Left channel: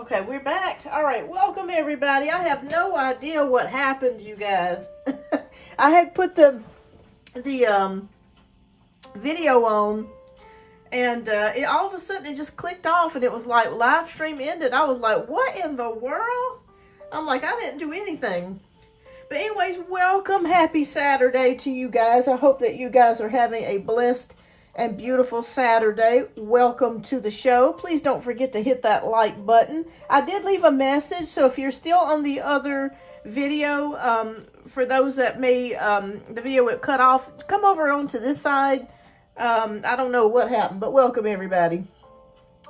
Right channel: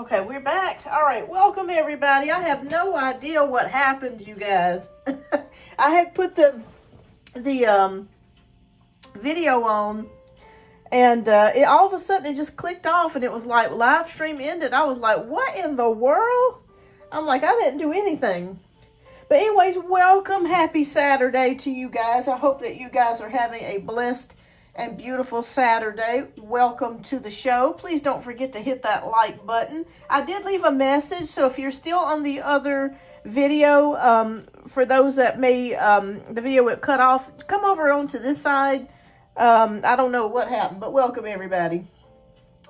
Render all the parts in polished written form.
Okay, we're back. All right, welcome everybody. I have no idea what happened, you guys. I had put the video on, and it all of a sudden it just clicked off, and it was like live stream ended. I was like, what in the world? I'm like, I didn't do anything. But anyways, welcome. Happy Saturday to you guys. I hope that you guys are having a blessed and beautiful Saturday. Welcome to the show. Please don't forget to hit that like button. I did leave a message, so if you're still on the other video, for those that may, the video would cut off, come over onto this side. I don't know what happened, but welcome everybody.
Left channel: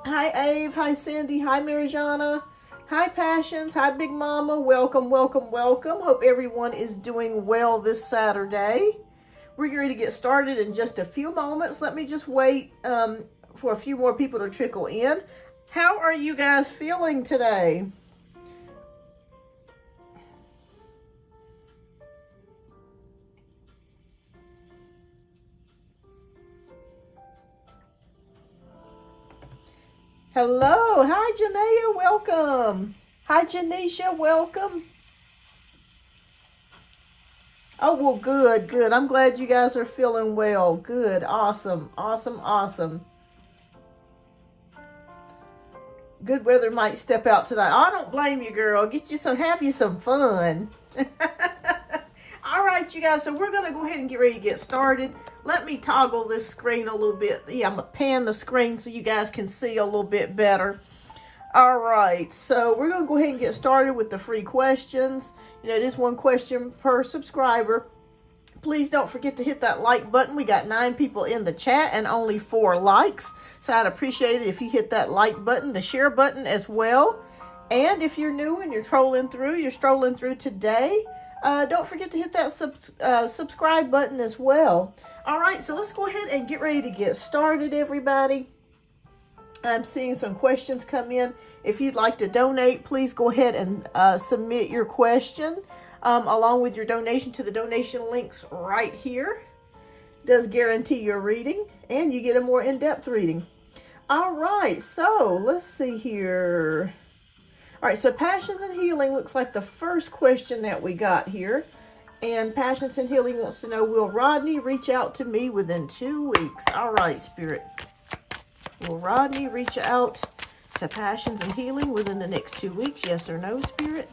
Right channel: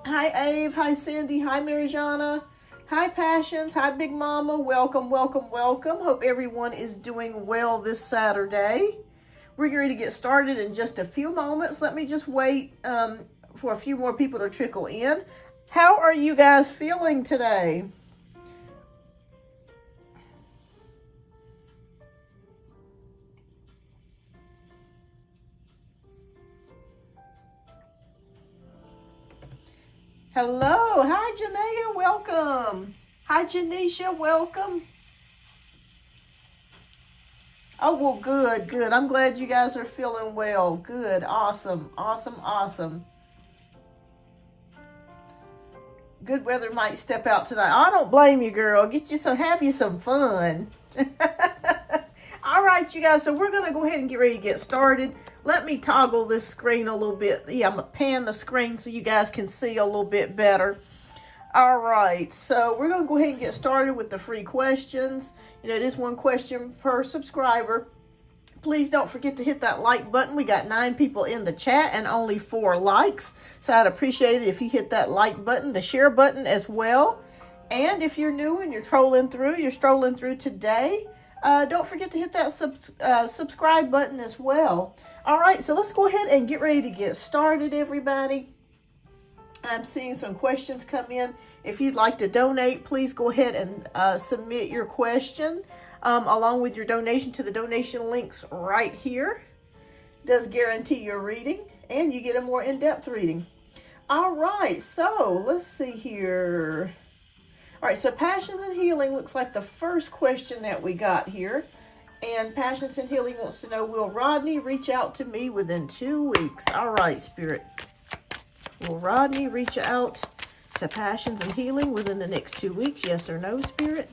Hi Ave, hi Cindy, hi Marijana, hi Passions, hi Big Mama. Welcome, welcome, welcome. Hope everyone is doing well this Saturday. We're ready to get started in just a few moments. Let me just wait for a few more people to trickle in. How are you guys feeling today? Hello. Hi, Janaea. Welcome. Hi, Janisha. Welcome. Oh, well, good, good. I'm glad you guys are feeling well. Good. Awesome. Awesome. Awesome. Good weather might step out tonight. I don't blame you, girl. Get you some, have you some fun. All right, you guys. So we're going to go ahead and get ready to get started. Let me toggle this screen a little bit. Yeah, I'm going to pan the screen so you guys can see a little bit better. All right, so we're going to go ahead and get started with the free questions. You know, it is one question per subscriber. Please don't forget to hit that like button. We got 9 people in the chat and only 4 likes. So I'd appreciate it if you hit that like button, the share button as well. And if you're new and you're strolling through today, don't forget to hit that subscribe button as well. All right, so let's go ahead and get ready to get started, everybody. I'm seeing some questions come in. If you'd like to donate, please go ahead and submit your question along with your donation to the donation links right here. Does guarantee your reading, and you get a more in-depth reading. All right, so let's see here. All right, so Passions and Healing looks like the first question that we got here. And Passions and Healing wants to know, will Rodney reach out to me within 2 weeks? All right, Spirit. Will Rodney reach out to Passions and Healing within the next 2 weeks? Yes or no, Spirit?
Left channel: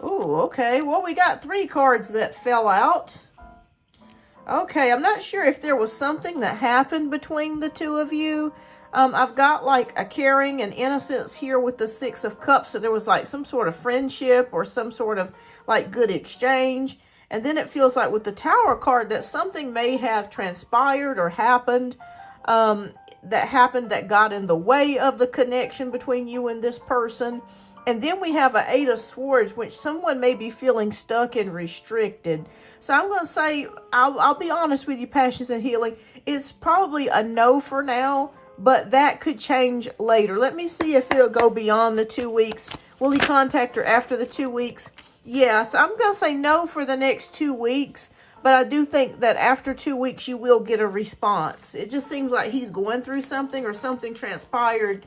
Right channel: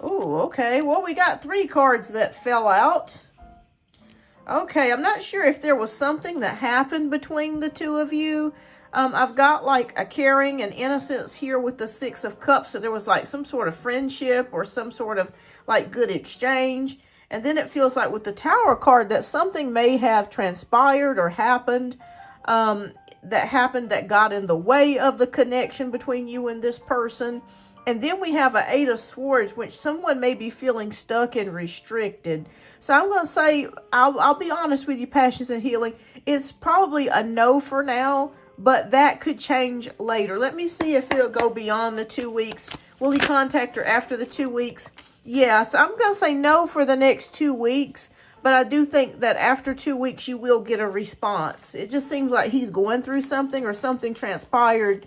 Oh, okay. Well, we got 3 cards that fell out. Okay, I'm not sure if there was something that happened between the two of you. I've got like a caring and innocence here with the 6 of Cups. So there was like some sort of friendship or some sort of like good exchange. And then it feels like with the Tower card that something may have transpired or happened that got in the way of the connection between you and this person. And then we have an 8 of Swords, which someone may be feeling stuck and restricted. So I'm going to say, I'll be honest with you, Passions and Healing. It's probably a no for now, but that could change later. Let me see if it'll go beyond the 2 weeks. Will he contact her after the 2 weeks? Yeah, so I'm going to say no for the next 2 weeks, but I do think that after 2 weeks, you will get a response. It just seems like he's going through something or something transpired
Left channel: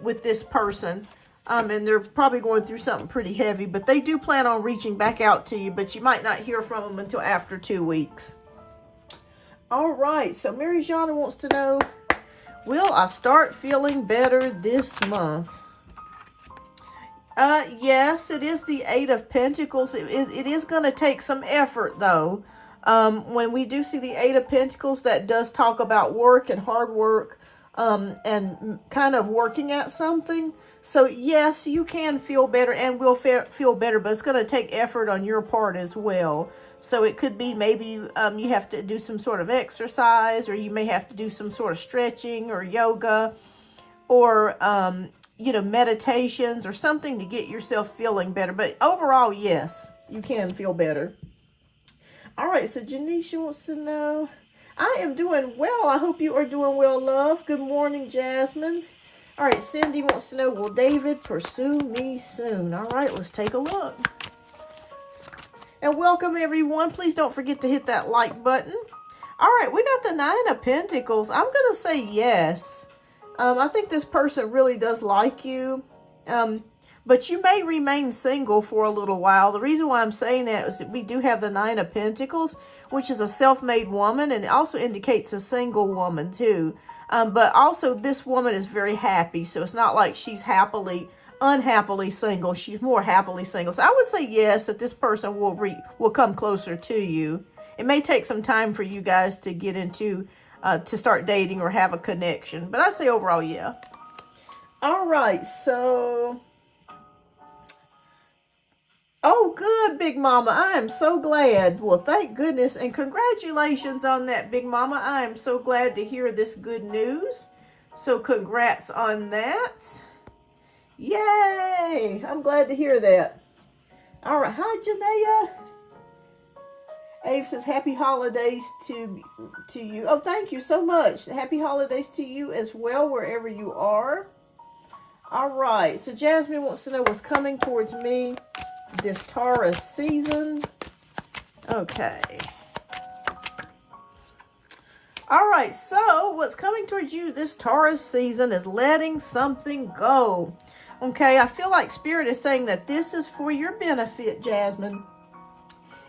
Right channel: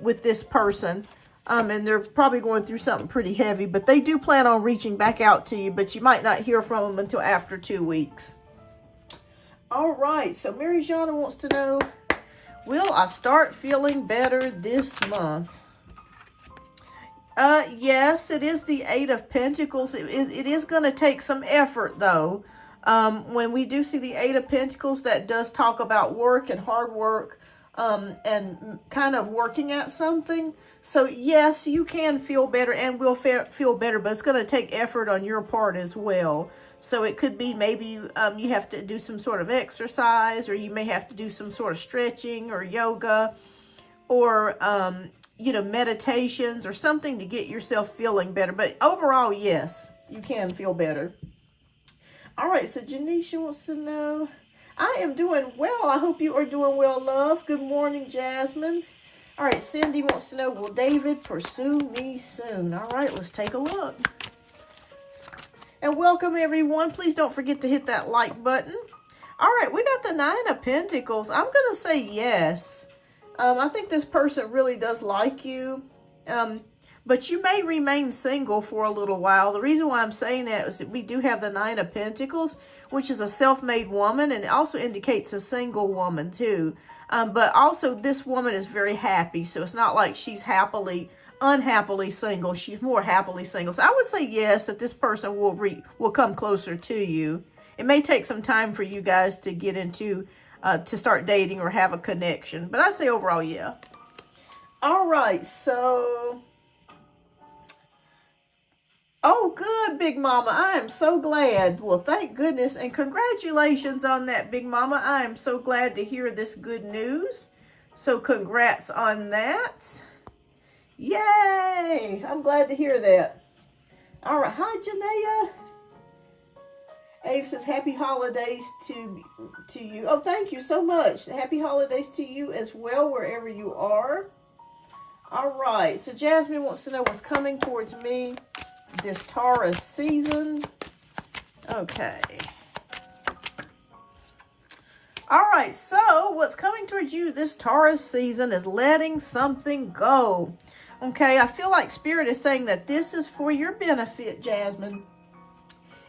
with this person, and they're probably going through something pretty heavy, but they do plan on reaching back out to you, but you might not hear from them until after 2 weeks. All right, so Marijana wants to know, will I start feeling better this month? Yes, it is the 8 of Pentacles. It is going to take some effort, though. When we do see the 8 of Pentacles, that does talk about work and hard work, and kind of working at something. So, yes, you can feel better and will feel better, but it's going to take effort on your part as well. So, it could be maybe you have to do some sort of exercise, or you may have to do some sort of stretching or yoga, or you know, meditations or something to get yourself feeling better. But overall, yes, you can feel better. All right, so Janisha wants to know, I am doing well. I hope you are doing well, love. Good morning, Jasmine. All right, Cindy wants to know, will David pursue me soon? All right, let's take a look. And welcome, everyone. Please don't forget to hit that like button. All right, we got the Nine of Pentacles. I'm going to say yes. I think this person really does like you. But you may remain single for a little while. The reason why I'm saying that is that we do have the Nine of Pentacles, which is a self-made woman, and it also indicates a single woman too. But also this woman is very happy, so it's not like she's unhappily single. She's more happily single. So I would say yes, that this person will come closer to you. It may take some time for you guys to get into, to start dating or have a connection. But I'd say overall, yeah. All right, so... Oh, good, Big Mama. I am so glad. Well, thank goodness. And congratulations on that, Big Mama. I am so glad to hear this good news. So congrats on that. Yay. I'm glad to hear that. All right. Hi, Janaea. Ave says, happy holidays to you. Oh, thank you so much. Happy holidays to you as well, wherever you are. All right. So Jasmine wants to know what's coming towards me this Taurus season. Okay. All right, so what's coming towards you this Taurus season is letting something go. Okay, I feel like Spirit is saying that this is for your benefit, Jasmine.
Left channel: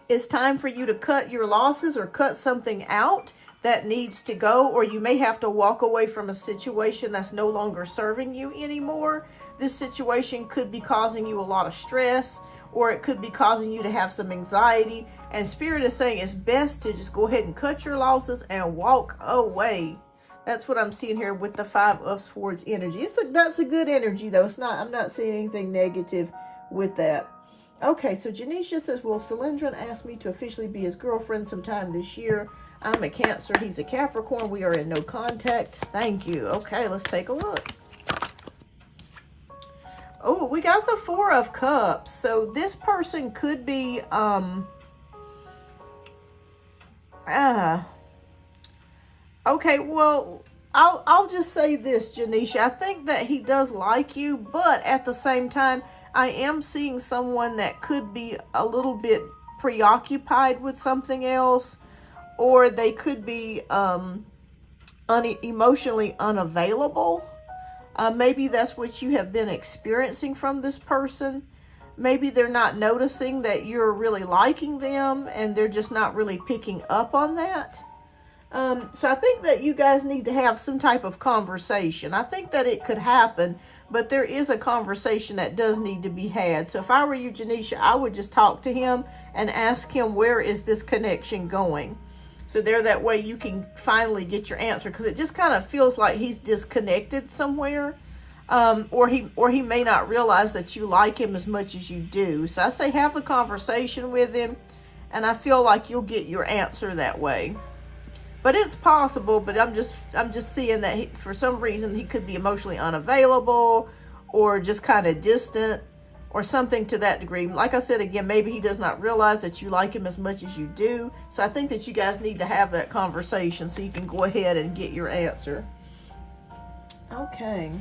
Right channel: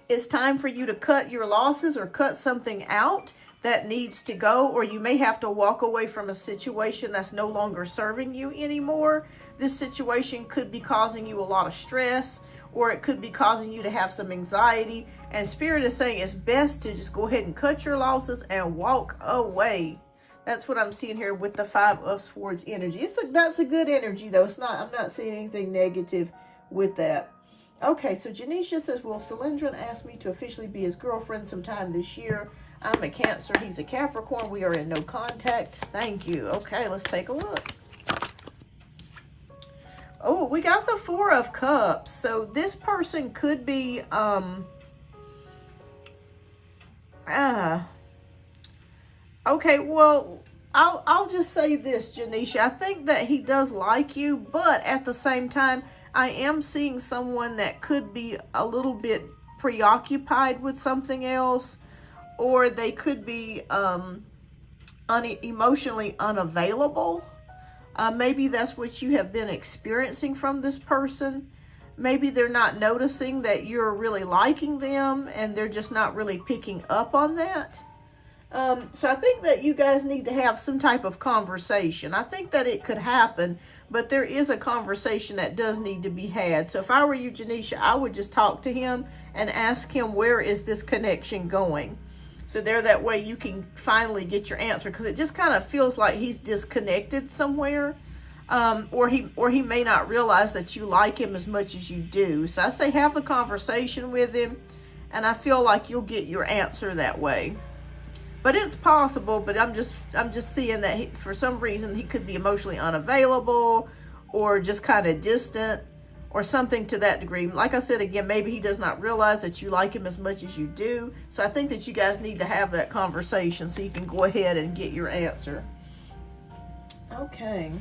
It's time for you to cut your losses or cut something out that needs to go, or you may have to walk away from a situation that's no longer serving you anymore. This situation could be causing you a lot of stress, or it could be causing you to have some anxiety. And Spirit is saying it's best to just go ahead and cut your losses and walk away. That's what I'm seeing here with the Five of Swords energy. That's a good energy, though. I'm not seeing anything negative with that. Okay, so Janisha says, will Cylindrin ask me to officially be his girlfriend sometime this year? I'm a Cancer. He's a Capricorn. We are in no contact. Thank you. Okay, let's take a look. Oh, we got the Four of Cups. So this person could be, okay, well, I'll just say this, Janisha. I think that he does like you, but at the same time, I am seeing someone that could be a little bit preoccupied with something else, or they could be emotionally unavailable. Maybe that's what you have been experiencing from this person. Maybe they're not noticing that you're really liking them, and they're just not really picking up on that. So I think that you guys need to have some type of conversation. I think that it could happen, but there is a conversation that does need to be had. So if I were you, Janisha, I would just talk to him and ask him, where is this connection going? So there, that way you can finally get your answer, because it just kind of feels like he's disconnected somewhere, or he may not realize that you like him as much as you do. So I say have the conversation with him, and I feel like you'll get your answer that way. But it's possible. But I'm just seeing that for some reason he could be emotionally unavailable, or just kind of distant, or something to that degree. Like I said, again, maybe he does not realize that you like him as much as you do. So I think that you guys need to have that conversation so you can go ahead and get your answer. Okay.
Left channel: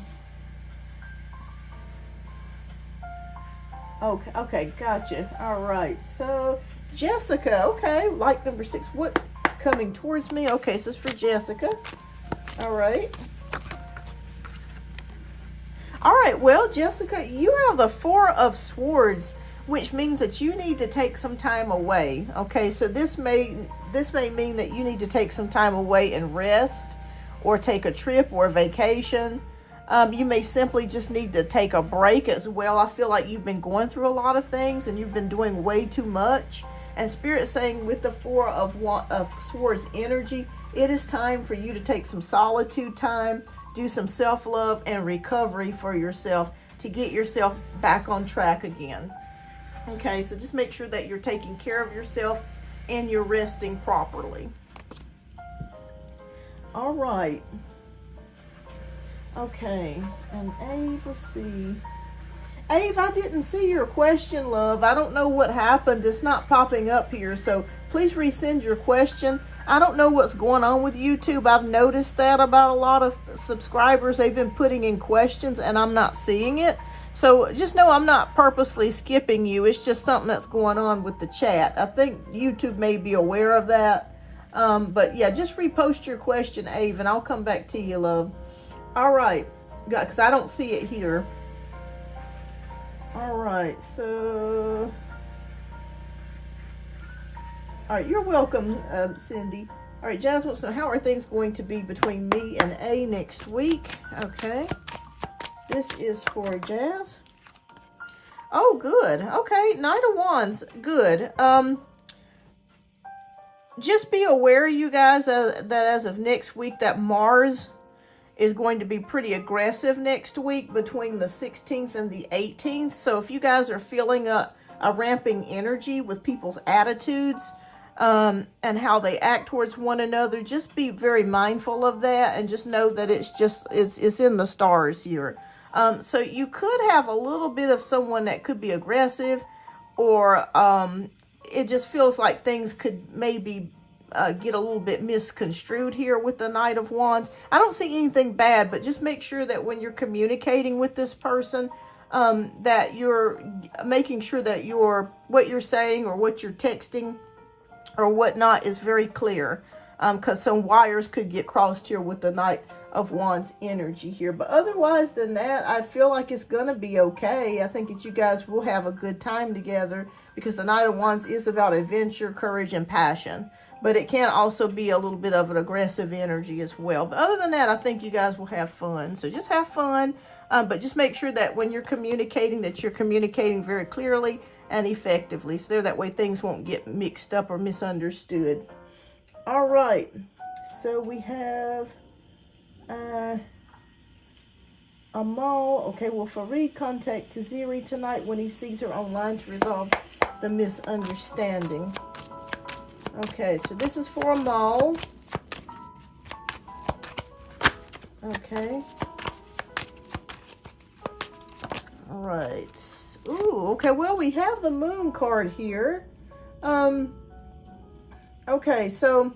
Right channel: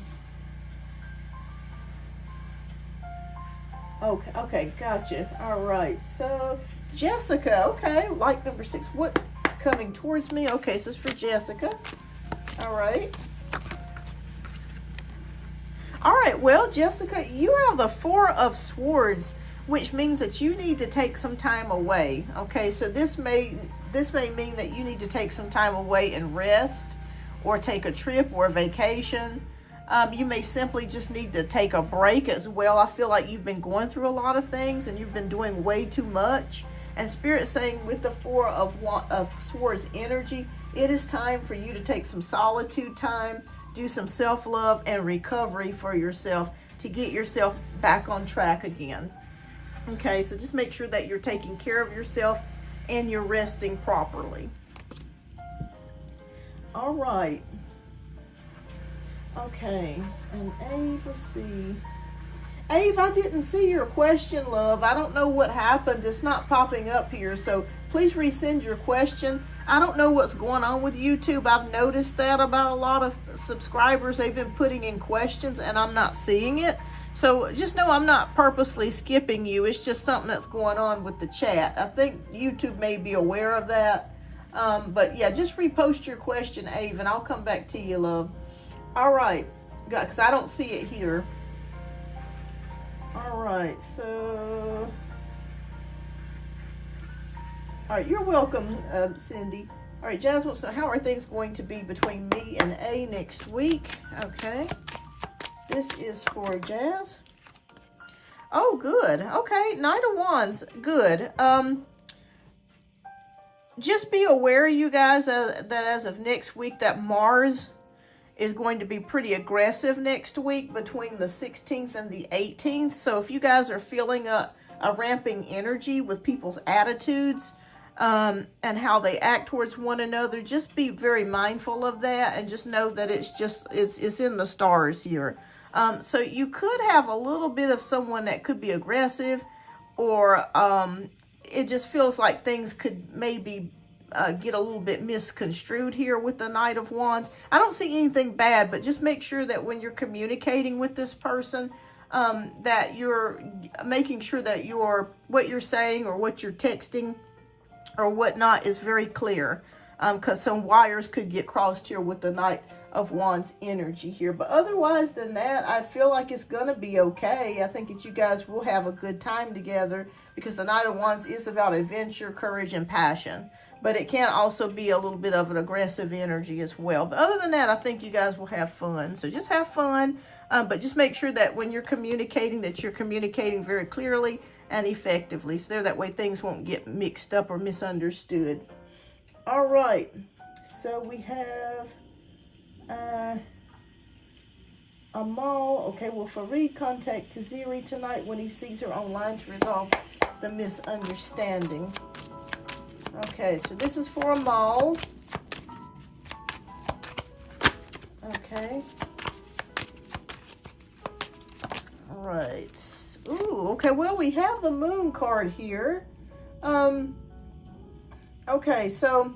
Okay, gotcha. All right, so Jessica, okay, like number 6, what's coming towards me? Okay, so it's for Jessica. All right. All right, well, Jessica, you have the Four of Swords, which means that you need to take some time away. Okay, so this may mean that you need to take some time away and rest, or take a trip or a vacation. You may simply just need to take a break as well. I feel like you've been going through a lot of things and you've been doing way too much. And Spirit's saying with the Four of Swords energy, it is time for you to take some solitude time, do some self-love and recovery for yourself to get yourself back on track again. Okay, so just make sure that you're taking care of yourself and you're resting properly. All right. Okay, and Ave, let's see. Ave, I didn't see your question, love. I don't know what happened. It's not popping up here, so please resend your question. I don't know what's going on with YouTube. I've noticed that about a lot of subscribers. They've been putting in questions and I'm not seeing it. So just know I'm not purposely skipping you. It's just something that's going on with the chat. I think YouTube may be aware of that. But yeah, just repost your question, Ave, and I'll come back to you, love. All right, because I don't see it here. All right, so, all right, you're welcome, Cindy. All right, Jazz wants to know, how are things going to be between me and A next week? Okay, this is for Jazz. Oh, good. Okay, Knight of Wands, good. Just be aware, you guys, that as of next week, that Mars is going to be pretty aggressive next week between the 16th and the 18th. So if you guys are feeling a ramping energy with people's attitudes and how they act towards one another, just be very mindful of that and just know that it's in the stars here. So you could have a little bit of someone that could be aggressive, or it just feels like things could maybe get a little bit misconstrued here with the Knight of Wands. I don't see anything bad, but just make sure that when you're communicating with this person, that you're making sure that what you're saying or what you're texting or whatnot is very clear, because some wires could get crossed here with the Knight of Wands energy here. But otherwise than that, I feel like it's gonna be okay. I think that you guys will have a good time together, because the Knight of Wands is about adventure, courage, and passion. But it can also be a little bit of an aggressive energy as well. But other than that, I think you guys will have fun. So just have fun, but just make sure that when you're communicating, that you're communicating very clearly and effectively. So that way things won't get mixed up or misunderstood. All right, so we have Amal. Okay, well, Fareed contact Taziri tonight when he sees her online to resolve the misunderstanding. Okay, so this is for Amal. Okay. All right. Ooh, okay, well, we have the Moon card here. Okay, so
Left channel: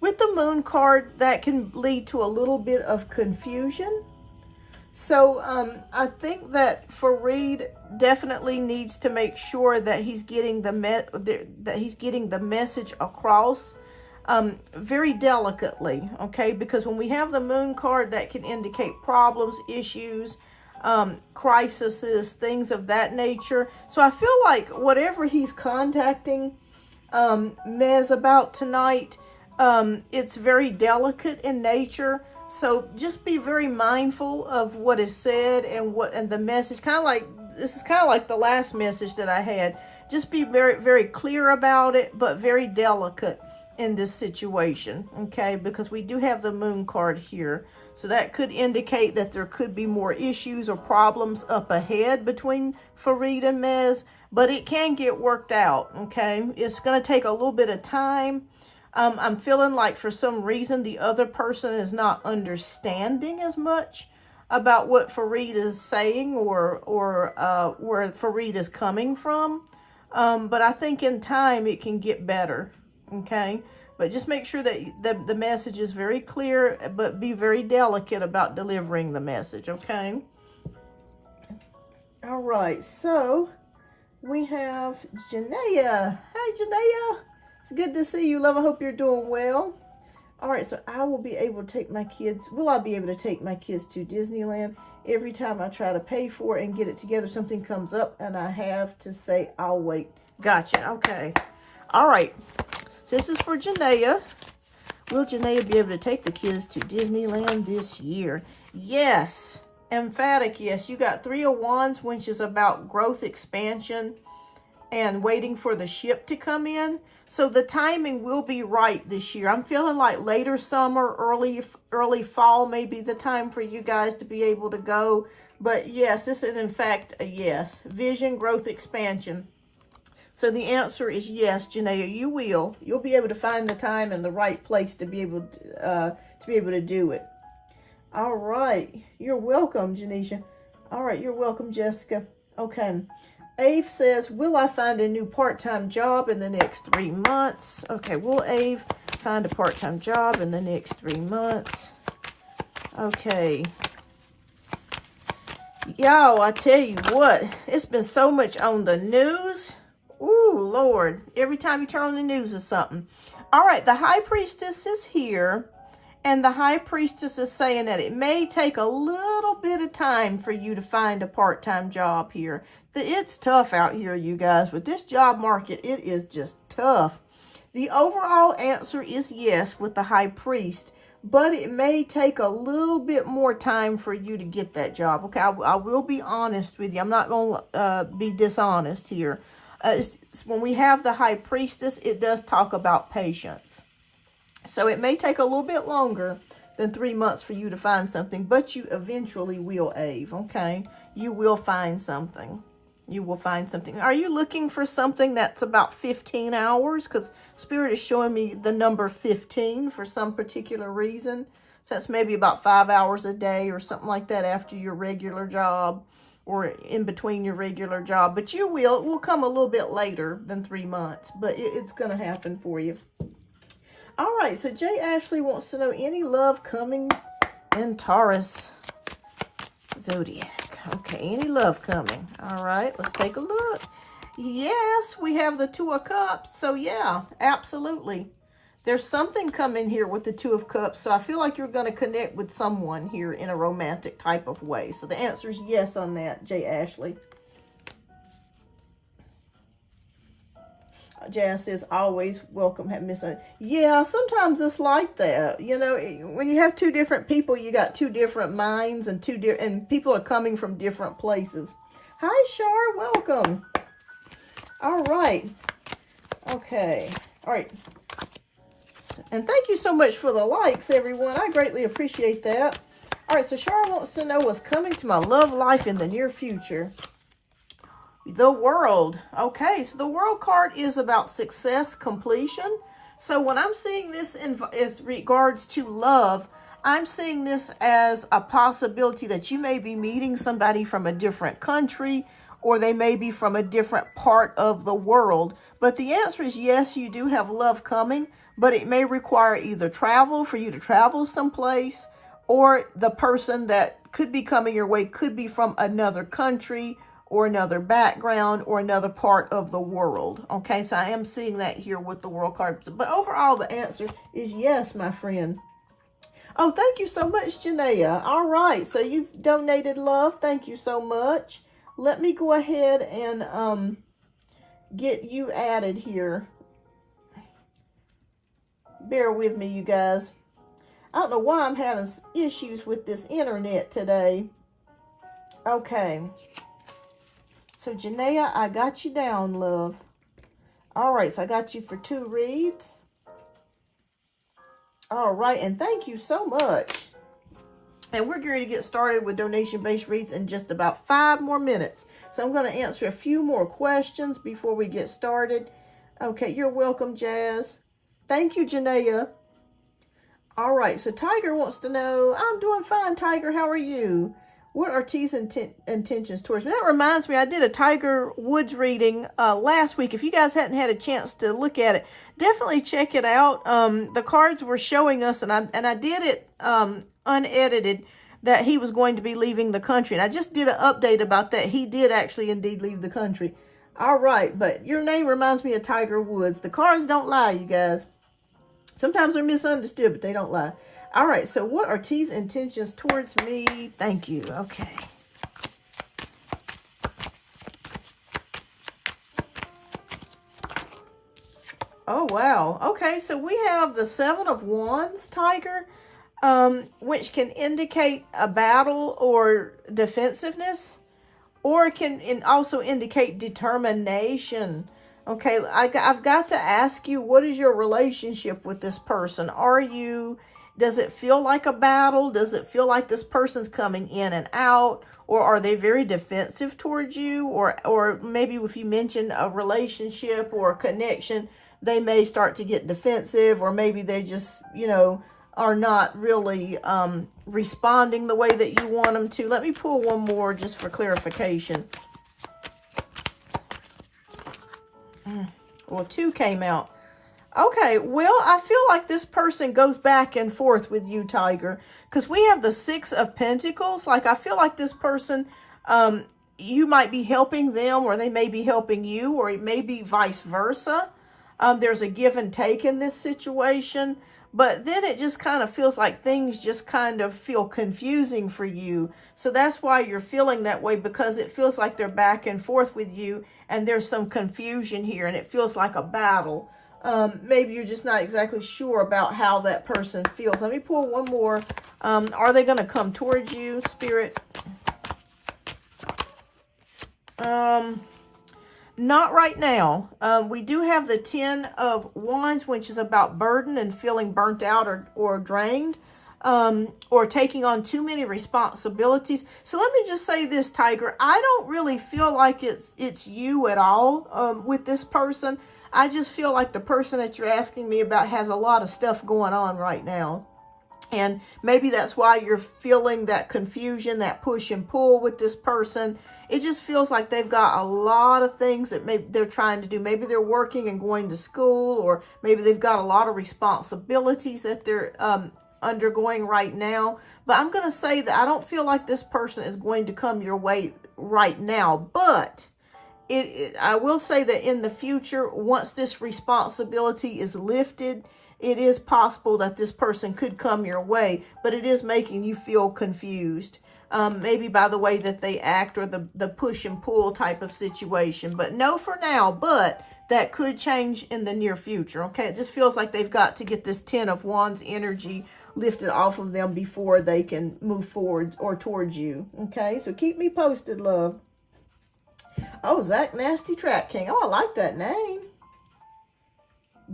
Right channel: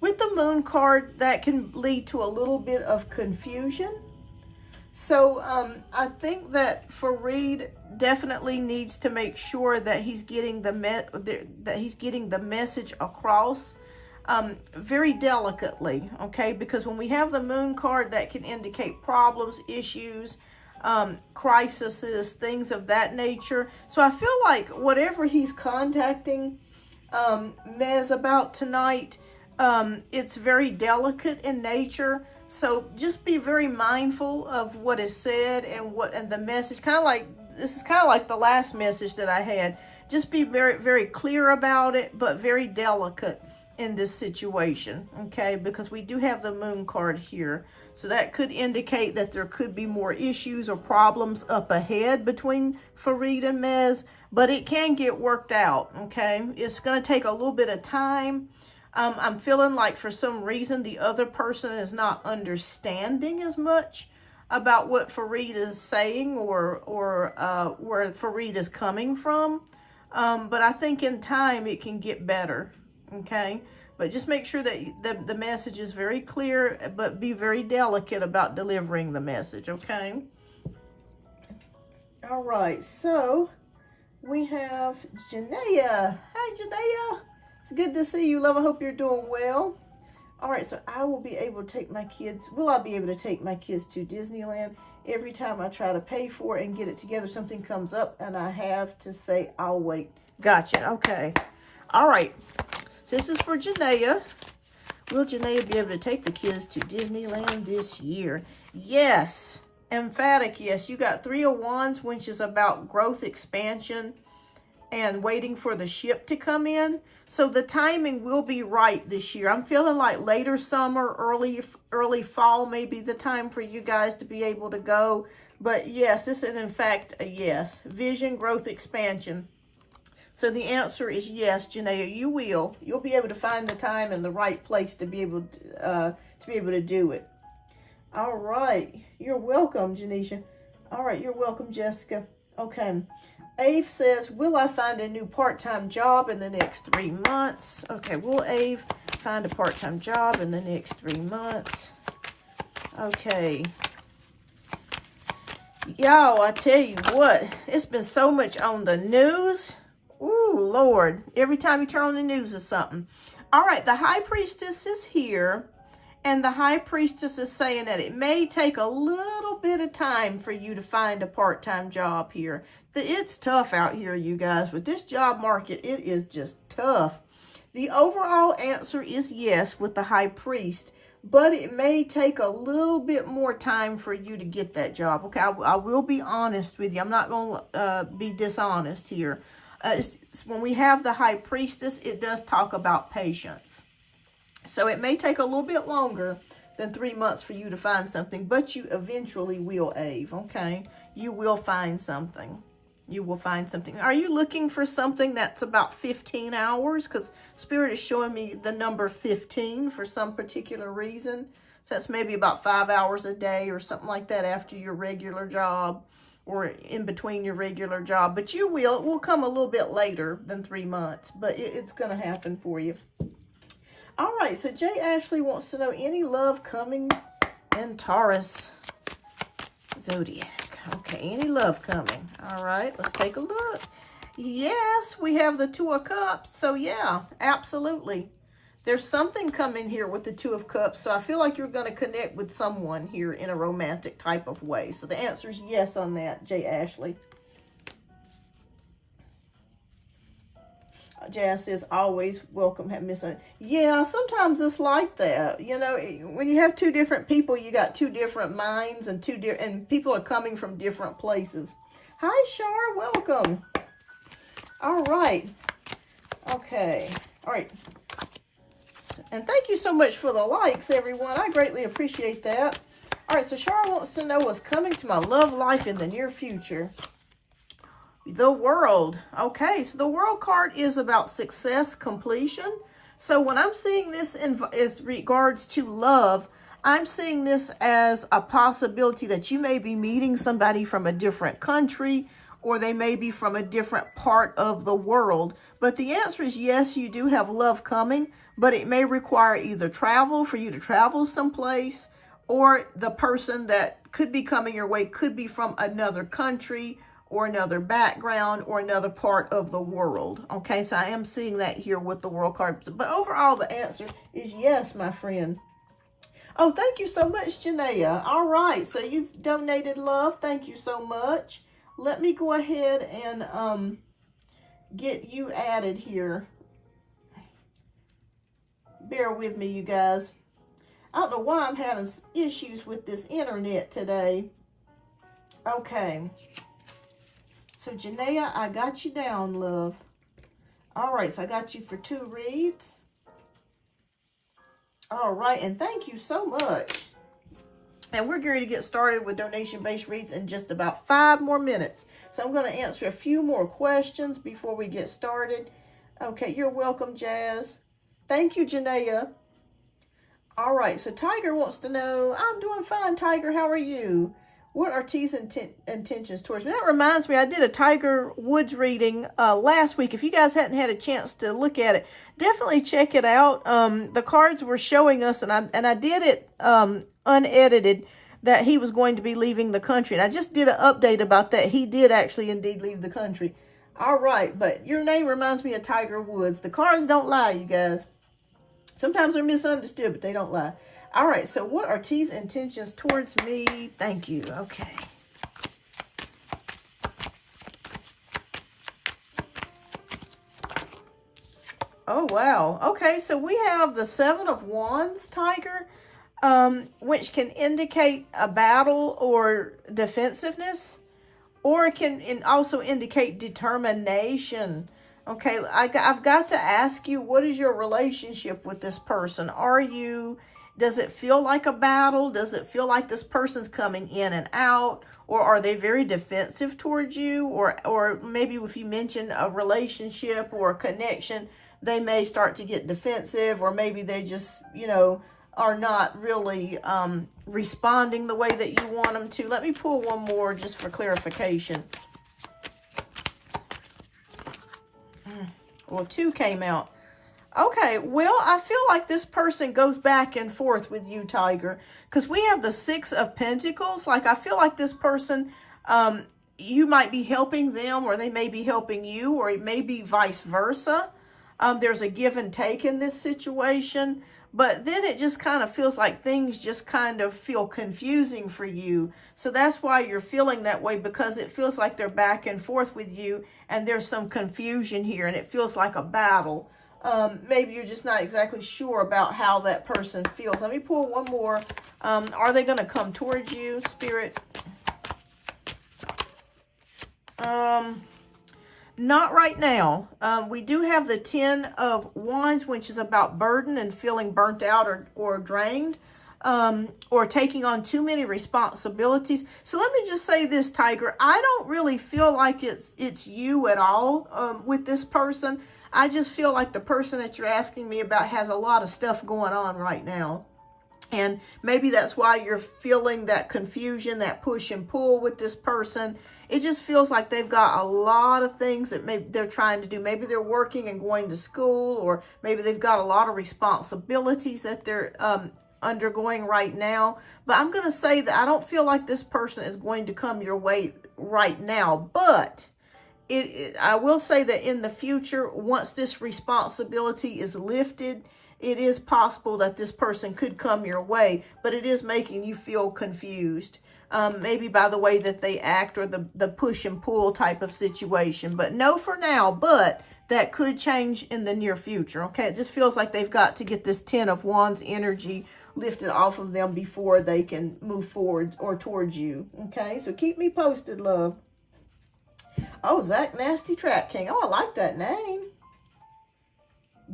with the Moon card, that can lead to a little bit of confusion. So I think that Fareed definitely needs to make sure that he's getting the message across very delicately, okay? Because when we have the Moon card, that can indicate problems, issues, crises, things of that nature. So I feel like whatever he's contacting Mez about tonight, it's very delicate in nature. So just be very mindful of what is said and the message. This is kind of like the last message that I had. Just be very, very clear about it, but very delicate in this situation, okay? Because we do have the Moon card here. So that could indicate that there could be more issues or problems up ahead between Fareed and Mez, but it can get worked out, okay? It's going to take a little bit of time. I'm feeling like for some reason the other person is not understanding as much about what Fareed is saying or where Fareed is coming from. But I think in time it can get better, okay? But just make sure that the message is very clear, but be very delicate about delivering the message, okay? All right, so we have Janaea. Hi, Janaea. It's good to see you, love. I hope you're doing well. All right, so I will be able to take my kids. Will I be able to take my kids to Disneyland? Every time I try to pay for it and get it together, something comes up and I have to say, I'll wait. Gotcha. Okay. All right. So this is for Janaea. Will Janaea be able to take the kids to Disneyland this year? Yes. Emphatic yes. You got Three of Wands, which is about growth, expansion, and waiting for the ship to come in. So the timing will be right this year. I'm feeling like later summer, early fall may be the time for you guys to be able to go. But yes, this is in fact a yes. Vision, growth, expansion. So the answer is yes, Janaea, you will. You'll be able to find the time and the right place to be able to do it. All right. You're welcome, Janisha. All right, you're welcome, Jessica. Okay. Ave says, will I find a new part-time job in the next 3 months? Okay, will Ave find a part-time job in the next 3 months? Okay. Y'all, I tell you what, it's been so much on the news. Ooh, Lord. Every time you turn on the news is something. All right, the High Priestess is here. And the High Priestess is saying that it may take a little bit of time for you to find a part-time job here. It's tough out here, you guys. With this job market, it is just tough. The overall answer is yes with the High Priest, but it may take a little bit more time for you to get that job. Okay, I will be honest with you. I'm not going to be dishonest here. When we have the High Priestess, it does talk about patience. So it may take a little bit longer than 3 months for you to find something, but you eventually will, Ave, okay? You will find something. You will find something. Are you looking for something that's about 15 hours? Because Spirit is showing me the number 15 for some particular reason. So that's maybe about 5 hours a day or something like that after your regular job or in between your regular job. But it will come a little bit later than 3 months, but it's going to happen for you. All right, so Jay Ashley wants to know any love coming in Taurus Zodiac. Okay, any love coming. All right, let's take a look. Yes, we have the Two of Cups. So yeah, absolutely. There's something coming here with the Two of Cups. So I feel like you're going to connect with someone here in a romantic type of way. So the answer is yes on that, Jay Ashley. Jazz says, always welcome. Yeah, sometimes it's like that. You know, when you have two different people, you got two different minds and and people are coming from different places. Hi, Shar. Welcome. All right. Okay. All right. And thank you so much for the likes, everyone. I greatly appreciate that. All right. So Shar wants to know what's coming to my love life in the near future. The World. Okay, so the World card is about success, completion. So when I'm seeing this as regards to love, I'm seeing this as a possibility that you may be meeting somebody from a different country, or they may be from a different part of the world. But the answer is yes, you do have love coming, but it may require either travel, for you to travel someplace, or the person that could be coming your way could be from another country, or another background, or another part of the world. Okay, so I am seeing that here with the World card. But overall, the answer is yes, my friend. Oh, thank you so much, Janaea. All right, so you've donated love. Thank you so much. Let me go ahead and get you added here. Bear with me, you guys. I don't know why I'm having issues with this internet today. Okay. So, Janaea, I got you down, love. All right, so I got you for 2 reads. All right, and thank you so much. And we're going to get started with donation-based reads in just about 5 more minutes. So I'm going to answer a few more questions before we get started. Okay, you're welcome, Jazz. Thank you, Janaea. All right, so Tiger wants to know, I'm doing fine, Tiger. How are you? What are T's intentions towards me? That reminds me, I did a Tiger Woods reading last week. If you guys hadn't had a chance to look at it, definitely check it out. The cards were showing us, and I did it unedited, that he was going to be leaving the country. And I just did an update about that. He did actually indeed leave the country. All right, but your name reminds me of Tiger Woods. The cards don't lie, you guys. Sometimes they're misunderstood, but they don't lie. All right, so what are T's intentions towards me? Thank you. Okay. Oh, wow. Okay, so we have the 7 of Wands, Tiger, which can indicate a battle or defensiveness, or it can also indicate determination. Okay, I've got to ask you, what is your relationship with this person? Does it feel like a battle? Does it feel like this person's coming in and out? Or are they very defensive towards you? Or maybe if you mention a relationship or a connection, they may start to get defensive, or maybe they just, are not really responding the way that you want them to. Let me pull one more just for clarification. Well, 2 came out. Okay, well, I feel like this person goes back and forth with you, Tiger, because we have the 6 of Pentacles. Like, I feel like this person, you might be helping them, or they may be helping you, or it may be vice versa. There's a give and take in this situation. But then it just kind of feels like things just kind of feel confusing for you. So that's why you're feeling that way, because it feels like they're back and forth with you and there's some confusion here and it feels like a battle. Maybe you're just not exactly sure about how that person feels. Let me pull one more. Are they going to come towards you, Spirit? Not right now. We do have the 10 of Wands, which is about burden and feeling burnt out or drained, or taking on too many responsibilities. So let me just say this, Tiger. I don't really feel like it's you at all with this person. I just feel like the person that you're asking me about has a lot of stuff going on right now. And maybe that's why you're feeling that confusion, that push and pull with this person. It just feels like they've got a lot of things that maybe they're trying to do. Maybe they're working and going to school, or maybe they've got a lot of responsibilities that they're undergoing right now. But I'm going to say that I don't feel like this person is going to come your way right now. But I will say that in the future, once this responsibility is lifted, it is possible that this person could come your way, but it is making you feel confused. Maybe by the way that they act or the push and pull type of situation. But no for now, but that could change in the near future, okay? It just feels like they've got to get this 10 of Wands energy lifted off of them before they can move forward or towards you, okay? So keep me posted, love. Oh, Zach Nasty Trap King. Oh, I like that name.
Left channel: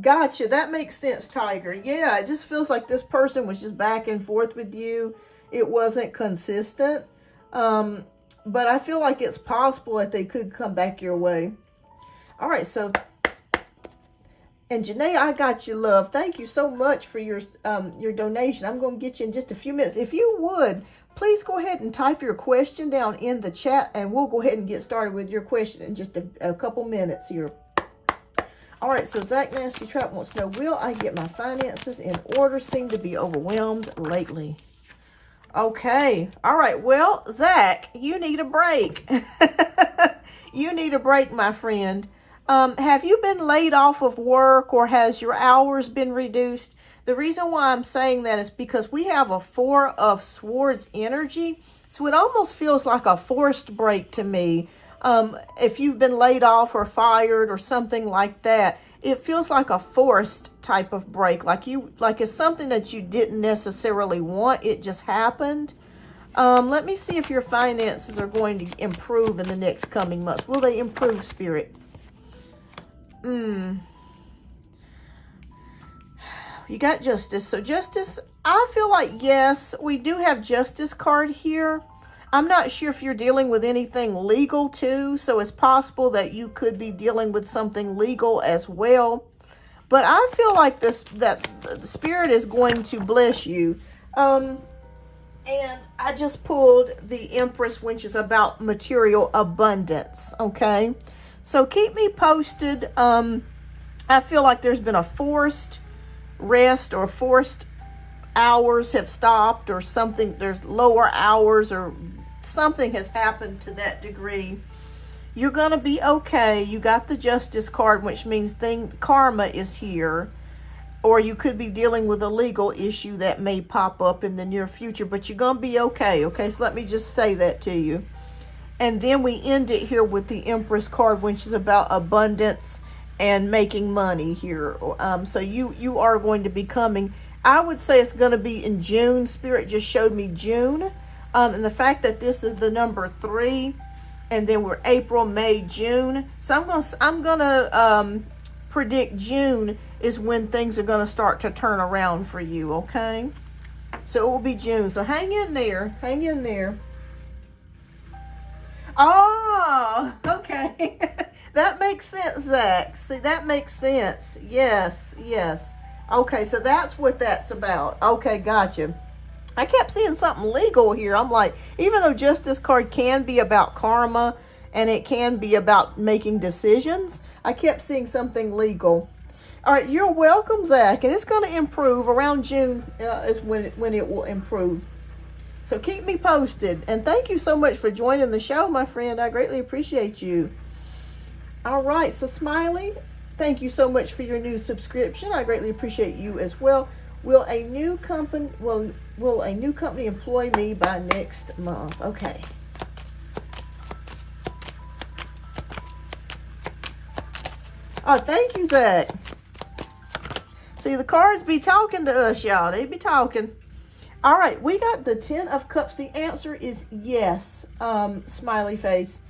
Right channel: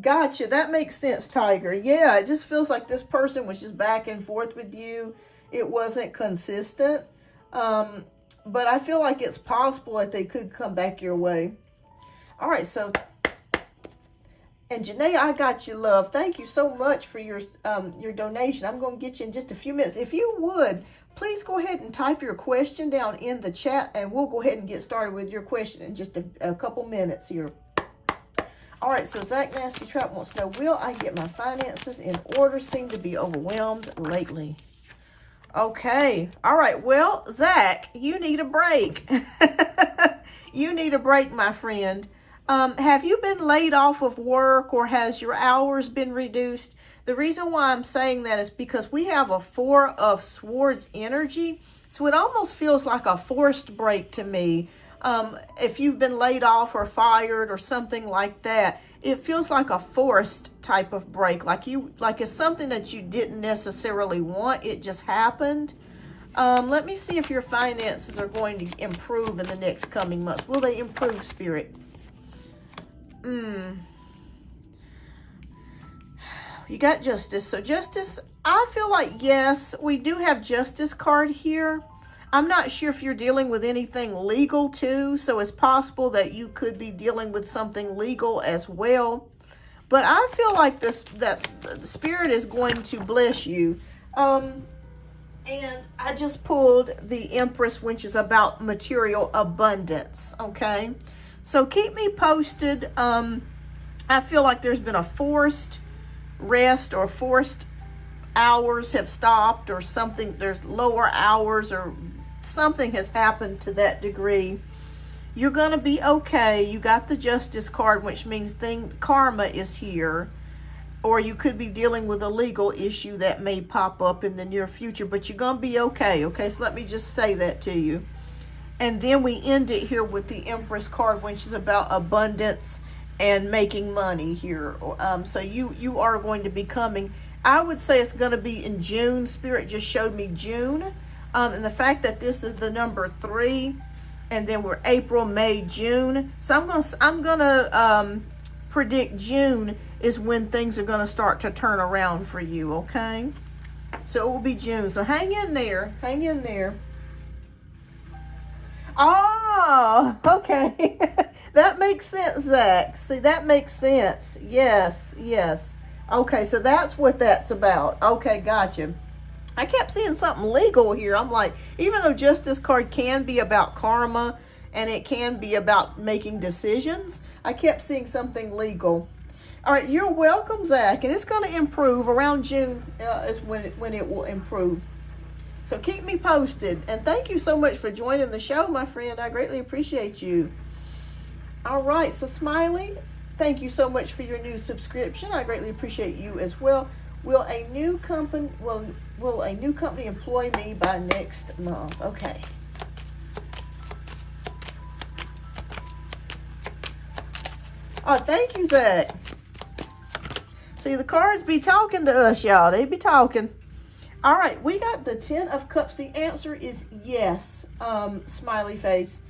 Gotcha. That makes sense, Tiger. Yeah, it just feels like this person was just back and forth with you. It wasn't consistent. But I feel like it's possible that they could come back your way. All right, so... And Janae, I got you, love. Thank you so much for your donation. I'm going to get you in just a few minutes. If you would, please go ahead and type your question down in the chat, and we'll go ahead and get started with your question in just a couple minutes here. All right, so Zach Nasty Trap wants to know, will I get my finances in order? Seem to be overwhelmed lately. Okay. All right. Well, Zach, you need a break. You need a break, my friend. Have you been laid off of work, or has your hours been reduced? The reason why I'm saying that is because we have a 4 of Swords energy. So it almost feels like a forced break to me. If you've been laid off or fired or something like that, it feels like a forced type of break. Like it's something that you didn't necessarily want. It just happened. Let me see if your finances are going to improve in the next coming months. Will they improve, Spirit? You got Justice. So Justice, I feel like, yes, we do have Justice card here. I'm not sure if you're dealing with anything legal too, so it's possible that you could be dealing with something legal as well. But I feel like that the Spirit is going to bless you. And I just pulled the Empress, which is about material abundance, okay? So keep me posted. I feel like there's been a forced rest, or forced hours have stopped, or something. There's lower hours, or something has happened to that degree. You're going to be okay. You got the Justice card, which means karma is here. Or you could be dealing with a legal issue that may pop up in the near future, but you're going to be okay, okay? So let me just say that to you. And then we end it here with the Empress card, which is about abundance and making money here. So you are going to be coming. I would say it's going to be in June. Spirit just showed me June. And the fact that this is the number 3, and then we're April, May, June. So I'm gonna predict June is when things are gonna start to turn around for you. Okay. So it will be June. So hang in there. Hang in there. Oh, okay. That makes sense, Zach. See, that makes sense. Yes, yes. Okay, so that's what that's about. Okay, gotcha. I kept seeing something legal here. I'm like, even though Justice card can be about karma and it can be about making decisions, I kept seeing something legal. All right, you're welcome, Zach. And it's going to improve. Around June is when it will improve. So keep me posted. And thank you so much for joining the show, my friend. I greatly appreciate you. All right, so Smiley, Thank you so much for your new subscription. I greatly appreciate you as well. Will a new company employ me by next month? Okay. Oh, thank you, Zach. See, the cards be talking to us, y'all. They be talking. All right, we got the 10 of Cups. The answer is yes. Smiley face.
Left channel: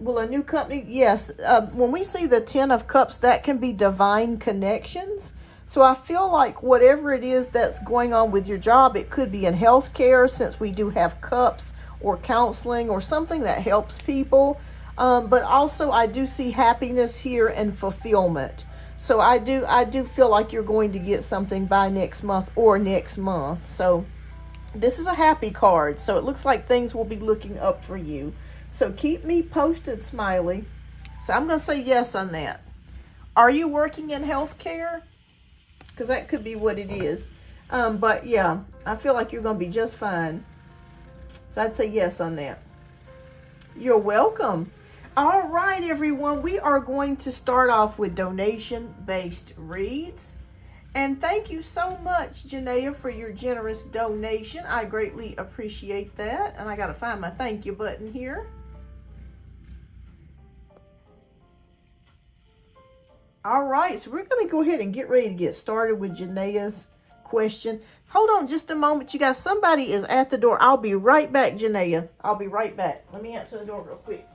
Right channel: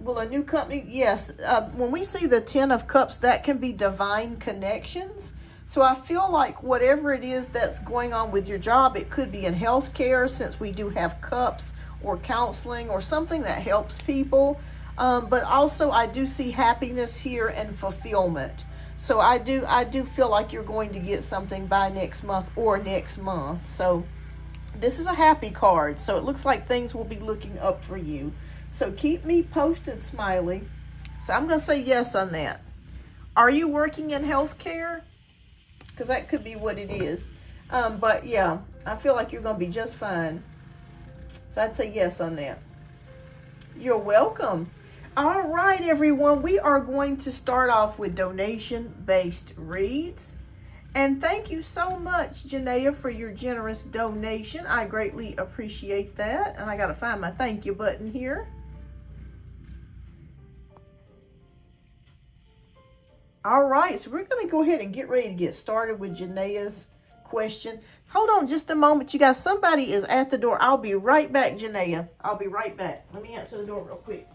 Will a new company? Yes. When we see the 10 of Cups, that can be divine connections. So I feel like whatever it is that's going on with your job, it could be in healthcare, since we do have cups, or counseling, or something that helps people. But also I do see happiness here and fulfillment. So I do feel like you're going to get something by next month or next month. So this is a happy card. So it looks like things will be looking up for you. So keep me posted, Smiley. So I'm going to say yes on that. Are you working in healthcare? Because that could be what it is. But yeah, I feel like you're going to be just fine. So I'd say yes on that. You're welcome. All right, everyone. We are going to start off with donation-based reads. And thank you so much, Janaea, for your generous donation. I greatly appreciate that. And I got to find my thank you button here. All right, so we're going to go ahead and get ready to get started with Janaea's question. Hold on just a moment, you guys. Somebody is at the door. I'll be right back, Janaea. I'll be right back. Let me answer the door real quick.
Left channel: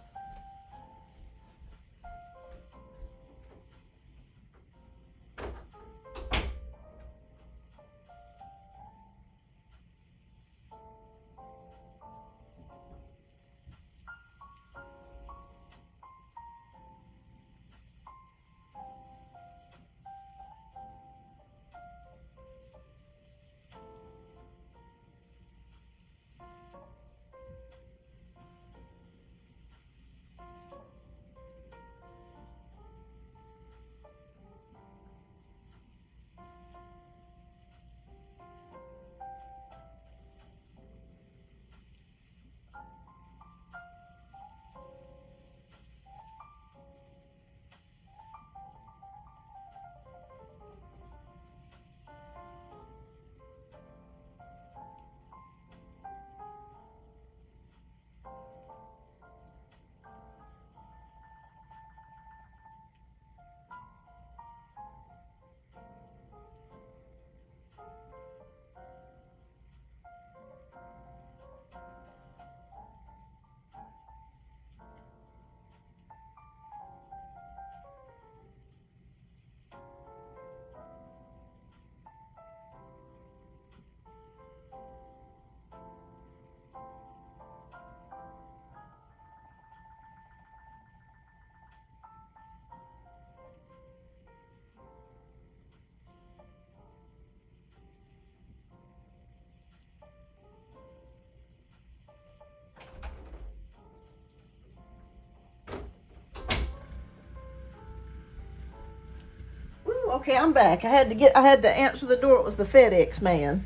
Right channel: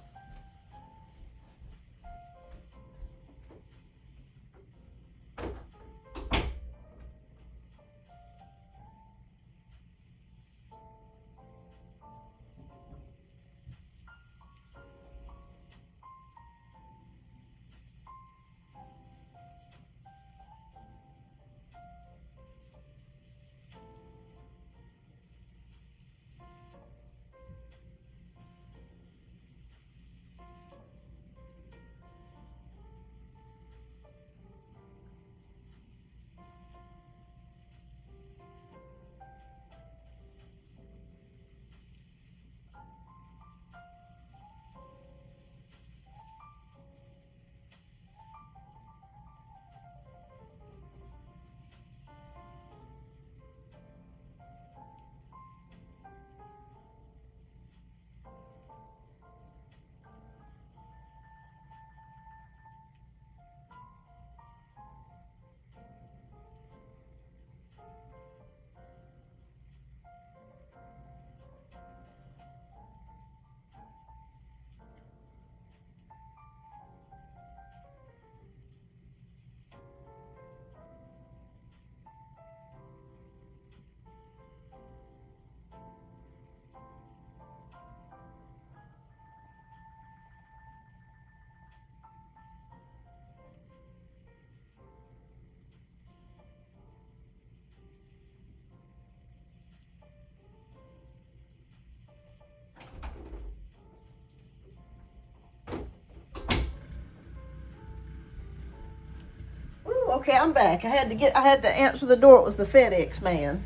Okay, I'm back. I had to answer the door. It was the FedEx man.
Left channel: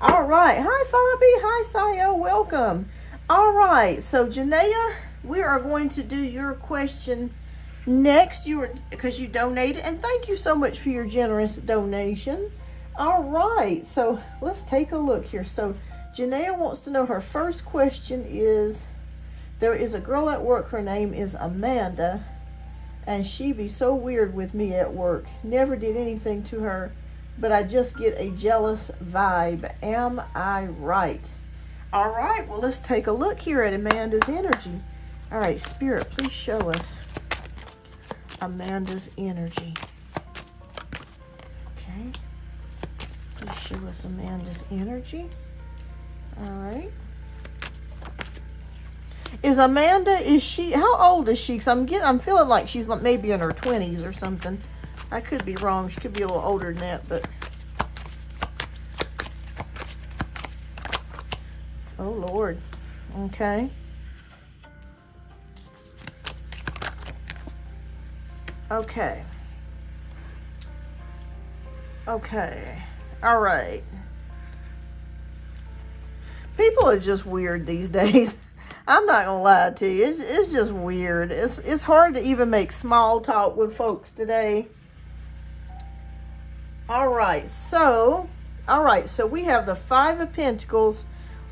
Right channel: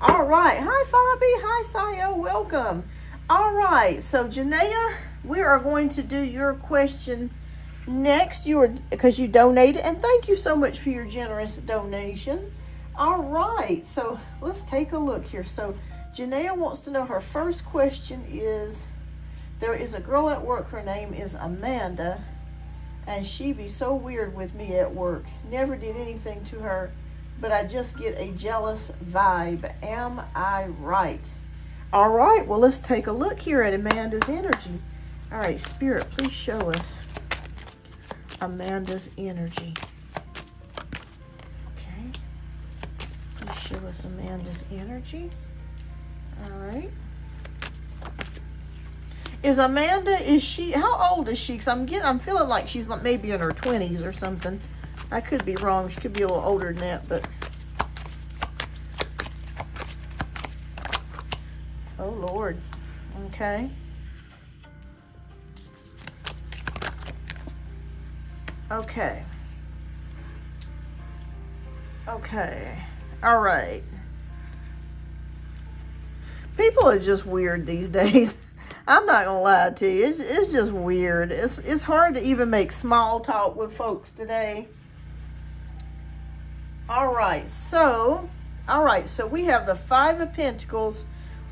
All right. Hi, Fabi. Hi, Sayo. Welcome. All right. So, Janaea, we are going to do your question next. Because you donated, and thank you so much for your generous donation. All right. So, let's take a look here. So, Janaea wants to know, her first question is, there is a girl at work. Her name is Amanda. And she be so weird with me at work. Never did anything to her, but I just get a jealous vibe. Am I right? All right, well, let's take a look here at Amanda's energy. All right, Spirit, please show us Amanda's energy. Okay. Please show us Amanda's energy. All right. Is Amanda, how old is she? Because I'm feeling like she's maybe in her 20s or something. I could be wrong. She could be a little older than that, but. Oh, Lord. Okay. Okay. Okay. All right. People are just weird these days. I'm not gonna lie to you. It's just weird. It's hard to even make small talk with folks today. All right, so we have the Five of Pentacles,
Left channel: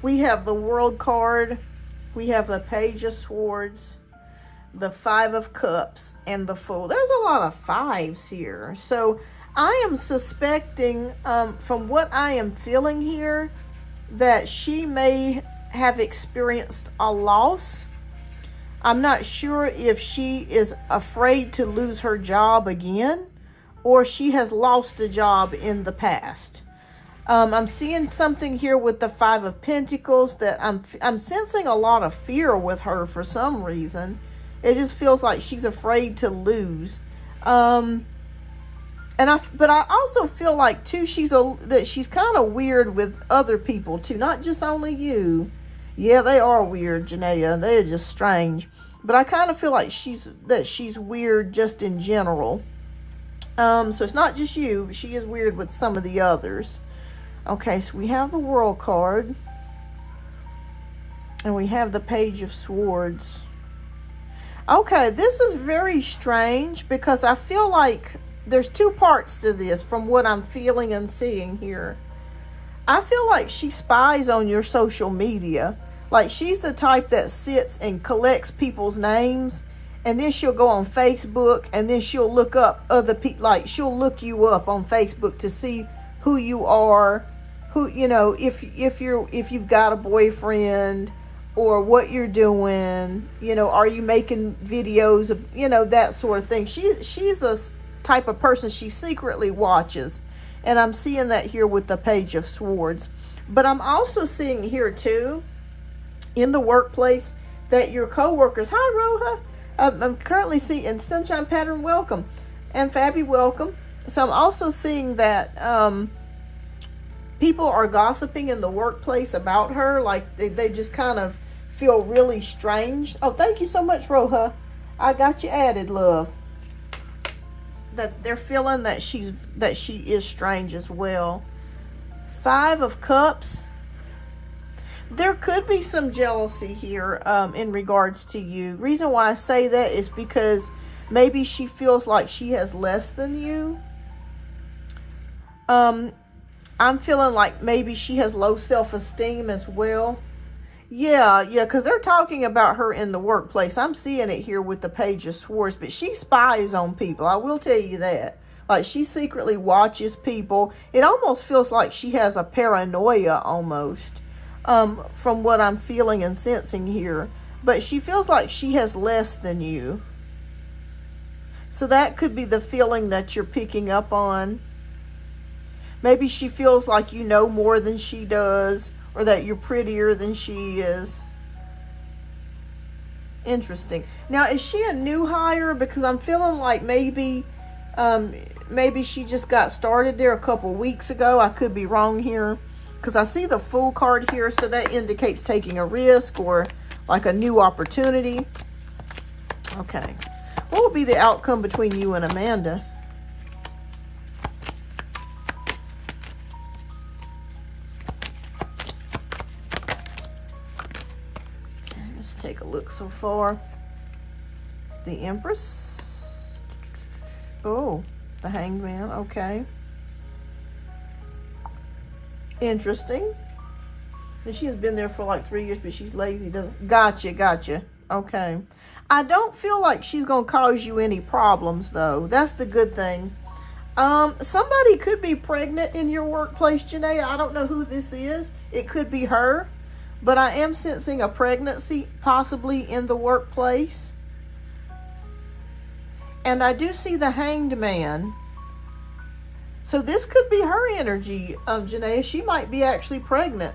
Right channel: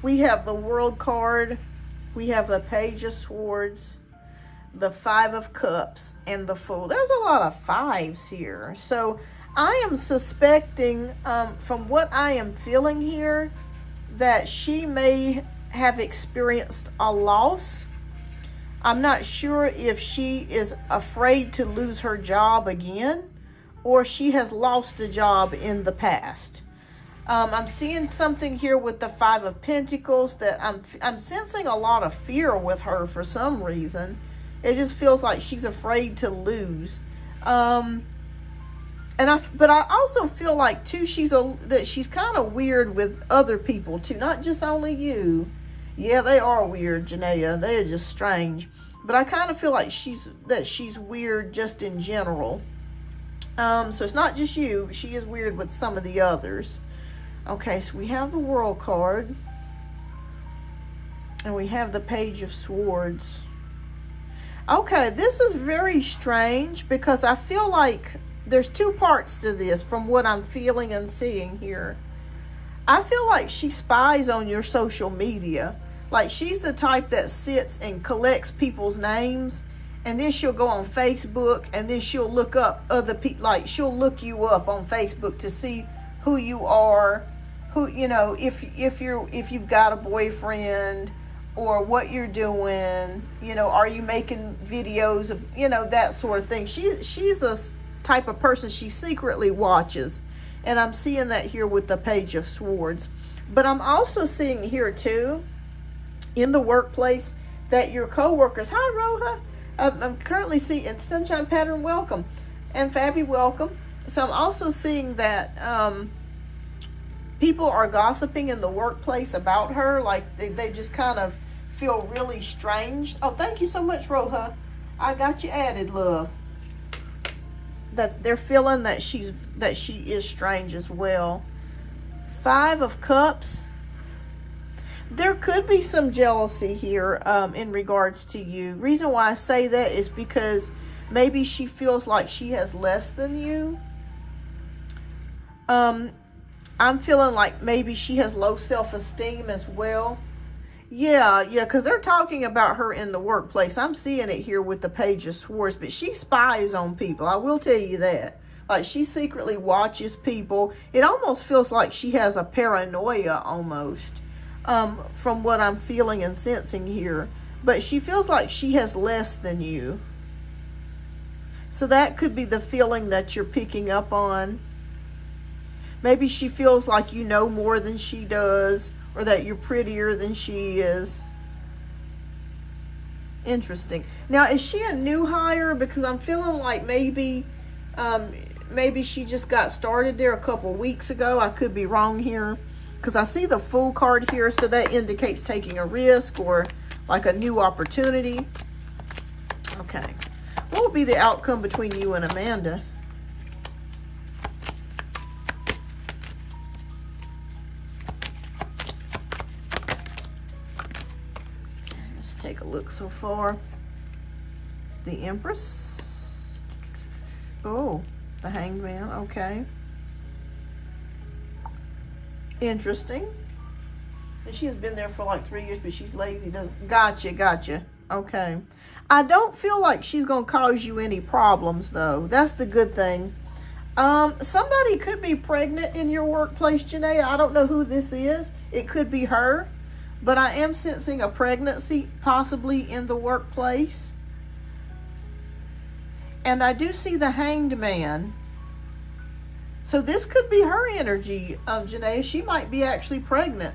we have the World card, we have the Page of Swords, the Five of Cups, and the Fool. There's a lot of fives here. So I am suspecting, from what I am feeling here, that she may have experienced a loss. I'm not sure if she is afraid to lose her job again, or she has lost a job in the past. I'm seeing something here with the Five of Pentacles that I'm sensing a lot of fear with her for some reason. It just feels like she's afraid to lose. But I also feel like too that she's kind of weird with other people too, not just only you. Yeah, they are weird, Janaea. They're just strange. But I kind of feel like she's weird just in general. So it's not just you. She is weird with some of the others. Okay, so we have the World card. And we have the Page of Swords. Okay, this is very strange because I feel like there's two parts to this from what I'm feeling and seeing here. I feel like she spies on your social media. Like she's the type that sits and collects people's names, and then she'll go on Facebook, and then she'll look up other people. Like she'll look you up on Facebook to see who you are, who, you know, if you've got a boyfriend, or what you're doing, you know, are you making videos of, you know, that sort of thing. She's a type of person, she secretly watches, and I'm seeing that here with the Page of Swords. But I'm also seeing here too in the workplace that your co-workers, hi Roha, I'm currently seeing Sunshine Pattern, welcome, and Fabby, welcome. So I'm also seeing that people are gossiping in the workplace about her, like they just kind of feel really strange. Oh, thank you so much, Roha, I got you added, love. That they're feeling that she is strange as well. Five of Cups. There could be some jealousy here in regards to you. Reason why I say that is because maybe she feels like she has less than you. I'm feeling like maybe she has low self-esteem as well. Yeah, because they're talking about her in the workplace. I'm seeing it here with the Page of Swords, but she spies on people. I will tell you that. Like, she secretly watches people. It almost feels like she has a paranoia almost, from what I'm feeling and sensing here. But she feels like she has less than you. So that could be the feeling that you're picking up on. Maybe she feels like you know more than she does, or that you're prettier than she is. Interesting. Now, is she a new hire? Because I'm feeling like maybe she just got started there a couple weeks ago. I could be wrong here, because I see the Fool card here, so that indicates taking a risk or like a new opportunity. Okay. What will be the outcome between you and Amanda? Take a look so far. The Empress. Oh, the Hanged Man. Okay. Interesting. And she has been there for like 3 years, but she's lazy. Gotcha. Okay. I don't feel like she's going to cause you any problems, though. That's the good thing. Somebody could be pregnant in your workplace, Janaea. I don't know who this is. It could be her. But I am sensing a pregnancy possibly in the workplace. And I do see the Hanged Man. So this could be her energy, Janaea. She might be actually pregnant.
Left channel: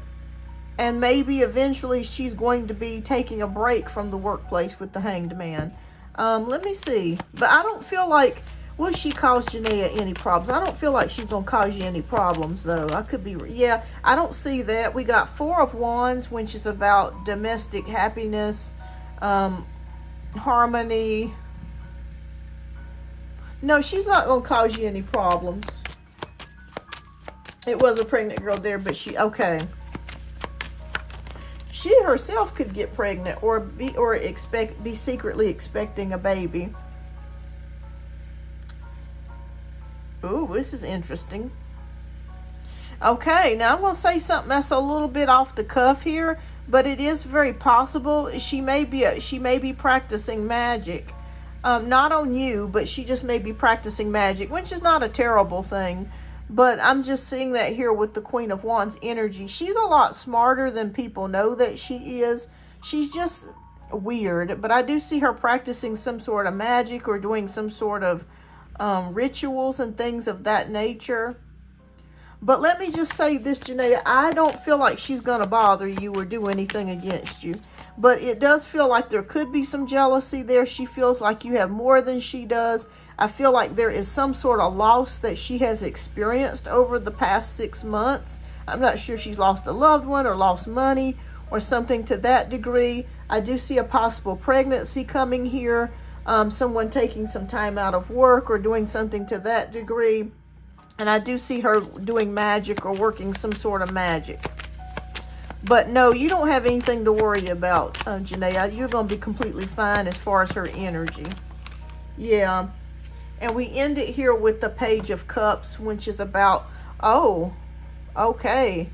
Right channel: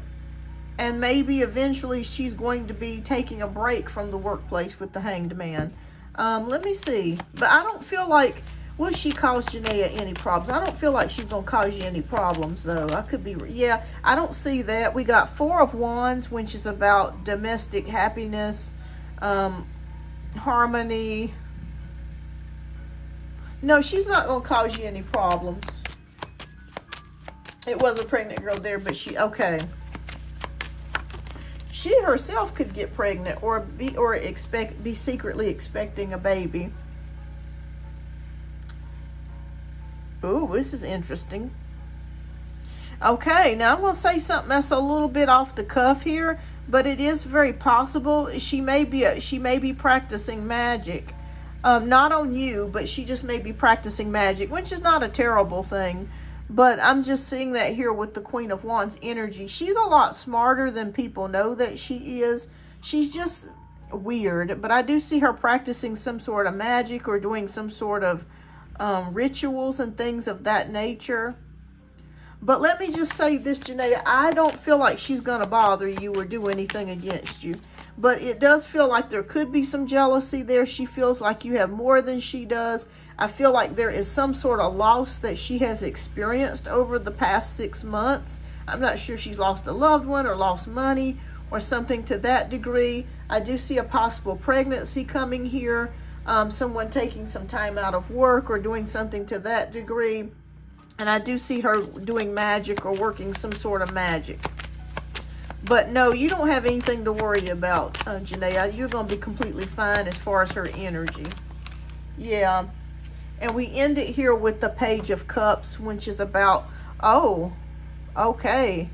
And maybe eventually she's going to be taking a break from the workplace with the Hanged Man. Let me see. But I don't feel like... Will she cause Janaea any problems? I don't feel like she's going to cause you any problems, though. I could be... Yeah, I don't see that. We got Four of Wands, which is about domestic happiness, harmony. No, she's not going to cause you any problems. It was a pregnant girl there, but she... Okay. she herself could get pregnant or be secretly expecting a baby. Ooh, this is interesting. Okay, now I'm going to say something that's a little bit off the cuff here, but it is very possible she may be practicing magic. Not on you, but she just may be practicing magic, which is not a terrible thing. But I'm just seeing that here with the Queen of Wands energy. She's a lot smarter than people know that she is. She's just weird, but I do see her practicing some sort of magic or doing some sort of rituals and things of that nature. But let me just say this, Janaea, I don't feel like she's going to bother you or do anything against you. But it does feel like there could be some jealousy there. She feels like you have more than she does. I feel like there is some sort of loss that she has experienced over the past 6 months. I'm not sure she's lost a loved one or lost money or something to that degree. I do see a possible pregnancy coming here. Someone taking some time out of work or doing something to that degree. And I do see her doing magic or working some sort of magic. But no, you don't have anything to worry about, Janaea. You're going to be completely fine as far as her energy. Yeah. And we end it here with the Page of Cups, which is about, oh, okay.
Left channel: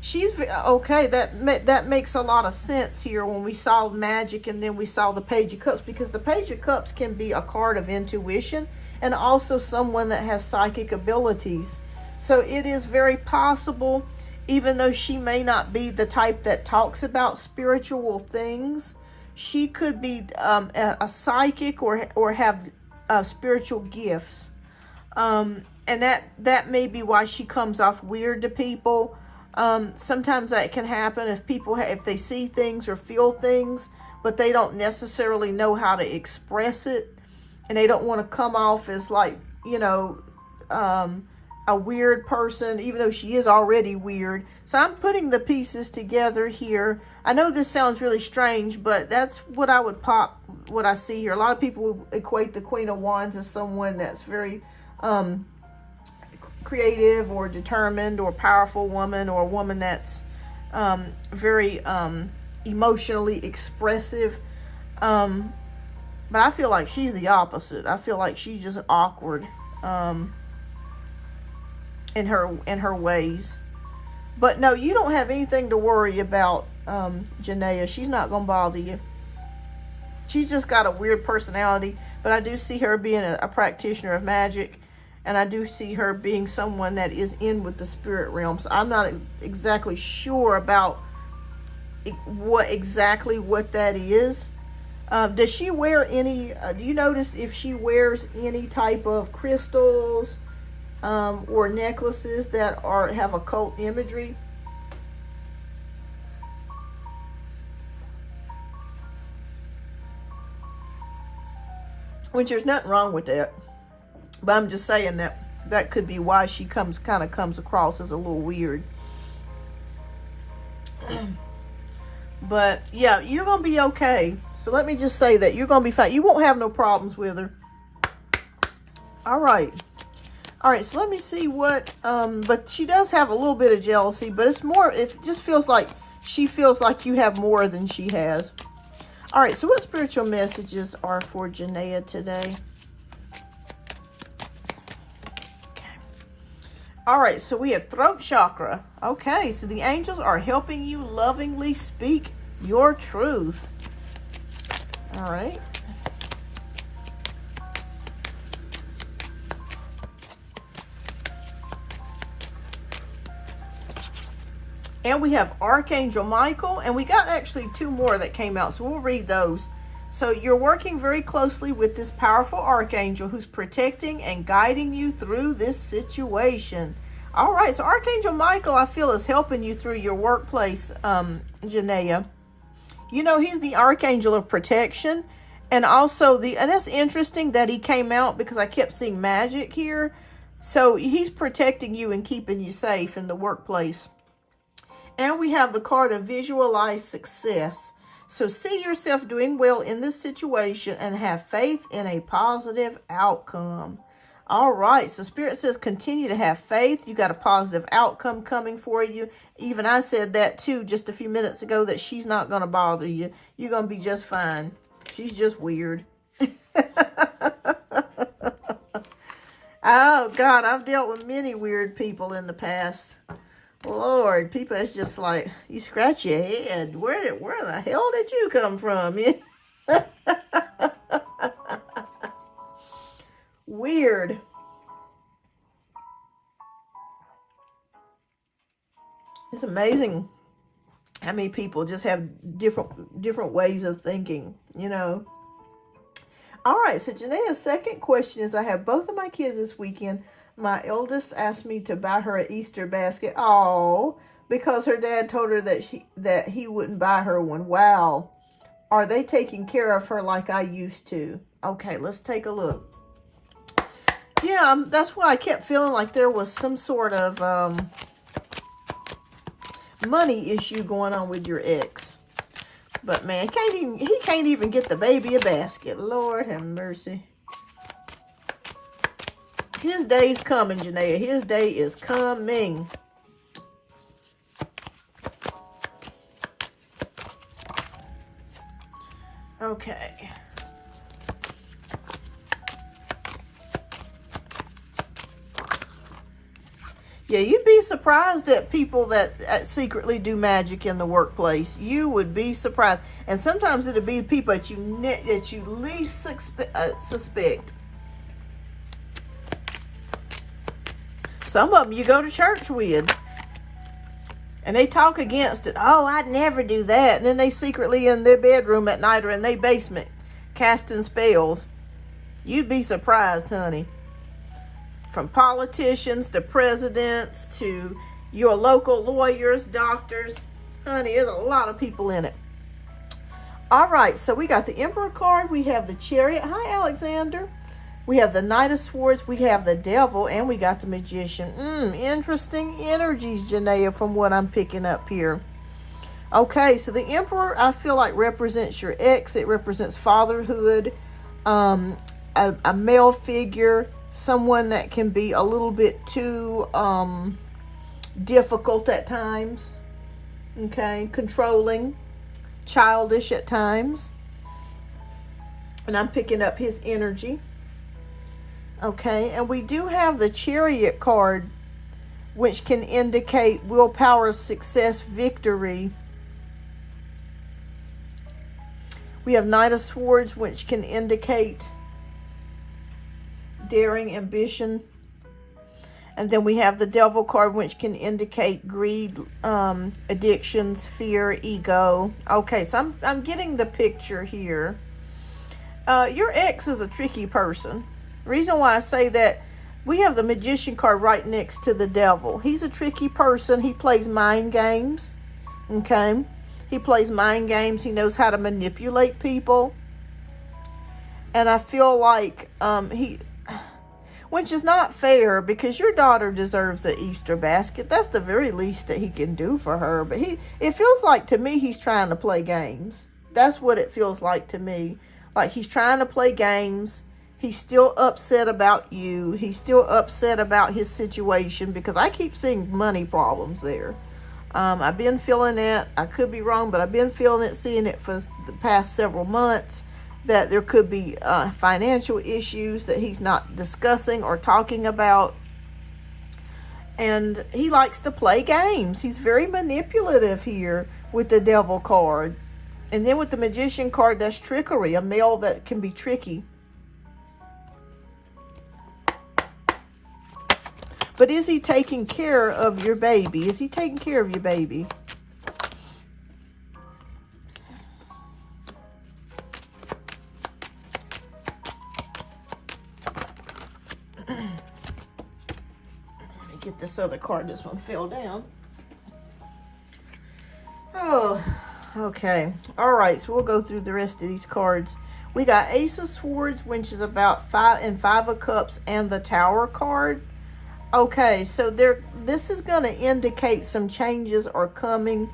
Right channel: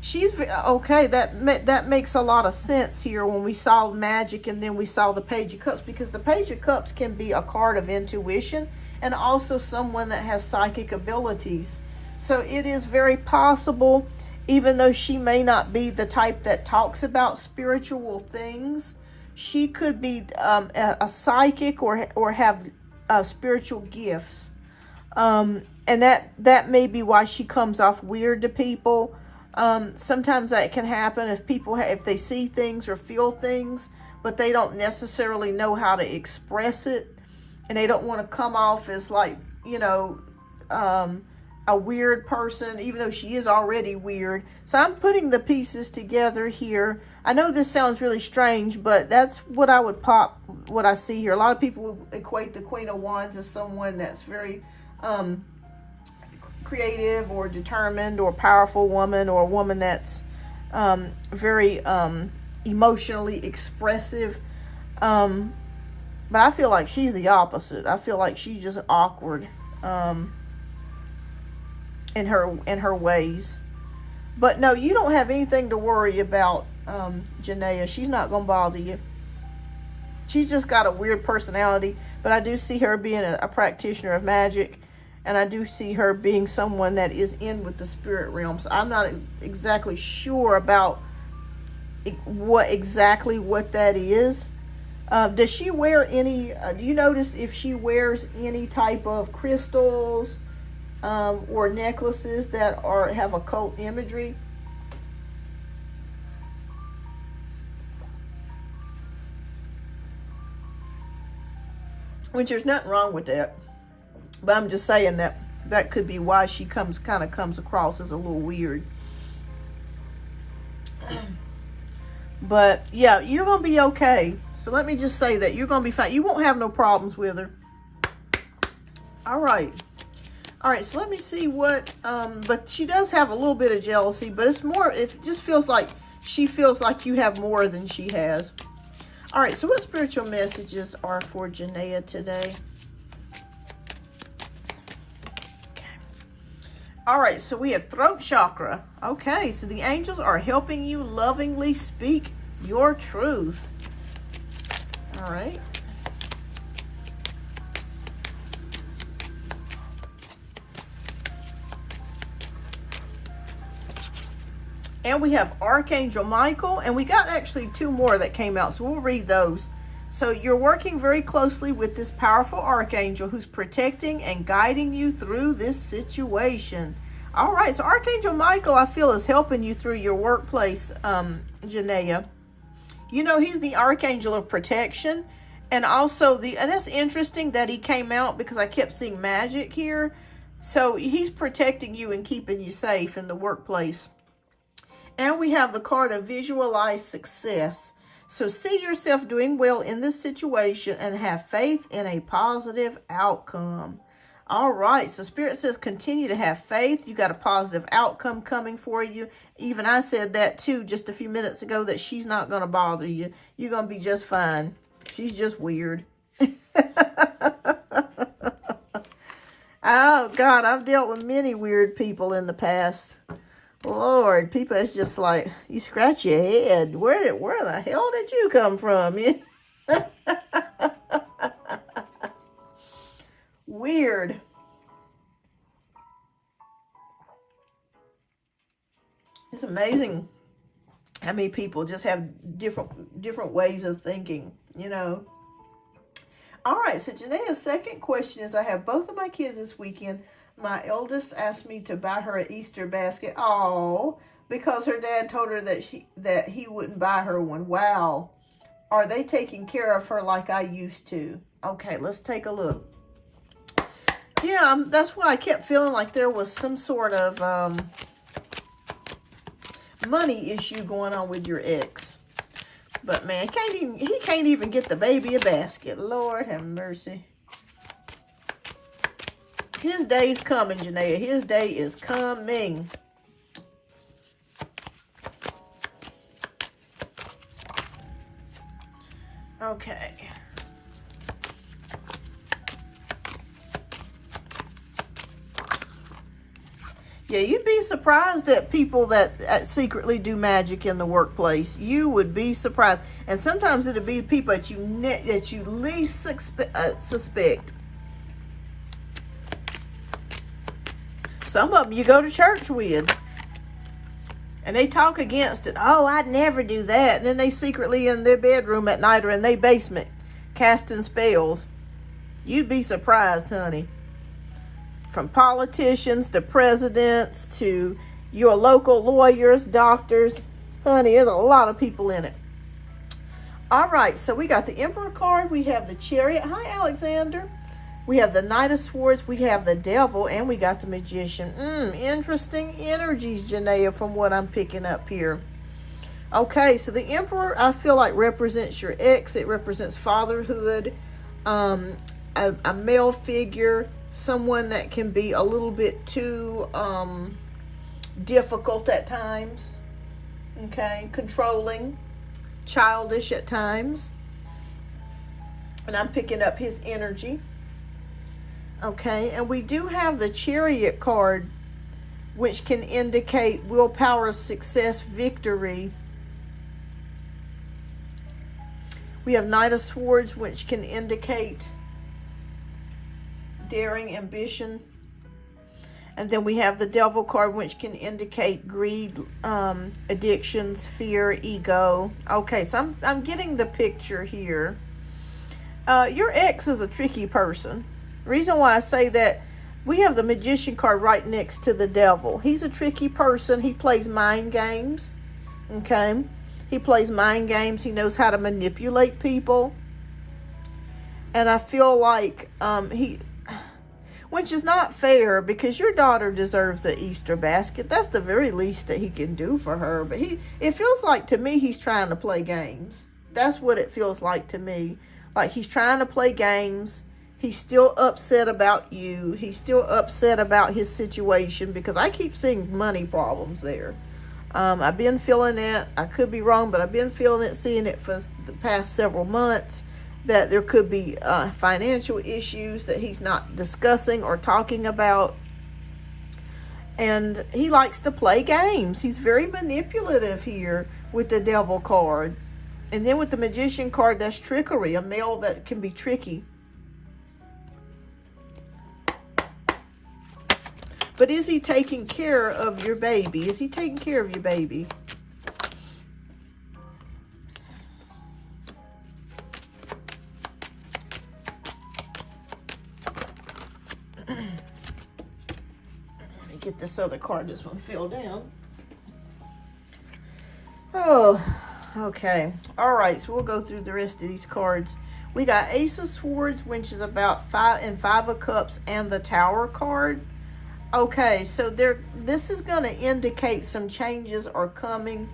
She's, okay, that makes a lot of sense here when we saw magic and then we saw the Page of Cups. Because the Page of Cups can be a card of intuition. And also someone that has psychic abilities. So it is very possible, even though she may not be the type that talks about spiritual things, she could be a psychic or have spiritual gifts. And that may be why she comes off weird to people. Sometimes that can happen if they see things or feel things, but they don't necessarily know how to express it. And they don't want to come off as like, you know, a weird person, even though she is already weird. So I'm putting the pieces together here. I know this sounds really strange, but that's what what I see here. A lot of people equate the Queen of Wands as someone that's very creative or determined or powerful woman, or a woman that's very emotionally expressive. But I feel like she's the opposite. I feel like she's just awkward in her ways. But no, you don't have anything to worry about, Janaea. She's not going to bother you. She's just got a weird personality. But I do see her being a practitioner of magic. And I do see her being someone that is in with the spirit realm. So I'm not exactly sure about what that is. Does she wear any, do you notice if she wears any type of crystals or necklaces that have occult imagery? Which there's nothing wrong with that. But I'm just saying that could be why she kind of comes across as a little weird. But yeah, you're going to be okay. So let me just say that you're going to be fine. You won't have no problems with her. All right. All right, so let me see what, but she does have a little bit of jealousy, but it's more, it just feels like she feels like you have more than she has. All right, so what spiritual messages are for Janaea today? All right, so we have throat chakra. Okay, so the angels are helping you lovingly speak your truth. All right. And we have Archangel Michael, and we got actually 2 more that came out, so we'll read those. So you're working very closely with this powerful archangel who's protecting and guiding you through this situation. All right, so Archangel Michael, I feel, is helping you through your workplace, Janaea. You know, he's the archangel of protection, and also and that's interesting that he came out because I kept seeing magic here. So he's protecting you and keeping you safe in the workplace. And we have the card of visualize success. So see yourself doing well in this situation and have faith in a positive outcome. All right, so Spirit says continue to have faith. You got a positive outcome coming for you. Even I said that too just a few minutes ago, that she's not going to bother you. You're going to be just fine. She's just weird. Oh, God, I've dealt with many weird people in the past. Lord, people, it's just like, you scratch your head. Where the hell did you come from? Weird. It's amazing how many people just have different ways of thinking, you know. All right, so Janae's second question is, I have both of my kids this weekend. My eldest asked me to buy her an Easter basket. Oh, because her dad told her that he wouldn't buy her one. Wow. Are they taking care of her like I used to? Okay, let's take a look. Yeah, that's why I kept feeling like there was some sort of money issue going on with your ex. But man, he can't even get the baby a basket. Lord have mercy. His day's coming, Janaea. His day is coming. Okay. Yeah, you'd be surprised at people that secretly do magic in the workplace. You would be surprised. And sometimes it'd be people that you least suspect. Some of them you go to church with. And they talk against it. Oh, I'd never do that. And then they secretly in their bedroom at night or in their basement casting spells. You'd be surprised, honey. From politicians to presidents to your local lawyers, doctors. Honey, there's a lot of people in it. All right, so we got the Emperor card. We have the Chariot. Hi, Alexander. We have the Knight of Swords. We have the Devil. And we got the Magician. Interesting energies, Janaea, from what I'm picking up here. Okay, so the Emperor, I feel like, represents your ex. It represents fatherhood, a male figure, someone that can be a little bit too difficult at times, okay, controlling, childish at times. And I'm picking up his energy. Okay, and we do have the Chariot card, which can indicate willpower, success, victory. We have Knight of Swords, which can indicate daring, ambition. And then we have the Devil card, which can indicate greed, addictions, fear, ego. Okay, so I'm getting the picture here. Your ex is a tricky person. Reason why I say that, we have the Magician card right next to the Devil. He's a tricky person. He plays mind games. Okay? He plays mind games. He knows how to manipulate people. And I feel like which is not fair, because your daughter deserves an Easter basket. That's the very least that he can do for her. But it feels like to me he's trying to play games. That's what it feels like to me. Like he's trying to play games. He's still upset about you. He's still upset about his situation, because I keep seeing money problems there. I've been feeling it. I could be wrong, but I've been feeling it, seeing it for the past several months, that there could be financial issues that he's not discussing or talking about. And he likes to play games. He's very manipulative here with the Devil card. And then with the Magician card, that's trickery, a male that can be tricky. But is he taking care of your baby? Is he taking care of your baby? Let me get this other card. This one fell down. Oh, okay. All right, so we'll go through the rest of these cards. We got Ace of Swords, which is about 5 and 5 of Cups, and the Tower card. Okay, so this is going to indicate some changes are coming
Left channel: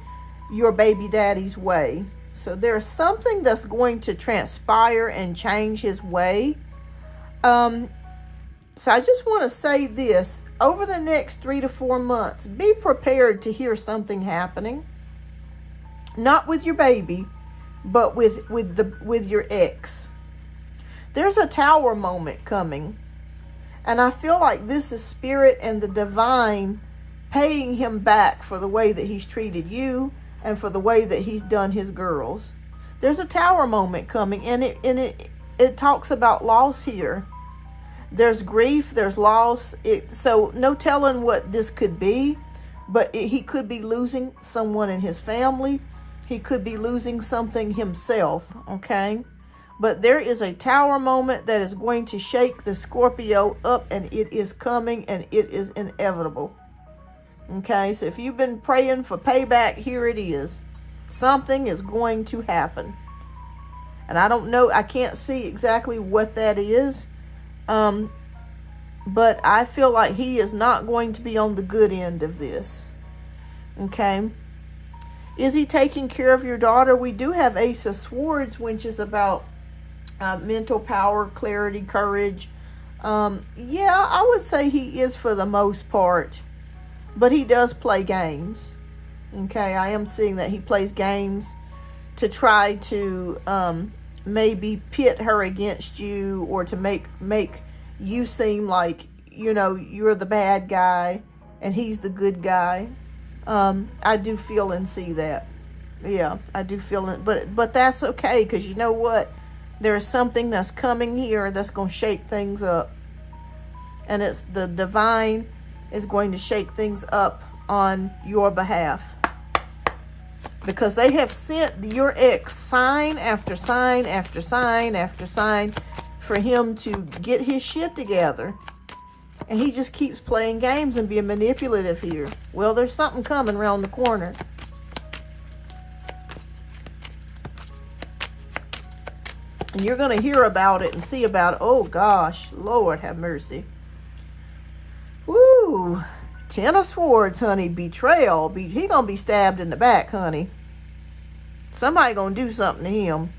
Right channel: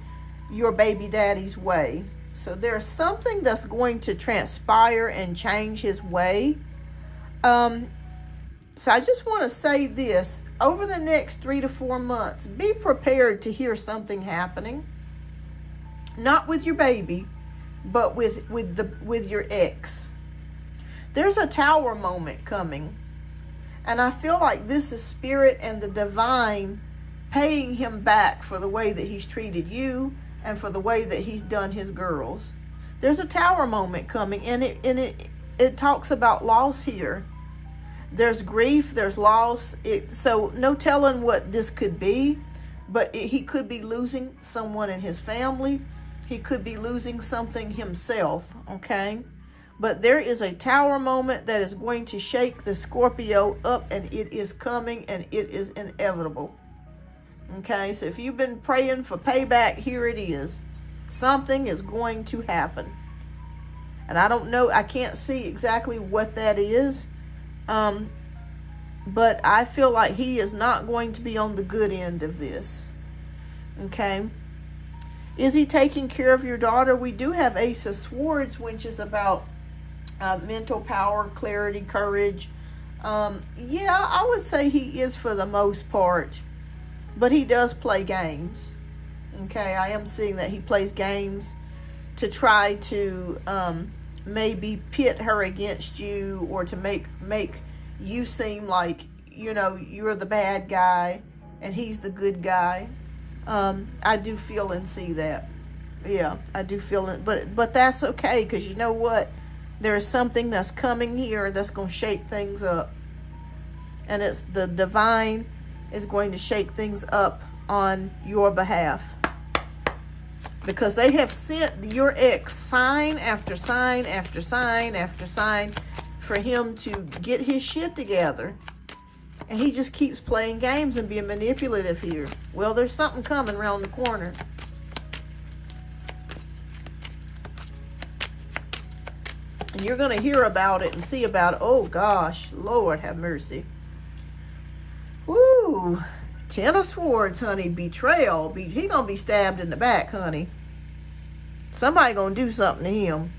your baby daddy's way. So there's something that's going to transpire and change his way. So I just want to say this. Over the next 3 to 4 months, be prepared to hear something happening. Not with your baby, but with your ex. There's a tower moment coming. And I feel like this is spirit and the divine paying him back for the way that he's treated you and for the way that he's done his girls. There's a tower moment coming, and it talks about loss here. There's grief, there's loss. So no telling what this could be, but he could be losing someone in his family. He could be losing something himself, okay? But there is a tower moment that is going to shake the Scorpio up, and it is coming, and it is inevitable. Okay, so if you've been praying for payback, here it is. Something is going to happen. And I don't know, I can't see exactly what that is. But I feel like he is not going to be on the good end of this. Okay. Is he taking care of your daughter? We do have Ace of Swords, which is about mental power, clarity, courage. Yeah, I would say he is for the most part. But he does play games. Okay, I am seeing that he plays games to try to maybe pit her against you, or to make you seem like, you know, you're the bad guy and he's the good guy. I do feel and see that. Yeah, I do feel it, but that's okay, because you know what? There's something that's coming here that's going to shake things up. And it's the divine is going to shake things up on your behalf. Because they have sent your ex sign after sign after sign after sign for him to get his shit together. And he just keeps playing games and being manipulative here. Well, there's something coming around the corner. And you're going to hear about it and see about it. Oh, gosh. Lord have mercy. Woo. 10 of Swords, honey. Betrayal. He going to be stabbed in the back, honey. Somebody going to do something to him.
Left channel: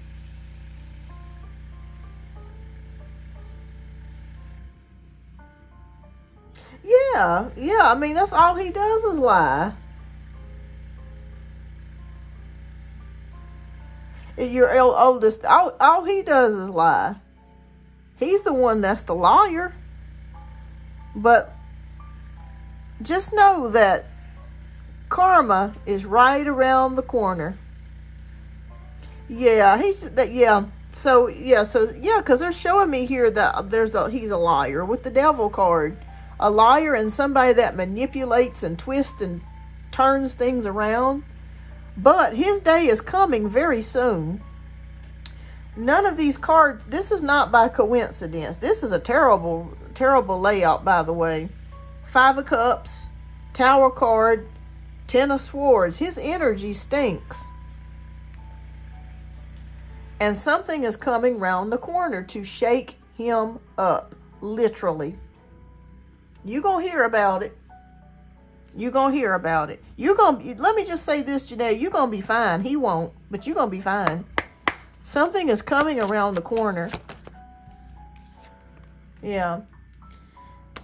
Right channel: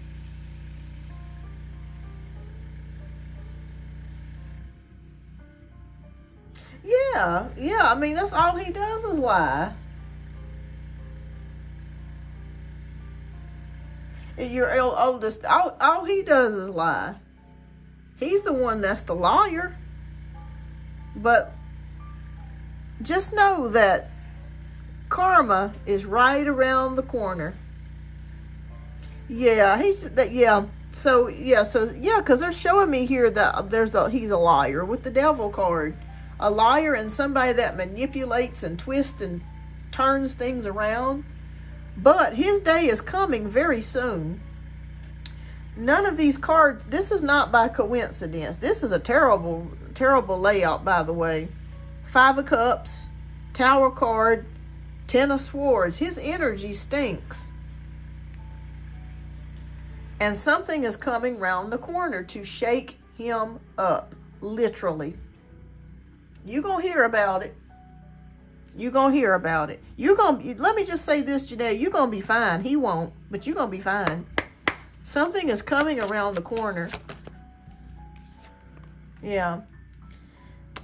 Yeah, I mean, that's all he does is lie. Your oldest, all he does is lie. He's the one that's the lawyer. But just know that karma is right around the corner. Yeah, because they're showing me here that he's a liar with the devil card. A liar and somebody that manipulates and twists and turns things around. But his day is coming very soon. None of these cards, this is not by coincidence. This is a terrible, terrible layout, by the way. 5 of Cups, Tower card, 10 of Swords. His energy stinks. And something is coming round the corner to shake him up, literally. You're going to hear about it. You're going to hear about it. Let me just say this, Janae. You're going to be fine. He won't, but you're going to be fine. Something is coming around the corner. Yeah.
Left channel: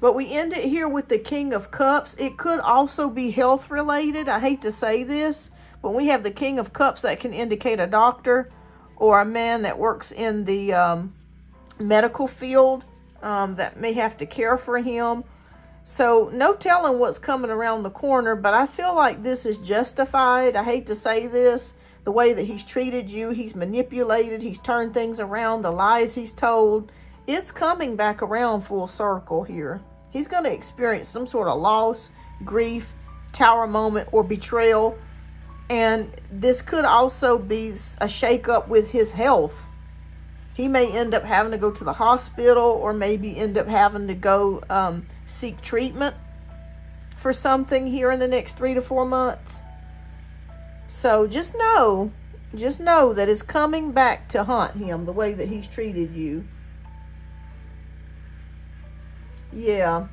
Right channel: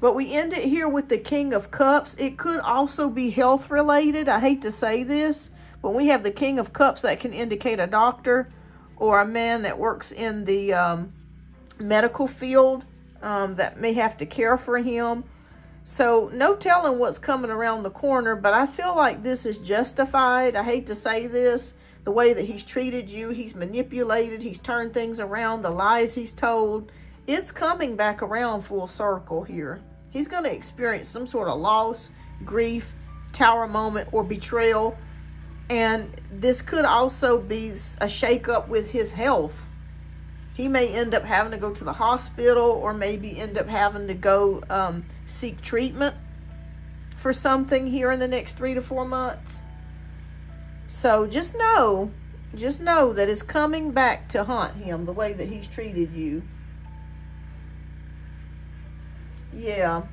But we end it here with the King of Cups. It could also be health related. I hate to say this, but we have the King of Cups that can indicate a doctor or a man that works in the medical field that may have to care for him. So no telling what's coming around the corner, but I feel like this is justified. I hate to say this. The way that he's treated you, he's manipulated, he's turned things around, the lies he's told. It's coming back around full circle here. He's going to experience some sort of loss, grief, tower moment, or betrayal. And this could also be a shakeup with his health. He may end up having to go to the hospital, or maybe end up having to go seek treatment for something here in the next 3 to 4 months. So just know that it's coming back to haunt him, the way that he's treated you. Yeah,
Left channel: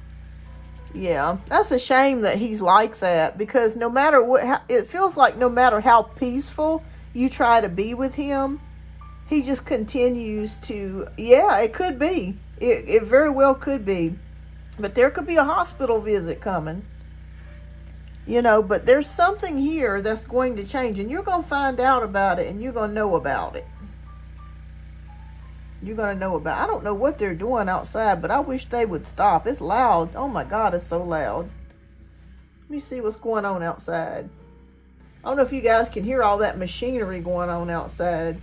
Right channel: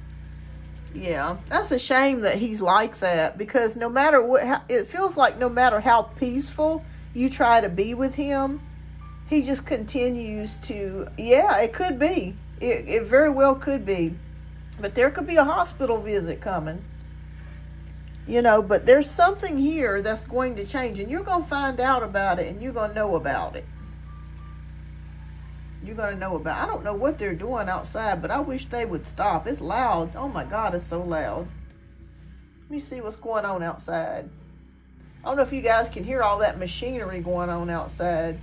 that's a shame that he's like that, because no matter what, it feels like no matter how peaceful you try to be with him, he just continues to, yeah, it could be. It very well could be. But there could be a hospital visit coming. You know, but there's something here that's going to change. And you're going to find out about it. And you're going to know about it. You're going to know about it. I don't know what they're doing outside. But I wish they would stop. It's loud. Oh my God, it's so loud. Let me see what's going on outside. I don't know if you guys can hear all that machinery going on outside.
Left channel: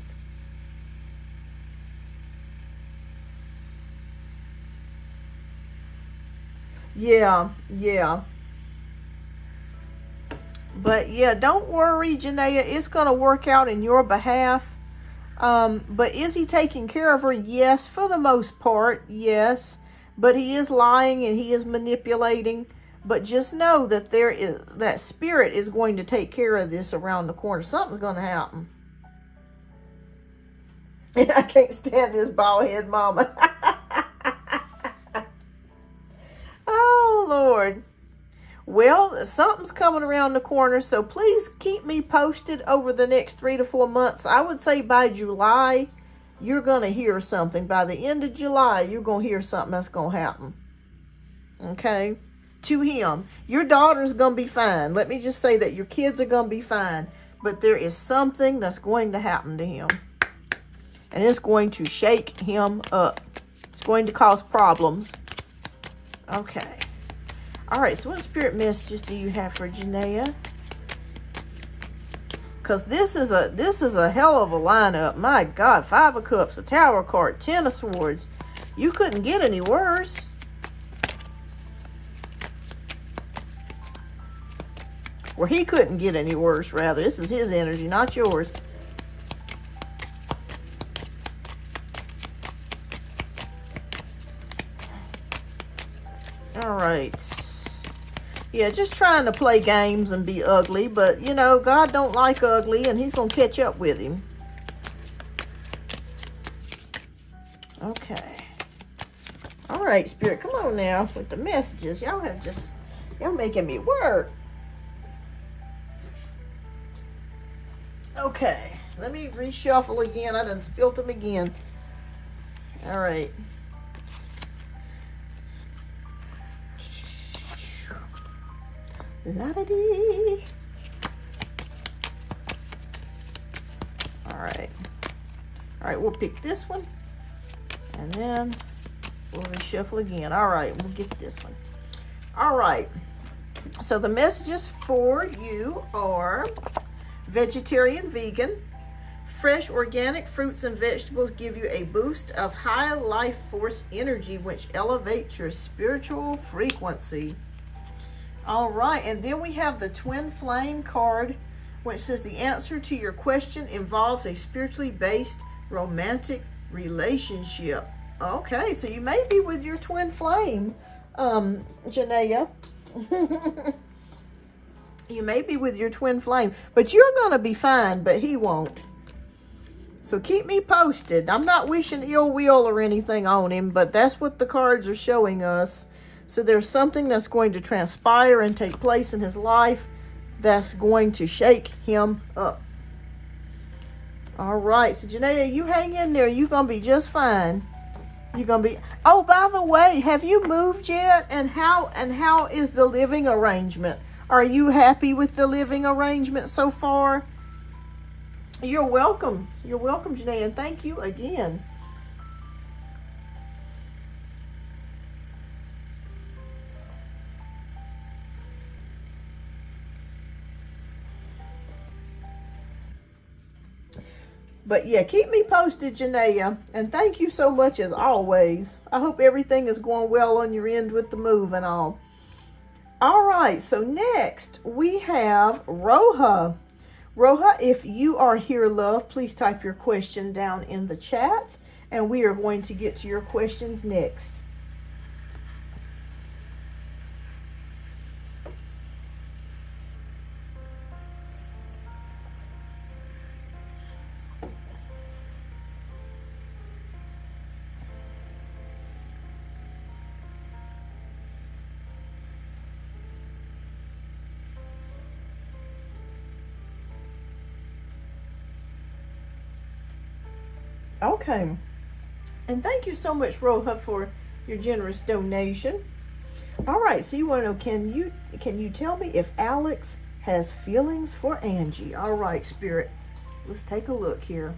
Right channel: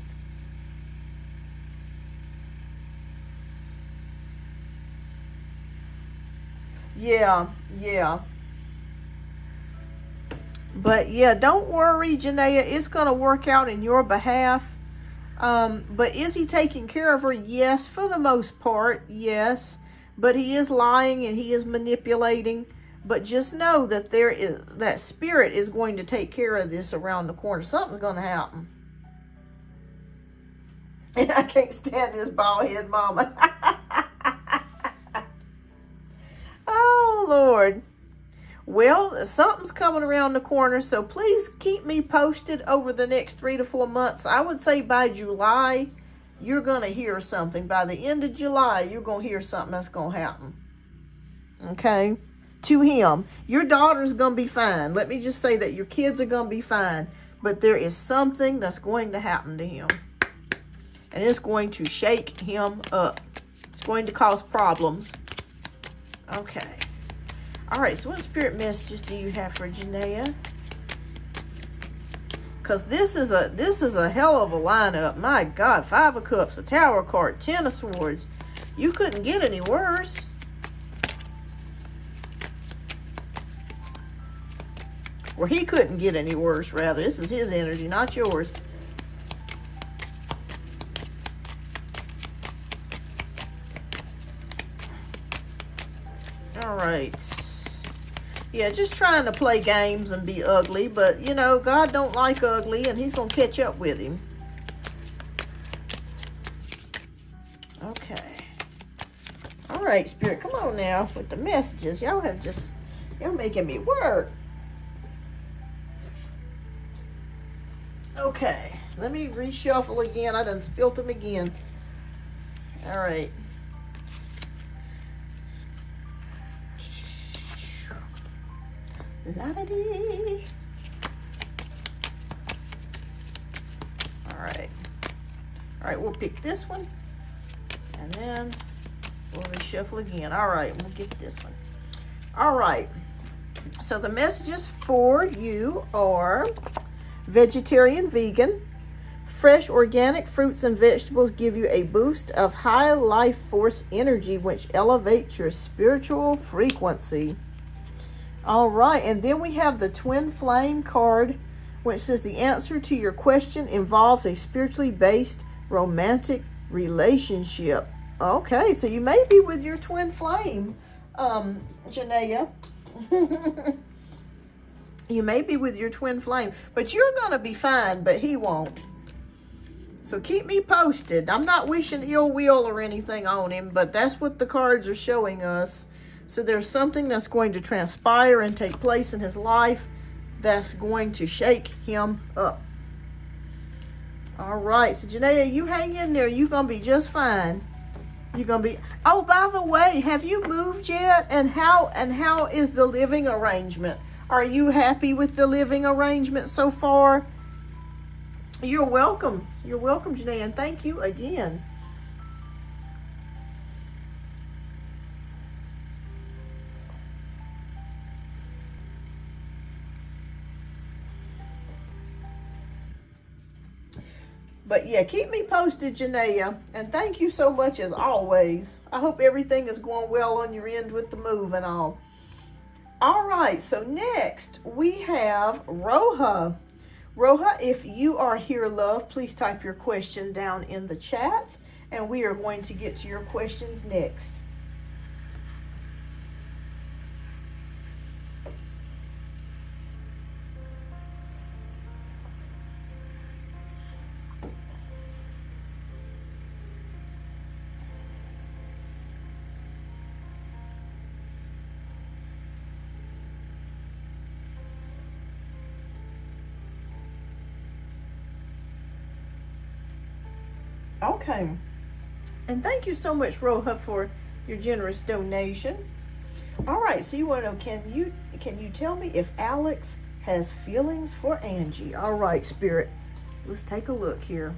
Yeah. But yeah, don't worry, Janaea. It's going to work out in your behalf. But is he taking care of her? Yes, for the most part, yes. But he is lying and he is manipulating. But just know that that spirit is going to take care of this around the corner. Something's going to happen. And I can't stand this bald head mama. Oh, Lord. Well, something's coming around the corner, so please keep me posted over the next 3 to 4 months. I would say by July, you're going to hear something. By the end of July, you're going to hear something that's going to happen. Okay? To him. Your daughter's going to be fine. Let me just say that your kids are going to be fine. But there is something that's going to happen to him. And it's going to shake him up. It's going to cause problems. Okay. All right, so what spirit messages do you have for Janaea? Because this is a hell of a lineup. My God, 5 of Cups, a Tower card, 10 of Swords. You couldn't get any worse. Or he couldn't get any worse, rather. This is his energy, not yours. All right. Yeah, just trying to play games and be ugly. But, you know, God don't like ugly, and he's going to catch up with him. Okay. All right, Spirit, come on now with the messages. Y'all making me work. Okay. Let me reshuffle again. I done spilt them again. All right. La-da-dee. All right, we'll pick this one and then we'll reshuffle again. All right, we'll get this one. All right, so the messages for you are vegetarian, vegan. Fresh organic fruits and vegetables give you a boost of high life force energy, which elevates your spiritual frequency. All right, and then we have the Twin Flame card, which says the answer to your question involves a spiritually based romantic relationship. Okay, so you may be with your Twin Flame, Janaea. You may be with your Twin Flame, but you're going to be fine, but he won't. So keep me posted. I'm not wishing ill will or anything on him, but that's what the cards are showing us. So there's something that's going to transpire and take place in his life that's going to shake him up. All right. So, Janaea, you hang in there. You're going to be just fine. You're going to be... Oh, by the way, have you moved yet? And how is the living arrangement? Are you happy with the living arrangement so far? You're welcome. You're welcome, Janaea. And thank you again. But yeah, keep me posted, Janaea. And thank you so much as always. I hope everything is going well on your end with the move and all. All right, so next we have Roha. Roha, if you are here, love, please type your question down in the chat. And we are going to get to your questions next. Okay, and thank you so much, Roha, for your generous donation. All right, so you want to know, can you tell me if Alex has feelings for Angie? All right, Spirit, let's take a look here.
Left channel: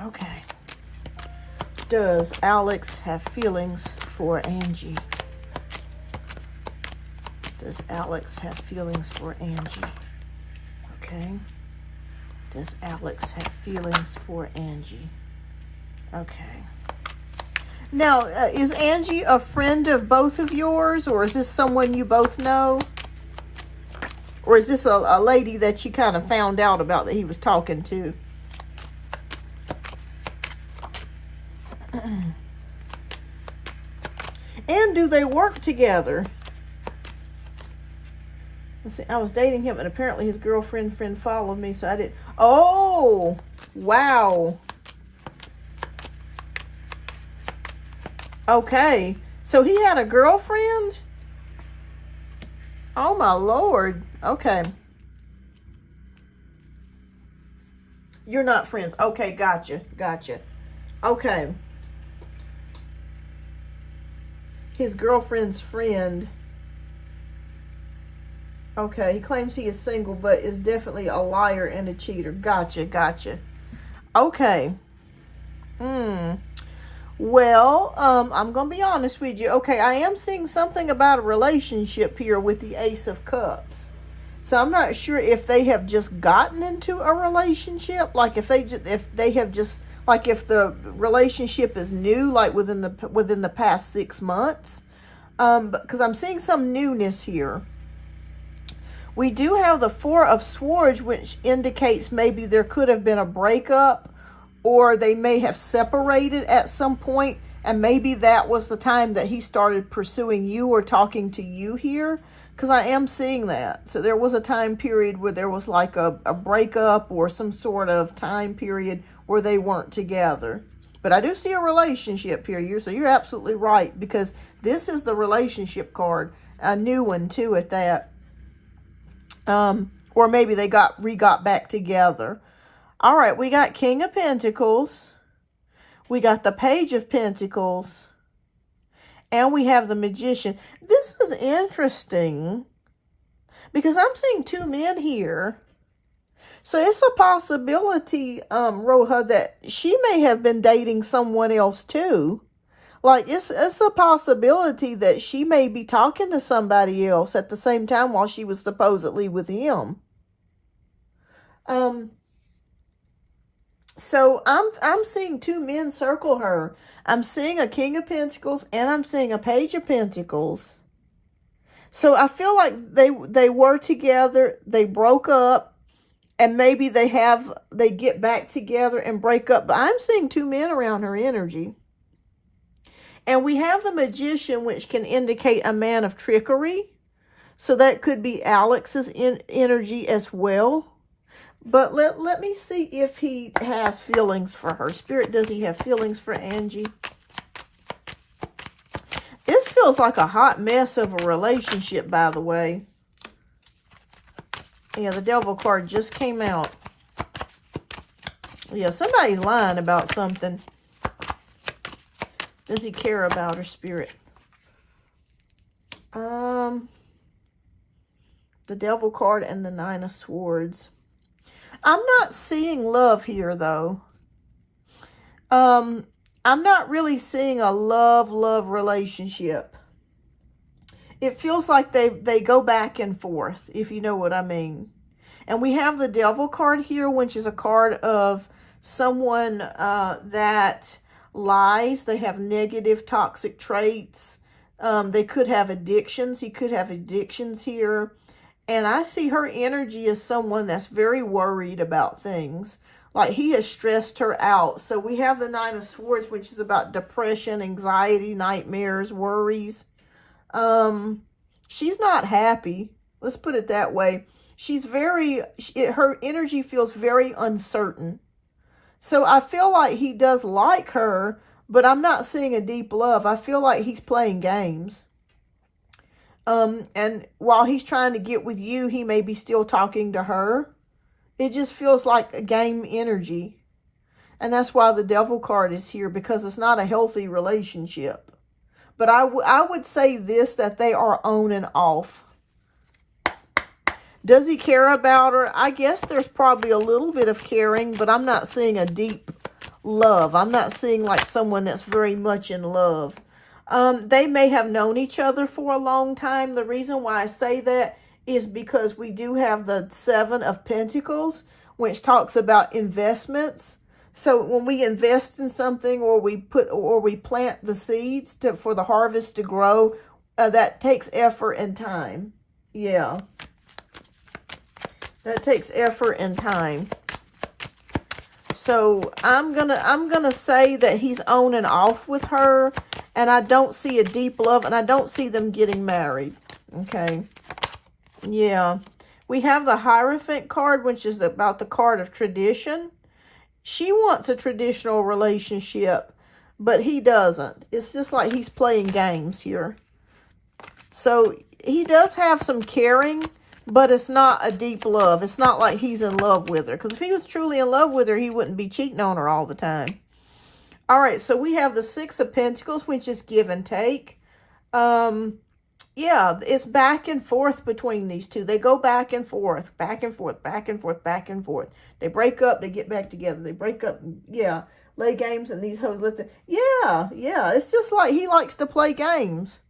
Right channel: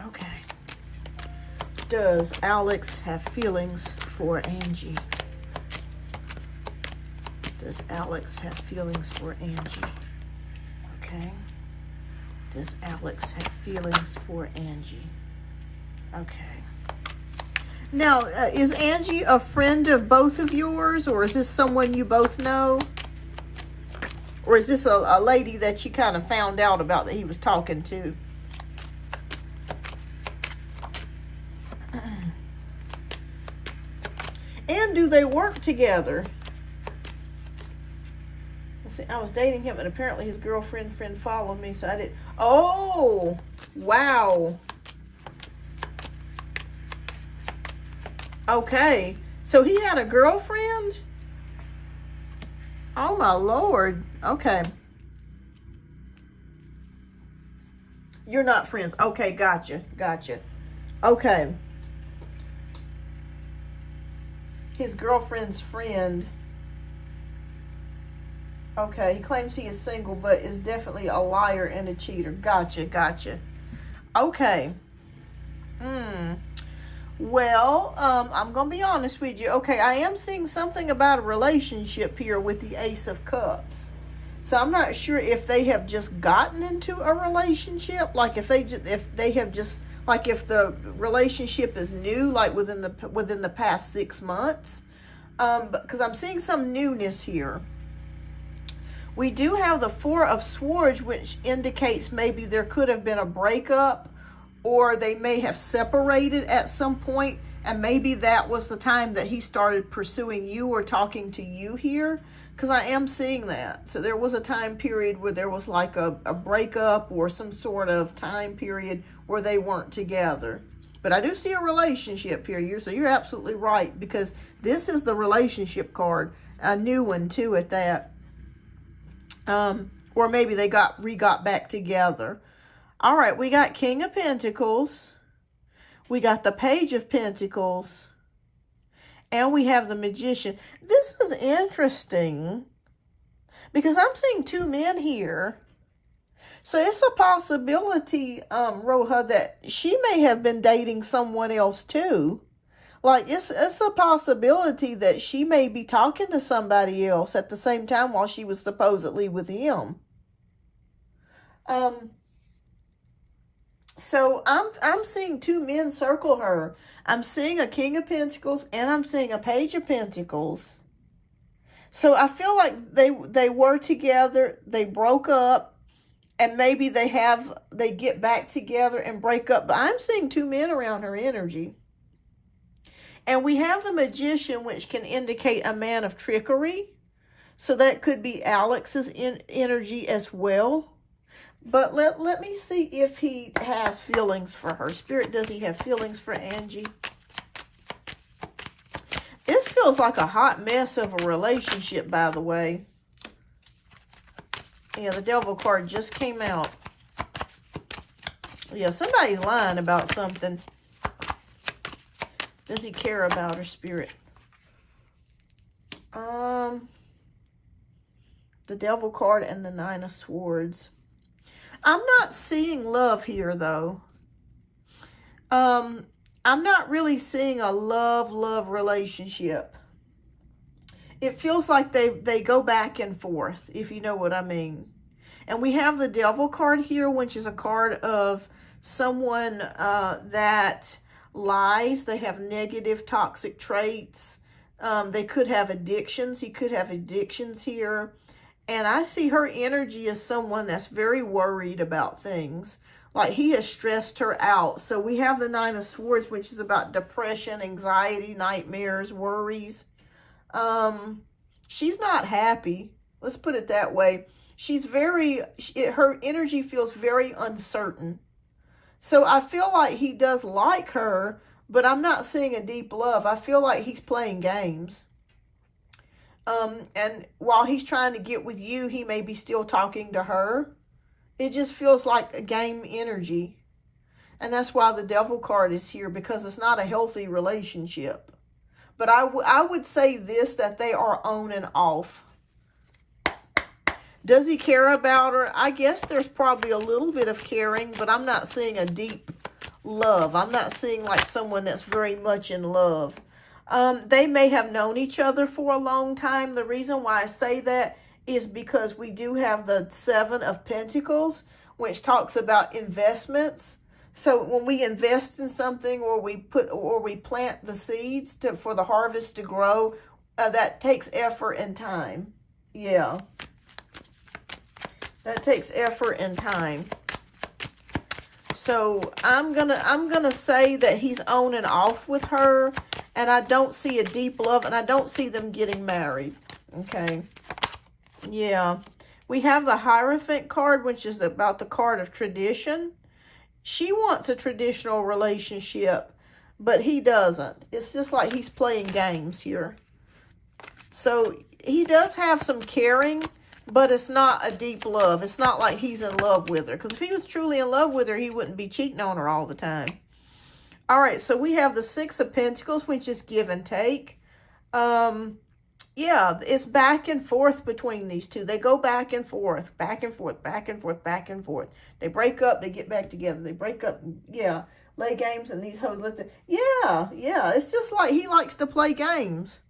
Okay. Does Alex have feelings for Angie? Does Alex have feelings for Angie? Okay. Does Alex have feelings for Angie? Okay. Now, is Angie a friend of both of yours, or is this someone you both know? Or is this a lady that you kind of found out about that he was talking to? And do they work together? Let's see, I was dating him and apparently his girlfriend friend followed me, so I didn't. Oh, wow. Okay, so he had a girlfriend? Oh my Lord. Okay. You're not friends. Okay, gotcha. Okay. His girlfriend's friend. Okay, he claims he is single, but is definitely a liar and a cheater. Gotcha. Okay. Well, I'm going to be honest with you. Okay, I am seeing something about a relationship here with the Ace of Cups. So I'm not sure if they have just gotten into a relationship, like if the relationship is new, like within the past 6 months. Because I'm seeing some newness here. We do have the Four of Swords, which indicates maybe there could have been a breakup, or they may have separated at some point, and maybe that was the time that he started pursuing you or talking to you here, because I am seeing that. So there was a time period where there was like a breakup or some sort of time period where they weren't together. But I do see a relationship here. So you're absolutely right, because this is the relationship card, a new one too at that. Or maybe they got back together. All right, we got King of Pentacles. We got the Page of Pentacles. And we have the Magician. This is interesting because I'm seeing 2 men here. So it's a possibility, Roja, that she may have been dating someone else too. Like, it's a possibility that she may be talking to somebody else at the same time while she was supposedly with him. So I'm seeing 2 men circle her. I'm seeing a King of Pentacles and I'm seeing a Page of Pentacles. So I feel like they were together, they broke up, and maybe they get back together and break up. But I'm seeing 2 men around her energy. And we have the Magician, which can indicate a man of trickery. So that could be Alex's energy as well. But let me see if he has feelings for her. Spirit, does he have feelings for Angie? This feels like a hot mess of a relationship, by the way. Yeah, the Devil card just came out. Yeah, somebody's lying about something. Does he care about her, Spirit? The Devil card and the Nine of Swords. I'm not seeing love here, though. I'm not really seeing a love relationship. It feels like they go back and forth, if you know what I mean. And we have the Devil card here, which is a card of someone that lies. They have negative, toxic traits. They could have addictions. He could have addictions here. And I see her energy as someone that's very worried about things. Like he has stressed her out. So we have the Nine of Swords, which is about depression, anxiety, nightmares, worries. She's not happy. Let's put it that way. She's her energy feels very uncertain. So I feel like he does like her, but I'm not seeing a deep love. I feel like he's playing games. And while he's trying to get with you, he may be still talking to her. It just feels like a game energy. And that's why the Devil card is here, because it's not a healthy relationship. But I would say this, that they are on and off. Does he care about her? I guess there's probably a little bit of caring, but I'm not seeing a deep love. I'm not seeing like someone that's very much in love. They may have known each other for a long time. The reason why I say that is because we do have the Seven of Pentacles, which talks about investments. So when we invest in something, or we plant the seeds for the harvest to grow, that takes effort and time. Yeah. That takes effort and time. So I'm gonna say that he's on and off with her, and I don't see a deep love, and I don't see them getting married. Okay. Yeah. We have the Hierophant card, which is about the card of tradition. She wants a traditional relationship, but he doesn't. It's just like he's playing games here. So he does have some caring, but it's not a deep love. It's not like he's in love with her. Because if he was truly in love with her, he wouldn't be cheating on her all the time. All right, so we have the Six of Pentacles, which is give and take. Yeah, it's back and forth between these two. They go back and forth, back and forth, back and forth, back and forth. They break up, they get back together. They break up, yeah, lay games, and these hoes let the, yeah. It's just like he likes to play games.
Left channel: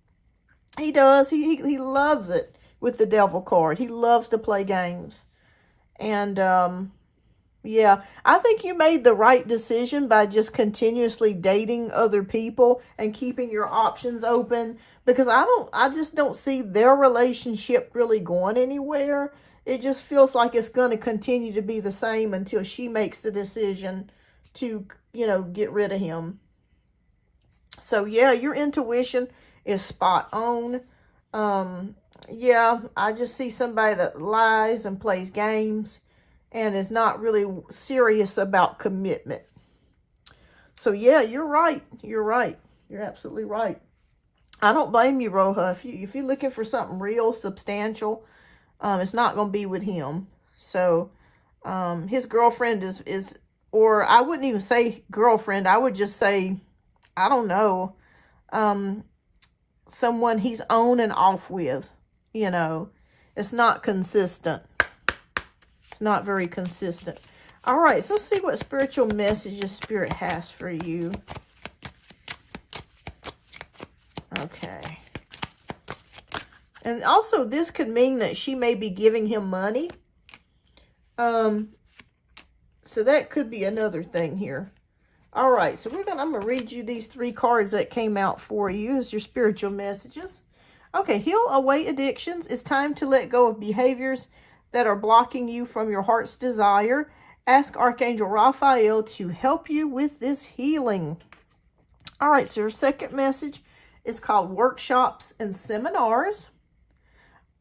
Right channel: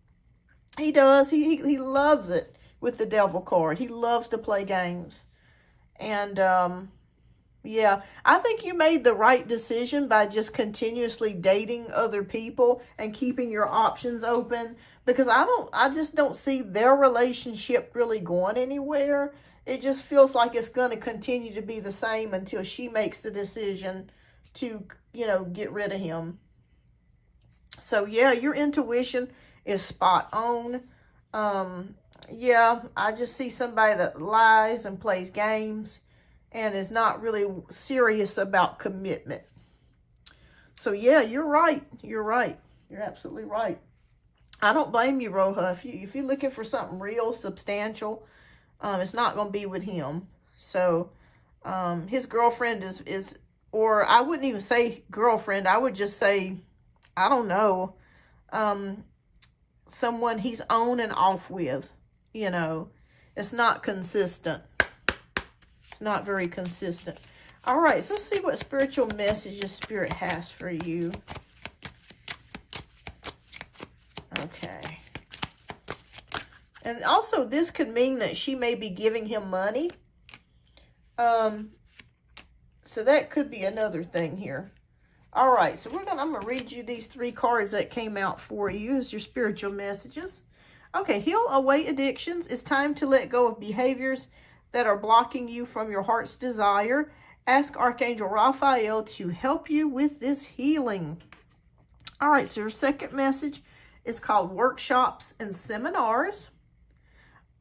He does. He loves it with the Devil card. He loves to play games. And, yeah, I think you made the right decision by just continuously dating other people and keeping your options open, because I just don't see their relationship really going anywhere. It just feels like it's going to continue to be the same until she makes the decision to, you know, get rid of him. So yeah, your intuition is spot on. Yeah, I just see somebody that lies and plays games and is not really serious about commitment. So yeah, you're right. You're right. You're absolutely right. I don't blame you, Roja. If you're looking for something real, substantial, it's not going to be with him. So his girlfriend is, or I wouldn't even say girlfriend. I would just say, I don't know, someone he's on and off with. You know, it's not consistent. It's not very consistent. All right, so let's see what spiritual messages Spirit has for you. Okay. And also, this could mean that she may be giving him money. So that could be another thing here. All right, so I'm gonna read you these three cards that came out for you as your spiritual messages. Okay, heal away addictions. It's time to let go of behaviors that are blocking you from your heart's desire. Ask Archangel Raphael to help you with this healing. All right, so your second message is called workshops and seminars.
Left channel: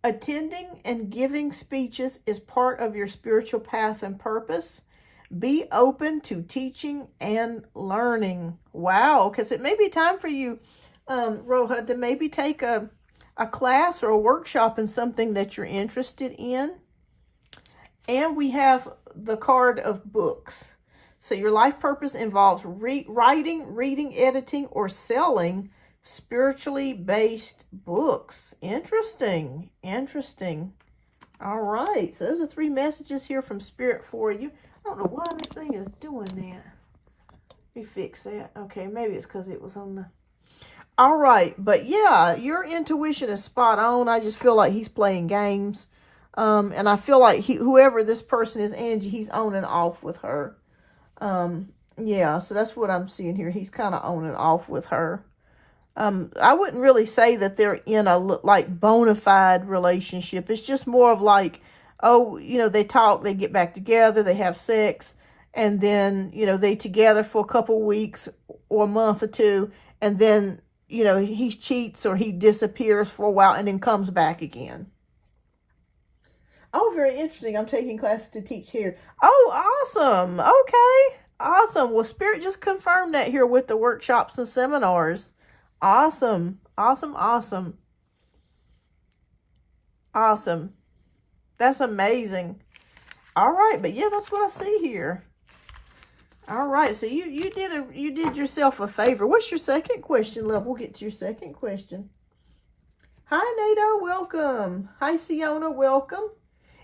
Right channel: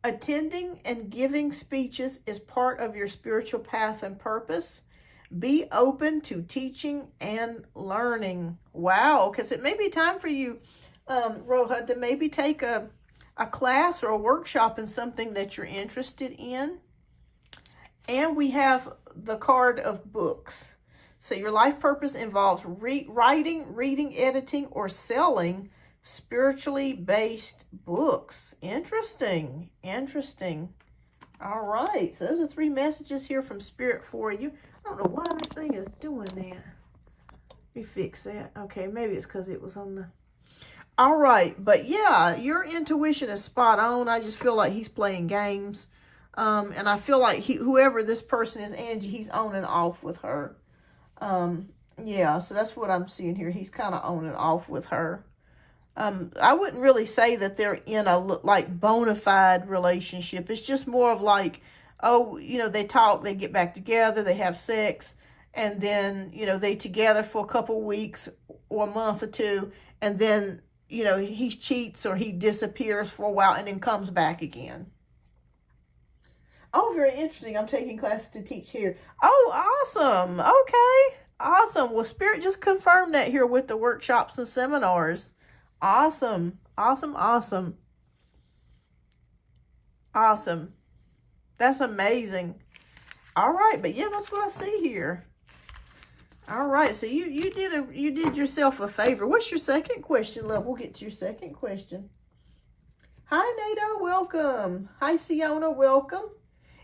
Attending and giving speeches is part of your spiritual path and purpose. Be open to teaching and learning. Wow, because it may be time for you, Roja, to maybe take a class or a workshop in something that you're interested in. And we have the card of books. So your life purpose involves writing, reading, editing, or selling spiritually based books. Interesting. Interesting. All right. So those are three messages here from Spirit for you. I don't know why this thing is doing that. Let me fix that. Okay, maybe it's because it was on the... All right. But yeah, your intuition is spot on. I just feel like he's playing games. And I feel like whoever this person is, Angie, he's on and off with her. Yeah, so that's what I'm seeing here. He's kind of on and off with her. I wouldn't really say that they're in a like bona fide relationship. It's just more of like, oh, you know, they talk, they get back together, they have sex, and then, you know, they together for a couple weeks or a month or two, and then, you know, he cheats or he disappears for a while and then comes back again. Oh, very interesting. I'm taking classes to teach here. Oh, awesome. Okay. Awesome. Well, Spirit just confirmed that here with the workshops and seminars. Awesome. Awesome. Awesome. Awesome. That's amazing. All right. But yeah, that's what I see here. All right, so you did yourself a favor. What's your second question, love? We'll get to your second question. Hi, Nato, welcome. Hi, Siona, welcome.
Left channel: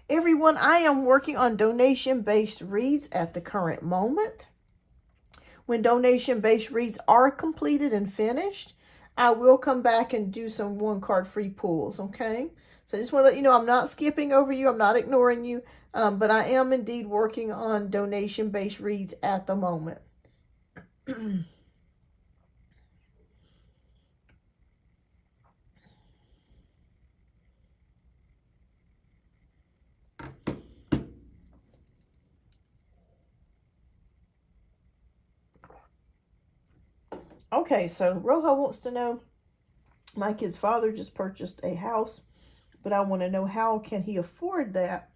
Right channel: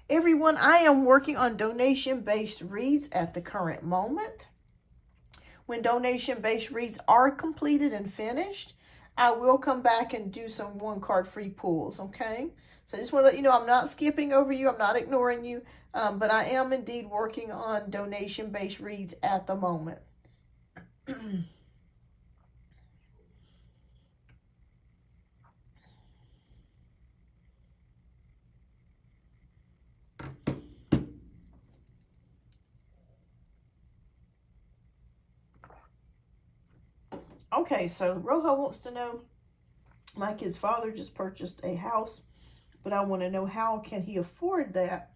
Everyone, I am working on donation-based reads at the current moment. When donation-based reads are completed and finished, I will come back and do some one-card free pulls, okay? So I just want to let you know I'm not skipping over you. I'm not ignoring you. But I am indeed working on donation-based reads at the moment. Okay, so Rojo wants to know, my kid's father just purchased a house, but I want to know how can he afford that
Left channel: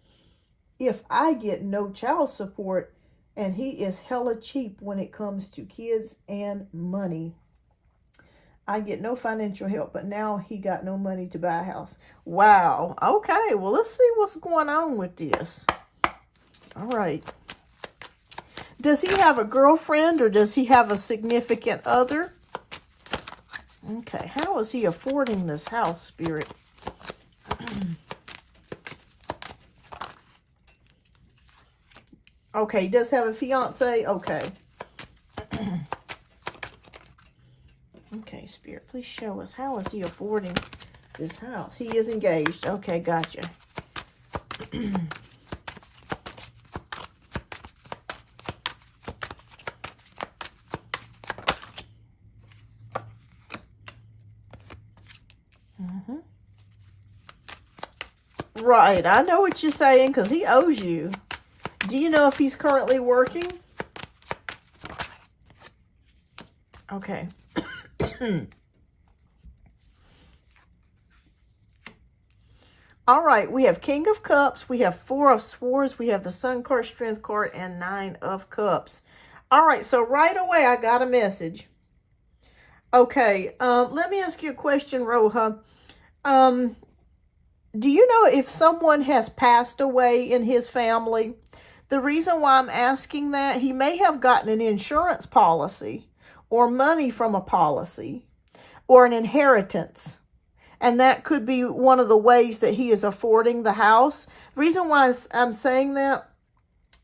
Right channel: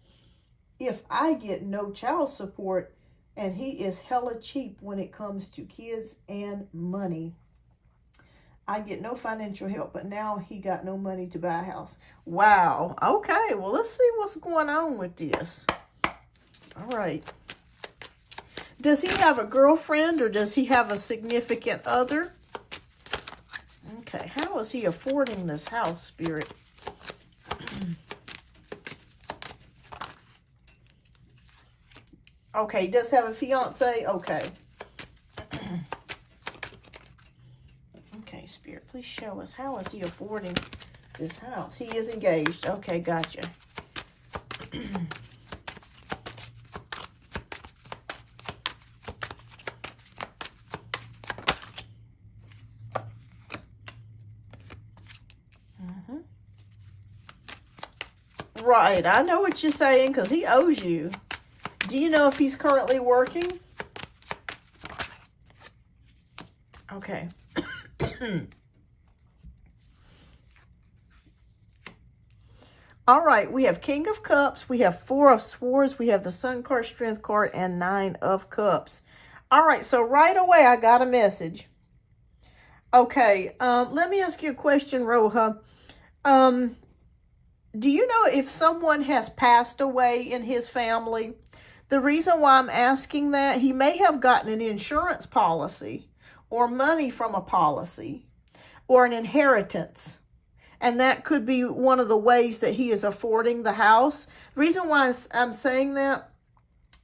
if I get no child support and he is hella cheap when it comes to kids and money. I get no financial help, but now he got no money to buy a house. Wow. Okay, well, let's see what's going on with this. All right. Does he have a girlfriend or does he have a significant other? Okay, how is he affording this house, Spirit? Okay, he does have a fiance. Okay. Okay, Spirit, please show us. How is he affording this house? He is engaged. Okay, gotcha. Right, I know what you're saying because he owes you. Do you know if he's currently working? Okay. All right, we have King of Cups, we have Four of Swords, we have the Sun card, Strength card, and Nine of Cups. All right, so right away I got a message. Okay, let me ask you a question, Roja. Do you know if someone has passed away in his family? The reason why I'm asking that, he may have gotten an insurance policy or money from a policy or an inheritance. And that could be one of the ways that he is affording the house. The reason why I'm saying that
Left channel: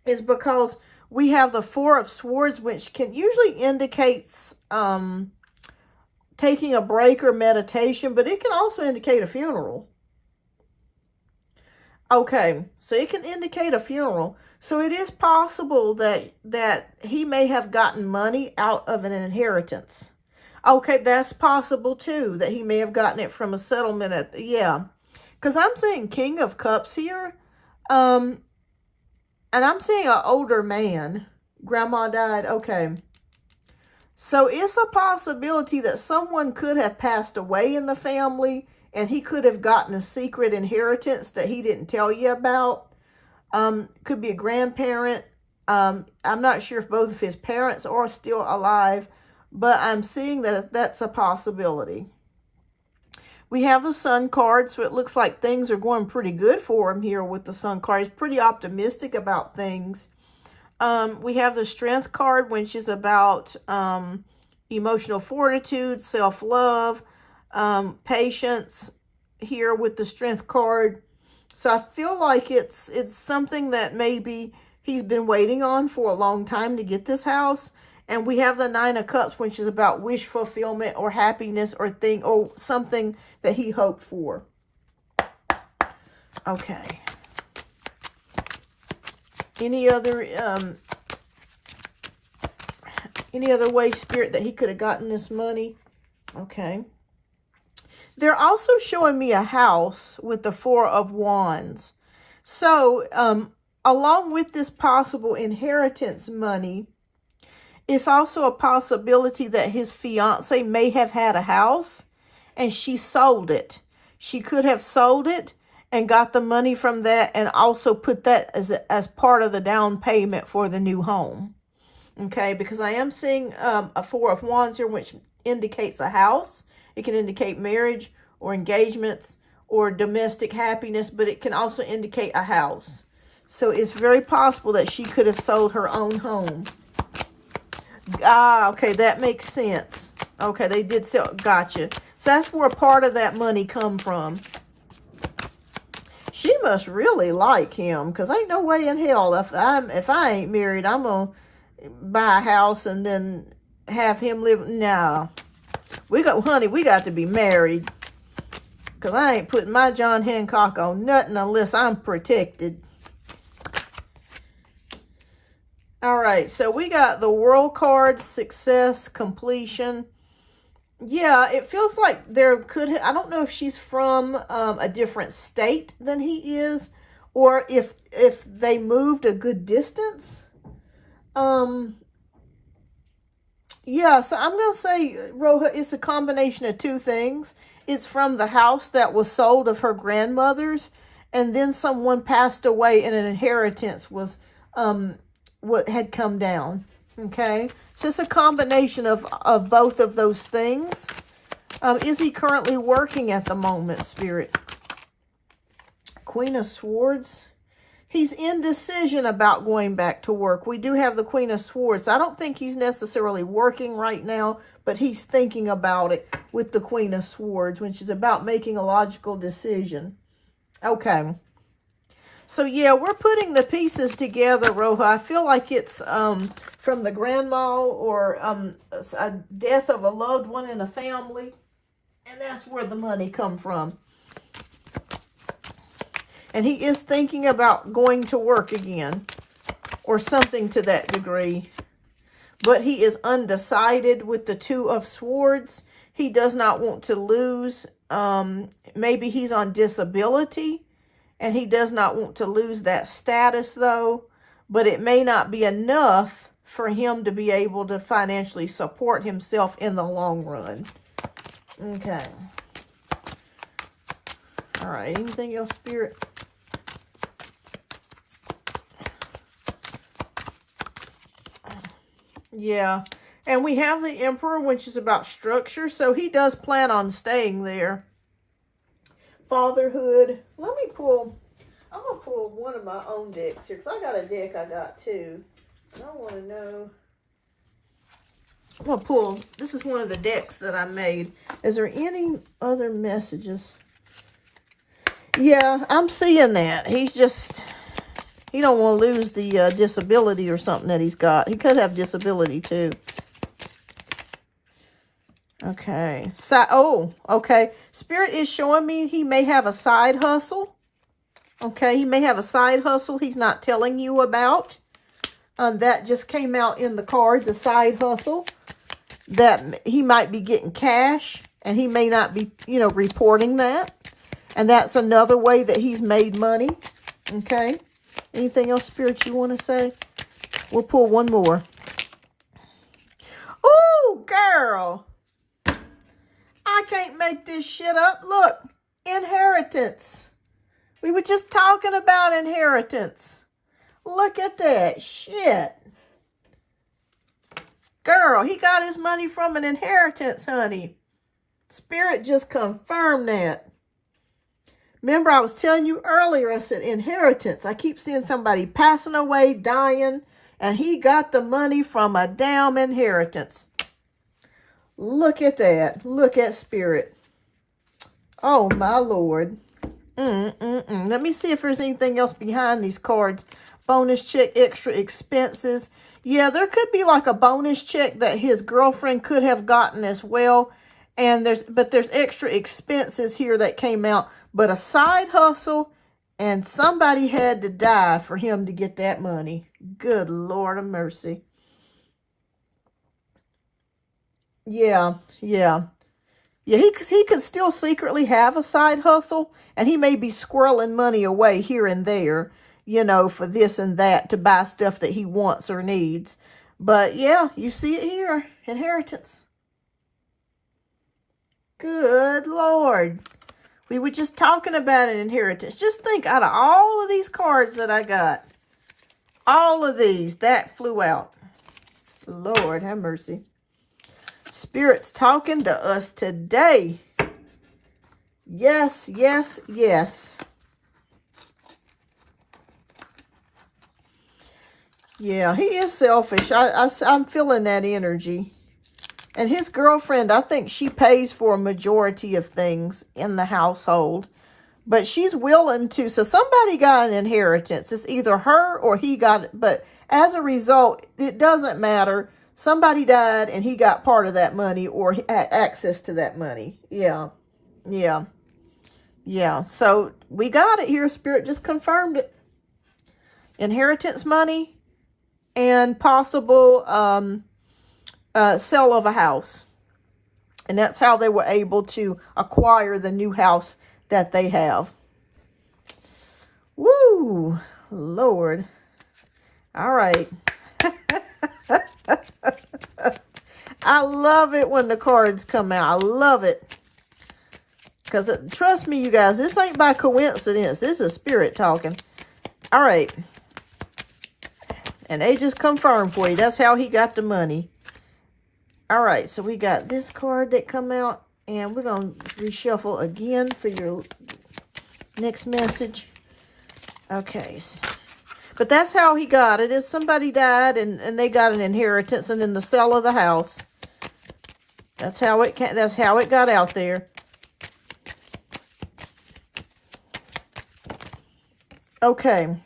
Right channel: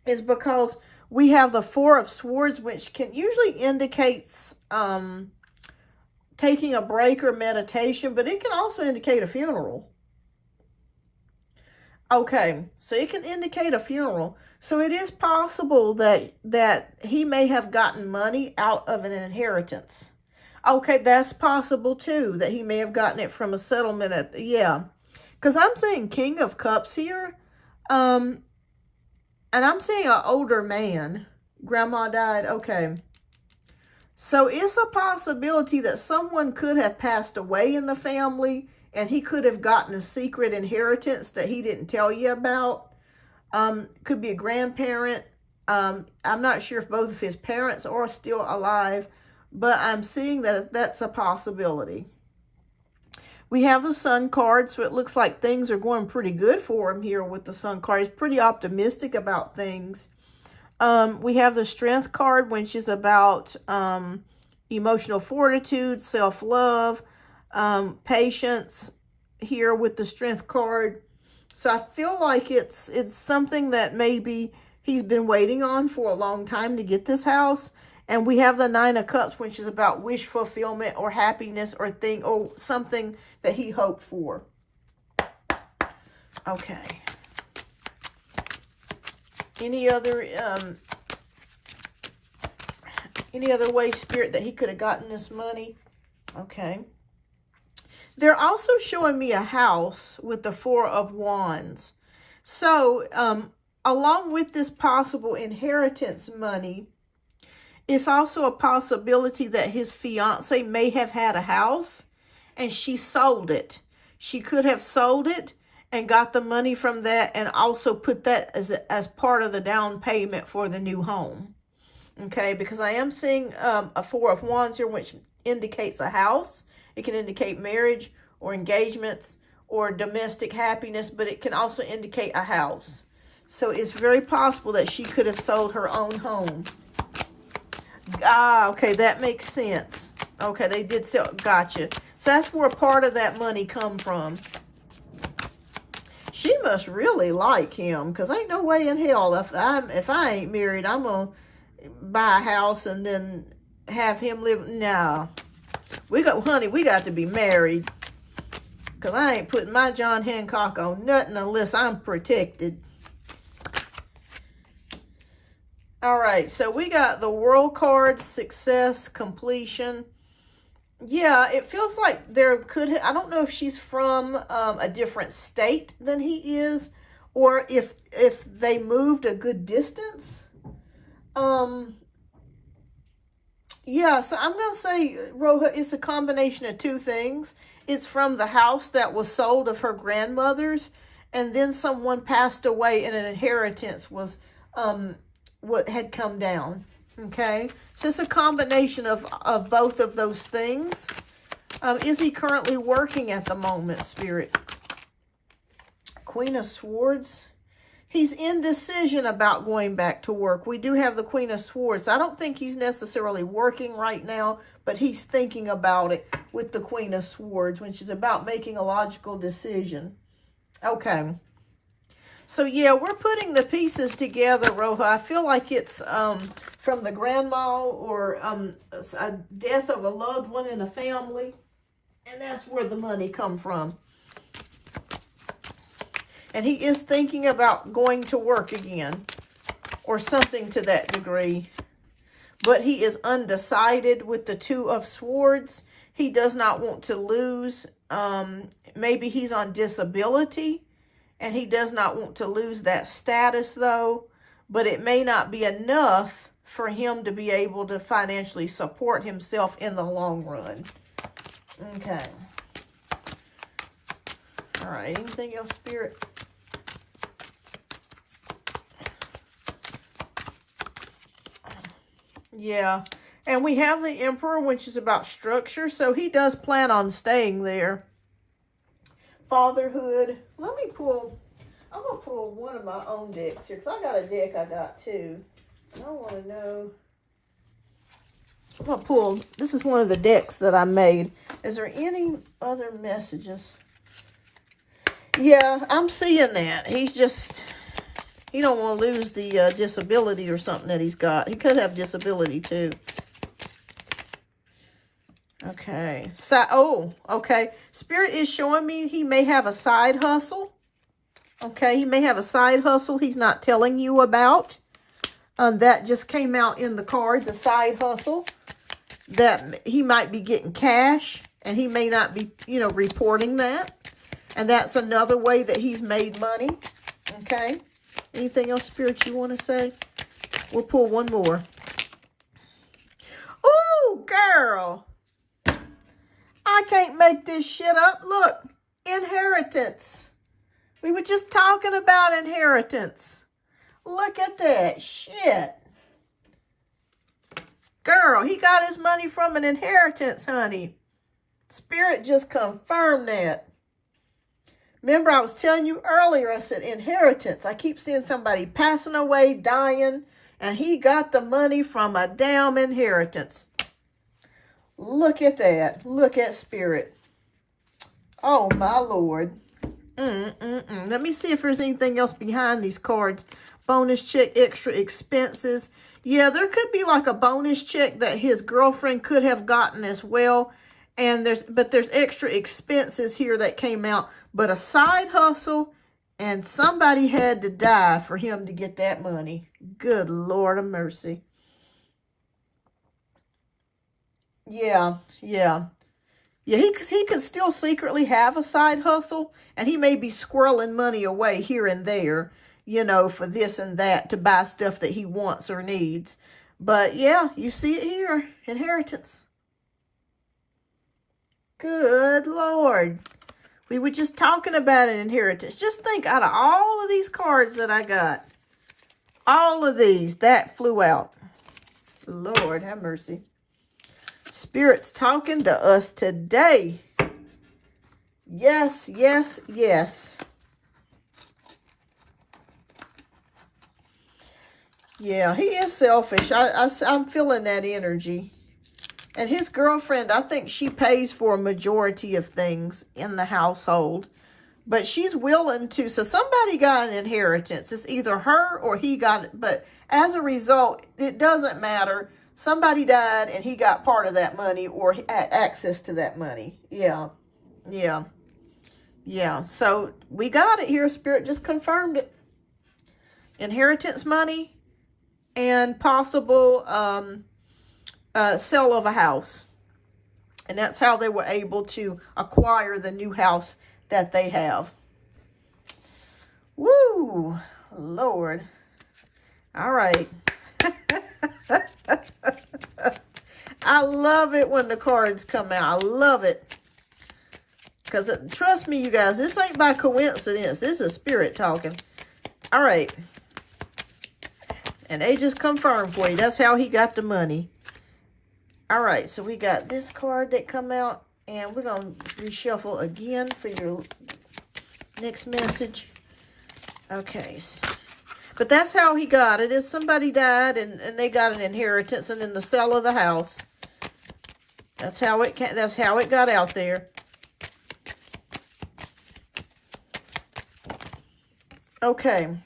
is because we have the Four of Swords, which can usually indicates taking a break or meditation, but it can also indicate a funeral. Okay, so it can indicate a funeral. So it is possible that he may have gotten money out of an inheritance. Okay, that's possible too, that he may have gotten it from a settlement. Yeah, because I'm seeing King of Cups here. And I'm seeing an older man. Grandma died. Okay. So it's a possibility that someone could have passed away in the family and he could have gotten a secret inheritance that he didn't tell you about. Could be a grandparent. I'm not sure if both of his parents are still alive, but I'm seeing that that's a possibility. We have the Sun card, so it looks like things are going pretty good for him here with the Sun card. He's pretty optimistic about things. We have the Strength card, which is about emotional fortitude, self-love, patience here with the Strength card. So I feel like it's something that maybe he's been waiting on for a long time to get this house. And we have the Nine of Cups, which is about wish fulfillment or happiness or something that he hoped for. Okay. Any other way, Spirit, that he could have gotten this money? Okay. They're also showing me a house with the Four of Wands. So, along with this possible inheritance money, it's also a possibility that his fiance may have had a house and she sold it. She could have sold it and got the money from that and also put that as part of the down payment for the new home. Okay, because I am seeing a Four of Wands here, which indicates a house. It can indicate marriage or engagements or domestic happiness, but it can also indicate a house. So it's very possible that she could have sold her own home. Ah, okay, that makes sense. Okay, they did sell. Gotcha. So that's where part of that money come from. She must really like him, because ain't no way in hell if I ain't married, I'm gonna buy a house and then have him live. No, honey, we got to be married, because I ain't putting my John Hancock on nothing unless I'm protected. All right, so we got the World card, success, completion. Yeah, it feels like there could, I don't know if she's from a different state than he is, or if they moved a good distance. Yeah, so I'm going to say, Roja, it's a combination of two things. It's from the house that was sold of her grandmother's, and then someone passed away and an inheritance was what had come down. Okay, so it's a combination of both of those things. Is he currently working at the moment, Spirit? Queen of Swords. He's indecision about going back to work. We do have the Queen of Swords. I don't think he's necessarily working right now, but he's thinking about it with the Queen of Swords, when she's about making a logical decision. Okay. So, yeah, we're putting the pieces together, Roja. I feel like it's from the grandma or a death of a loved one in a family. And that's where the money come from. And he is thinking about going to work again, or something to that degree. But he is undecided with the Two of Swords. He does not want to lose. Maybe he's on disability, and he does not want to lose that status, though. But it may not be enough for him to be able to financially support himself in the long run. Okay. All right. Anything else, Spirit? Yeah. And we have the Emperor, which is about structure. So he does plan on staying there. Fatherhood. Let me pull. I'm going to pull one of my own decks here, because I got a deck I got too. And I want to know. I'm going to pull. This is one of the decks that I made. Is there any other messages? Yeah, I'm seeing that. He's just, he don't want to lose the disability or something that he's got. He could have disability too. Okay. So, oh, okay. Spirit is showing me he may have a side hustle. Okay, he may have a side hustle he's not telling you about. That just came out in the cards, a side hustle. That he might be getting cash, and he may not be, you know, reporting that. And that's another way that he's made money. Okay. Anything else, Spirit, you want to say? We'll pull one more. Oh, girl. I can't make this shit up. Look, inheritance. We were just talking about inheritance. Look at that shit. Girl, he got his money from an inheritance, honey. Spirit just confirmed that. Remember, I was telling you earlier, I said inheritance. I keep seeing somebody passing away, dying, and he got the money from a damn inheritance. Look at that. Look at Spirit. Oh, my Lord. Let me see if there's anything else behind these cards. Bonus check, extra expenses. Yeah, there could be like a bonus check that his girlfriend could have gotten as well. And there's extra expenses here that came out. But a side hustle, and somebody had to die for him to get that money. Good Lord of mercy. Yeah. Yeah, he could still secretly have a side hustle, and he may be squirreling money away here and there, you know, for this and that to buy stuff that he wants or needs. But yeah, you see it here. Inheritance. Good Lord. We were just talking about an inheritance. Just think, out of all of these cards that I got, all of these, that flew out. Lord have mercy. Spirit's talking to us today. Yes, yes, yes. Yeah, he is selfish. I'm feeling that energy. And his girlfriend, I think she pays for a majority of things in the household. But she's willing to. So somebody got an inheritance. It's either her or he got it. But as a result, it doesn't matter. Somebody died and he got part of that money or had access to that money. Yeah. Yeah. Yeah. So we got it here. Spirit just confirmed it. Inheritance money and possible sale of a house. And that's how they were able to acquire the new house that they have. Woo! Lord. All right. I love it when the cards come out. I love it. Because trust me, you guys, this ain't by coincidence. This is spirit talking. All right. And they just confirmed for you. That's how he got the money. All right. So we got this card that come out. And we're going to reshuffle again for your next message. Okay. But that's how he got it. Is somebody died and they got an inheritance and then the sale of the house. That's how it got out there. Okay.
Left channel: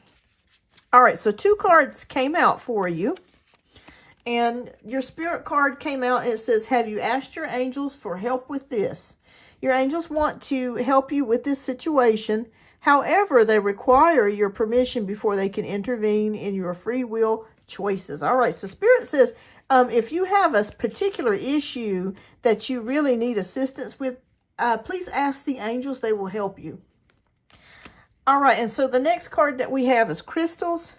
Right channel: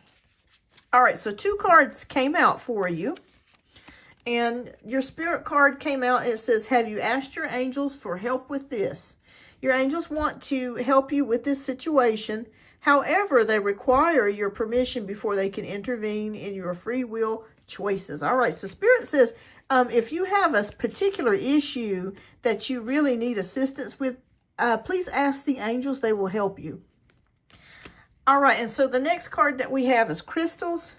All right. So 2 cards came out for you. And your spirit card came out and it says, have you asked your angels for help with this? Your angels want to help you with this situation. However, they require your permission before they can intervene in your free will choices. All right. So spirit says, if you have a particular issue that you really need assistance with, please ask the angels. They will help you. All right. And so the next card that we have is crystals.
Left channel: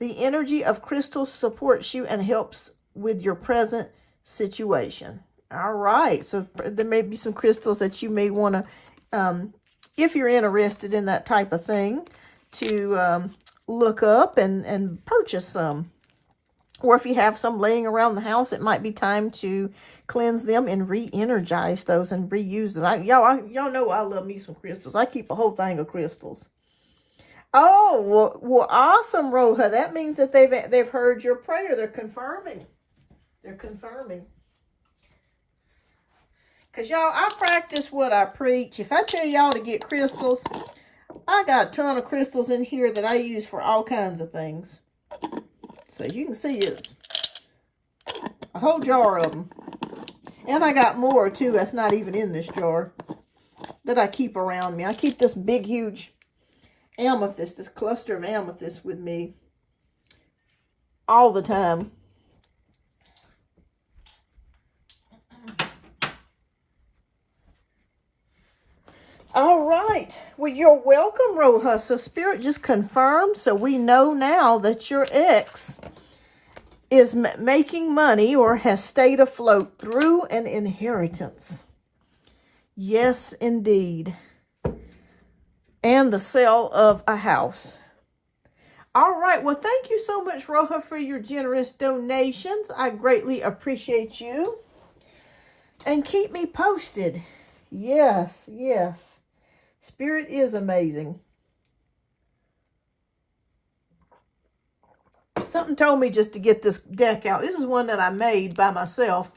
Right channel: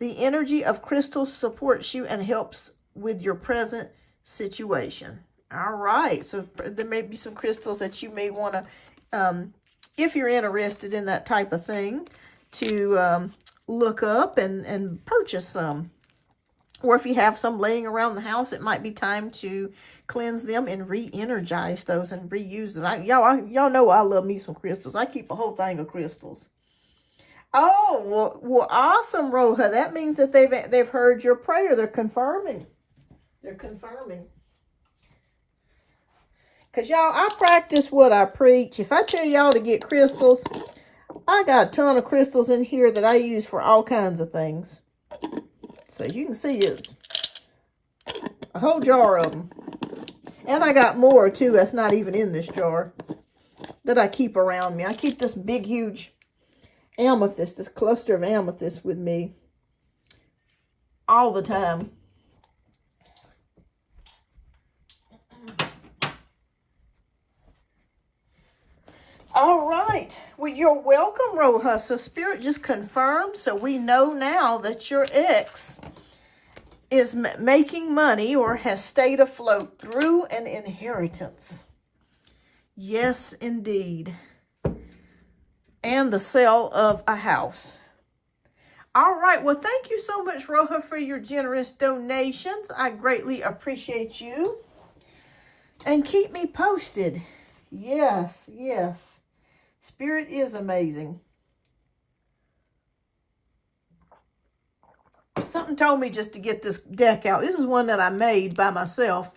The energy of crystals supports you and helps with your present situation. All right. So there may be some crystals that you may want to, if you're interested in that type of thing, to look up and purchase some. Or if you have some laying around the house, it might be time to cleanse them and re-energize those and reuse them. Y'all know I love me some crystals. I keep a whole thing of crystals. Oh, well, awesome, Roja. That means that they've heard your prayer. They're confirming. They're confirming. Because, y'all, I practice what I preach. If I tell y'all to get crystals, I got a ton of crystals in here that I use for all kinds of things. So, you can see it's a whole jar of them. And I got more, too, that's not even in this jar that I keep around me. I keep this big, huge amethyst, this cluster of amethyst with me all the time. All right. Well, you're welcome, Roja. So Spirit just confirmed. So we know now that your ex is making money or has stayed afloat through an inheritance. Yes, indeed. And the sale of a house. All right. Well, thank you so much, Roja, for your generous donations. I greatly appreciate you. And keep me posted. Yes, yes. Spirit is amazing. Something told me just to get this deck out. This is one that I made by myself.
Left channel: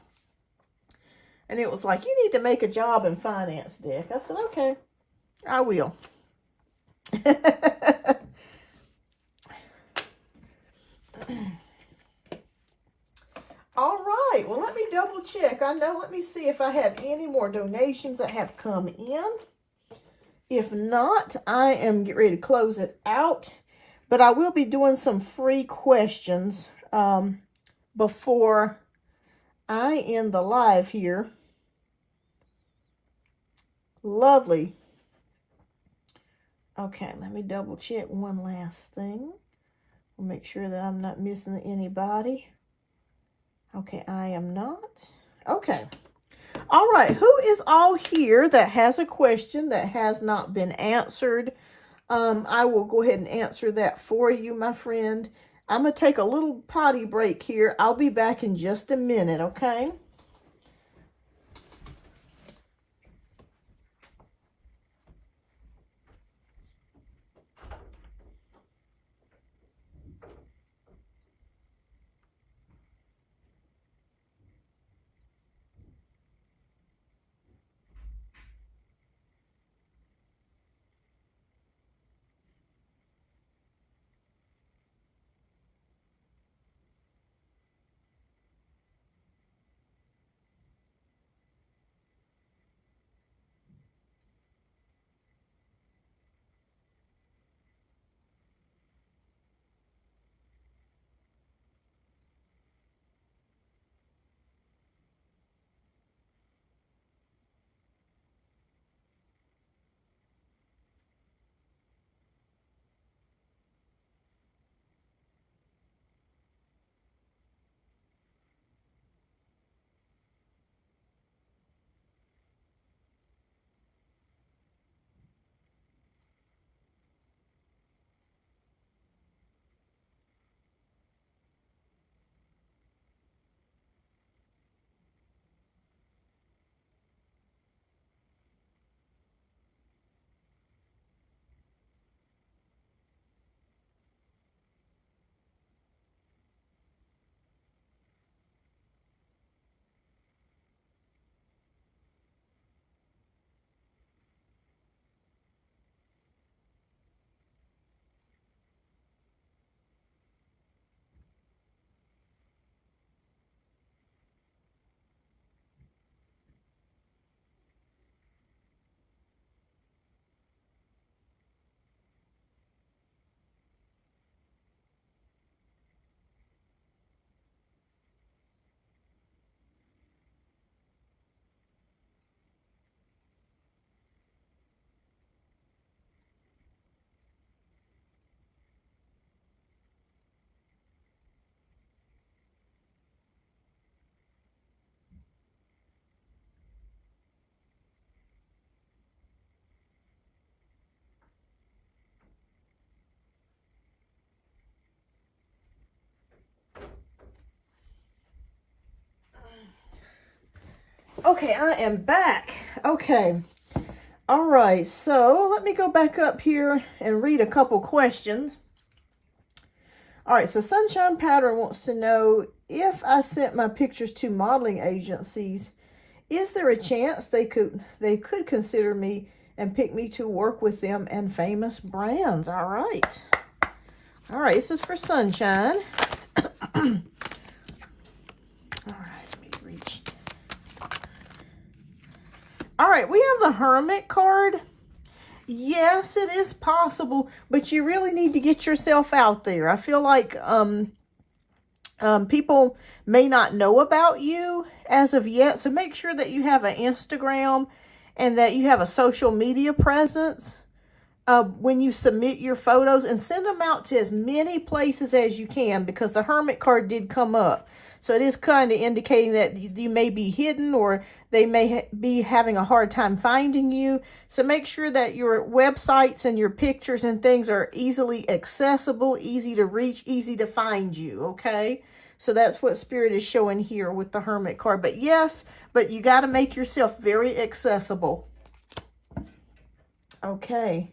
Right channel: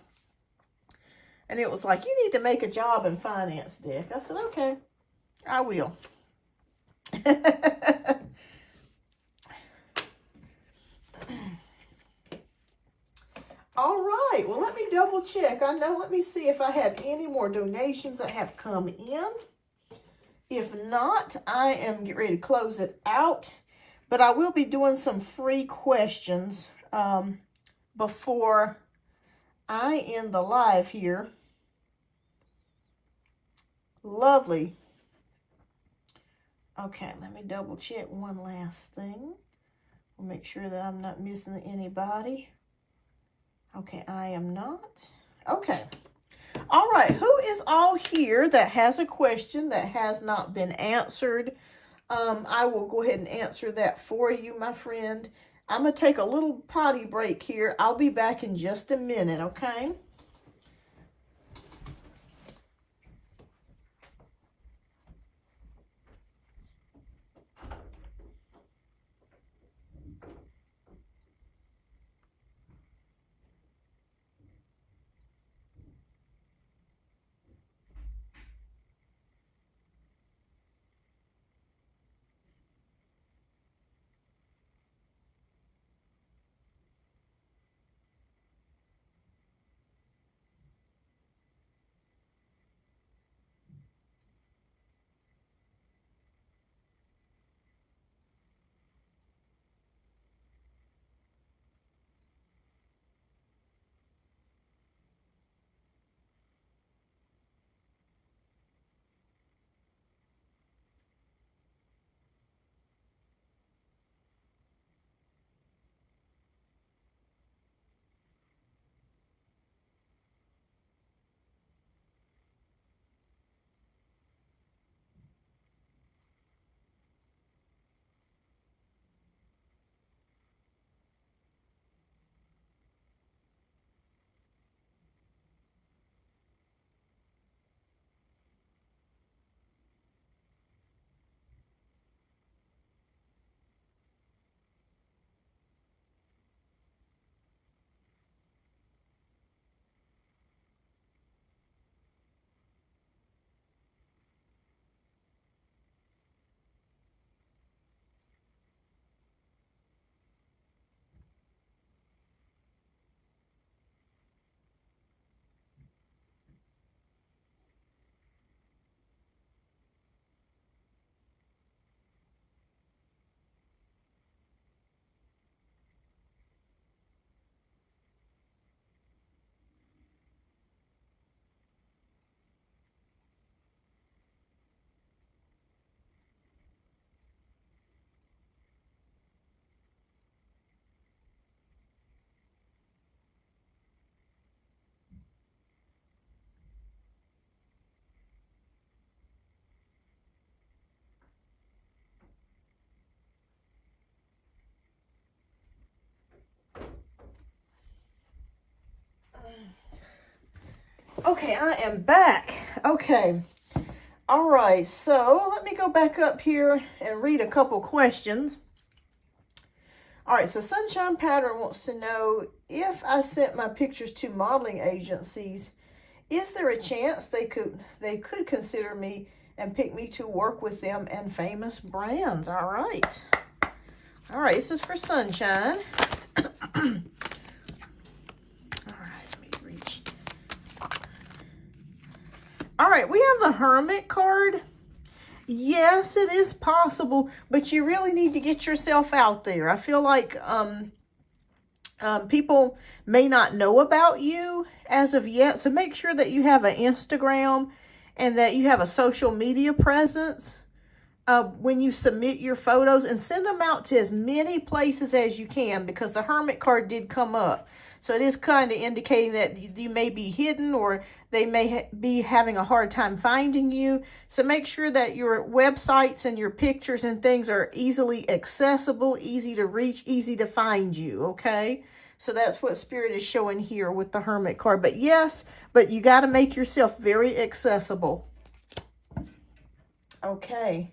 And it was like, you need to make a job in finance deck. I said, okay, I will. All right. Well, let me double check. Let me see if I have any more donations that have come in. If not, I am getting ready to close it out. But I will be doing some free questions before I end the live here. Lovely. Okay, let me double check one last thing. We'll make sure that I'm not missing anybody. Okay, I am not. Okay. All right, who is all here that has a question that has not been answered? I will go ahead and answer that for you, my friend. I'm going to take a little potty break here. I'll be back in just a minute, okay? Okay, I am back. Okay. All right, so let me go back up here and read a couple questions. All right, so Sunshine Pattern wants to know, if I sent my pictures to modeling agencies, is there a chance they could consider me and pick me to work with them and famous brands? All right. All right, this is for Sunshine. All right, we have the Hermit card. Yes, it is possible, but you really need to get yourself out there. I feel like people may not know about you as of yet, so make sure that you have an Instagram and that you have a social media presence when you submit your photos, and send them out to as many places as you can, because the Hermit card did come up. So it is kind of indicating that you may be hidden, or they may be having a hard time finding you. So make sure that your websites and your pictures and things are easily accessible, easy to reach, easy to find you, okay? So that's what Spirit is showing here with the Hermit card. But yes, but you got to make yourself very accessible. Okay.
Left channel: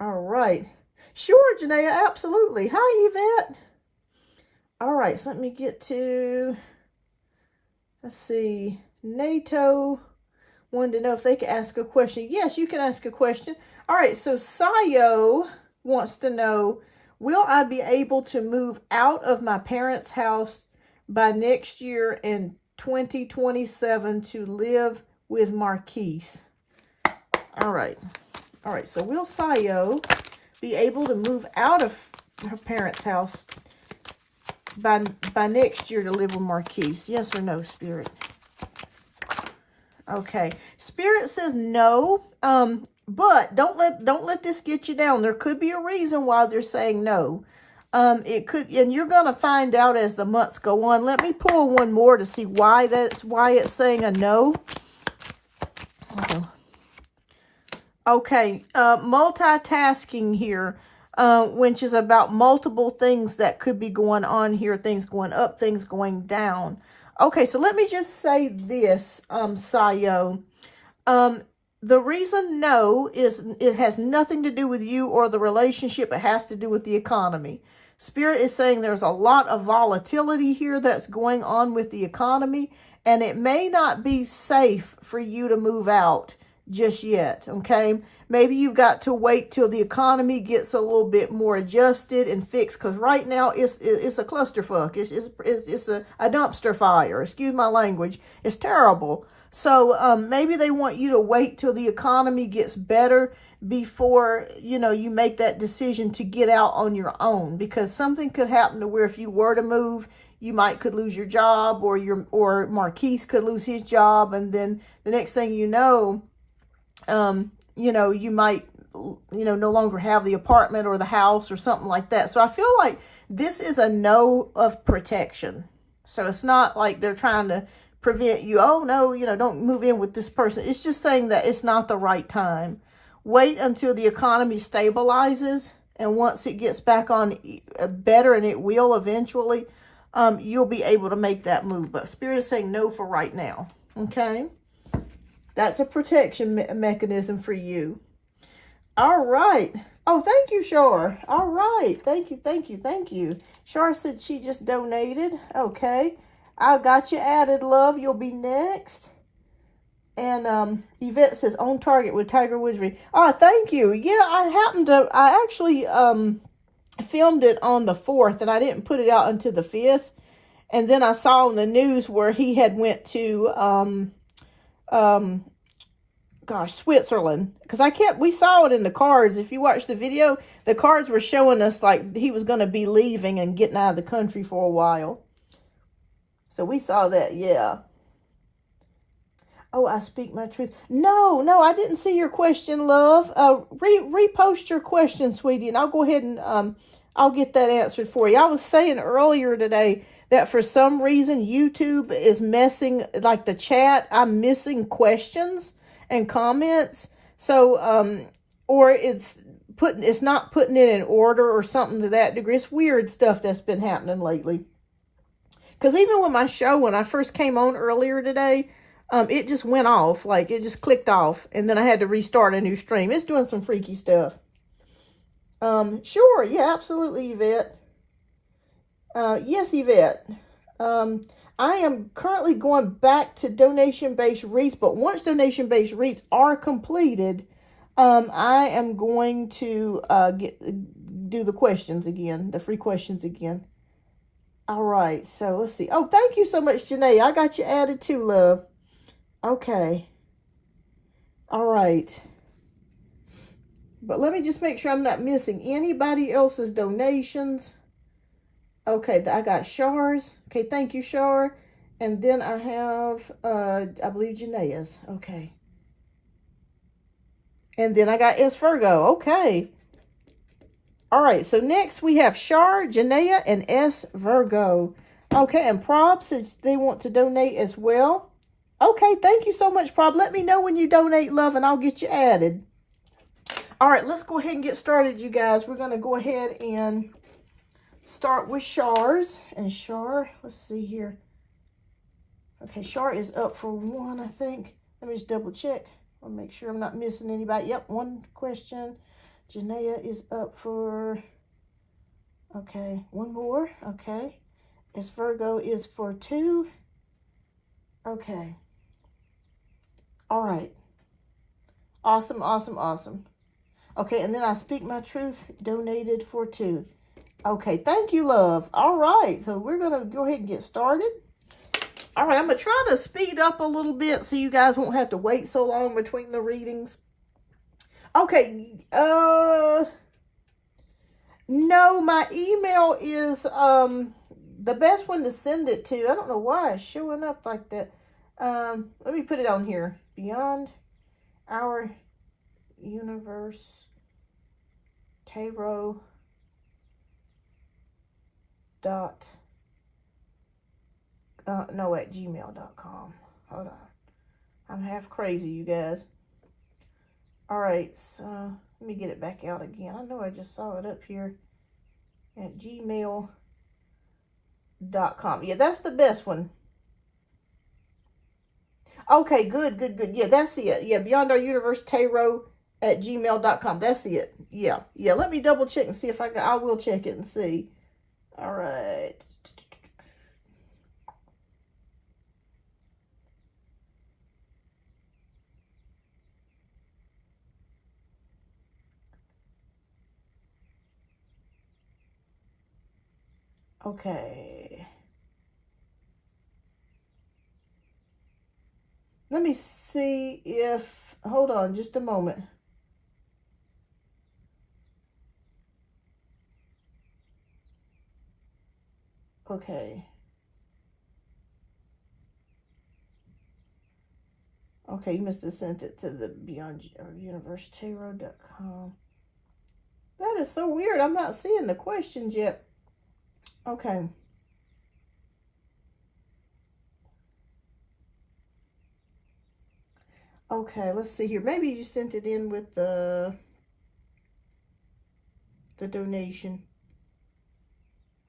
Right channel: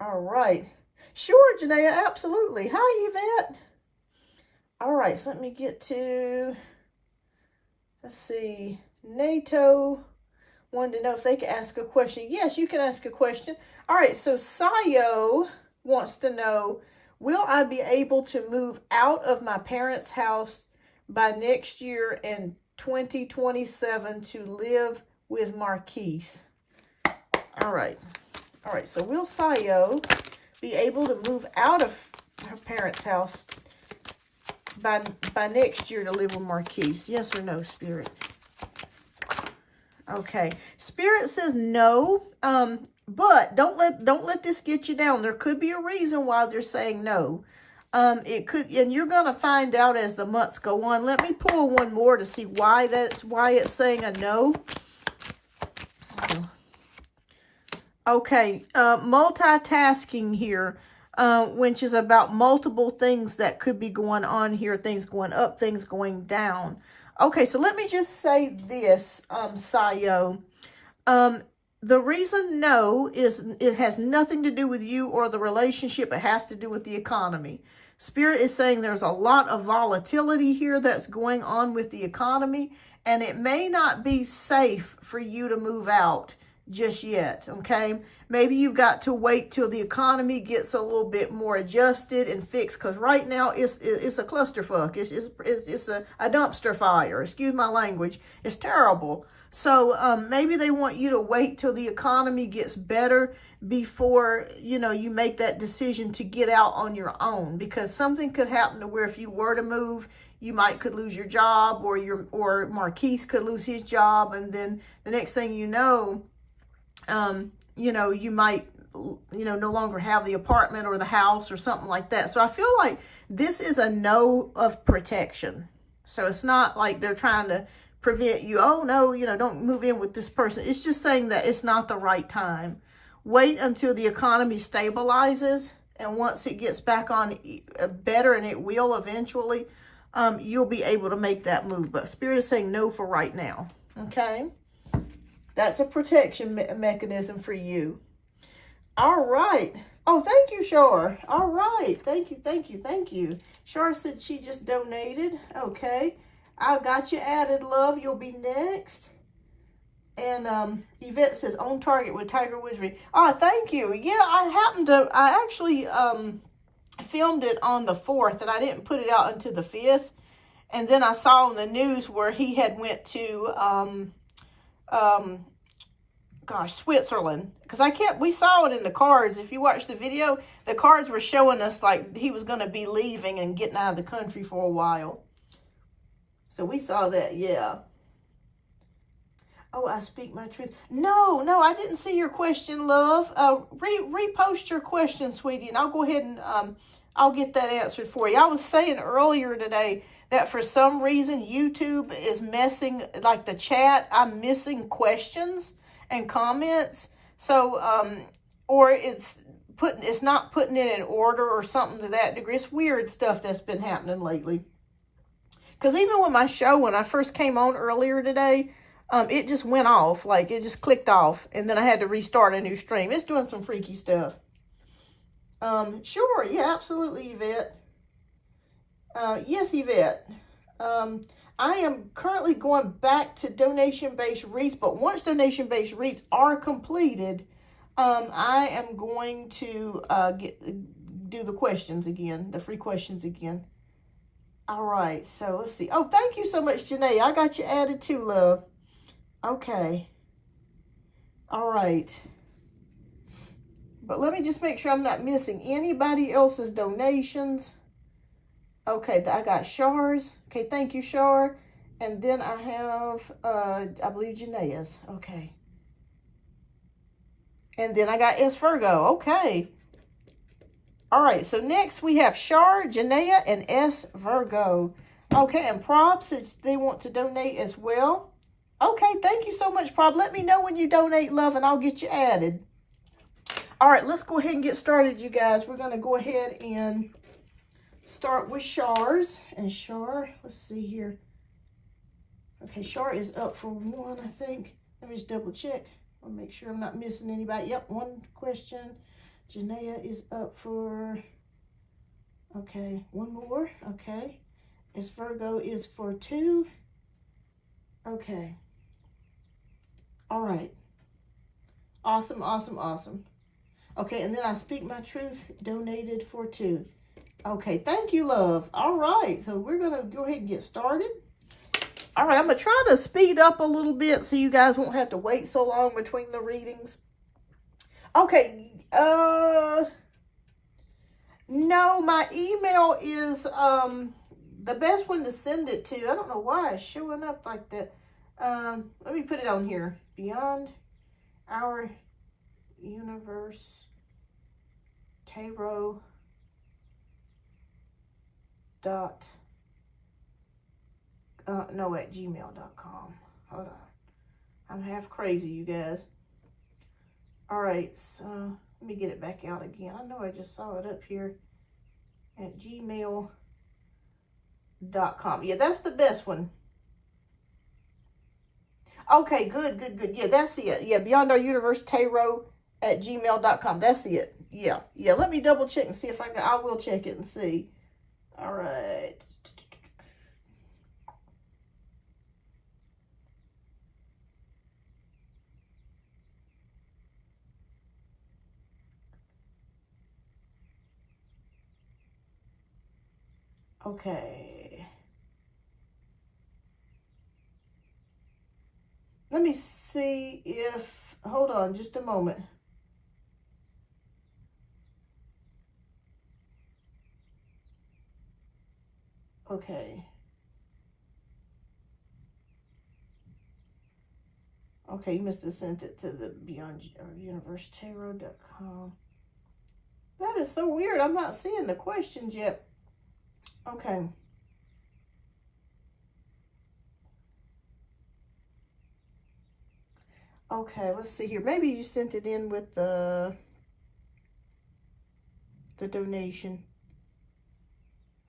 All right. Sure, Janaea, absolutely. Hi, Yvette. All right, so let me get to, let's see, NATO wanted to know if they could ask a question. Yes, you can ask a question. All right, so Sayo wants to know, will I be able to move out of my parents' house by next year in 2027 to live with Marquise? All right, so will Sayo be able to move out of her parents' house by next year to live with Marquise? Yes or no, Spirit? Okay, Spirit says no, but don't let this get you down. There could be a reason why they're saying no. It could, and you're gonna find out as the months go on. Let me pull one more to see why it's saying a no. Okay, multitasking here. Which is about multiple things that could be going on here, things going up, things going down. Okay, so let me just say this, Sayo. The reason no is it has nothing to do with you or the relationship. It has to do with the economy. Spirit is saying there's a lot of volatility here that's going on with the economy, and it may not be safe for you to move out just yet, okay? Maybe you've got to wait till the economy gets a little bit more adjusted and fixed, because right now it's a clusterfuck. It's a dumpster fire. Excuse my language. It's terrible. So maybe they want you to wait till the economy gets better before, you know, you make that decision to get out on your own, because something could happen to where if you were to move, you could lose your job, or Marquise could lose his job, and then the next thing you know, you know, you might, you know, no longer have the apartment or the house or something like that. So I feel like this is a no of protection. So it's not like they're trying to prevent you. Oh no, you know, don't move in with this person. It's just saying that it's not the right time. Wait until the economy stabilizes, and once it gets back on better, and it will eventually, you'll be able to make that move. But Spirit is saying no for right now. Okay. That's a protection mechanism for you. All right. Oh, thank you, Shar. All right. Thank you. Shar said she just donated. Okay. I got you added, love. You'll be next. And Yvette says, on target with Tiger Wizardry. Oh, thank you. Yeah, I actually filmed it on the 4th, and I didn't put it out until the 5th. And then I saw on the news where he had went to Switzerland, because we saw it in the cards. If you watch the video, the cards were showing us like he was going to be leaving and getting out of the country for a while. So we saw that. Yeah. Oh, I speak my truth. No, I didn't see your question, love. Repost your question, sweetie, and I'll go ahead and I'll get that answered for you. I was saying earlier today that for some reason YouTube is messing, like the chat, I'm missing questions and comments. So or it's not putting it in order or something to that degree. It's weird stuff that's been happening lately. Because even with my show, when I first came on earlier today, it just went off. Like, it just clicked off. And then I had to restart a new stream. It's doing some freaky stuff. Sure. Yeah, absolutely, Yvette. Yes, Yvette. I am currently going back to donation-based reads, but once donation-based reads are completed, I am going to do the questions again, the free questions again. All right, so let's see. Oh, thank you so much, Janae. I got you added too, love. Okay. All right. But let me just make sure I'm not missing anybody else's donations. Okay, I got Char's. Okay, thank you, Char. And then I have, I believe, Janae's. Okay. And then I got S. Virgo. Okay. All right, so next we have Char, Janaea, and S. Virgo. Okay, and Prob says they want to donate as well. Okay, thank you so much, Prob. Let me know when you donate, love, and I'll get you added. All right, let's go ahead and get started, you guys. We're going to go ahead and start with Char's. And Char, let's see here. Okay, Char is up for one, I think. Let me just double check. I'll make sure I'm not missing anybody. Yep, one question. Janaea is up for, okay, one more. Okay. S. Virgo is for 2. Okay. All right. Awesome, awesome, awesome. Okay, and then I Speak My Truth donated for 2. Okay, thank you, love. All right, so we're going to go ahead and get started. All right, I'm going to try to speed up a little bit so you guys won't have to wait so long between the readings. Okay, no, my email is the best one to send it to. I don't know why it's showing up like that. Let me put it on here. Beyond Our Universe Tarot dot no, at gmail.com. Hold on, I'm half crazy, you guys. All right, so let me get it back out again. I know I just saw it up here at gmail.com. Yeah, that's the best one. Okay, good, good, good. Yeah, that's it. Yeah, Beyond Our Universe Tarot at gmail.com. That's it. Yeah, yeah. Let me double check and see if I will check it and see. All right. Okay. Let me see if, hold on just a moment. Okay. Okay, you must have sent it to the BeyondOurUniverseTarot.com. That is so weird. I'm not seeing the questions yet. Okay. Okay, let's see here. Maybe you sent it in with the donation.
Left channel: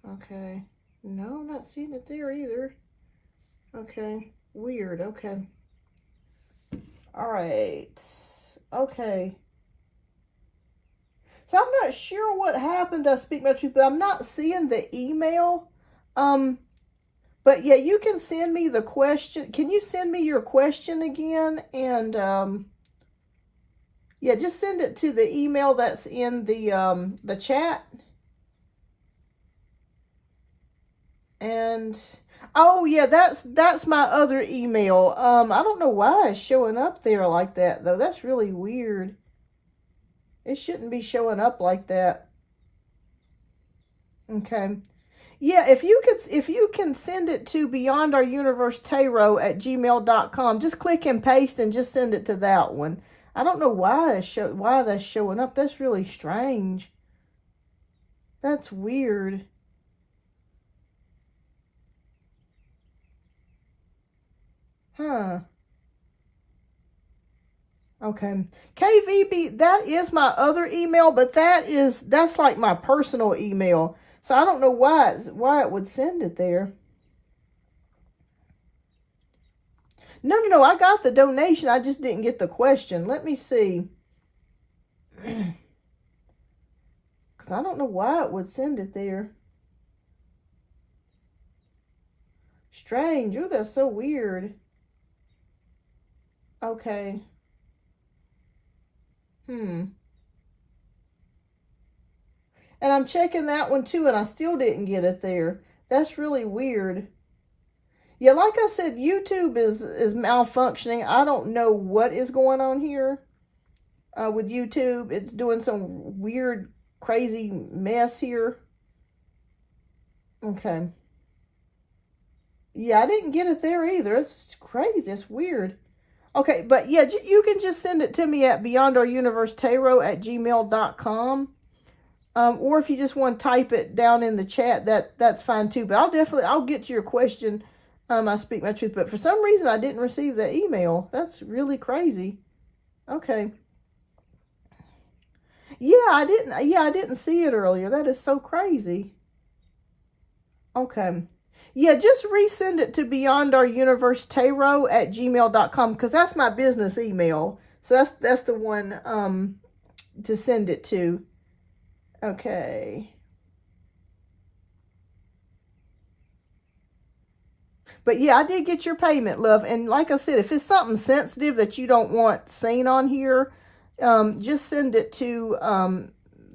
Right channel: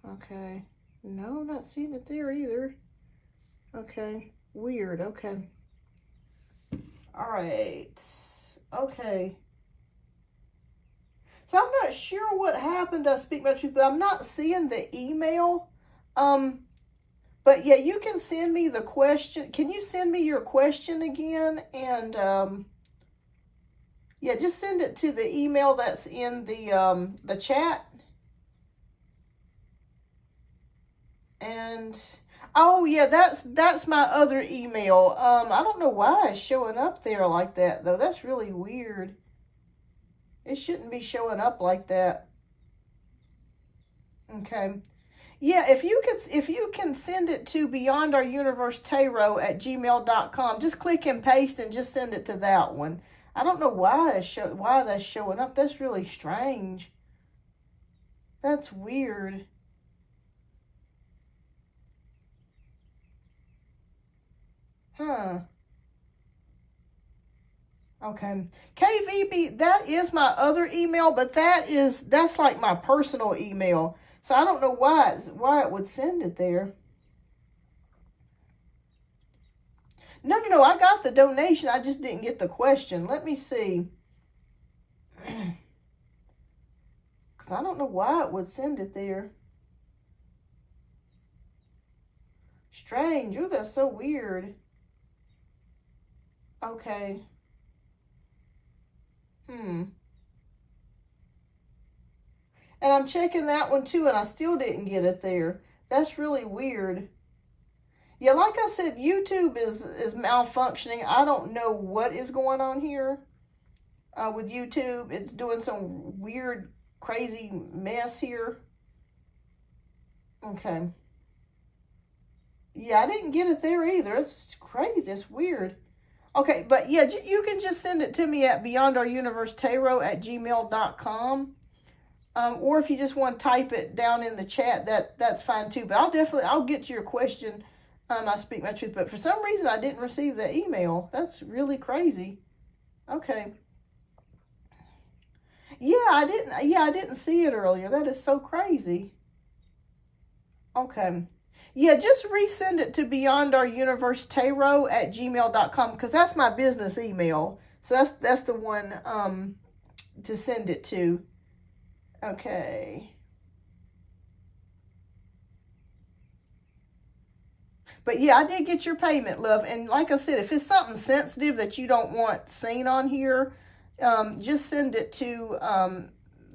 Okay. No, I'm not seeing it there either. Okay. Weird. Okay. All right. Okay. So I'm not sure what happened. I Speak My Truth, but I'm not seeing the email. But yeah, you can send me the question. Can you send me your question again? And yeah, just send it to the email that's in the chat. And oh yeah, that's my other email. I don't know why it's showing up there like that though. That's really weird. It shouldn't be showing up like that. Okay. Yeah, if you can send it to BeyondOurUniverseTarot at gmail.com, just click and paste and just send it to that one. I don't know why that's showing up. That's really strange. That's weird. Huh. Okay. KVB, that is my other email, but that's like my personal email. So I don't know why it would send it there. No. I got the donation. I just didn't get the question. Let me see. Because I don't know why it would send it there. Strange. Ooh, that's so weird. Okay. And I'm checking that one too, and I still didn't get it there. That's really weird. Yeah, like I said, YouTube is malfunctioning. I don't know what is going on here with YouTube. It's doing some weird, crazy mess here. Okay. Yeah, I didn't get it there either. It's crazy. It's weird. Okay, but yeah, you can just send it to me at beyondouruniversetarot@gmail.com. Or if you just want to type it down in the chat, that's fine too. But I'll get to your question. I speak my truth. But for some reason, I didn't receive that email. That's really crazy. Okay. Yeah, I didn't see it earlier. That is so crazy. Okay. Yeah, just resend it to beyondouruniversetarot@gmail.com because that's my business email. So that's the one to send it to. Okay. But yeah, I did get your payment, love. And like I said, if it's something sensitive that you don't want seen on here, just send it to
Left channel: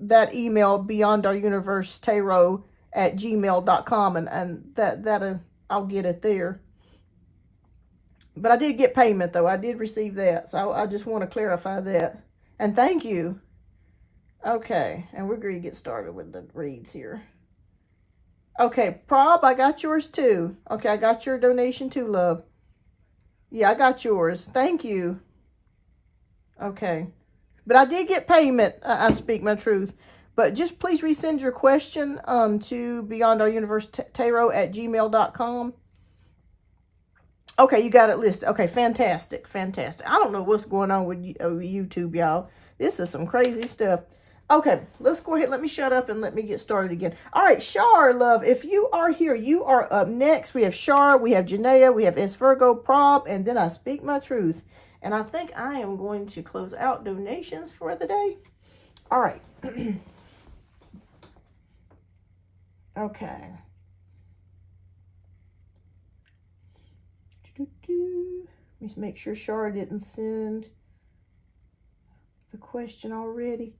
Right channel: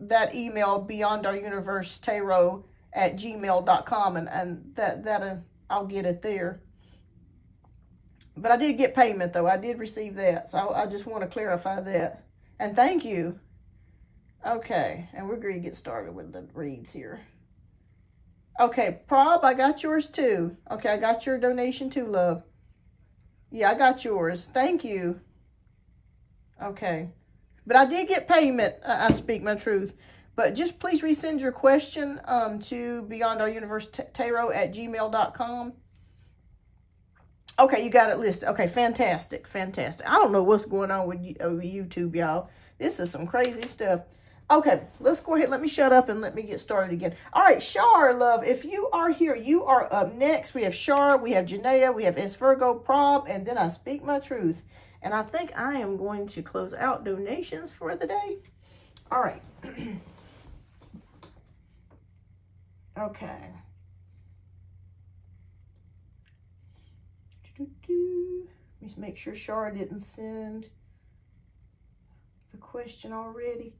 that email, beyondouruniversetarot@gmail.com, and that I'll get it there. But I did get payment though. I did receive that. So I just want to clarify that. And thank you. Okay, and we're going to get started with the reads here. Okay, Prob, I got yours too. Okay, I got your donation too, love. Yeah, I got yours. Thank you. Okay. But I did get payment. I speak my truth. But just please resend your question to beyondouruniversetarot@gmail.com. Okay, you got it listed. Okay, fantastic. Fantastic. I don't know what's going on with YouTube, y'all. This is some crazy stuff. Okay, let's go ahead. Let me shut up and let me get started again. All right, Shar, love, if you are here, you are up next. We have Shar, we have Janaea, we have S. Virgo, Prob, and then I speak my truth. And I think I am going to close out donations for the day. All right. Okay. Let me make sure Shar didn't send the question already.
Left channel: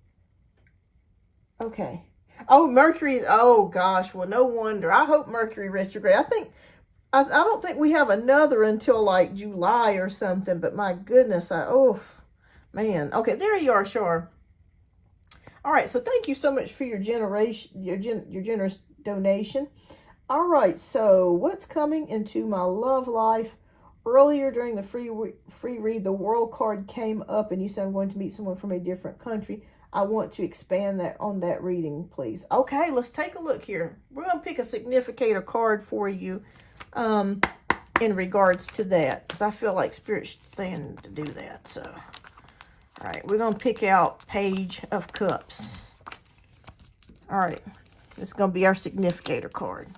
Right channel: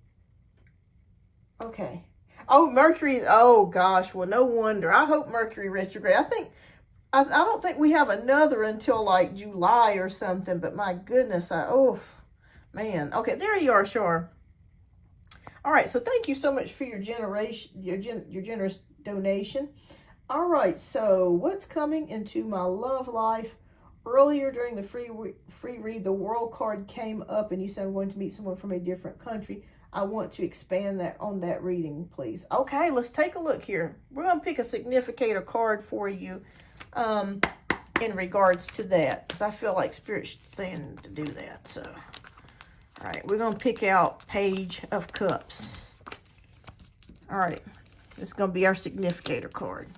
Okay. Oh, Mercury is, oh gosh, well, no wonder. I hope Mercury retrograde. I don't think we have another until like July or something, but my goodness, oh, man. Okay, there you are, Shar. All right, so thank you so much for your generous donation. All right, so what's coming into my love life? Earlier during the free read, the World card came up, and you said I'm going to meet someone from a different country. I want to expand on that reading, please. Okay, let's take a look here. We're going to pick a significator card for you in regards to that, because I feel like Spirit's saying to do that. So, all right, we're going to pick out Page of Cups. All right, this is going to be our significator card.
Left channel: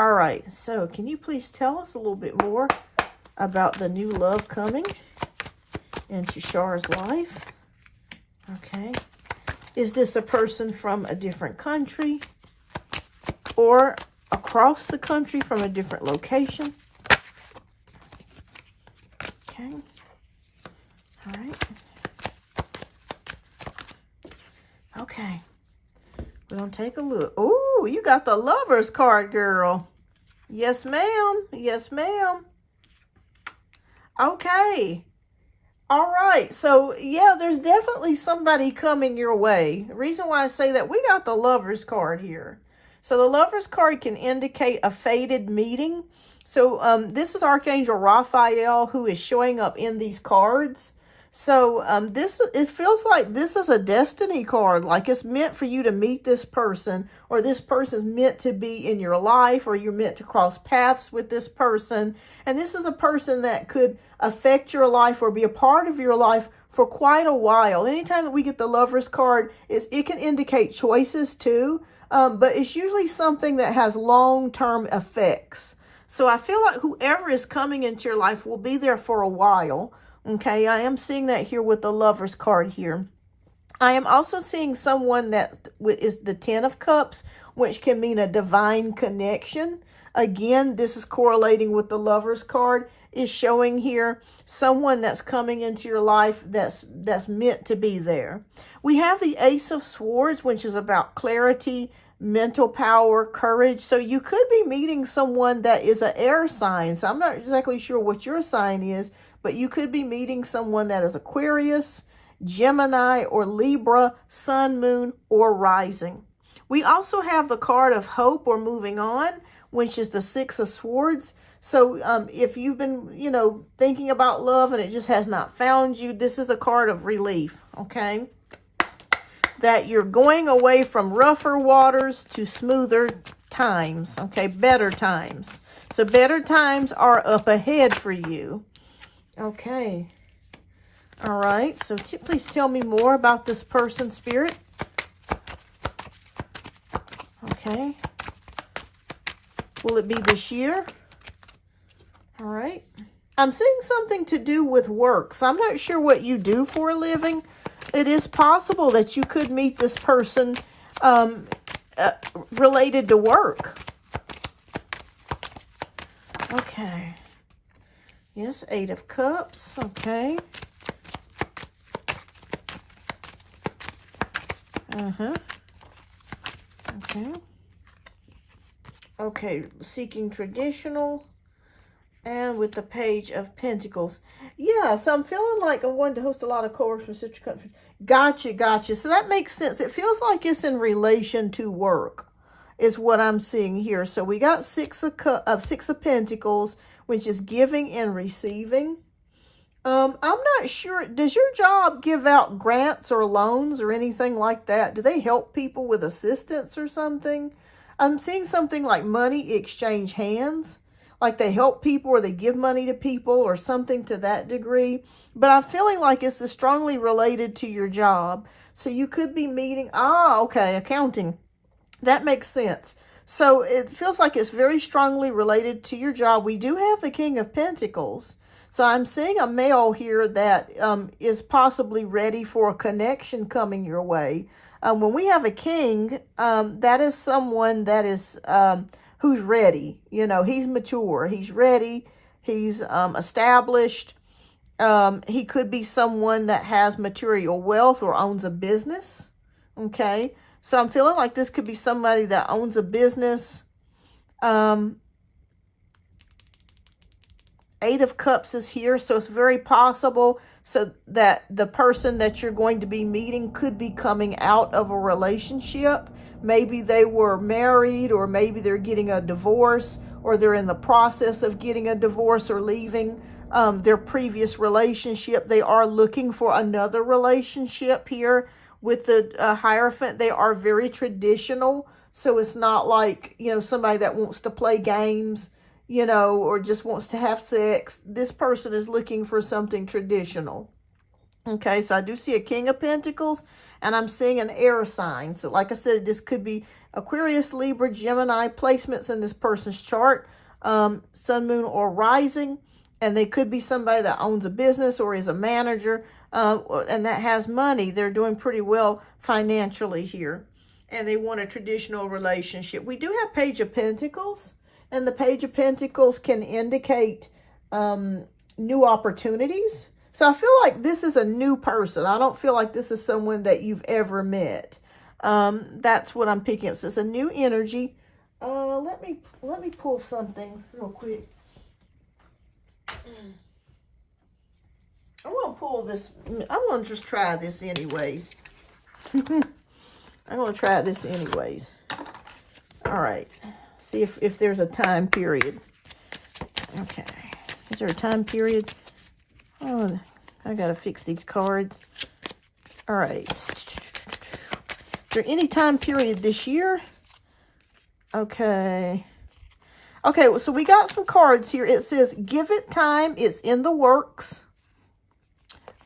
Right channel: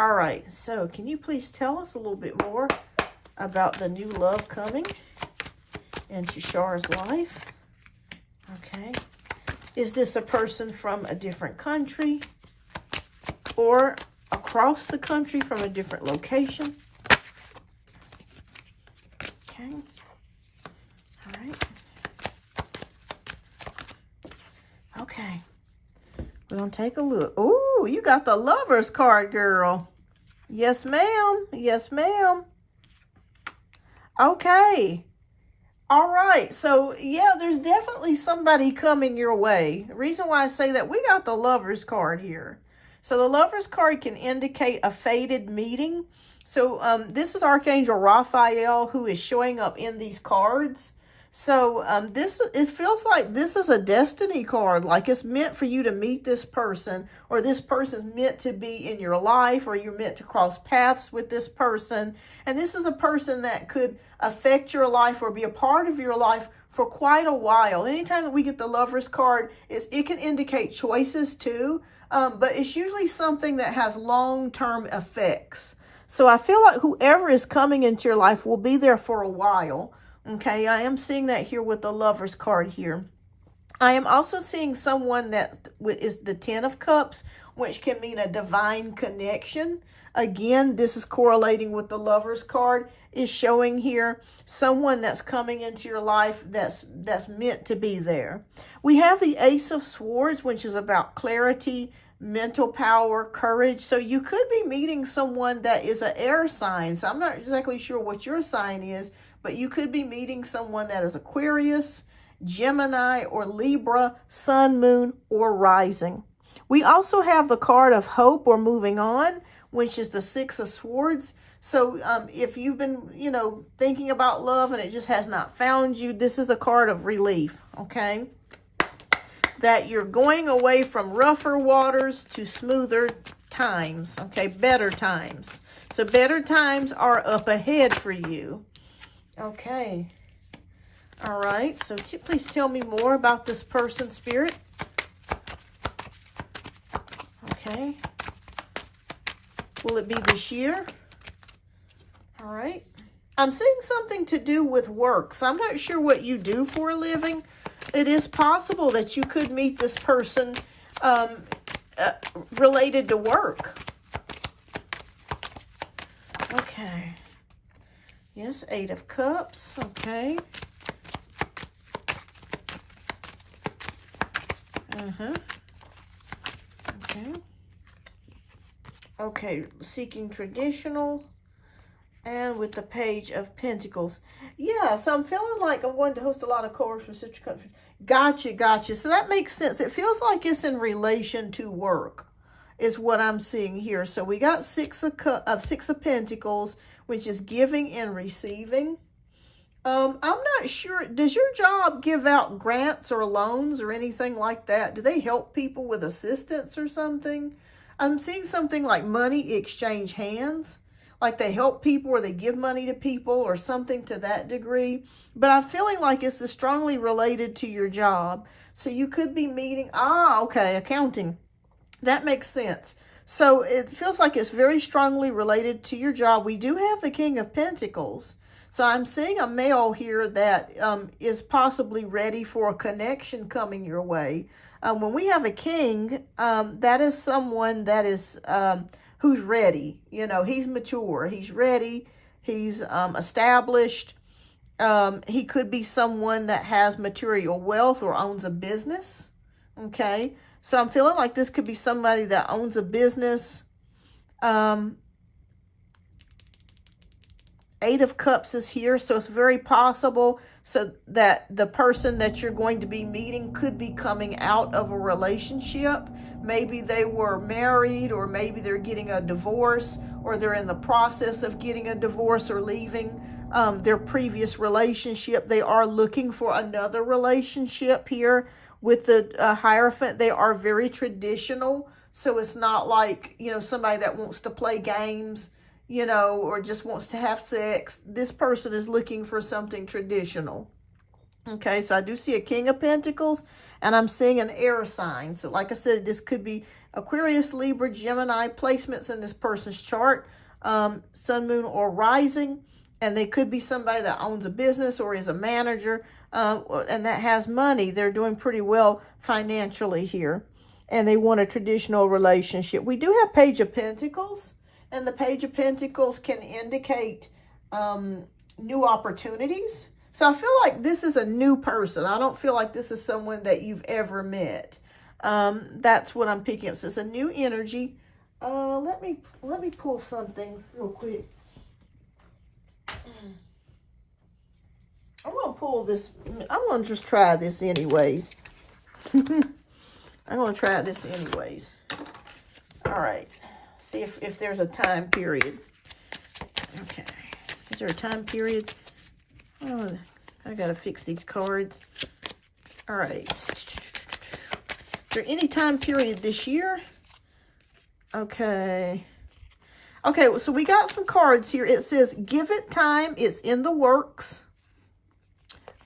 All right, so can you please tell us a little bit more about the new love coming into Shar's life? Okay. Is this a person from a different country or across the country from a different location? Okay. All right. Okay. We're going to take a look. Oh, you got the Lovers card, girl. Yes, ma'am. Yes, ma'am. Okay. All right. So, yeah, there's definitely somebody coming your way. The reason why I say that, we got the Lovers card here. So, the Lovers card can indicate a fated meeting. So, this is Archangel Raphael who is showing up in these cards. So, it feels like this is a destiny card, like it's meant for you to meet this person, or this person's meant to be in your life, or you're meant to cross paths with this person. And this is a person that could affect your life or be a part of your life for quite a while. Anytime that we get the Lovers card, it can indicate choices too, but it's usually something that has long-term effects. So I feel like whoever is coming into your life will be there for a while. Okay, I am seeing that here with the Lovers card here. I am also seeing someone that is the Ten of Cups, which can mean a divine connection. Again, this is correlating with the Lovers card, is showing here someone that's coming into your life that's meant to be there. We have the Ace of Swords, which is about clarity, mental power, courage. So you could be meeting someone that is an air sign. So I'm not exactly sure what your sign is, but you could be meeting someone that is Aquarius, Gemini, or Libra, Sun, Moon, or Rising. We also have the card of hope or moving on, which is the Six of Swords. So if you've been, thinking about love and it just has not found you, this is a card of relief, okay? That you're going away from rougher waters to smoother times, okay? Better times. So better times are up ahead for you. Okay. All right. So please tell me more about this person, Spirit. Okay. Will it be this year? All right. I'm seeing something to do with work. So I'm not sure what you do for a living. It is possible that you could meet this person related to work. Okay. Yes, Eight of Cups. Okay. Okay. Okay, seeking traditional. And with the Page of Pentacles. Yeah, so I'm feeling like I'm going to host a lot of cohorts from sister countries. Gotcha. So that makes sense. It feels like it's in relation to work, is what I'm seeing here. So we got Six of Pentacles, which is giving and receiving. I'm not sure. Does your job give out grants or loans or anything like that? Do they help people with assistance or something? I'm seeing something like money exchange hands. Like they help people or they give money to people or something to that degree. But I'm feeling like it's strongly related to your job. So you could be meeting, okay, accounting. That makes sense. So it feels like it's very strongly related to your job. We do have the King of Pentacles. So I'm seeing a male here that is possibly ready for a connection coming your way. When we have a king, that is someone that is... who's ready. He's mature. He's ready. He's established. He could be someone that has material wealth or owns a business. Okay. So I'm feeling like this could be somebody that owns a business. Eight of Cups is here. So it's very possible so that the person that you're going to be meeting could be coming out of a relationship. Maybe they were married, or maybe they're getting a divorce, or they're in the process of getting a divorce or leaving their previous relationship. They are looking for another relationship here with the Hierophant. They are very traditional. So it's not like, somebody that wants to play games, or just wants to have sex. This person is looking for something traditional. Okay, so I do see a King of Pentacles, and I'm seeing an air sign. So like I said, this could be Aquarius, Libra, Gemini, placements in this person's chart, Sun, Moon, or Rising. And they could be somebody that owns a business or is a manager, and that has money. They're doing pretty well financially here, and they want a traditional relationship. We do have Page of Pentacles, and the Page of Pentacles can indicate new opportunities. So I feel like this is a new person. I don't feel like this is someone that you've ever met. That's what I'm picking up. So it's a new energy. Let me pull something real quick. I'm going to pull this. I'm going to just try this anyways. I'm going to try this anyways. All right. See if there's a time period. Okay. Is there a time period? Oh, I got to fix these cards. All right. Is there any time period this year? Okay. Okay, so we got some cards here. It says, give it time. It's in the works.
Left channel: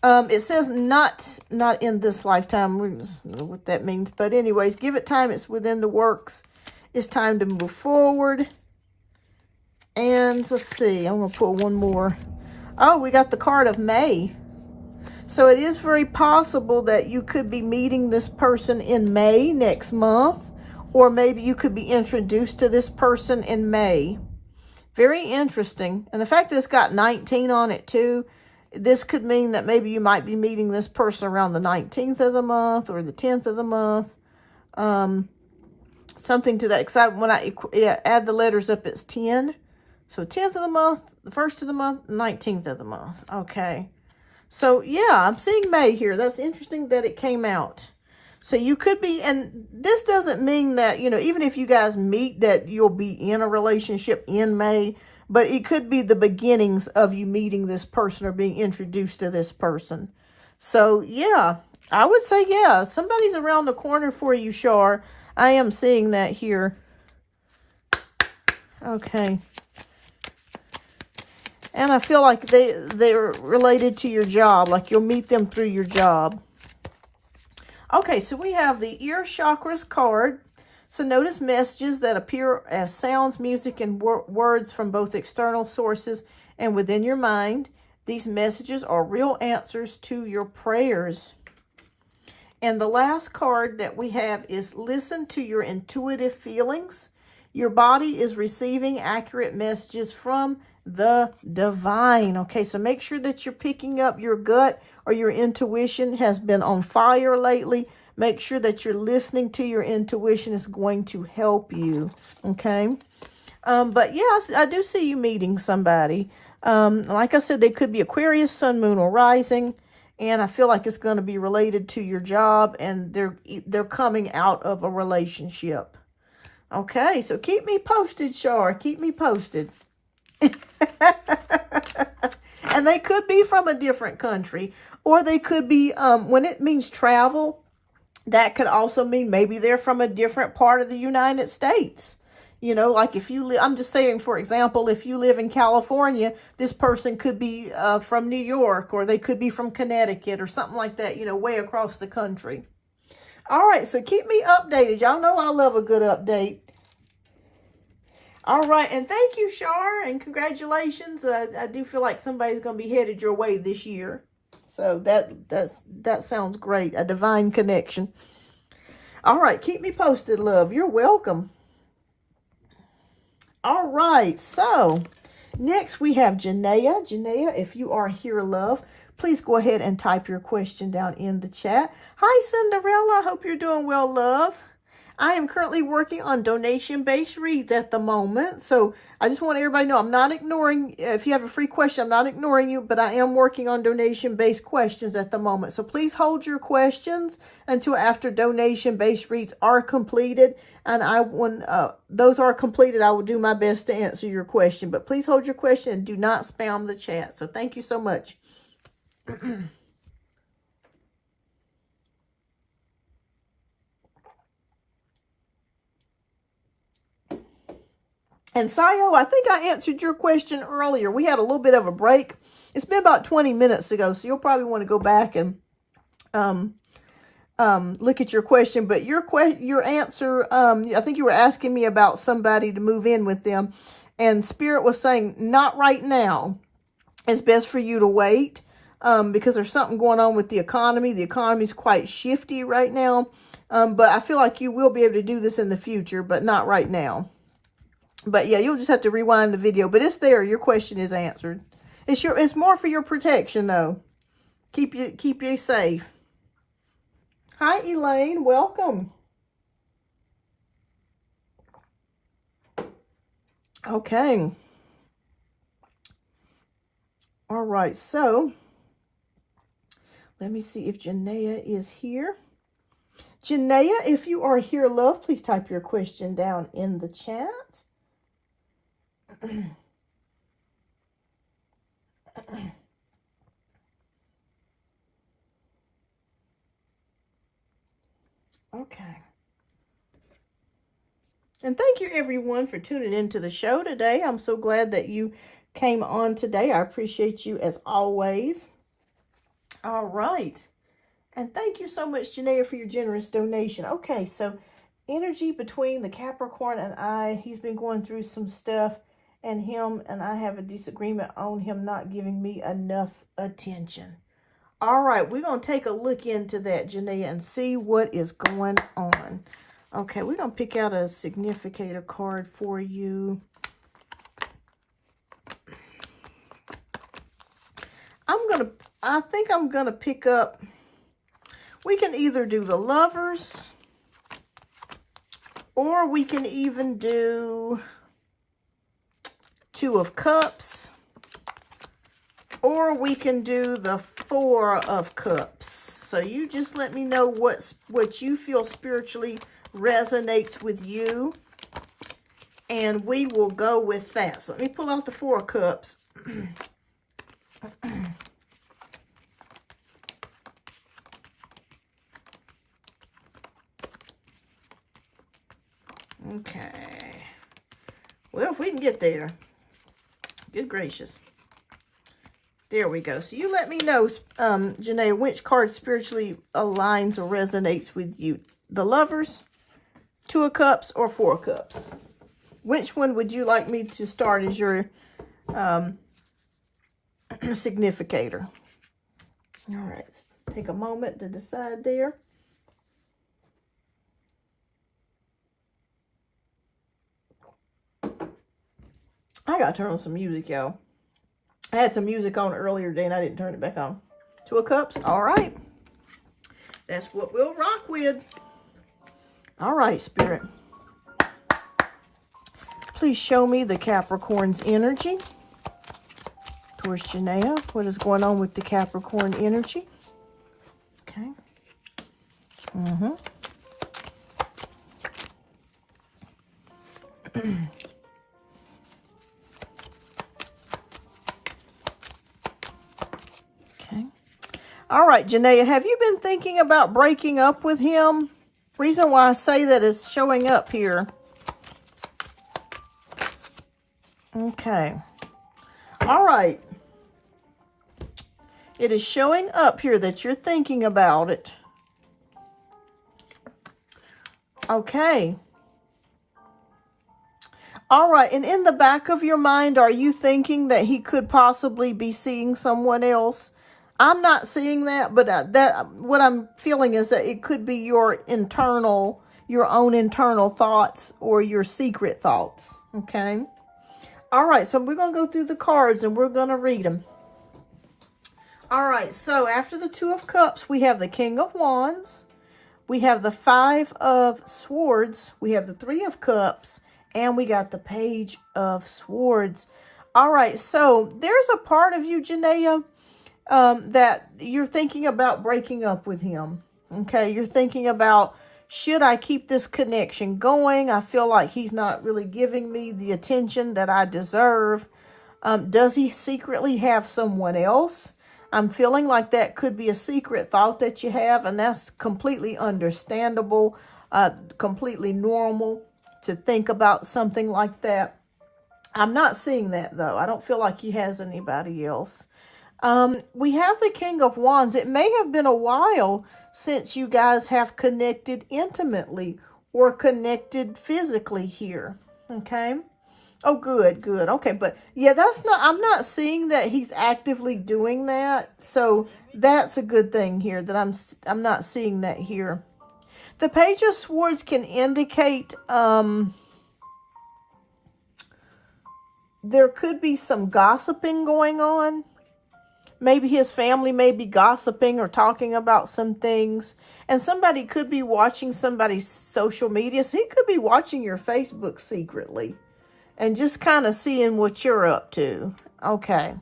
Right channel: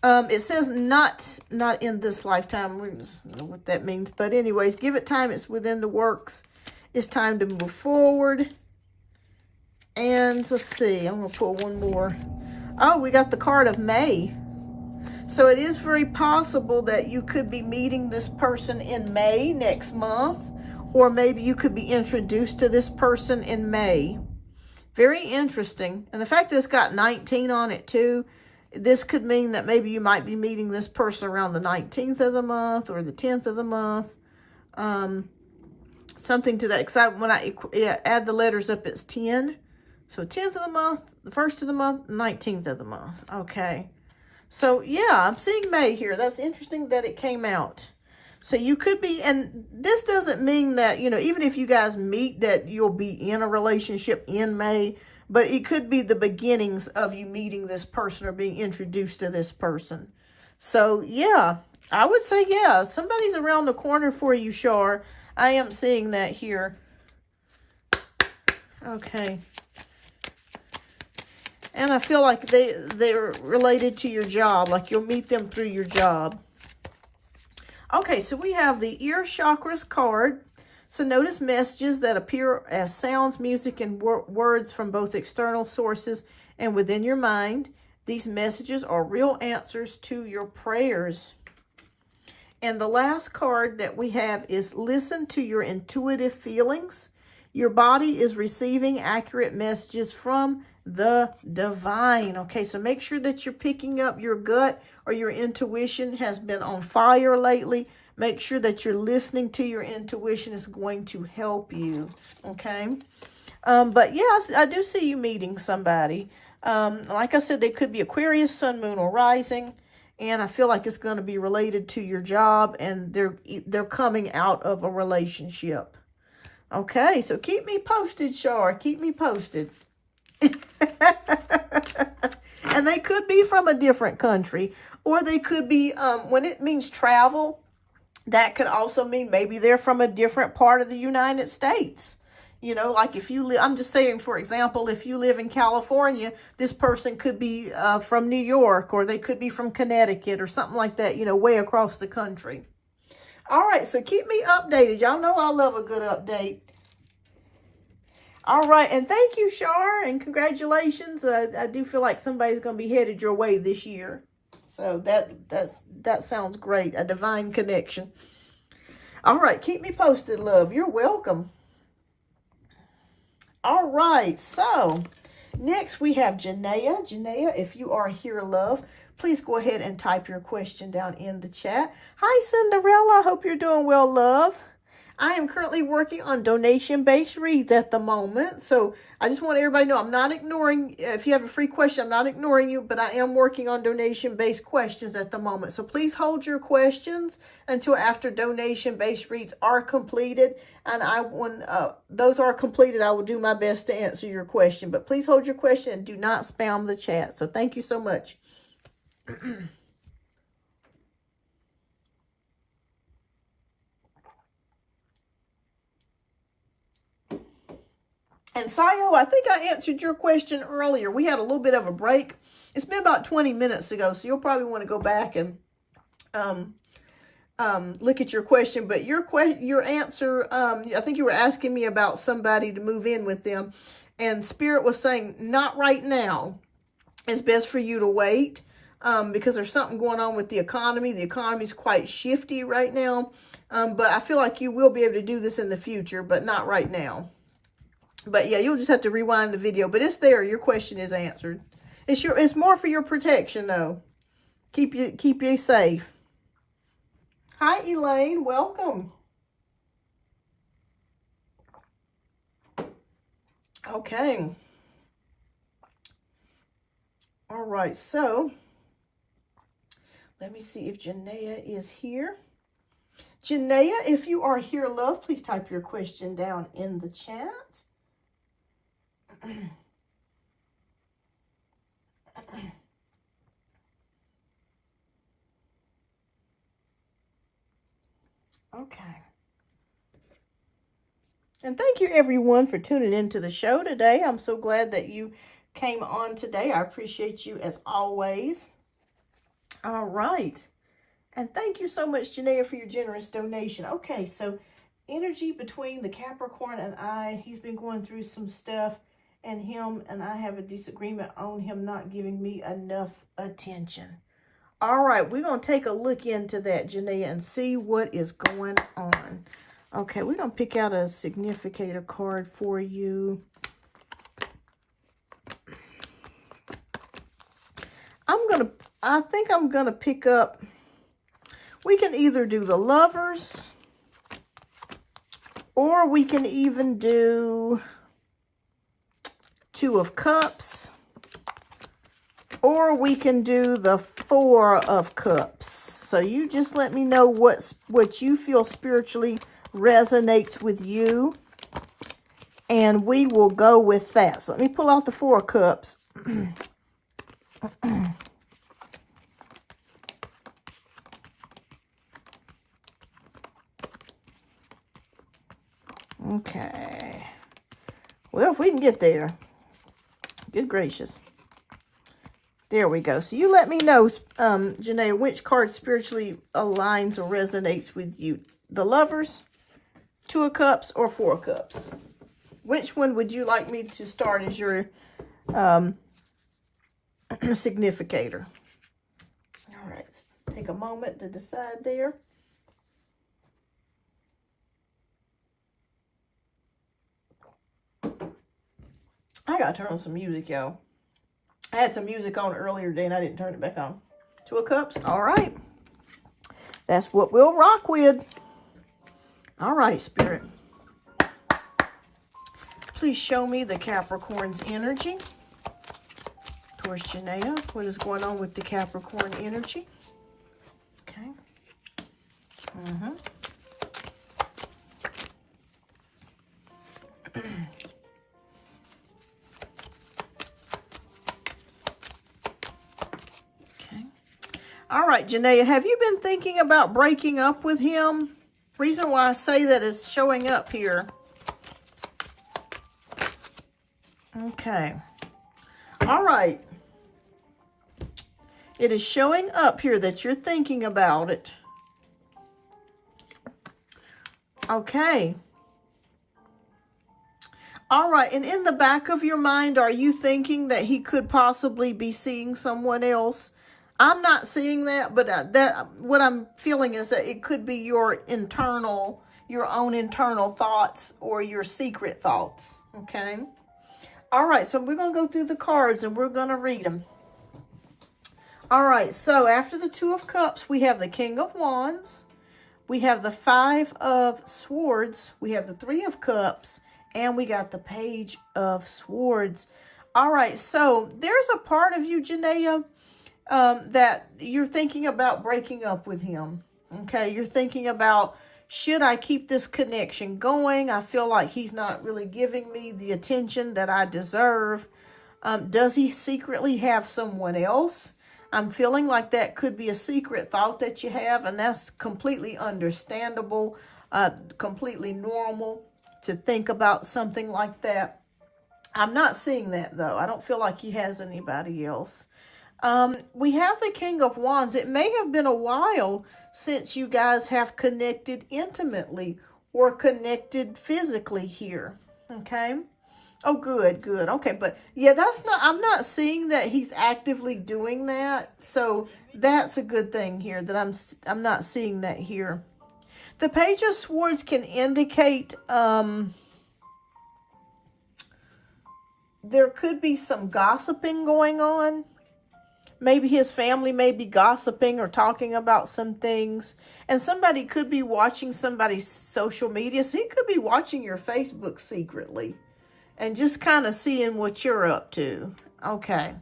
It says not in this lifetime. We don't know what that means. But anyways, give it time. It's within the works. It's time to move forward. And Wands. Let's see. I'm going to pull one more. Oh, we got the card of May. So it is very possible that you could be meeting this person in May next month. Or maybe you could be introduced to this person in May. Very interesting. And the fact that it's got 19 on it too, this could mean that maybe you might be meeting this person around the 19th of the month or the 10th of the month. Something to that. Because when I add the letters up, it's 10. So 10th of the month, the 1st of the month, 19th of the month. Okay. So yeah, I'm seeing May here. That's interesting that it came out. So you could be, and this doesn't mean that, you know, even if you guys meet, that you'll be in a relationship in May, but it could be the beginnings of you meeting this person or being introduced to this person. So yeah, I would say, yeah, somebody's around the corner for you, Shar. I am seeing that here. Okay. And I feel like they're related to your job, like you'll meet them through your job. Okay, so we have the ear chakras card. So notice messages that appear as sounds, music, and words from both external sources and within your mind. These messages are real answers to your prayers. And the last card that we have is listen to your intuitive feelings. Your body is receiving accurate messages from the divine. Okay, so make sure that you're picking up your gut or your intuition has been on fire lately. Make sure that you're listening to your intuition. Is going to help you. Okay. But yes, I do see you meeting somebody. Like I said, they could be Aquarius, Sun, Moon, or Rising. And I feel like it's going to be related to your job, and they're coming out of a relationship. Okay, so keep me posted, Shar. Keep me posted. And they could be from a different country, or they could be, when it means travel, that could also mean maybe they're from a different part of the United States. You know, like if you live, I'm just saying, for example, if you live in California, this person could be from New York, or they could be from Connecticut or something like that, you know, way across the country. All right, so keep me updated. Y'all know I love a good update. All right, and thank you, Shar, and congratulations. I do feel like somebody's going to be headed your way this year. So that sounds great, a divine connection. All right, keep me posted, love. You're welcome. All right, so next we have Janaea. Janaea, if you are here, love, please go ahead and type your question down in the chat. Hi, Cinderella. Hope you're doing well, love. I am currently working on donation-based reads at the moment. So I just want everybody to know I'm not ignoring, if you have a free question, I'm not ignoring you, but I am working on donation-based questions at the moment. So please hold your questions until after donation-based reads are completed. And when those are completed, I will do my best to answer your question. But please hold your question and do not spam the chat. So thank you so much. And Sayo, I think I answered your question earlier. We had a little bit of a break. It's been about 20 minutes ago, so you'll probably want to go back and look at your question. But your answer, I think you were asking me about somebody to move in with them. And Spirit was saying, not right now. It's best for you to wait because there's something going on with the economy. The economy is quite shifty right now. But I feel like you will be able to do this in the future, but not right now. But yeah, you'll just have to rewind the video. But it's there. Your question is answered. It's more for your protection, though. Keep you safe. Hi, Elaine. Welcome. Okay. All right. So let me see if Janaea is here. Janaea, if you are here, love, please type your question down in the chat. Okay. And thank you everyone for tuning into the show today. I'm so glad that you came on today. I appreciate you as always. All right. And thank you so much, Janaea, for your generous donation. Okay, so energy between the Capricorn and I, he's been going through some stuff. and him, and I have a disagreement on him not giving me enough attention. All right, we're going to take a look into that, Janaea, and see what is going on. Okay, we're going to pick out a significator card for you. I think I'm going to pick up, we can either do the Lovers, or we can even do Two of Cups, or we can do the Four of Cups. So you just let me know what you feel spiritually resonates with you, and we will go with that. So let me pull out the Four of Cups. Okay. Well, if we can get there. Good gracious. There we go. So you let me know, Janaea, which card spiritually aligns or resonates with you. The Lovers, Two of Cups, or Four of Cups. Which one would you like me to start as your significator? All right. Let's take a moment to decide there. I gotta turn on some music, y'all. I had some music on earlier today and I didn't turn it back on. Two of Cups. All right. That's what we'll rock with. All right, Spirit. Please show me the Capricorn's energy towards Janaea. What is going on with the Capricorn energy? Okay. All right, Janaea, have you been thinking about breaking up with him? Reason why I say that is showing up here. Okay. All right. It is showing up here that you're thinking about it. Okay. All right. And in the back of your mind, are you thinking that he could possibly be seeing someone else? I'm not seeing that, but what I'm feeling is that it could be your own internal thoughts or your secret thoughts. Okay. All right. So we're going to go through the cards and we're going to read them. All right. So after the Two of Cups, we have the King of Wands. We have the Five of Swords. We have the Three of Cups, and we got the Page of Swords. All right. So there's a part of you, Janaea, that you're thinking about breaking up with him. Okay, you're thinking about, should I keep this connection going? I feel like he's not really giving me the attention that I deserve. Does he secretly have someone else? I'm feeling like that could be a secret thought that you have, and that's completely understandable, completely normal to think about something like that. I'm not seeing that, though. I don't feel like he has anybody else. We have the King of Wands. It may have been a while since you guys have connected intimately or connected physically here. Okay. Oh, good. Okay. But yeah, I'm not seeing that he's actively doing that. So that's a good thing here that I'm not seeing that here. The Page of Swords can indicate, there could be some gossiping going on. Maybe his family may be gossiping or talking about some things. And somebody could be watching somebody's social media. So he could be watching your Facebook secretly. And just kind of seeing what you're up to. Okay.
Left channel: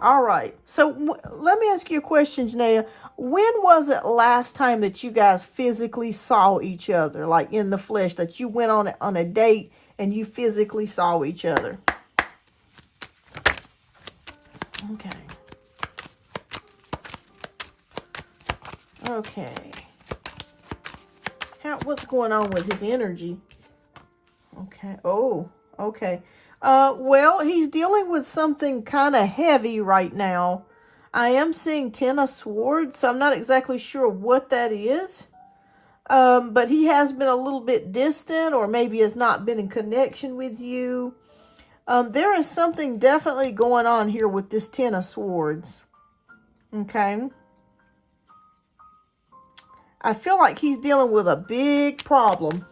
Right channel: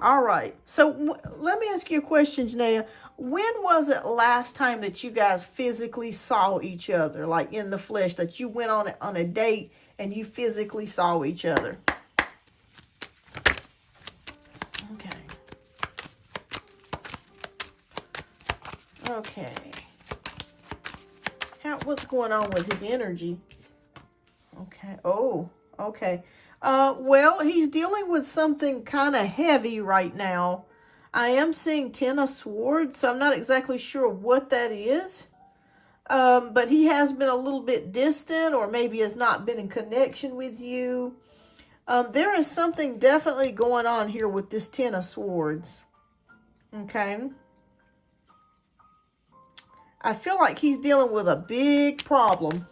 All right. So let me ask you a question, Janaea. When was it last time that you guys physically saw each other? Like in the flesh, that you went on a date and you physically saw each other? Okay. Okay. What's going on with his energy? Okay. Oh, okay. Well, he's dealing with something kind of heavy right now. I am seeing 10 of Swords, so I'm not exactly sure what that is. But he has been a little bit distant, or maybe has not been in connection with you. There is something definitely going on here with this Ten of Swords. Okay. I feel like he's dealing with a big problem.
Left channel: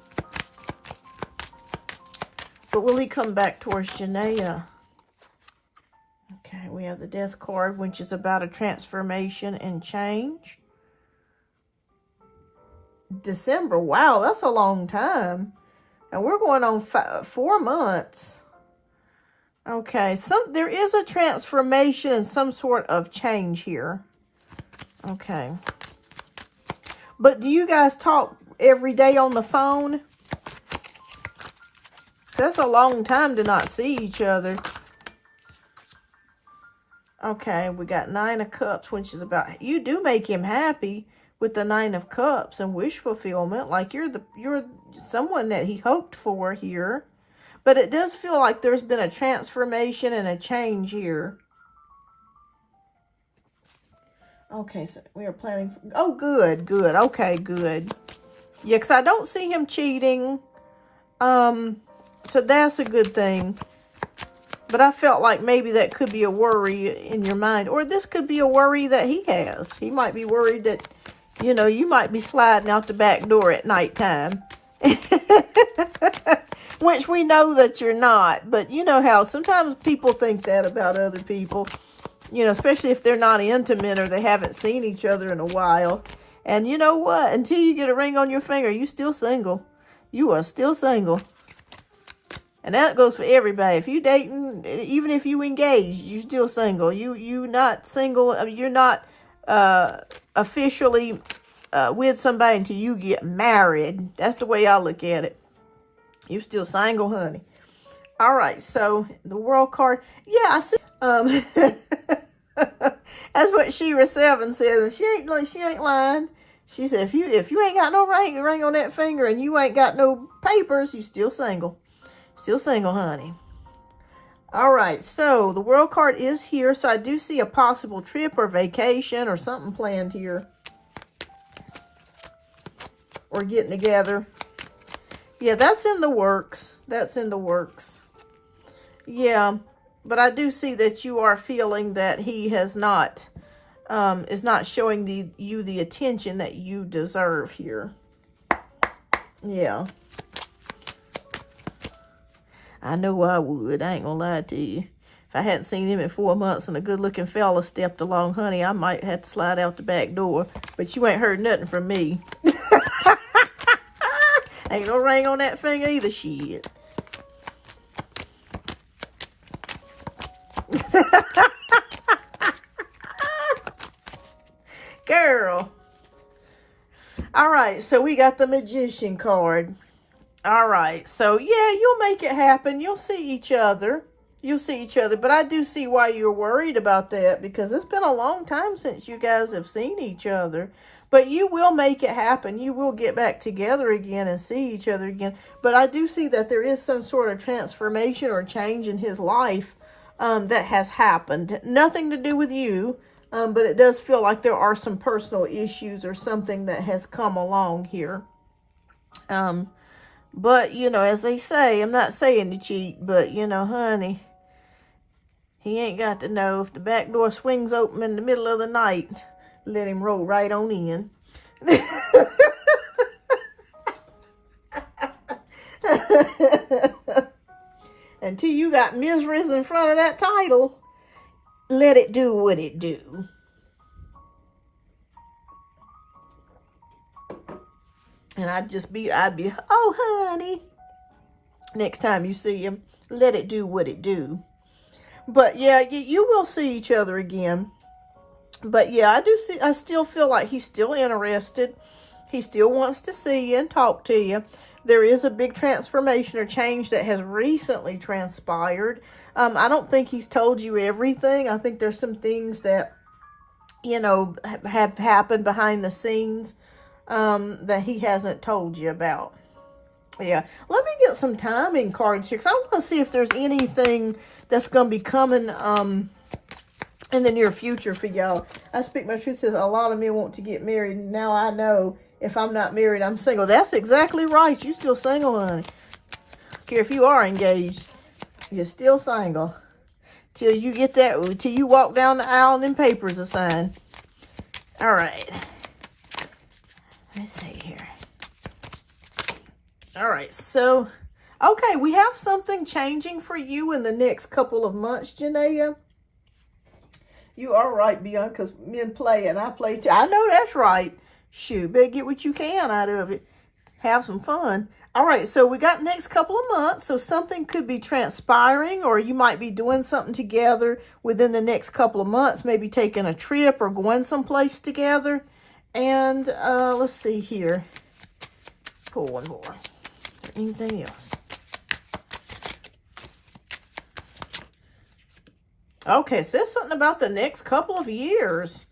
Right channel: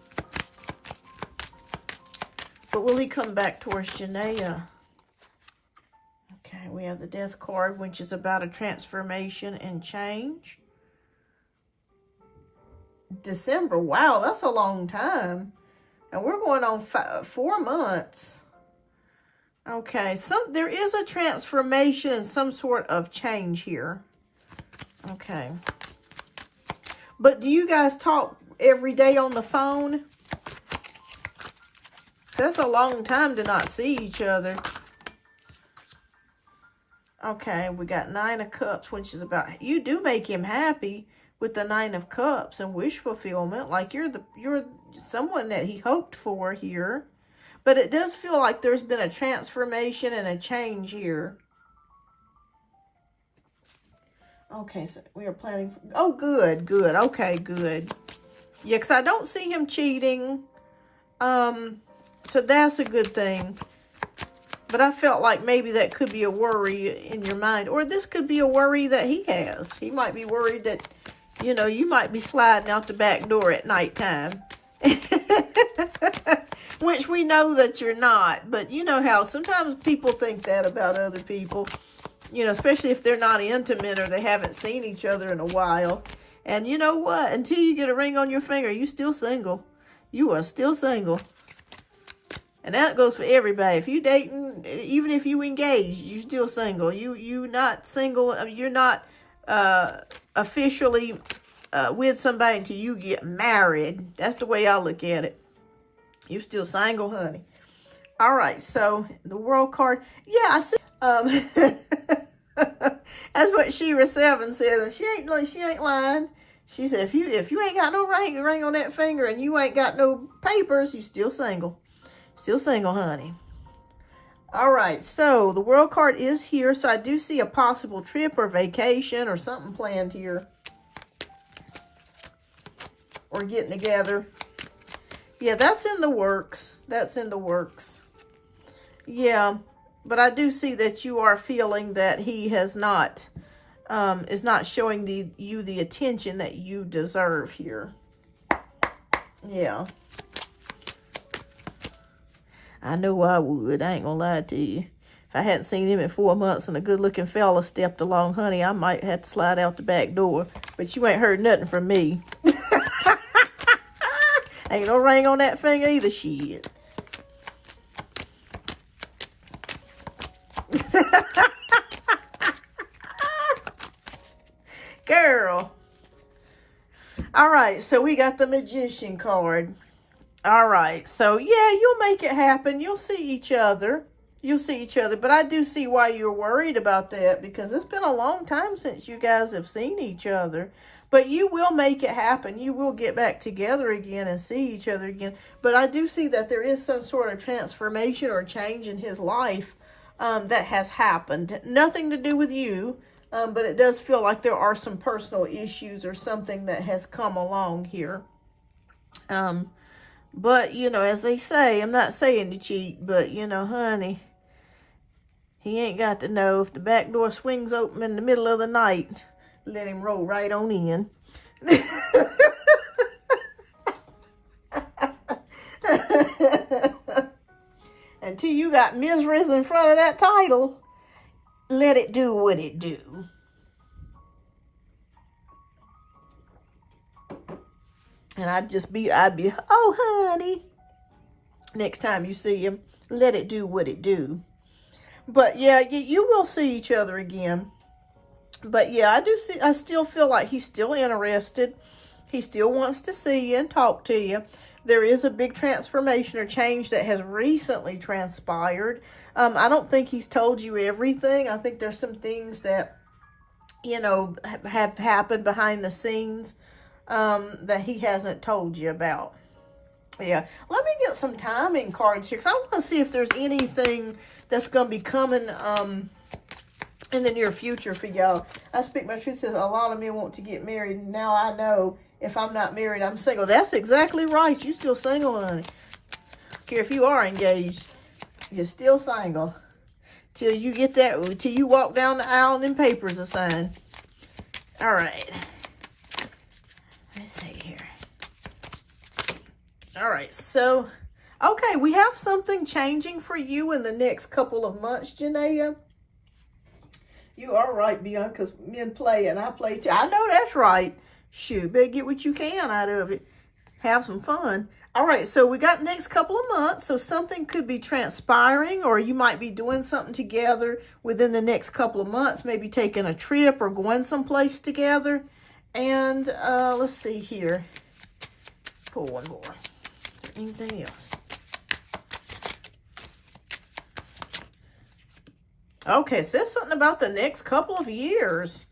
But will he come back towards Janaea? Okay, we have the Death card, which is about a transformation and change. December, wow, that's a long time. And we're going on 4 months. Okay, there is a transformation and some sort of change here. Okay. But do you guys talk every day on the phone? That's a long time to not see each other. Okay, we got 9 of Cups, which is about, you do make him happy with the 9 of Cups and wish fulfillment. Like you're someone that he hoped for here. But it does feel like there's been a transformation and a change here. Okay, so we are planning. Oh, good, good. Okay, good. Yeah, because I don't see him cheating. So that's a good thing. But I felt like maybe that could be a worry in your mind. Or this could be a worry that he has. He might be worried that, you know, you might be sliding out the back door at nighttime. Which we know that you're not. But you know how sometimes people think that about other people. You know, especially if they're not intimate or they haven't seen each other in a while. And you know what? Until you get a ring on your finger, you're still single. You are still single. And that goes for everybody. If you dating, even if you engaged, you're still single. You not single. I mean, you're not officially with somebody until you get married. That's the way I look at it. You're still single, honey. All right. So the World card. Yeah, I see. That's what Shira 7 says, and she ain't lying. She said, if you ain't got no ring on that finger and you ain't got no papers, you still single. Still single, honey. All right, so the World card is here, so I do see a possible trip or vacation or something planned here. Or getting together. Yeah, that's in the works. That's in the works. Yeah, but I do see that you are feeling that he has not, is not showing you the attention that you deserve here. Yeah. I know I would. I ain't gonna lie to you. If I hadn't seen him in 4 months and a good-looking fella stepped along, honey, I might have to slide out the back door. But you ain't heard nothing from me. Ain't no ring on that finger either, shit. Girl. All right, so we got the Magician card. All right, so yeah, you'll make it happen. You'll see each other. You'll see each other. But I do see why you're worried about that, because it's been a long time since you guys have seen each other. But you will make it happen. You will get back together again and see each other again. But I do see that there is some sort of transformation or change in his life that has happened. Nothing to do with you, but it does feel like there are some personal issues or something that has come along here. But, you know, as they say, I'm not saying to cheat, but, you know, honey, he ain't got to know. If the back door swings open in the middle of the night, let him roll right on in. Until you got miseries in front of that title, let it do what it do. And I'd be, oh, honey. Next time you see him, let it do what it do. But yeah, you will see each other again. But yeah, I still feel like he's still interested. He still wants to see you and talk to you. There is a big transformation or change that has recently transpired. I don't think he's told you everything. I think there's some things that, you know, have happened behind the scenes that he hasn't told you about. Yeah, let me get some timing cards here, because I want to see if there's anything that's going to be coming in the near future for y'all. I speak my truth. Says a lot of men want to get married. Now I know if I'm not married, I'm single. That's exactly right. You still single, honey. I don't care if you are engaged. You're still single. Till you get that, till you walk down the aisle and them papers are signed. All right. Let's see here. All right, so, okay, we have something changing for you in the next couple of months, Janaea. You are right, Beyond, because men play and I play too. I know that's right. Shoot, better get what you can out of it. Have some fun. All right, so we got next couple of months. So something could be transpiring, or you might be doing something together within the next couple of months. Maybe taking a trip or going someplace together. And let's see here. Pull one more. Is there anything else? Okay, it says something about the next couple of years.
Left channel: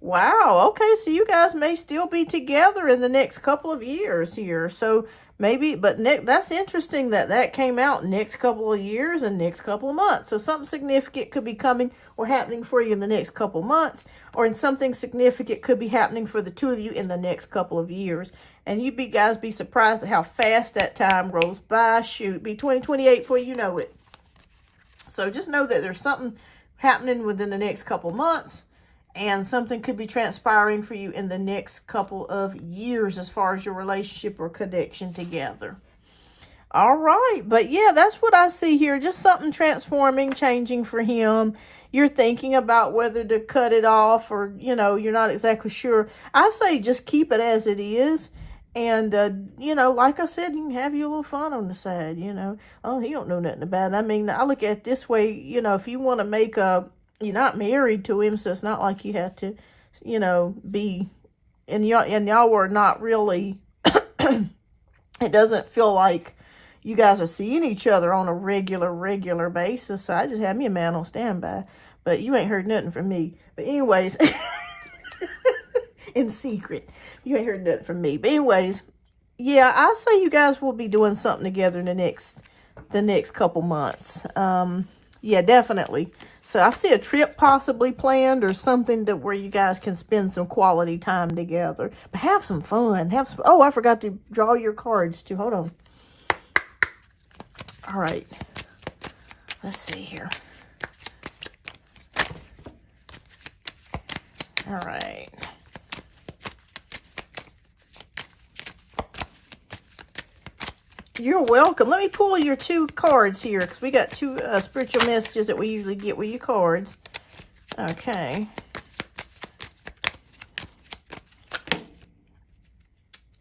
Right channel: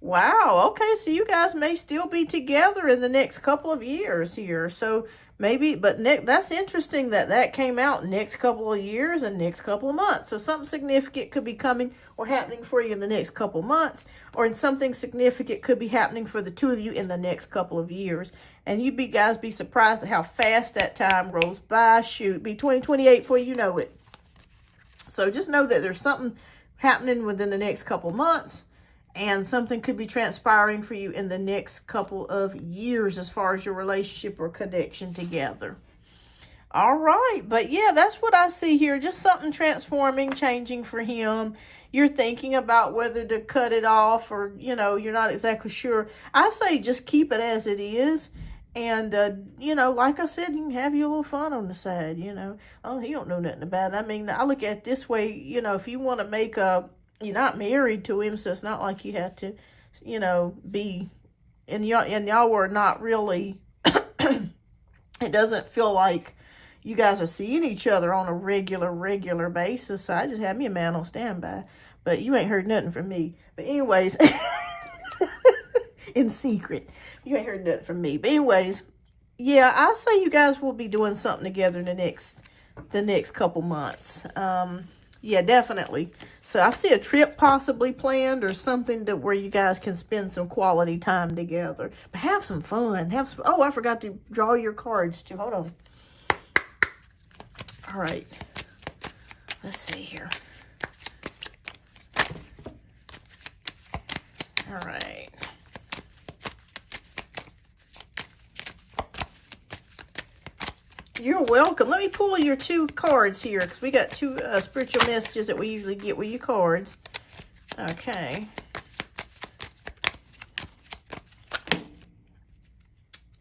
Wow, okay, so you guys may still be together in the next couple of years here. So maybe, but that's interesting that came out next couple of years and next couple of months. So something significant could be coming or happening for you in the next couple of months, or in something significant could be happening for the two of you in the next couple of years. And you guys be surprised at how fast that time rolls by. Shoot, be 2028 before you know it. So just know that there's something happening within the next couple months, and something could be transpiring for you in the next couple of years as far as your relationship or connection together. All right, but yeah, that's what I see here. Just something transforming, changing for him. You're thinking about whether to cut it off, or, you know, you're not exactly sure. I say just keep it as it is. And, you know, like I said, you can have your little fun on the side, you know. Oh, he don't know nothing about it. I mean, I look at it this way, you know, if you want to make you're not married to him, so it's not like you have to, you know, be, and y'all were not really, it doesn't feel like you guys are seeing each other on a regular basis. So I just have me a man on standby, but you ain't heard nothing from me. But anyways, in secret, you ain't heard nothing from me. But anyways, yeah, I say you guys will be doing something together in the next couple months. Yeah, definitely. So I see a trip possibly planned, or something that where you guys can spend some quality time together. But have some fun. Oh, I forgot to draw your cards too. Hold on. All right. Let's see here. All right. You're welcome. Let me pull your two cards here, because we got two spiritual messages that we usually get with your cards. Okay.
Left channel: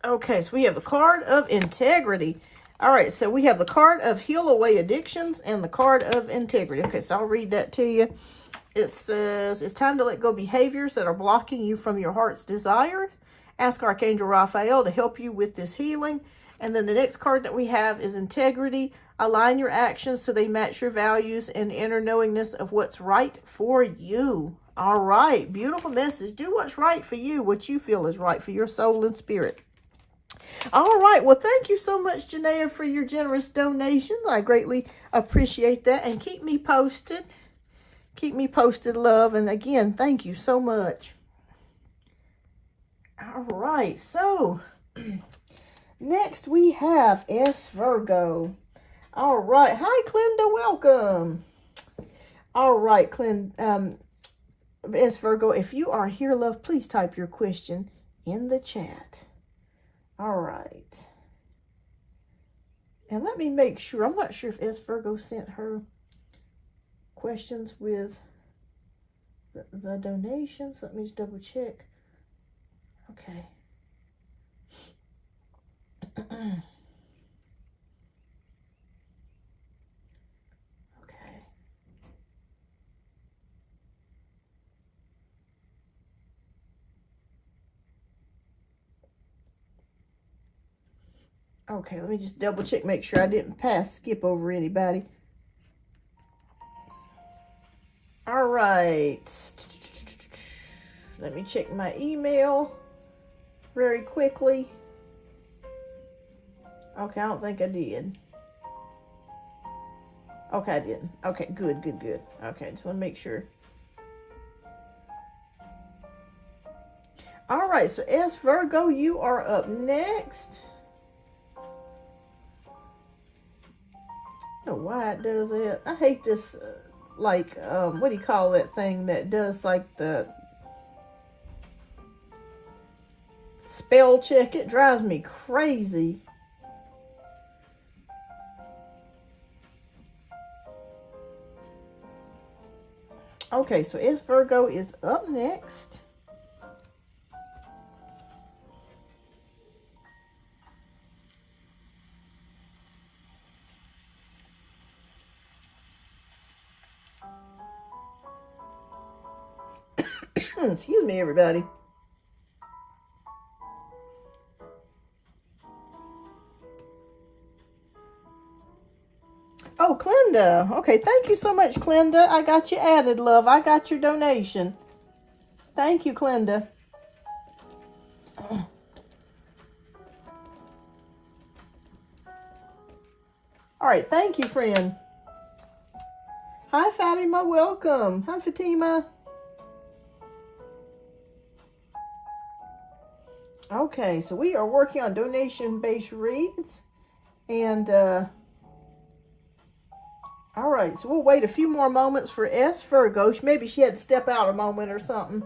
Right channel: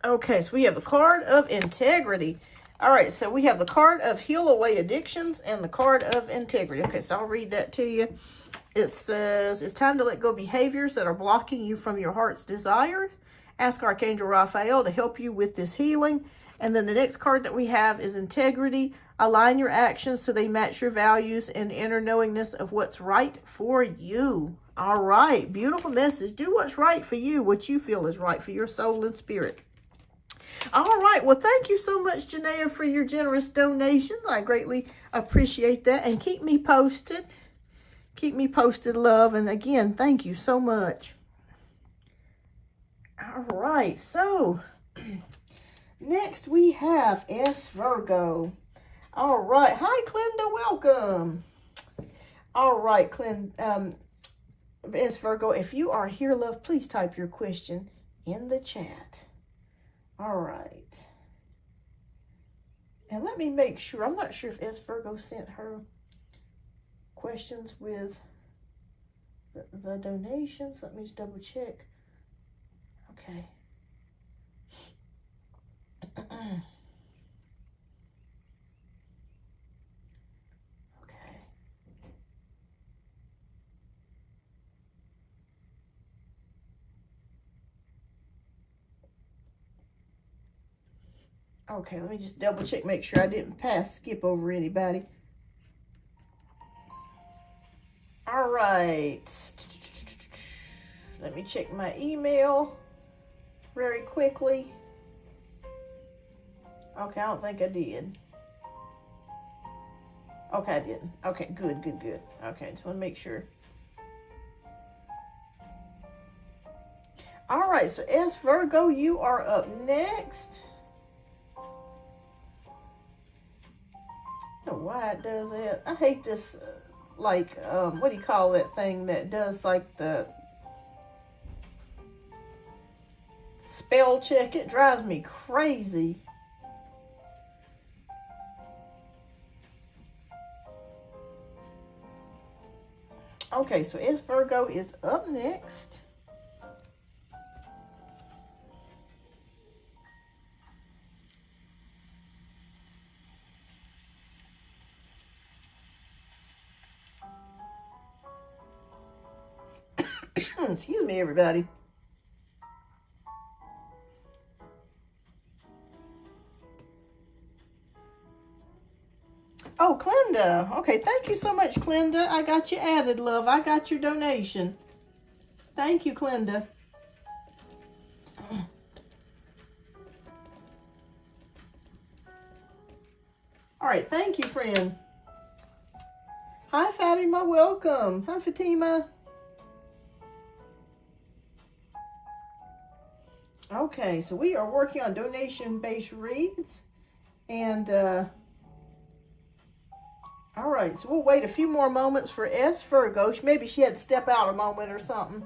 Okay, so we have the card of integrity. All right, so we have the card of heal away addictions and the card of integrity. Okay, so I'll read that to you. It says, it's time to let go of behaviors that are blocking you from your heart's desire. Ask Archangel Raphael to help you with this healing. And then the next card that we have is integrity. Align your actions so they match your values and inner knowingness of what's right for you. All right, beautiful message. Do what's right for you, what you feel is right for your soul and spirit. All right, well, thank you so much, Janaea, for your generous donations. I greatly appreciate that. And keep me posted. Keep me posted, love. And again, thank you so much. All right, so next we have S. Virgo. All right. Hi, Clinda. Welcome. All right, S. Virgo, if you are here, love, please type your question in the chat. All right. And let me make sure. I'm not sure if S. Virgo sent her questions with the donations. Let me just double check. Okay. Okay, let me just double check, make sure I didn't skip over anybody. All right. Let me check my email very quickly. Okay, I don't think I did. Okay, I didn't. Okay, good. Okay, just want to make sure. All right, so S. Virgo, you are up next. why it does it. I hate this, like, what do you call that thing that does, like, the spell check? It drives me crazy. Okay, so S Virgo is up next. Excuse me, everybody. Oh, Clinda. Okay, thank you so much, Clinda. I got you added, love. I got your donation. Thank you, Clinda. All right, thank you, friend. Hi, Fatima. Welcome. Hi, Fatima. Okay, so we are working on donation-based reads. And, all right, so we'll wait a few more moments for S Virgo. Maybe she had to step out a moment or something.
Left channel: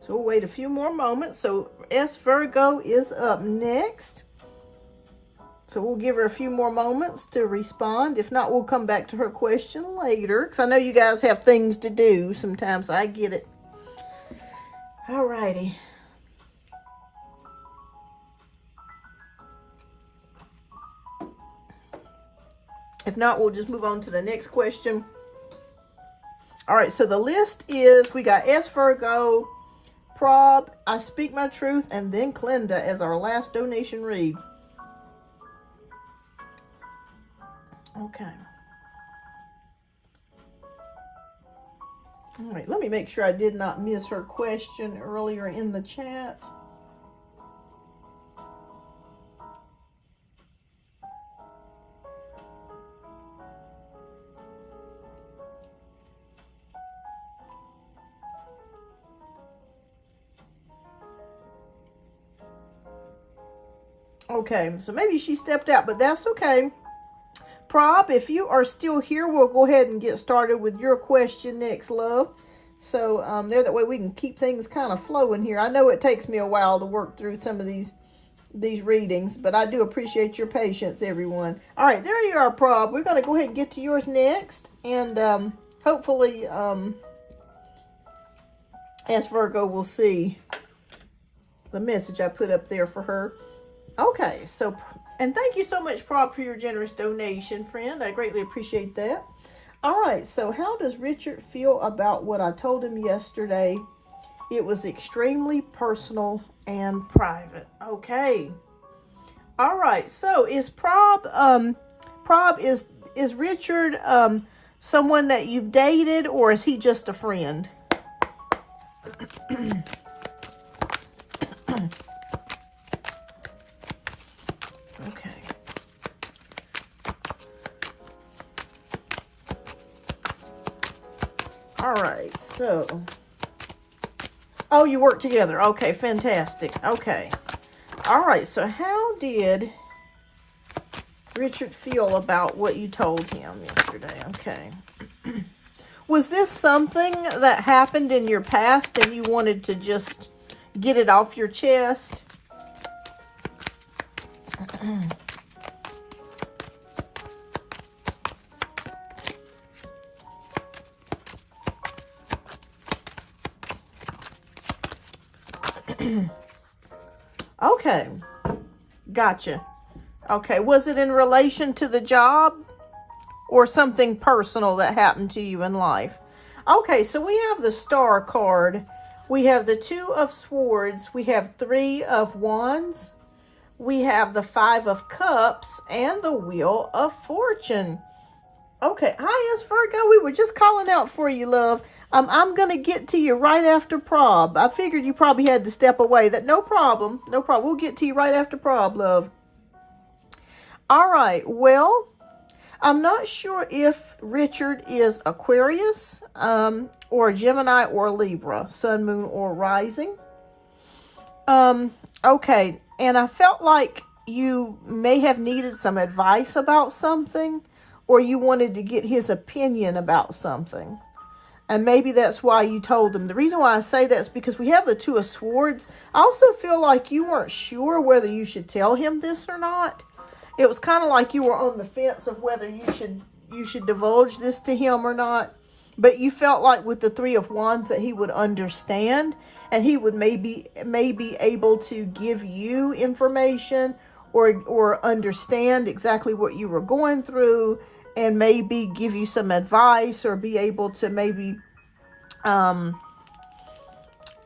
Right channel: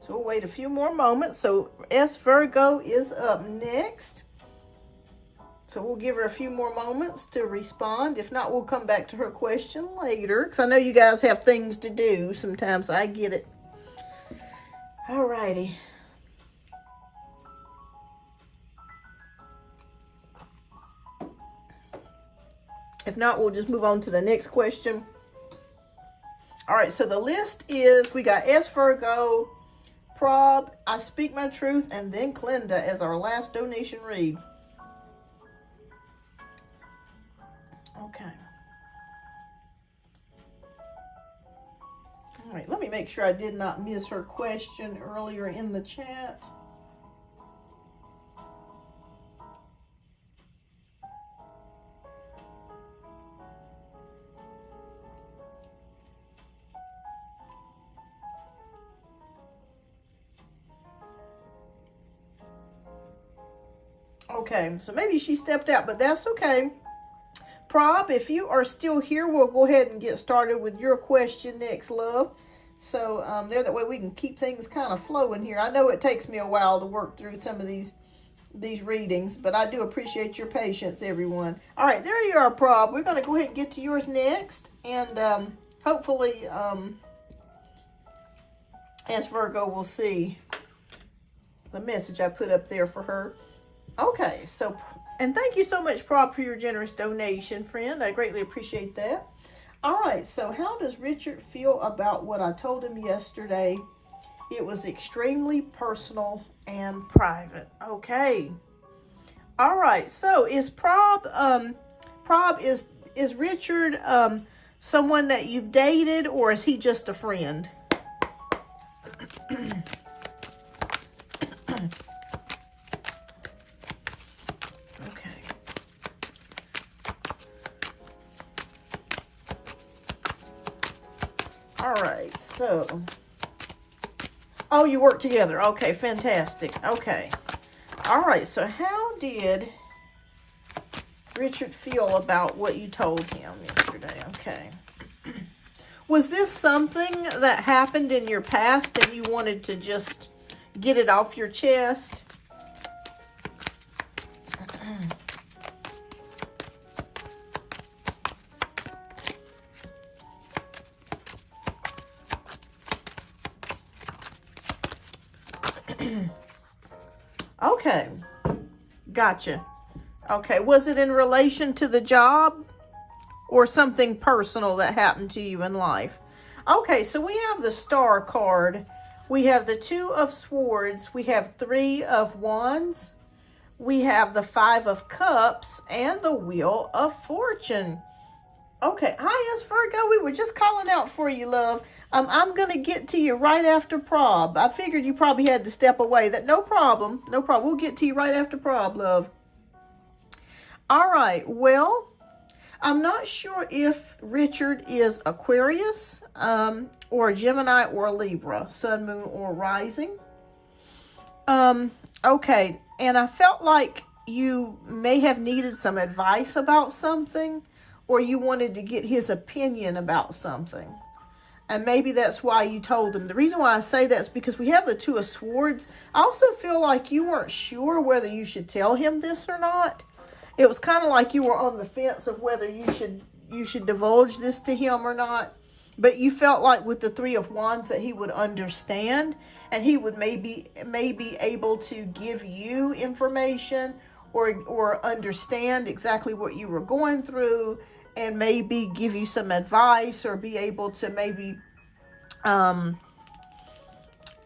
So we'll wait a few more moments. So S Virgo is up next. So we'll give her a few more moments to respond. If not, we'll come back to her question later. Because I know you guys have things to do. Sometimes I get it. Alrighty. If not, we'll just move on to the next question. Alright, so the list is, we got S Virgo, Prob, I Speak My Truth, and then Clinda as our last donation read. Okay. All right, let me make sure I did not miss her question earlier in the chat. Okay, so maybe she stepped out, but that's okay. Prob, if you are still here, we'll go ahead and get started with your question next, love. So there, that way we can keep things kind of flowing here. I know it takes me a while to work through some of these readings, but I do appreciate your patience, everyone. All right, there you are, Prob. We're going to go ahead and get to yours next, and hopefully S Virgo will see the message I put up there for her. Okay, so, and thank you so much, Prob, for your generous donation, friend. I greatly appreciate that. All right, so how does Richard feel about what I told him yesterday? It was extremely personal and private. Okay. All right, so is Prob, is Richard someone that you've dated, or is he just a friend? All right, so, oh, you work together. Okay, fantastic. Okay. All right, so how did Richard feel about what you told him yesterday? Okay. Was this something that happened in your past and you wanted to just get it off your chest? Okay, gotcha. Okay, was it in relation to the job or something personal that happened to you in life? Okay, so we have the Star card. We have the Two of Swords. We have Three of Wands. We have the Five of Cups and the Wheel of Fortune. Okay, hi, S Virgo. We were just calling out for you, love. I'm going to get to you right after Prob. I figured you probably had to step away. No problem. No problem. We'll get to you right after Prob, love. All right, well, I'm not sure if Richard is Aquarius, or Gemini or Libra, sun, moon, or rising. Okay, and I felt like you may have needed some advice about something, or you wanted to get his opinion about something. And maybe that's why you told him. The reason why I say that is because we have the Two of Swords. I also feel like you weren't sure whether you should tell him this or not. It was kind of like you were on the fence of whether you should divulge this to him or not. But you felt like with the Three of Wands that he would understand, and he would maybe able to give you information or understand exactly what you were going through, and maybe give you some advice, or be able to maybe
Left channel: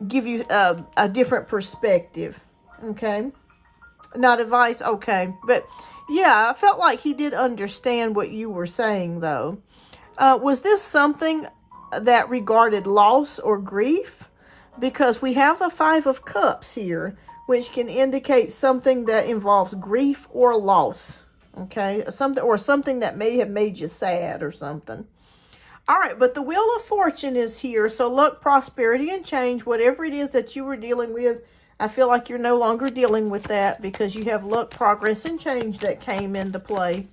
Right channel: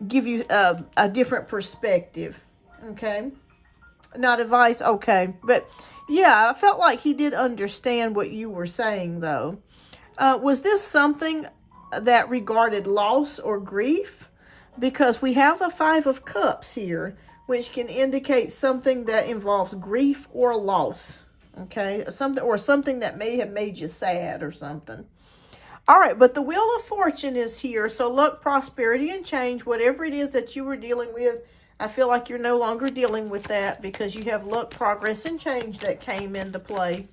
give you a different perspective. Okay, not advice. Okay, but yeah, I felt like he did understand what you were saying, though. Was this something that regarded loss or grief? Because we have the Five of Cups here, which can indicate something that involves grief or loss. Okay, something that may have made you sad or something. All right, but the Wheel of Fortune is here. So luck, prosperity, and change, whatever it is that you were dealing with, I feel like you're no longer dealing with that, because you have luck, progress, and change that came into play.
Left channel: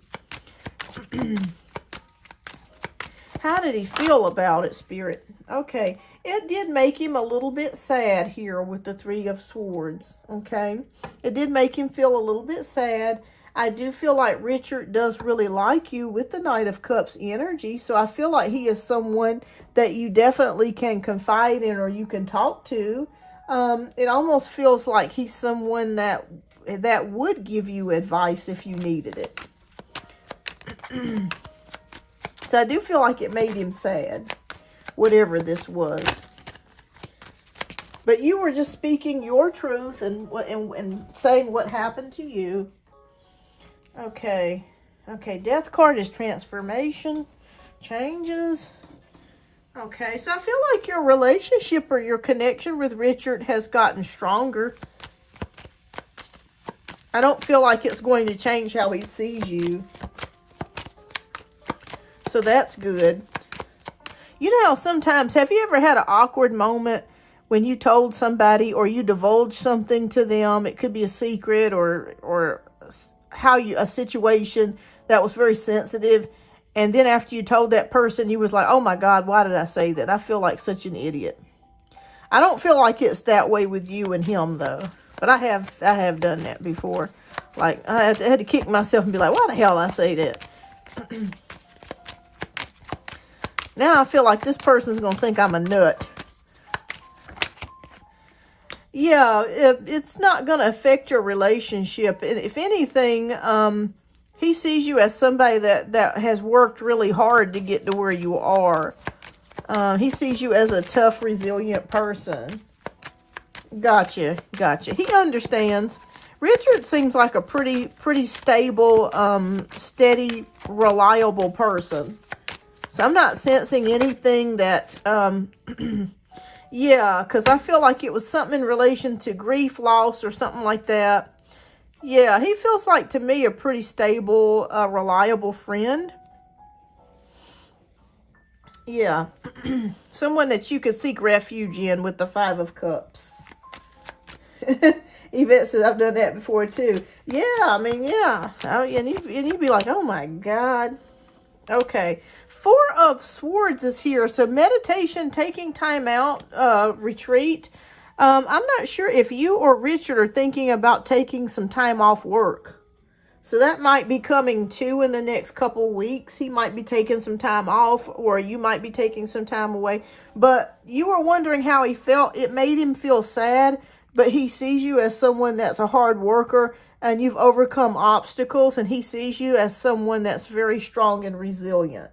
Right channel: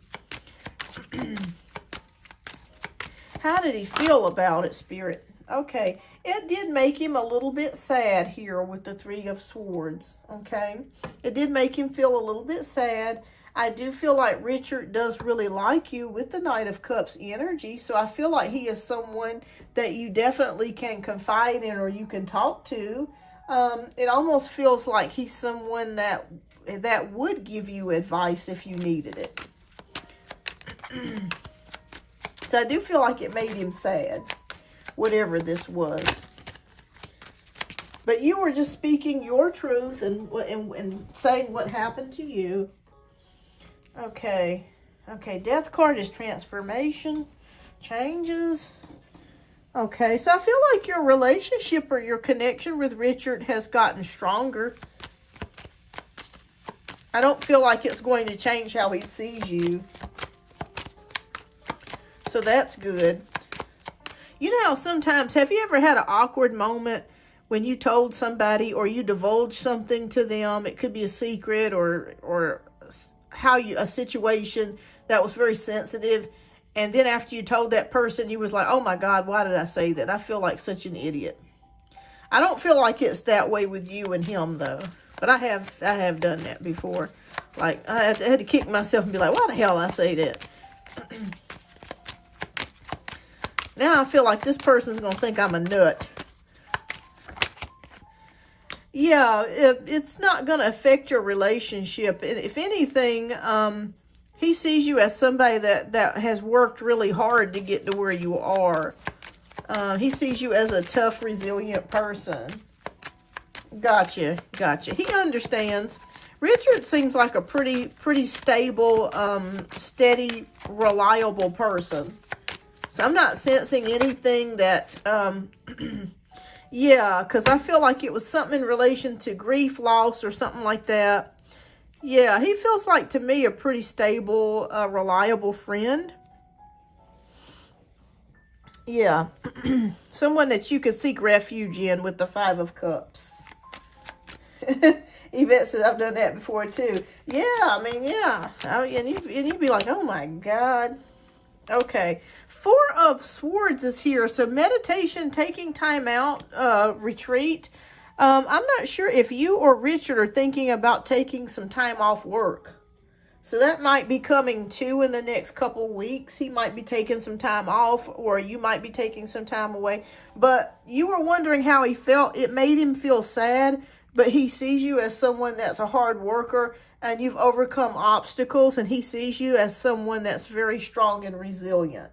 How did he feel about it, Spirit? Okay, it did make him a little bit sad here with the Three of Swords. Okay, it did make him feel a little bit sad. I do feel like Richard does really like you with the Knight of Cups energy. So I feel like he is someone that you definitely can confide in, or you can talk to. It almost feels like he's someone that would give you advice if you needed it. So I do feel like it made him sad, whatever this was. But you were just speaking your truth and saying what happened to you. Okay. Okay, Death card is transformation, changes. Okay, so I feel like your relationship or your connection with Richard has gotten stronger. I don't feel like it's going to change how he sees you. So that's good. You know how sometimes, have you ever had an awkward moment when you told somebody or you divulged something to them? It could be a secret or a situation that was very sensitive, and then after you told that person, you was like, oh my God, why did I say that? I feel like such an idiot. I don't feel like it's that way with you and him, though, but I have done that before. Like, I had to kick myself and be like, why the hell I say that? Now I feel like this person's gonna think I'm a nut. Yeah, it's not going to affect your relationship. If anything, he sees you as somebody that has worked really hard to get to where you are. He sees you as a tough, resilient person. Gotcha. He understands. Richard seems like a pretty stable, steady, reliable person. So I'm not sensing anything that... Yeah, because I feel like it was something in relation to grief, loss, or something like that. Yeah, he feels like, to me, a pretty stable, reliable friend. Yeah. Someone that you could seek refuge in with the Five of Cups. Yvette says, I've done that before, too. Yeah, I mean, yeah. And you'd be like, oh, my God. Okay. Four of Swords is here. So meditation, taking time out, retreat. I'm not sure if you or Richard are thinking about taking some time off work. So that might be coming too in the next couple weeks. He might be taking some time off, or you might be taking some time away. But you were wondering how he felt. It made him feel sad, but he sees you as someone that's a hard worker and you've overcome obstacles, and he sees you as someone that's very strong and resilient.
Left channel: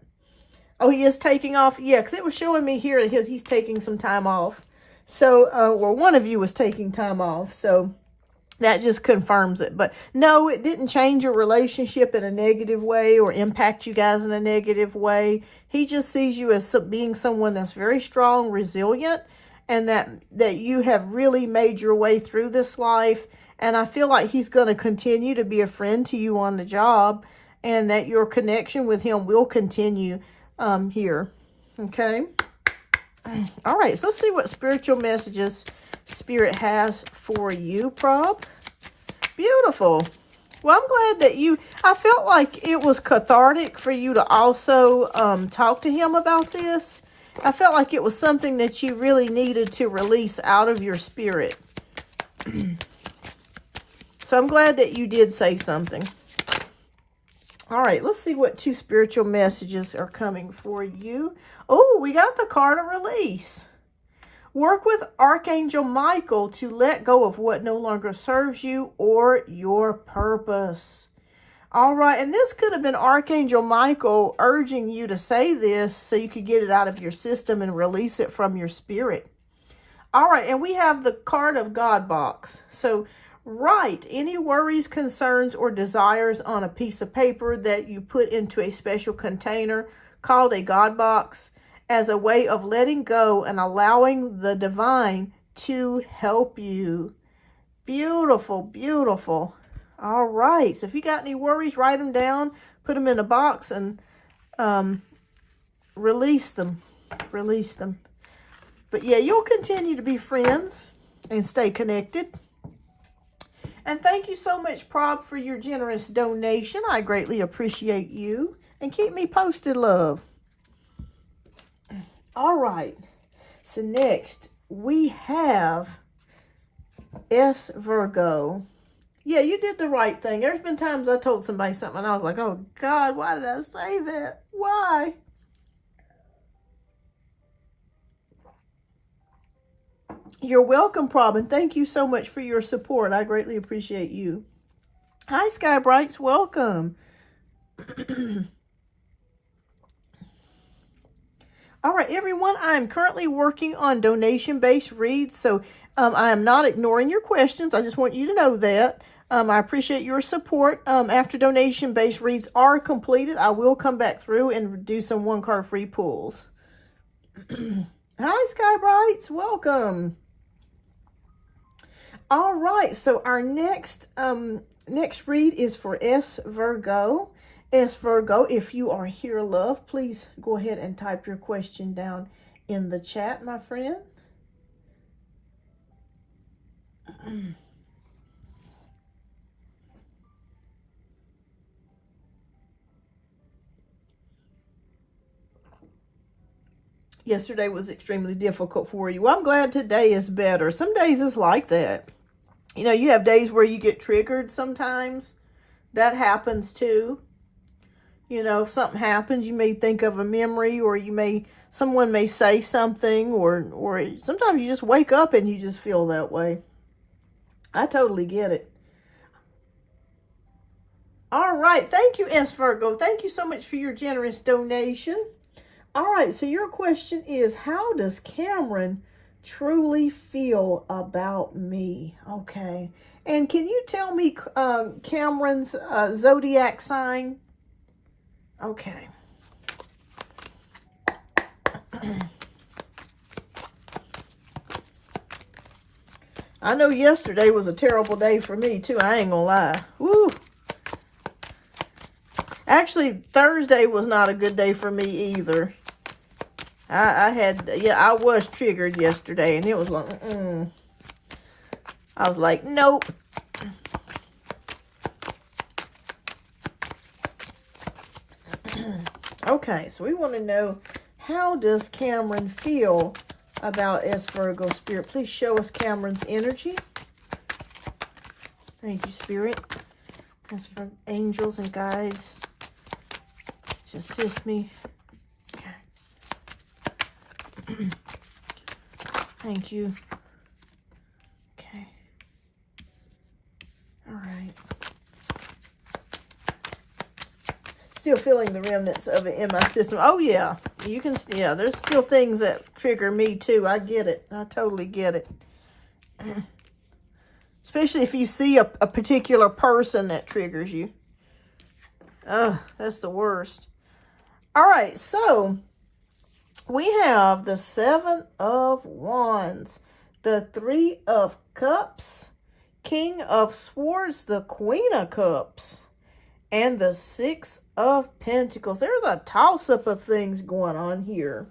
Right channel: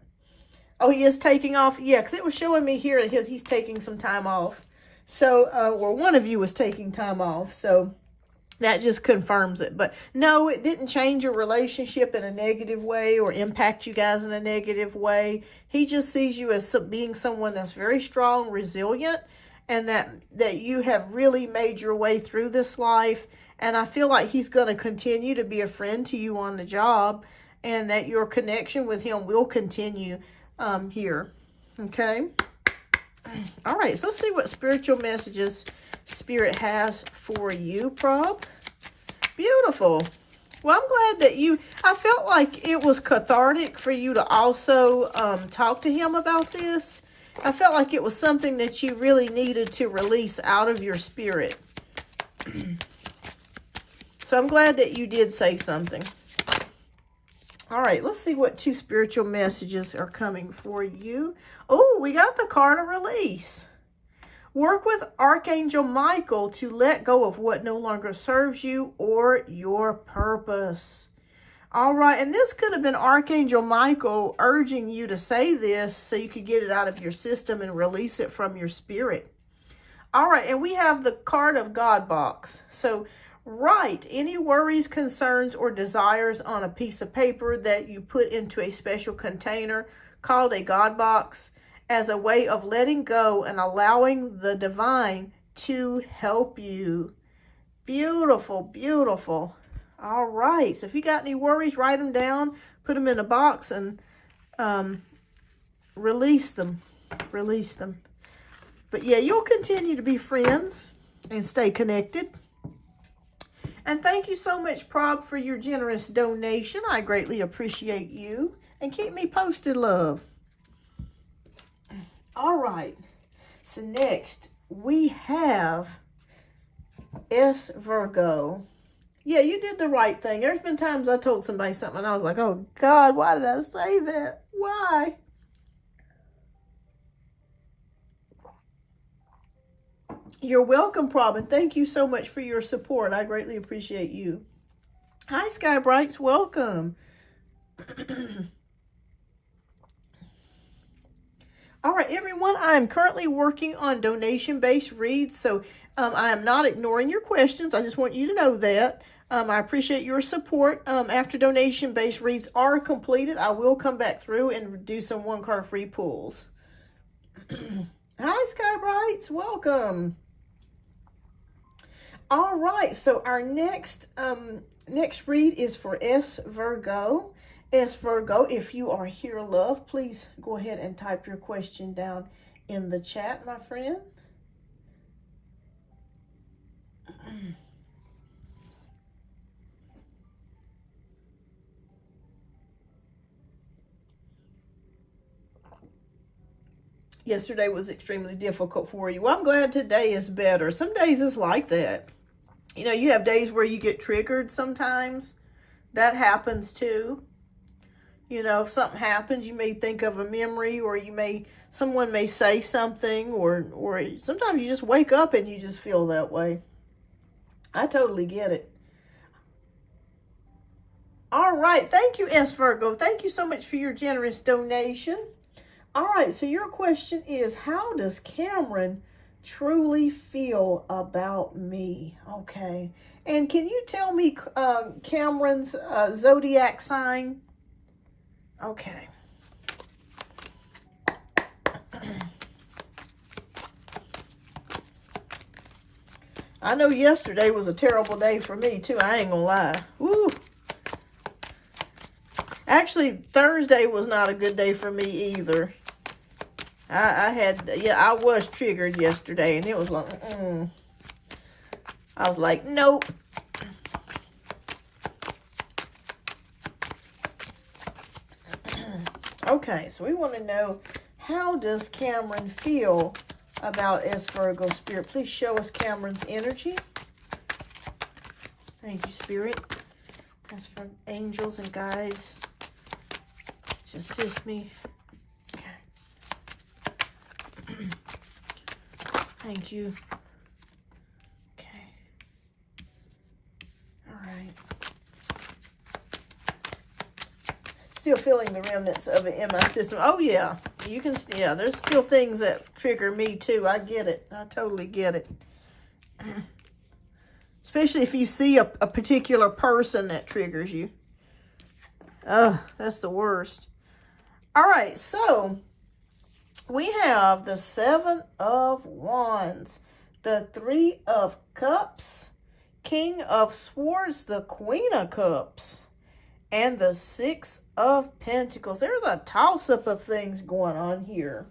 Oh, he is taking off? Yeah, because it was showing me here that he's taking some time off. So, or one of you was taking time off. So, that just confirms it. But, no, it didn't change your relationship in a negative way or impact you guys in a negative way. He just sees you as being someone that's very strong, resilient, and that you have really made your way through this life. And I feel like he's going to continue to be a friend to you on the job, and that your connection with him will continue here. Okay. All right. So let's see what spiritual messages Spirit has for you, Prob. Beautiful. Well, I'm glad that I felt like it was cathartic for you to also talk to him about this. I felt like it was something that you really needed to release out of your spirit. So I'm glad that you did say something. All right, let's see what 2 spiritual messages are coming for you. Oh, we got the card of release. Work with Archangel Michael to let go of what no longer serves you or your purpose. All right, and this could have been Archangel Michael urging you to say this so you could get it out of your system and release it from your spirit. All right, and we have the card of God box. So write any worries, concerns, or desires on a piece of paper that you put into a special container called a God box as a way of letting go and allowing the divine to help you. Beautiful, beautiful. All right, so if you got any worries, write them down, put them in a box, and release them. Release them. But yeah, you'll continue to be friends and stay connected. And thank you so much, Prob, for your generous donation. I greatly appreciate you. And keep me posted, love. All right. So next, we have S Virgo. Yeah, you did the right thing. There's been times I told somebody something and I was like, oh God, why did I say that? Why? You're welcome, Prob, and thank you so much for your support. I greatly appreciate you. Hi, Sky Brights. Welcome. All right, everyone. I am currently working on donation-based reads, so I am not ignoring your questions. I just want you to know that. I appreciate your support. After donation-based reads are completed, I will come back through and do some one-card free pulls. Hi, Sky Brights. Welcome. All right, so our next read is for S Virgo. S Virgo, if you are here, love, please go ahead and type your question down in the chat, my friend. Yesterday was extremely difficult for you. Well, I'm glad today is better. Some days it's like that. You know, you have days where you get triggered sometimes. That happens too. You know, if something happens, you may think of a memory, or someone may say something, or sometimes you just wake up and you just feel that way. I totally get it. All right. Thank you, S Virgo. Thank you so much for your generous donation. All right. So your question is, how does Cameron truly feel about me? Okay. And can you tell me Cameron's zodiac sign? Okay. I know yesterday was a terrible day for me too. I ain't gonna lie. Woo. Actually, Thursday was not a good day for me either. I was triggered yesterday, and it was like, I was like, nope. Okay, so we want to know, how does Cameron feel about S Virgo? Spirit, please show us Cameron's energy. Thank you, Spirit. That's from angels and guides to assist me. Okay. Thank you. Okay. All right. Still feeling the remnants of it in my system. Oh, yeah. You can, yeah, there's still things that trigger me, too. I get it. I totally get it. Especially if you see a particular person that triggers you. Oh, that's the worst. All right, so we have the 7 of Wands, the 3 of Cups, King of Swords, the Queen of Cups, and the Six of Pentacles. There's a toss-up of things going on here.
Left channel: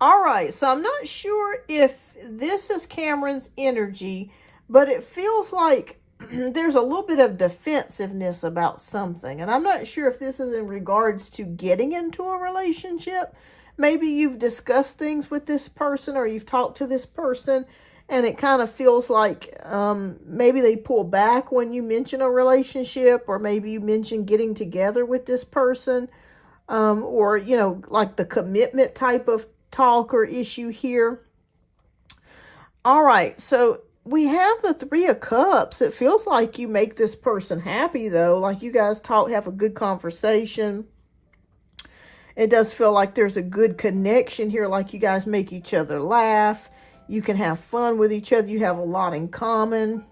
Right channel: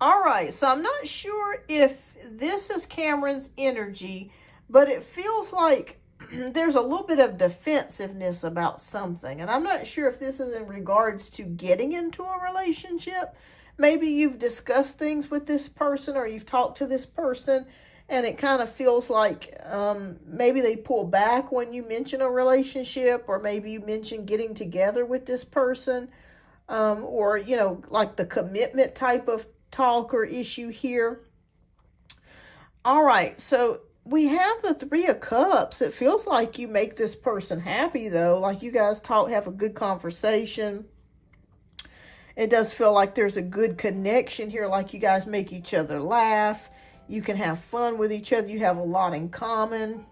All right, so I'm not sure if this is Cameron's energy, but it feels like there's a little bit of defensiveness about something. And I'm not sure if this is in regards to getting into a relationship. Maybe you've discussed things with this person, or you've talked to this person, and it kind of feels like maybe they pull back when you mention a relationship, or maybe you mention getting together with this person, or, you know, like the commitment type of talk or issue here. All right, so we have the Three of Cups. It feels like you make this person happy, though. Like you guys talk, have a good conversation. It does feel like there's a good connection here, like you guys make each other laugh. You can have fun with each other. You have a lot in common.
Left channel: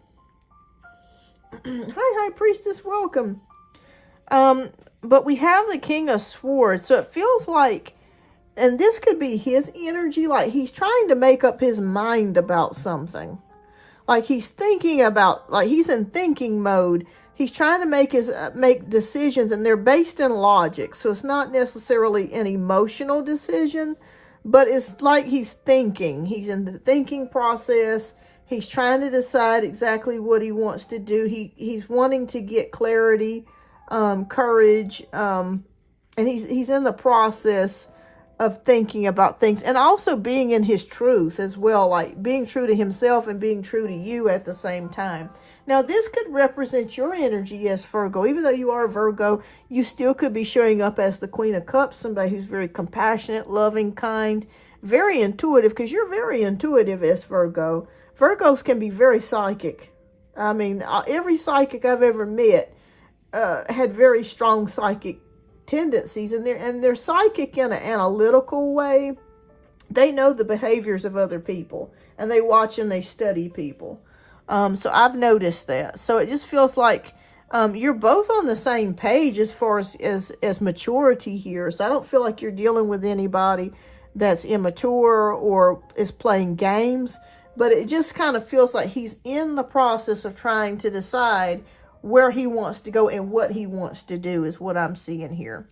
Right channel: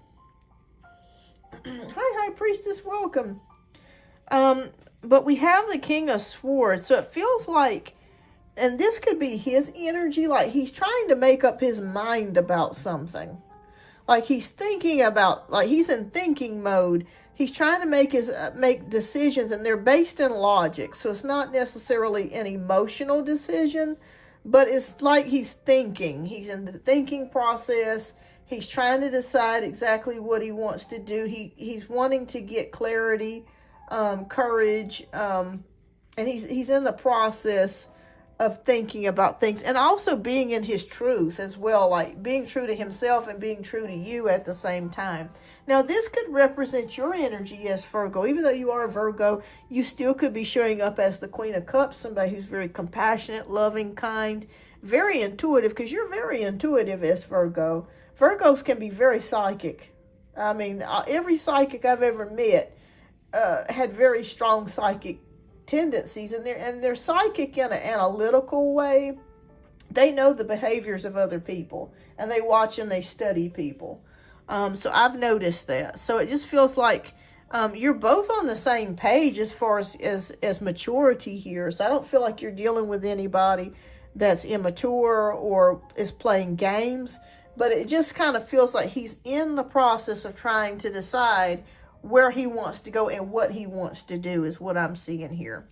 Hi, High Priestess, welcome. But we have the King of Swords, so it feels like, and this could be his energy, like he's trying to make up his mind about something. Like he's thinking about, like he's in thinking mode. He's trying to make decisions, and they're based in logic. So it's not necessarily an emotional decision, but it's like he's thinking. He's in the thinking process. He's trying to decide exactly what he wants to do. He's wanting to get clarity, courage, and he's in the process of thinking about things, and also being in his truth as well, like being true to himself and being true to you at the same time. Now, this could represent your energy, yes, Virgo. Even though you are a Virgo, you still could be showing up as the Queen of Cups, somebody who's very compassionate, loving, kind, very intuitive, because you're very intuitive as Virgo. Virgos can be very psychic. I mean, every psychic I've ever met had very strong psychic tendencies, and they're psychic in an analytical way. They know the behaviors of other people, and they watch and they study people. So I've noticed that. So it just feels like you're both on the same page as far as maturity here. So I don't feel like you're dealing with anybody that's immature or is playing games, but it just kind of feels like he's in the process of trying to decide where he wants to go and what he wants to do is what I'm seeing here.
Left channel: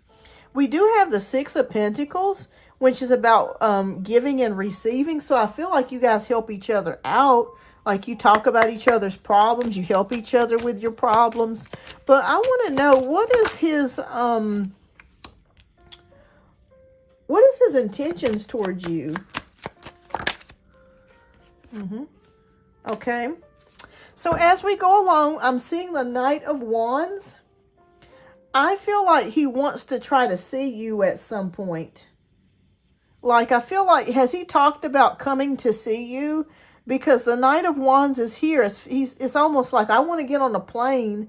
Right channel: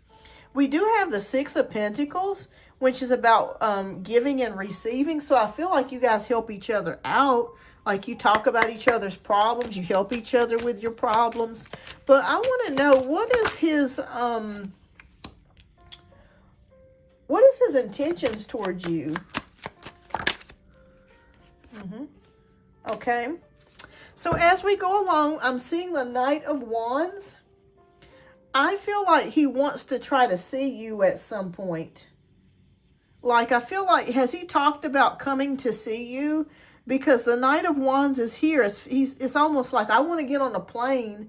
We do have the Six of Pentacles, which is about giving and receiving. So I feel like you guys help each other out. Like you talk about each other's problems. You help each other with your problems. But I want to know, what is his intentions towards you? Okay. So as we go along, I'm seeing the Knight of Wands. I feel like he wants to try to see you at some point. Like, I feel like, has he talked about coming to see you? Because the Knight of Wands is here. It's almost like, I want to get on a plane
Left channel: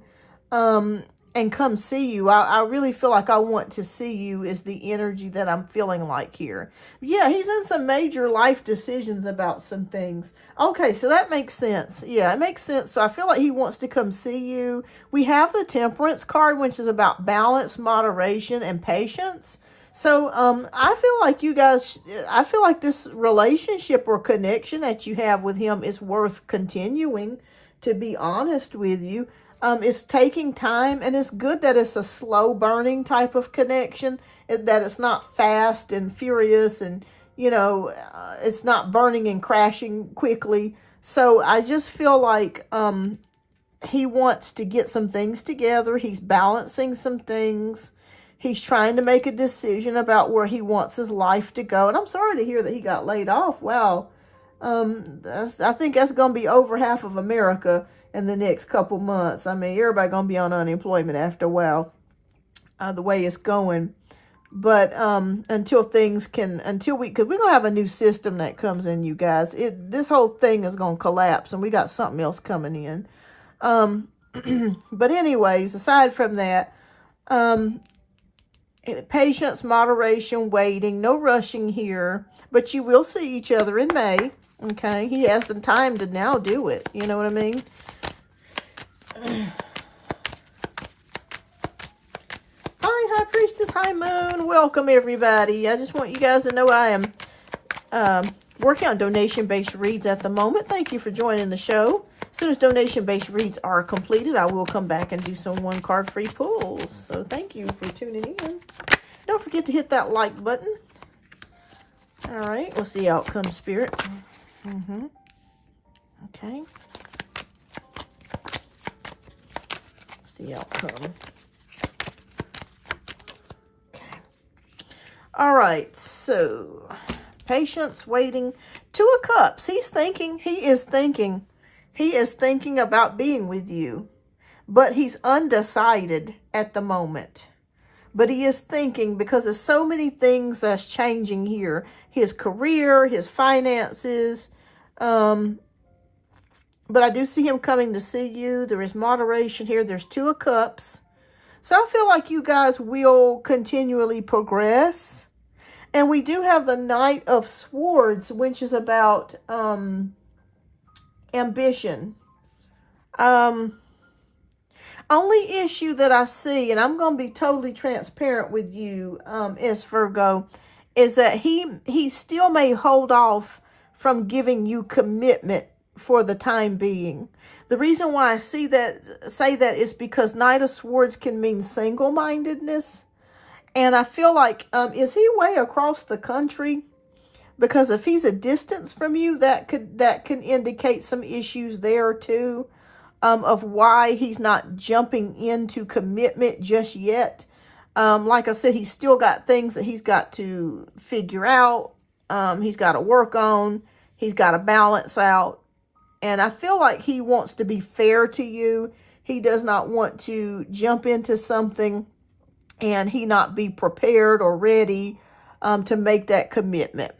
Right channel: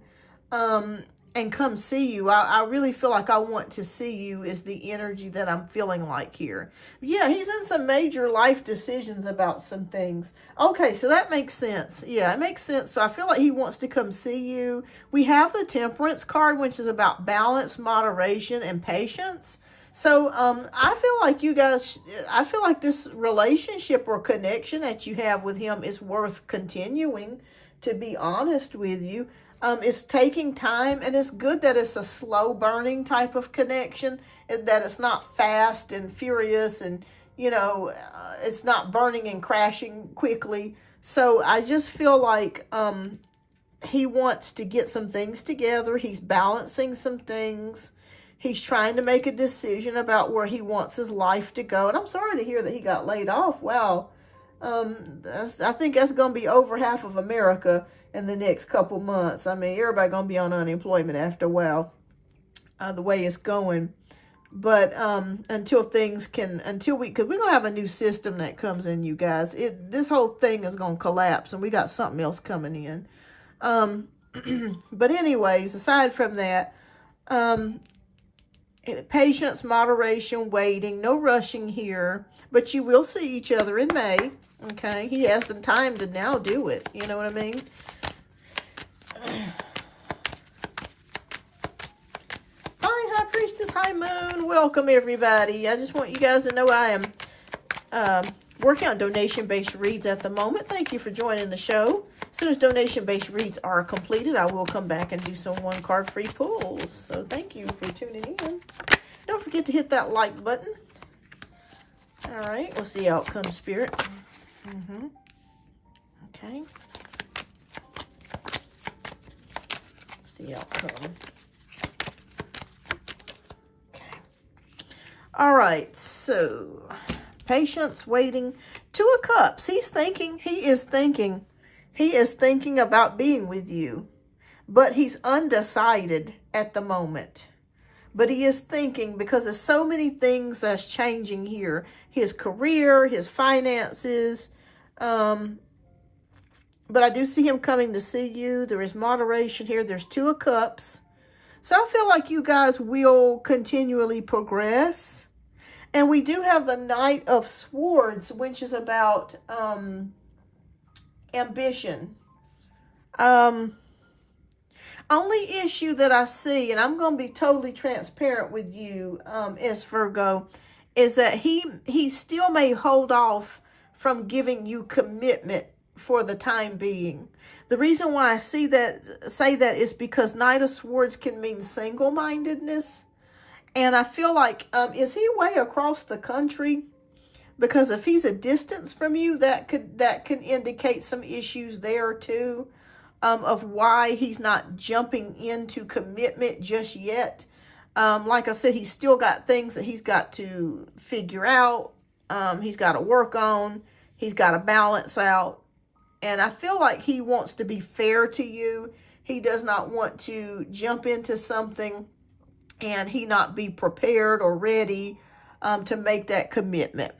and come see you. I really feel like I want to see you is the energy that I'm feeling like here. Yeah, he's in some major life decisions about some things. Okay, so that makes sense. Yeah, it makes sense. So I feel like he wants to come see you. We have the Temperance card, which is about balance, moderation, and patience. So I feel like you guys, I feel like this relationship or connection that you have with him is worth continuing, to be honest with you. It's taking time, and it's good that it's a slow burning type of connection, that it's not fast and furious, and, you know, it's not burning and crashing quickly. So I just feel like he wants to get some things together. He's balancing some things. He's trying to make a decision about where he wants his life to go. And I'm sorry to hear that he got laid off. Wow. I think that's going to be over half of America in the next couple months. I mean, everybody going to be on unemployment after a while, the way it's going. But until we're going to have a new system that comes in, you guys. This whole thing is going to collapse, and we got something else coming in. But anyways, aside from that, patience, moderation, waiting, no rushing here. But you will see each other in May. Okay, he has the time to now do it. You know what I mean? Hi, High Priestess, High Moon. Welcome, everybody. I just want you guys to know I am working on donation-based reads at the moment. Thank you for joining the show. As soon as donation-based reads are completed, I will come back and do some one-card free pulls. So thank you for tuning in. Don't forget to hit that like button. All right, what's the outcome, Spirit? Okay. What's the outcome? Okay. All right, so patience, waiting. Two of Cups. He's thinking. He is thinking. He is thinking about being with you, but he's undecided at the moment. But he is thinking because there's so many things that's changing here. His career, his finances. But I do see him coming to see you. There is moderation here. There's Two of Cups. So I feel like you guys will continually progress. And we do have the Knight of Swords, which is about ambition. Only issue that I see, and I'm going to be totally transparent with you, is Virgo, is that he still may hold off from giving you commitment for the time being. The reason why I say that is because Knight of Swords can mean single-mindedness. And I feel like, is he way across the country? Because if he's a distance from you, that can indicate some issues there too, of why he's not jumping into commitment just yet. Like I said, he's still got things that he's got to figure out. He's got to work on. He's got to balance out. And I feel like he wants to be fair to you. He does not want to jump into something and he not be prepared or ready to make that commitment.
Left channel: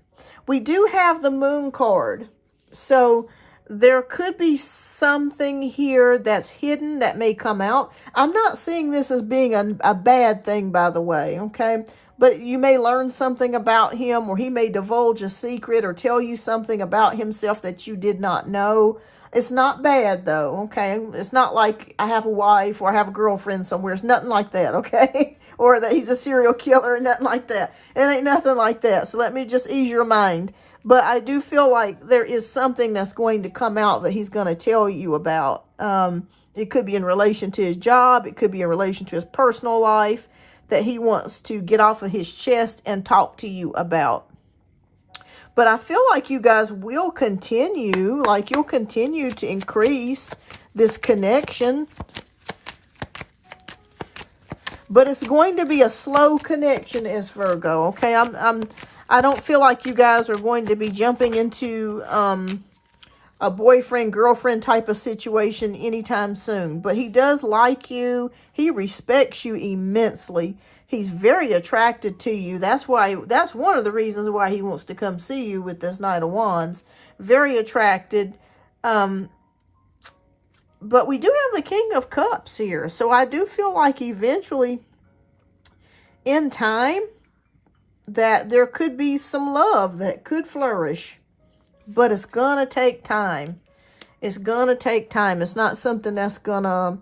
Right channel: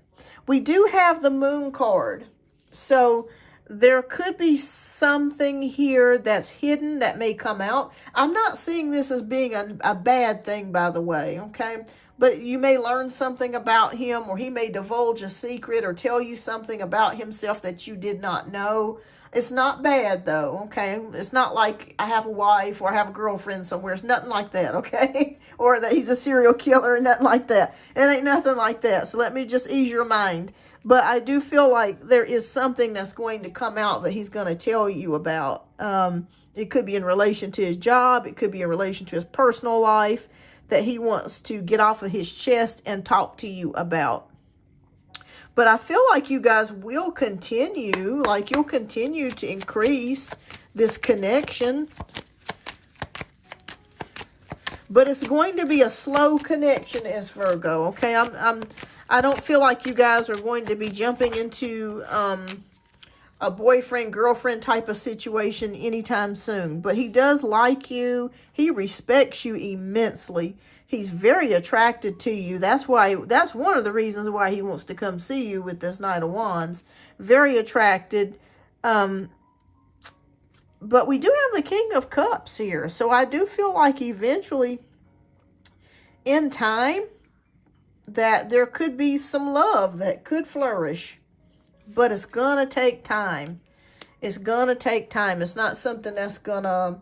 We do have the Moon card. So there could be something here that's hidden that may come out. I'm not seeing this as being a bad thing, by the way, okay? But you may learn something about him, or he may divulge a secret or tell you something about himself that you did not know. It's not bad, though, okay? It's not like I have a wife or I have a girlfriend somewhere. It's nothing like that, okay? Or that he's a serial killer or nothing like that. It ain't nothing like that. So let me just ease your mind. But I do feel like there is something that's going to come out that he's going to tell you about. It could be in relation to his job. It could be in relation to his personal life that he wants to get off of his chest and talk to you about. But I feel like you guys will continue, like you'll continue to increase this connection. But it's going to be a slow connection as Virgo, okay? I don't feel like you guys are going to be jumping into a boyfriend-girlfriend type of situation anytime soon. But he does like you. He respects you immensely. He's very attracted to you. That's one of the reasons why he wants to come see you with this Knight of Wands. Very attracted. But we do have the King of Cups here. So I do feel like eventually, in time, that there could be some love that could flourish. But it's going to take time. It's going to take time. It's not something that's going to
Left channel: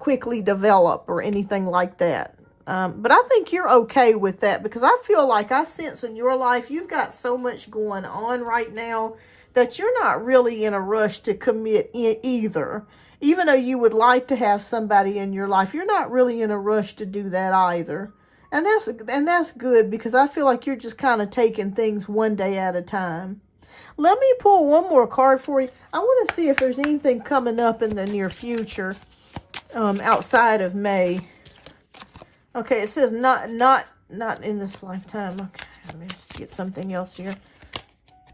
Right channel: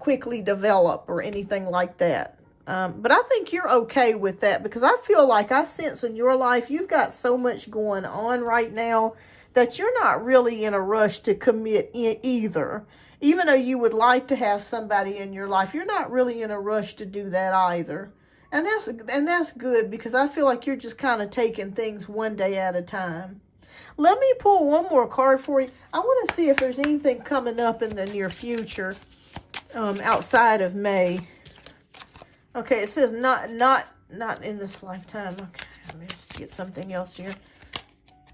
quickly develop or anything like that. But I think you're okay with that, because I feel like I sense in your life you've got so much going on right now that you're not really in a rush to commit either. Even though you would like to have somebody in your life, you're not really in a rush to do that either. And that's good, because I feel like you're just kind of taking things one day at a time. Let me pull one more card for you. I want to see if there's anything coming up in the near future outside of May. Okay, it says not in this lifetime. Okay, let me just get something else here.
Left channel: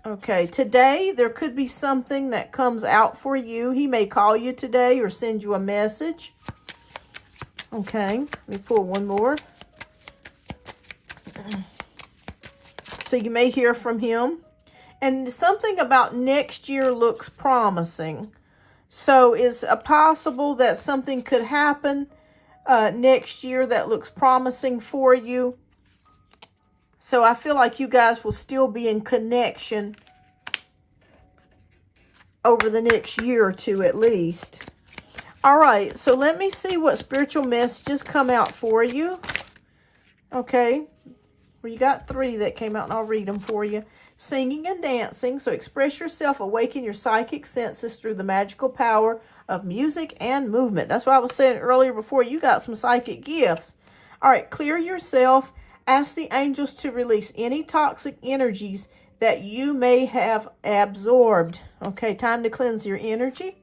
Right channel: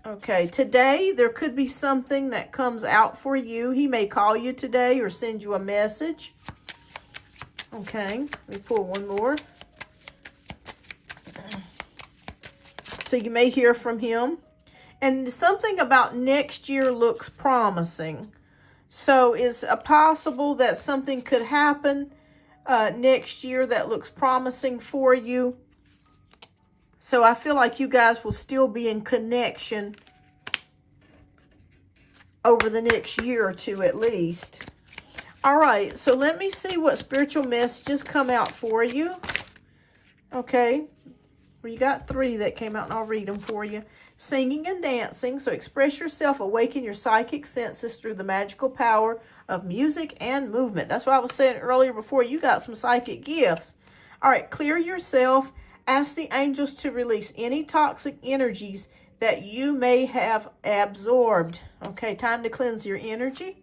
Okay, today there could be something that comes out for you. He may call you today or send you a message. Okay, let me pull one more. So you may hear from him. And something about next year looks promising. So it's possible that something could happen next year that looks promising for you. So I feel like you guys will still be in connection over the next year or two at least. All right, so let me see what spiritual messages come out for you. Okay. Well, you got 3 that came out, and I'll read them for you. Singing and dancing. So express yourself, awaken your psychic senses through the magical power of music and movement. That's what I was saying earlier before. You got some psychic gifts. All right, clear yourself. Ask the angels to release any toxic energies that you may have absorbed. Okay, time to cleanse your energy.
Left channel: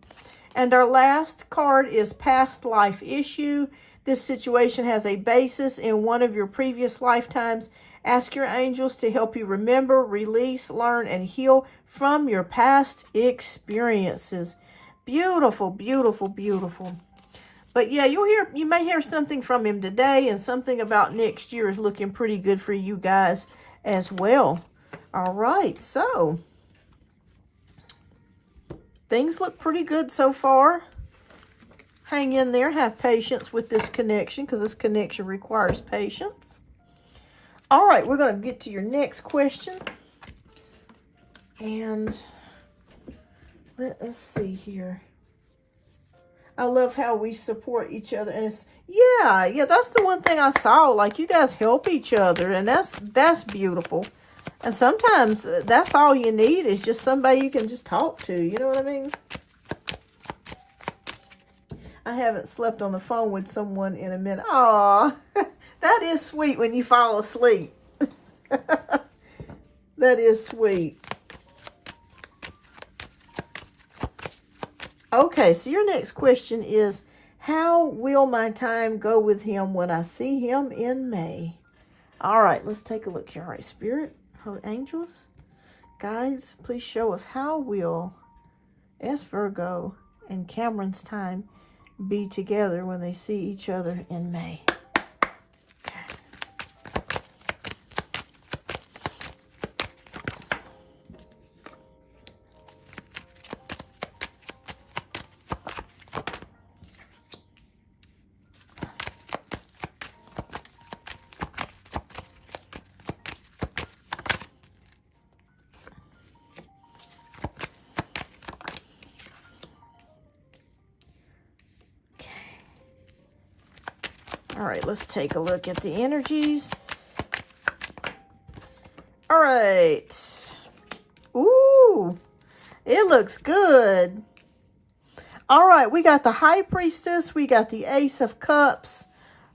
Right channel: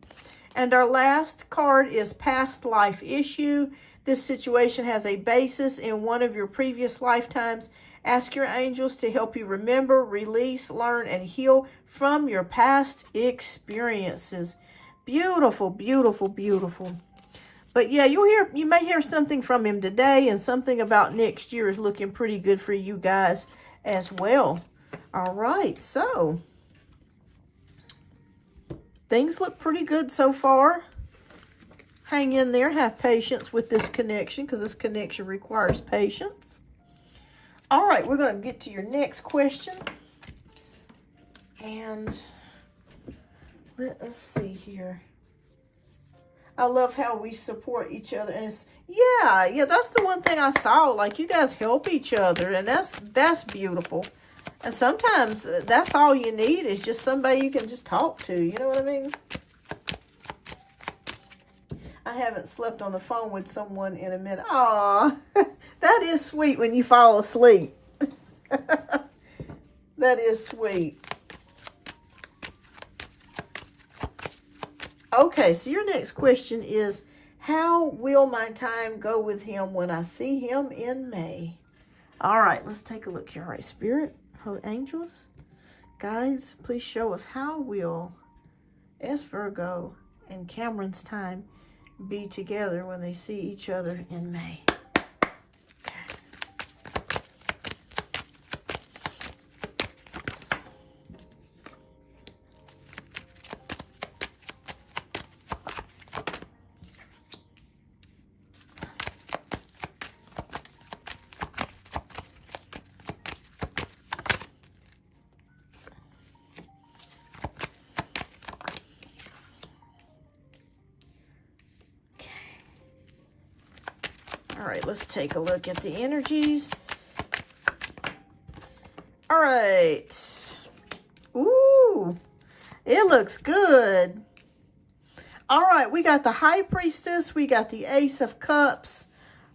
And our last card is past life issue. This situation has a basis in one of your previous lifetimes. Ask your angels to help you remember, release, learn, and heal from your past experiences. Beautiful, beautiful, beautiful. But yeah, you may hear something from him today, and something about next year is looking pretty good for you guys as well. All right, so things look pretty good so far. Hang in there. Have patience with this connection, because this connection requires patience. All right, we're going to get to your next question. And let us see here. I love how we support each other. And it's, yeah, that's the one thing I saw. Like, you guys help each other, and that's beautiful. And sometimes that's all you need, is just somebody you can just talk to. You know what I mean? I haven't slept on the phone with someone in a minute. Aw, that is sweet when you fall asleep. That is sweet. Okay, so your next question is, how will my time go with him when I see him in May? All right, let's take a look here. All right, Spirit, angels, guides, please show us, how will S. Virgo and Cameron's time be together when they see each other in May? All right, let's take a look at the energies. All right. Ooh, it looks good. All right, we got the High Priestess, we got the Ace of Cups,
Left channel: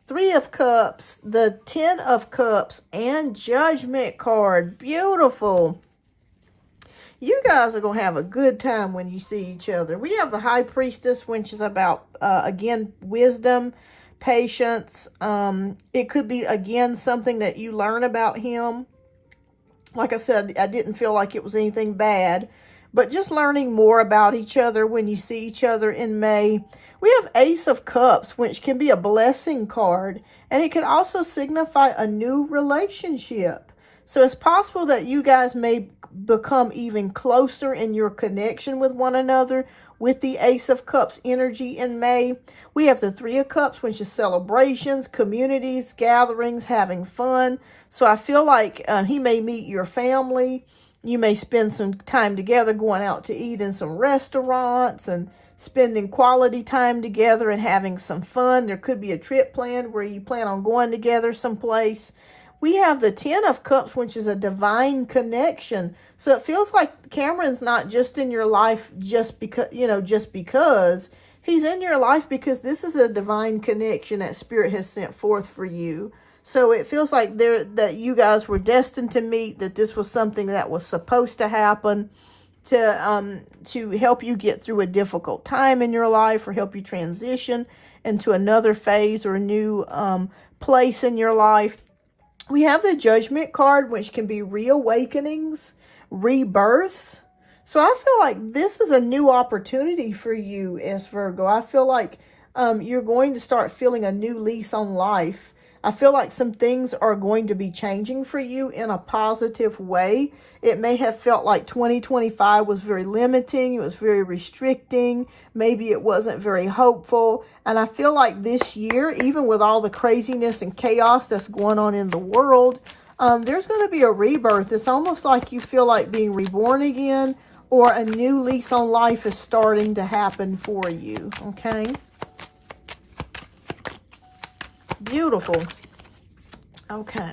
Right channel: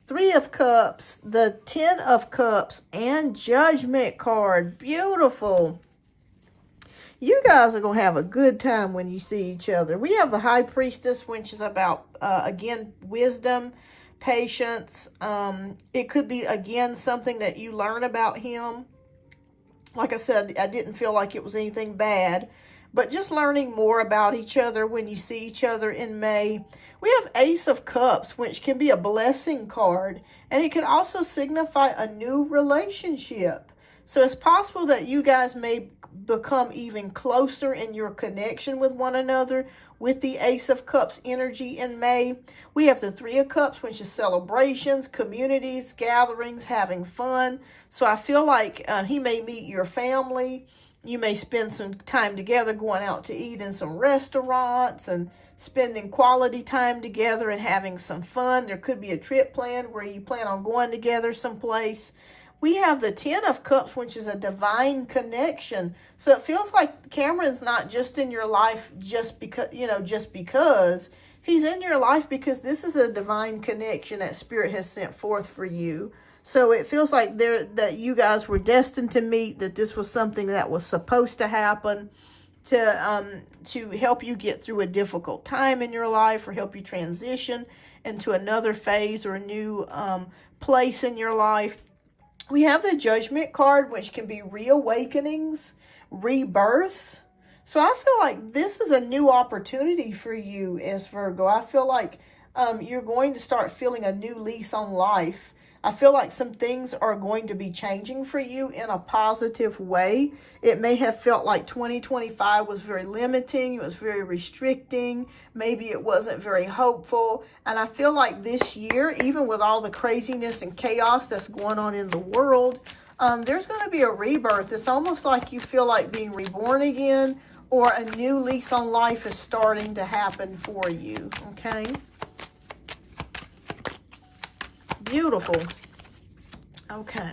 3 of Cups, the 10 of Cups, and Judgment card. Beautiful. You guys are going to have a good time when you see each other. We have the High Priestess, which is about, again, wisdom, patience. It could be, again, something that you learn about him. Like I said, I didn't feel like it was anything bad, but just learning more about each other when you see each other in May. We have Ace of Cups, which can be a blessing card, and it could also signify a new relationship. So it's possible that you guys may become even closer in your connection with one another with the Ace of Cups energy in May. We have the 3 of Cups, which is celebrations, communities, gatherings, having fun. So I feel like he may meet your family. You may spend some time together going out to eat in some restaurants and spending quality time together and having some fun. There could be a trip planned where you plan on going together someplace. We have the 10 of Cups, which is a divine connection. So it feels like Cameron's not just in your life just because, just because. He's in your life because this is a divine connection that Spirit has sent forth for you. So it feels like that you guys were destined to meet, that this was something that was supposed to happen to help you get through a difficult time in your life, or help you transition into another phase or a new place in your life. We have the Judgment card, which can be reawakenings, rebirths. So I feel like this is a new opportunity for you as Virgo. I feel like you're going to start feeling a new lease on life. I feel like some things are going to be changing for you in a positive way. It may have felt like 2025 was very limiting. It was very restricting. Maybe it wasn't very hopeful. And I feel like this year, even with all the craziness and chaos that's going on in the world, there's going to be a rebirth. It's almost like you feel like being reborn again, or a new lease on life is starting to happen for you. Okay? Beautiful. Okay.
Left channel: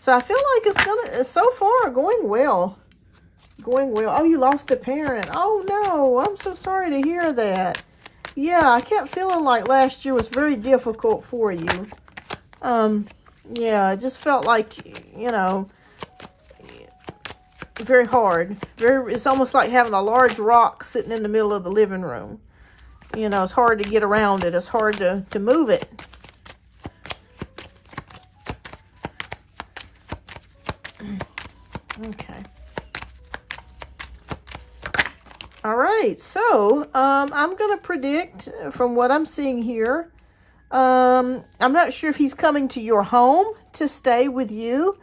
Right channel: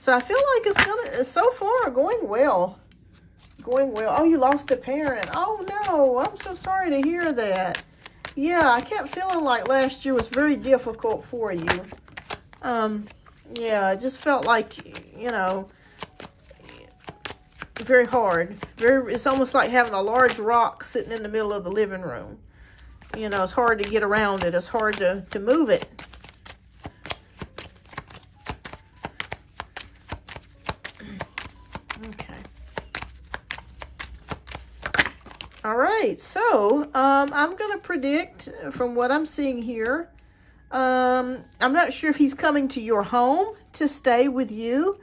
So I feel like it's so far going well. Going well. Oh, you lost a parent. Oh, no. I'm so sorry to hear that. Yeah, I kept feeling like last year was very difficult for you. Yeah, it just felt like, you know, very hard. It's almost like having a large rock sitting in the middle of the living room. You know, it's hard to get around it. It's hard to move it. Okay. All right, so I'm going to predict from what I'm seeing here. I'm not sure if he's coming to your home to stay with you,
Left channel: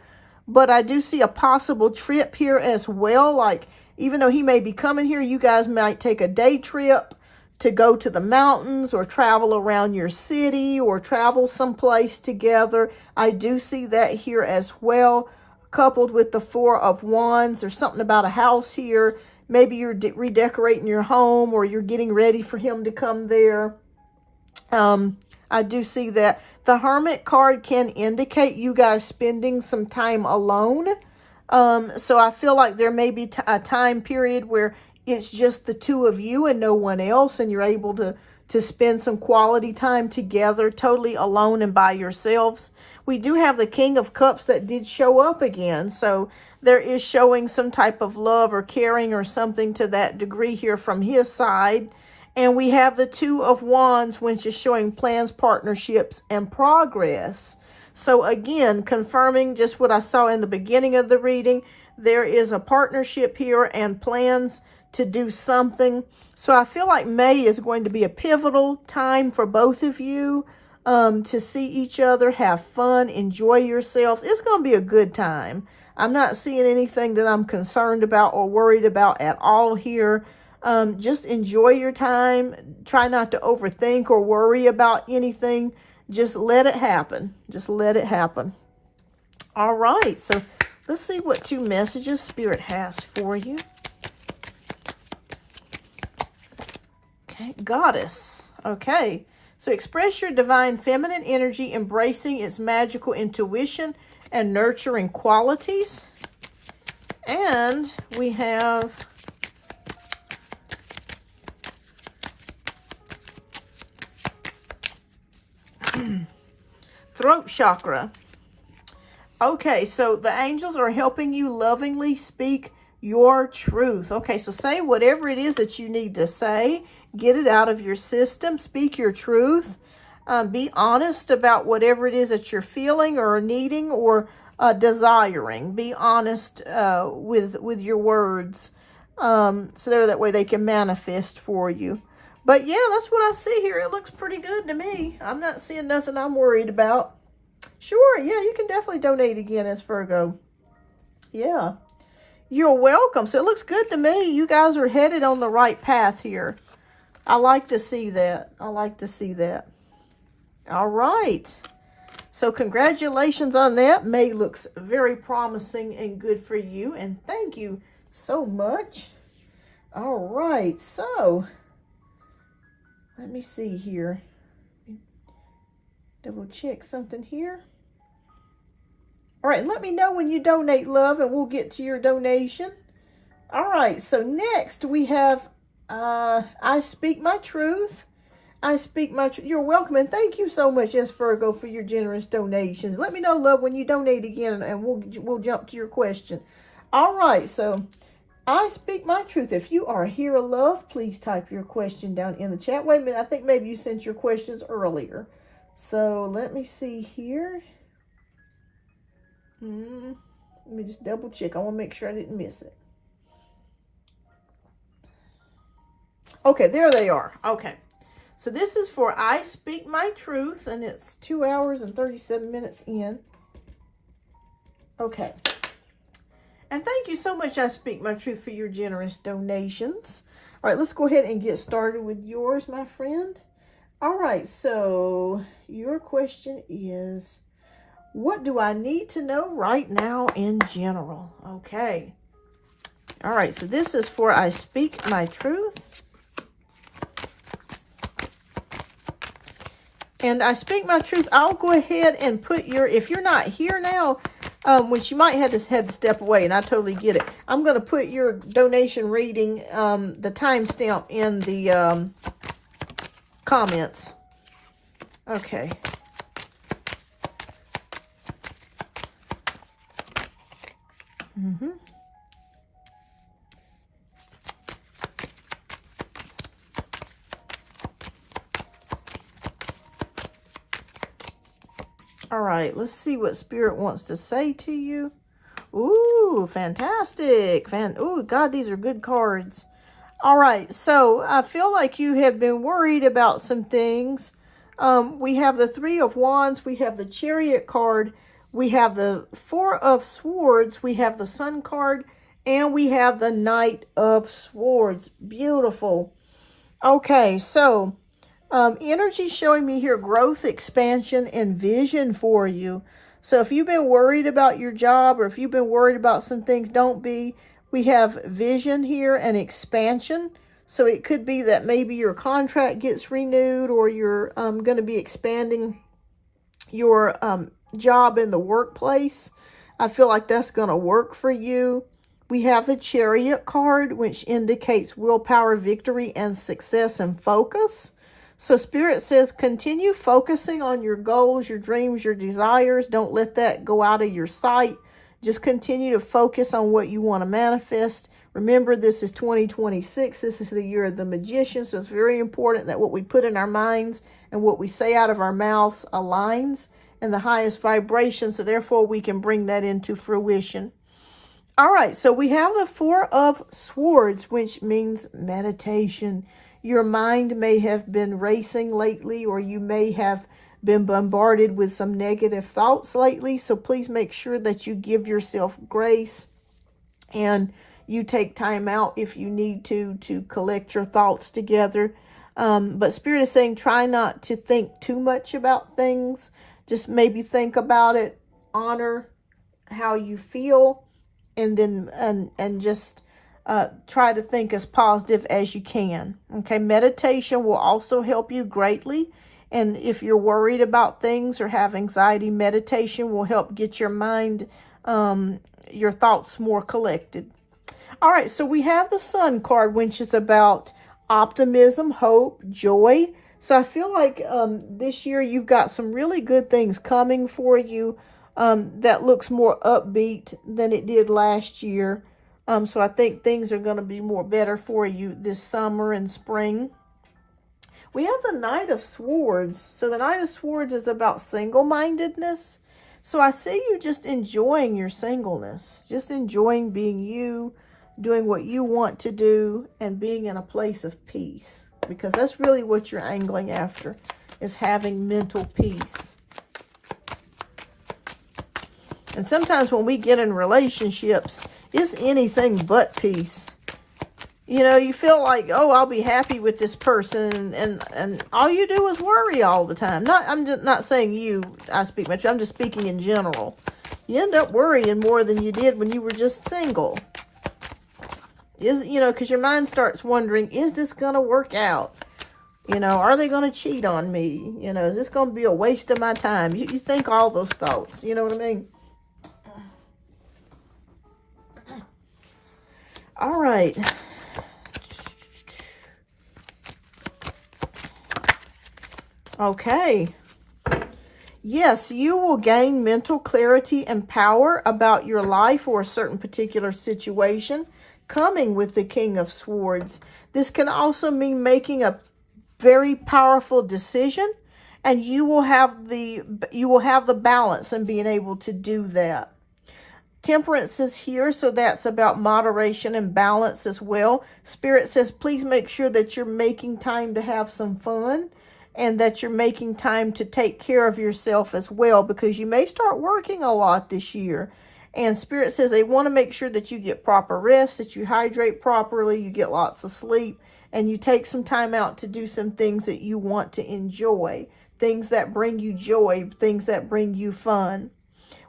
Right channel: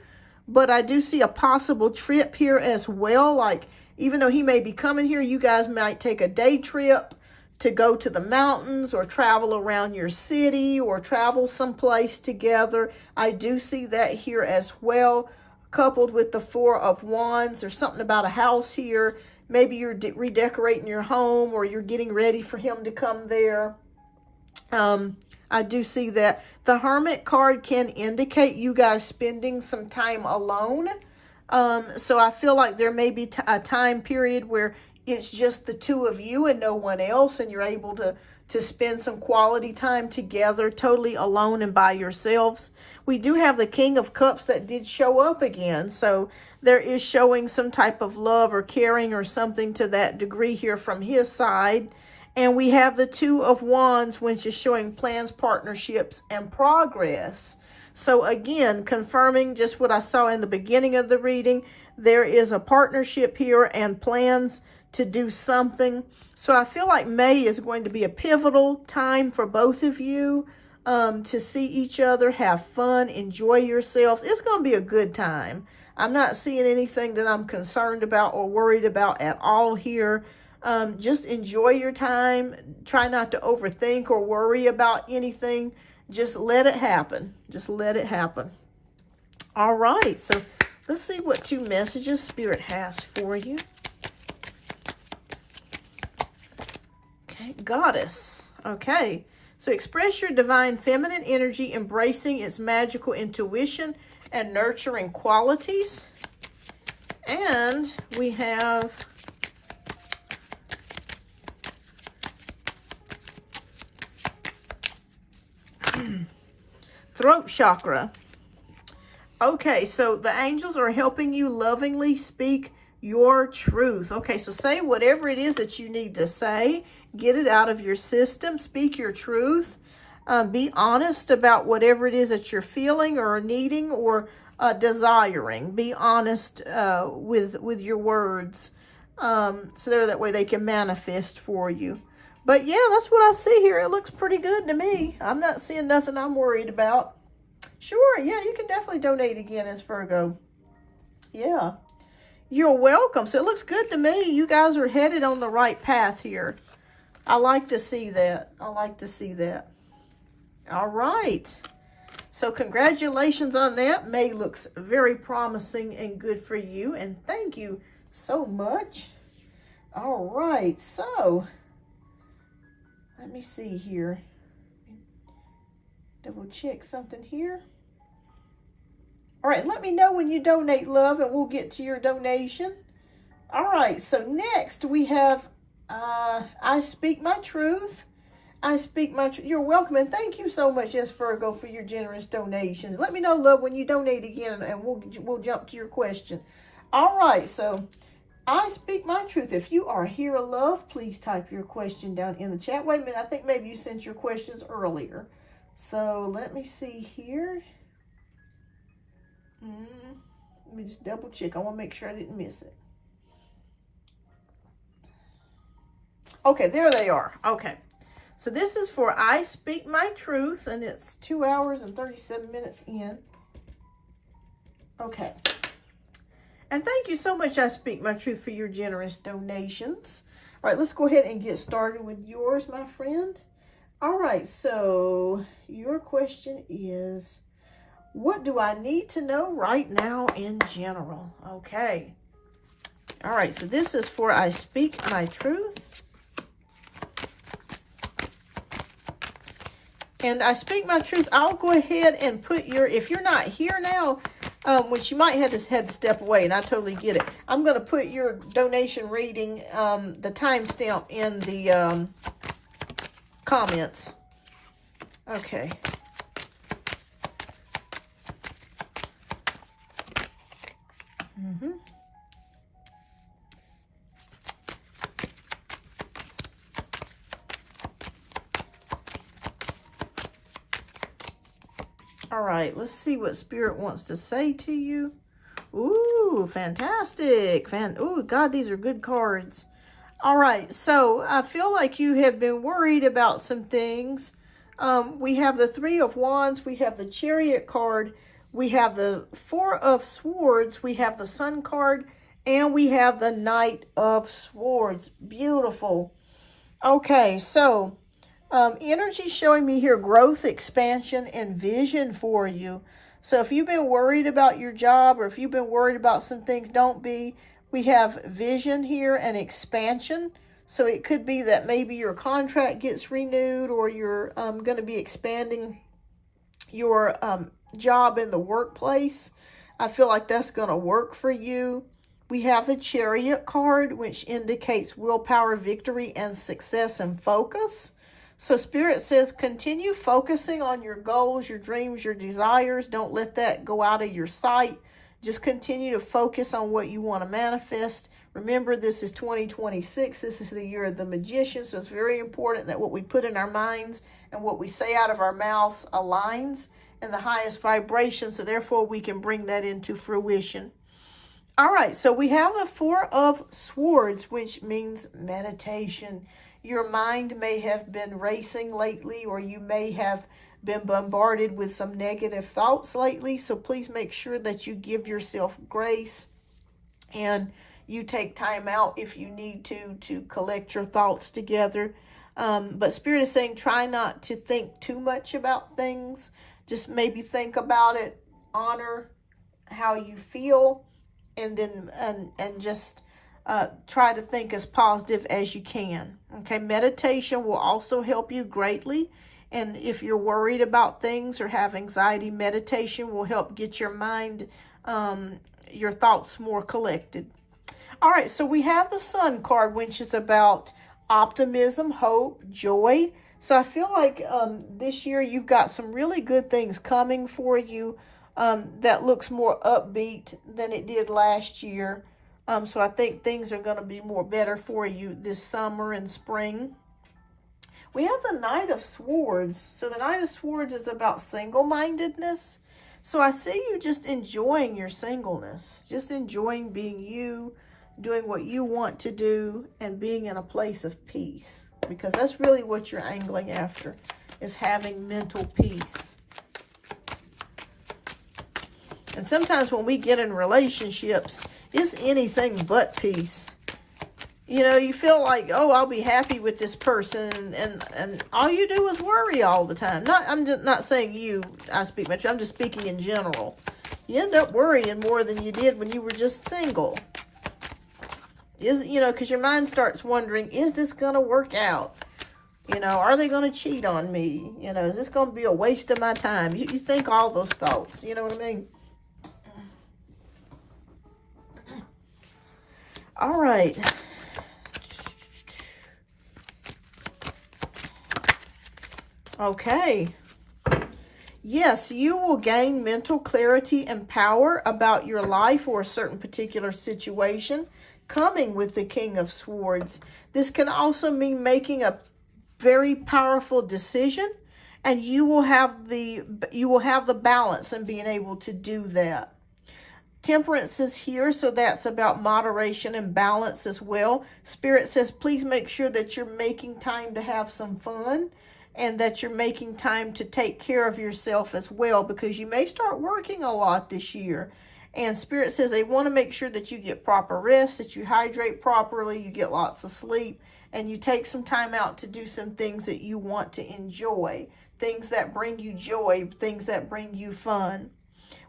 but I do see a possible trip here as well. Like, even though he may be coming here, you guys might take a day trip to go to the mountains or travel around your city or travel someplace together. I do see that here as well, coupled with the Four of Wands. There's something about a house here. Maybe you're redecorating your home or you're getting ready for him to come there. I do see that. The Hermit card can indicate you guys spending some time alone. So I feel like there may be a time period where it's just the two of you and no one else, and you're able to spend some quality time together, totally alone and by yourselves. We do have the King of Cups that did show up again, so there is showing some type of love or caring or something to that degree here from his side. And we have the Two of Wands, which is showing plans, partnerships, and progress. So again, confirming just what I saw in the beginning of the reading, there is a partnership here and plans to do something. So I feel like May is going to be a pivotal time for both of you to see each other, have fun, enjoy yourselves. It's going to be a good time. I'm not seeing anything that I'm concerned about or worried about at all here. Just enjoy your time. Try not to overthink or worry about anything. Just let it happen. Just let it happen. All right. So let's see what 2 messages Spirit has for you. Okay. Goddess. Okay. So express your divine feminine energy, embracing its magical intuition and nurturing qualities. And we have throat chakra. Okay, so the angels are helping you lovingly speak your truth. Okay, so say whatever it is that you need to say. Get it out of your system. Speak your truth. Be honest about whatever it is that you're feeling or needing or desiring. Be honest with your words, so that way they can manifest for you. But yeah, that's what I see here. It looks pretty good to me. I'm not seeing nothing I'm worried about. Sure, yeah, you can definitely donate again as Virgo. Yeah, you're welcome. So it looks good to me. You guys are headed on the right path here. I like to see that. I like to see that. All right. So congratulations on that. May looks very promising and good for you. And thank you so much. All right. So let me see here. Double check something here. All right. Let me know when you donate, love, and we'll get to your donation. All right. So next we have I Speak My Truth. I speak my truth. You're welcome, and thank you so much, yes, Virgo, for your generous donations. Let me know, love, when you donate again, and we'll jump to your question. All right, so I speak my truth. If you are here, love, please type your question down in the chat. Wait a minute, I think maybe you sent your questions earlier. So let me see here. Let me just double check. I want to make sure I didn't miss it. Okay, there they are. Okay. So this is for I Speak My Truth, and it's 2 hours and 37 minutes in. Okay. And thank you so much, I Speak My Truth, for your generous donations. All right, let's go ahead and get started with yours, my friend. All right, so your question is, what do I need to know right now in general? Okay. All right, so this is for I Speak My Truth. And I Speak My Truth, I'll go ahead and put your, if you're not here now, which you might have to step away, and I totally get it. I'm going to put your donation reading, the timestamp in the comments. Okay. All right, let's see what Spirit wants to say to you. Ooh, fantastic. Ooh, God, these are good cards. All right, so I feel like you have been worried about some things. We have the Three of Wands. We have the Chariot card. We have the Four of Swords. We have the Sun card. And we have the Knight of Swords. Beautiful. Okay, so energy showing me here growth, expansion, and vision for you. So if you've been worried about your job, or if you've been worried about some things, don't be. We have vision here and expansion. So it could be that maybe your contract gets renewed, or you're going to be expanding your job in the workplace. I feel like that's going to work for you. We have the Chariot card, which indicates willpower, victory, and success and focus. So Spirit says continue focusing on your goals, your dreams, your desires. Don't let that go out of your sight. Just continue to focus on what you want to manifest. Remember, this is 2026. This is the year of the Magician. So it's very important that what we put in our minds and what we say out of our mouths aligns in the highest vibration. So therefore, we can bring that into fruition. All right, so we have the Four of Swords, which means meditation. Your mind may have been racing lately, or you may have been bombarded with some negative thoughts lately. So please make sure that you give yourself grace and you take time out if you need to collect your thoughts together. But Spirit is saying try not to think too much about things. Just maybe think about it, honor how you feel, and then and just try to think as positive as you can. Okay, meditation will also help you greatly. And if you're worried about things or have anxiety, meditation will help get your mind, your thoughts more collected. All right, so we have the Sun card, which is about optimism, hope, joy. So I feel like this year you've got some really good things coming for you that looks more upbeat than it did last year. So I think things are going to be more better for you this summer and spring. We have the Knight of Swords. So the Knight of Swords is about single-mindedness. So I see you just enjoying your singleness, just enjoying being you, doing what you want to do, and being in a place of peace. Because that's really what you're angling after, is having mental peace. And sometimes when we get in relationships, it's anything but peace. You know, you feel like, oh, I'll be happy with this person, and all you do is worry all the time. I'm just not saying you, I speak much, I'm just speaking in general. You end up worrying more than you did when you were just single. Because your mind starts wondering, is this going to work out? Are they going to cheat on me? Is this going to be a waste of my time? You think all those thoughts, you know what I mean? All right. Okay. Yes, you will gain mental clarity and power about your life or a certain particular situation, coming with the King of Swords. This can also mean making a very powerful decision, and you will have the balance in being able to do that. Temperance is here, so that's about moderation and balance as well. Spirit says, please make sure that you're making time to have some fun, and that you're making time to take care of yourself as well, because you may start working a lot this year. And Spirit says they want to make sure that you get proper rest, that you hydrate properly, you get lots of sleep, and you take some time out to do some things that you want to enjoy, things that bring you joy, things that bring you fun.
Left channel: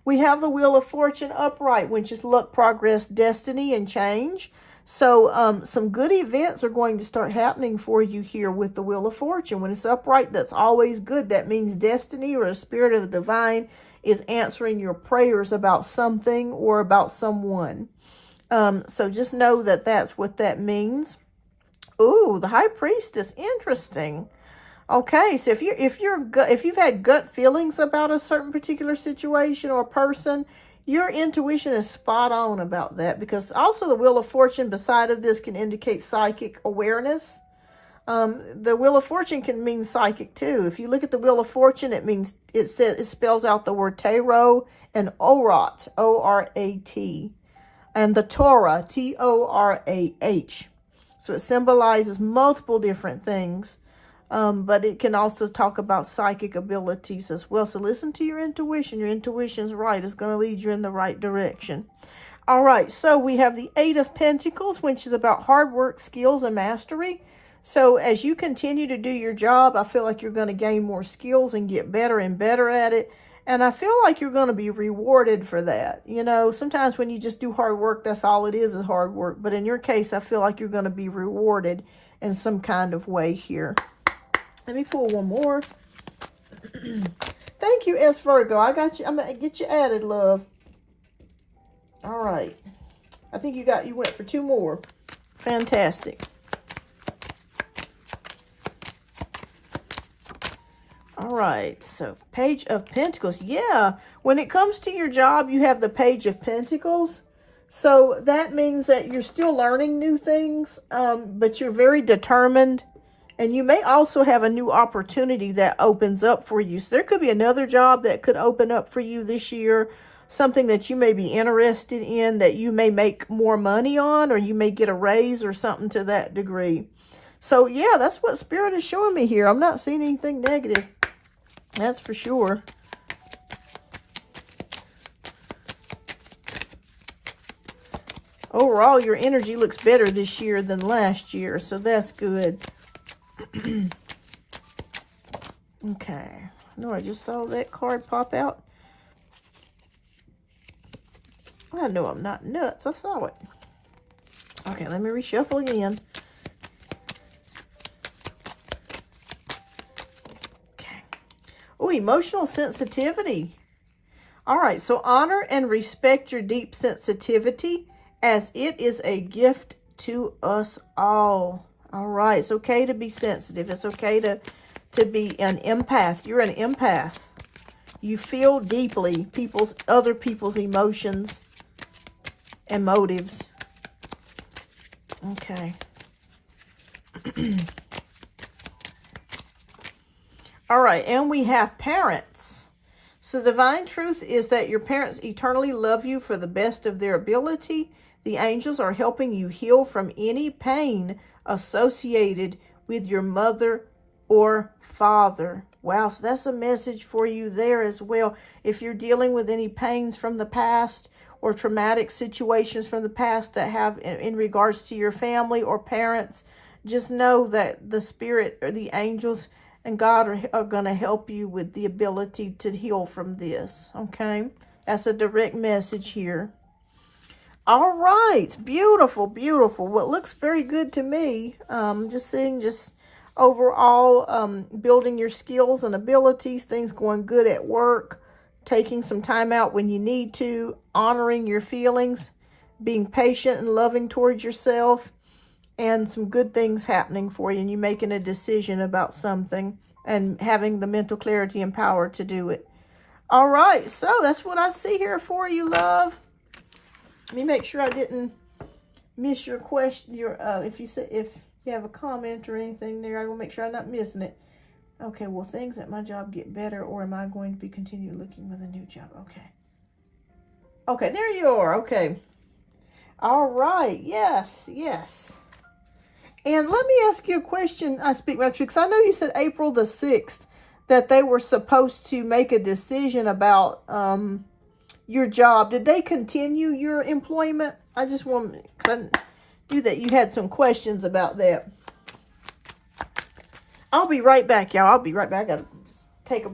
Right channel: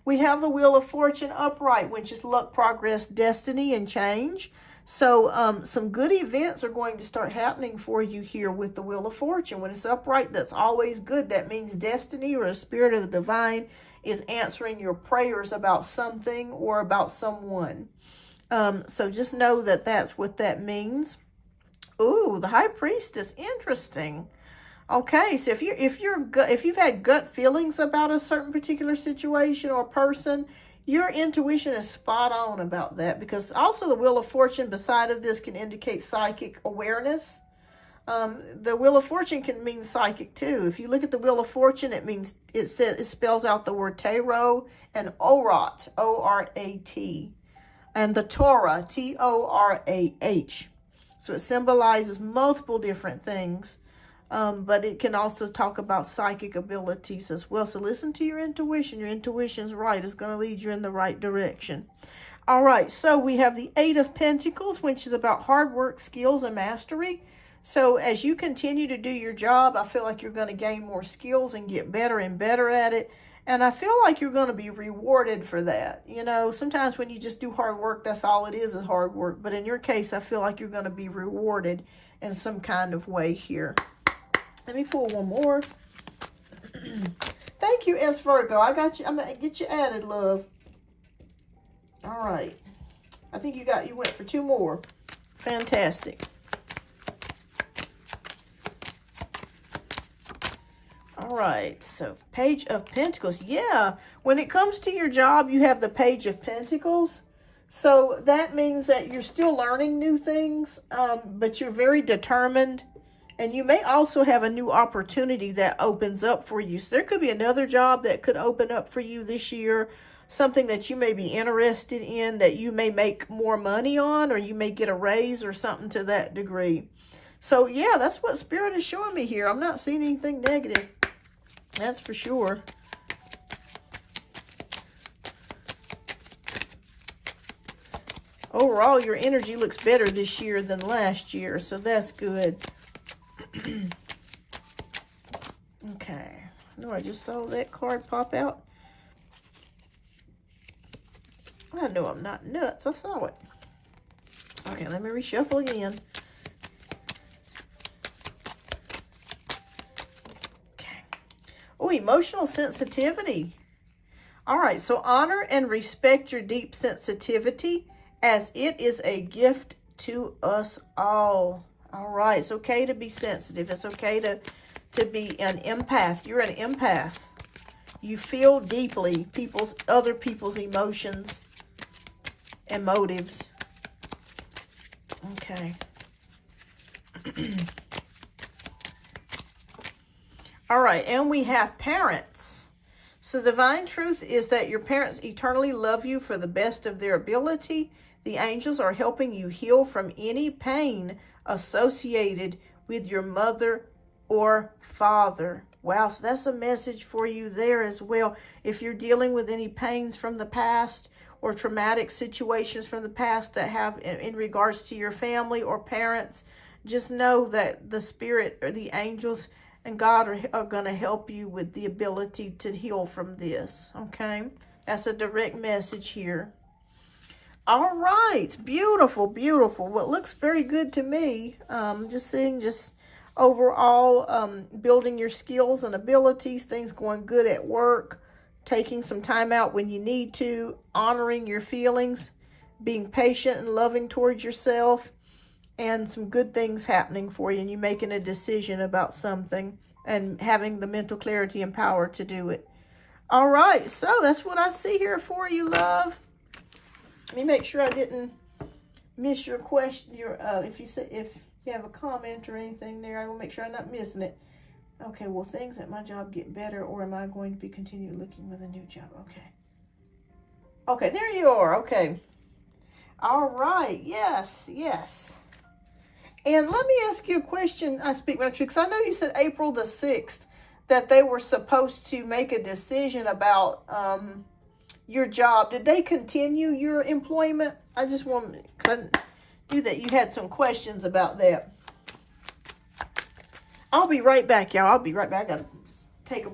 We have the Wheel of Fortune upright, which is luck, progress, destiny, and change. So some good events are going to start happening for you here with the Wheel of Fortune. When it's upright, that's always good. That means destiny or a spirit of the divine is answering your prayers about something or about someone. So just know that that's what that means. Ooh, the High Priestess, interesting. Okay, so if you've had gut feelings about a certain particular situation or person, your intuition is spot on about that, because also the Wheel of Fortune beside of this can indicate psychic awareness. The Wheel of Fortune can mean psychic too. If you look at the Wheel of Fortune, it spells out the word tarot and orat, O-R-A-T, and the Torah, T-O-R-A-H. So it symbolizes multiple different things. But it can also talk about psychic abilities as well. So listen to your intuition. Your intuition's right. It's going to lead you in the right direction. All right, so we have the Eight of Pentacles, which is about hard work, skills, and mastery. So as you continue to do your job, I feel like you're going to gain more skills and get better and better at it. And I feel like you're going to be rewarded for that. You know, sometimes when you just do hard work, that's all it is hard work. But in your case, I feel like you're going to be rewarded in some kind of way here. Let me pull one more. Thank you, S. Virgo. I got you. I'm going to get you added, love. All right. I think you went for two more. Fantastic. All right. So, Page of Pentacles. Yeah. When it comes to your job, you have the Page of Pentacles. So, that means that you're still learning new things, but you're very determined. And you may also have a new opportunity that opens up for you. So there could be another job that could open up for you this year. Something that you may be interested in, that you may make more money on, or you may get a raise or something to that degree. So yeah, that's what Spirit is showing me here. I'm not seeing anything negative. That's for sure. Overall, your energy looks better this year than last year. So that's good. Okay. No, I just saw that card pop out. I know I'm not nuts. I saw it. Okay, let me reshuffle again. Okay. Oh, emotional sensitivity. All right, so honor and respect your deep sensitivity, as it is a gift to us all. All right, it's okay to be sensitive. It's okay to be an empath. You're an empath. You feel deeply other people's emotions and motives. Okay. All right, and we have parents. So the divine truth is that your parents eternally love you for the best of their ability. The angels are helping you heal from any pain associated with your mother or father. Wow, so that's a message for you there as well. If you're dealing with any pains from the past or traumatic situations from the past that have in regards to your family or parents, just know that the Spirit or the angels and God are going to help you with the ability to heal from this. Okay, that's a direct message here. All right, beautiful, beautiful. Well, it looks very good to me. Just seeing overall building your skills and abilities, things going good at work, taking some time out when you need to, honoring your feelings, being patient and loving towards yourself, and some good things happening for you, and you making a decision about something and having the mental clarity and power to do it. All right, so that's what I see here for you, love. Let me make sure I didn't miss your question. If you have a comment or anything there, I will make sure I'm not missing it. Okay, will things at my job get better, or am I going to be continue looking with a new job? Okay. Okay, there you are. Okay. All right. Yes, yes. And let me ask you a question. I speak my truth, because I know you said April the 6th that they were supposed to make a decision about your job. Did they continue your employment? I just want, because I knew that you had some questions about that. I'll be right back, y'all. I'll be right back. I got to take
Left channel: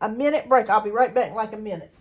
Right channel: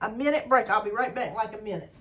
a minute break. I'll be right back in like a minute.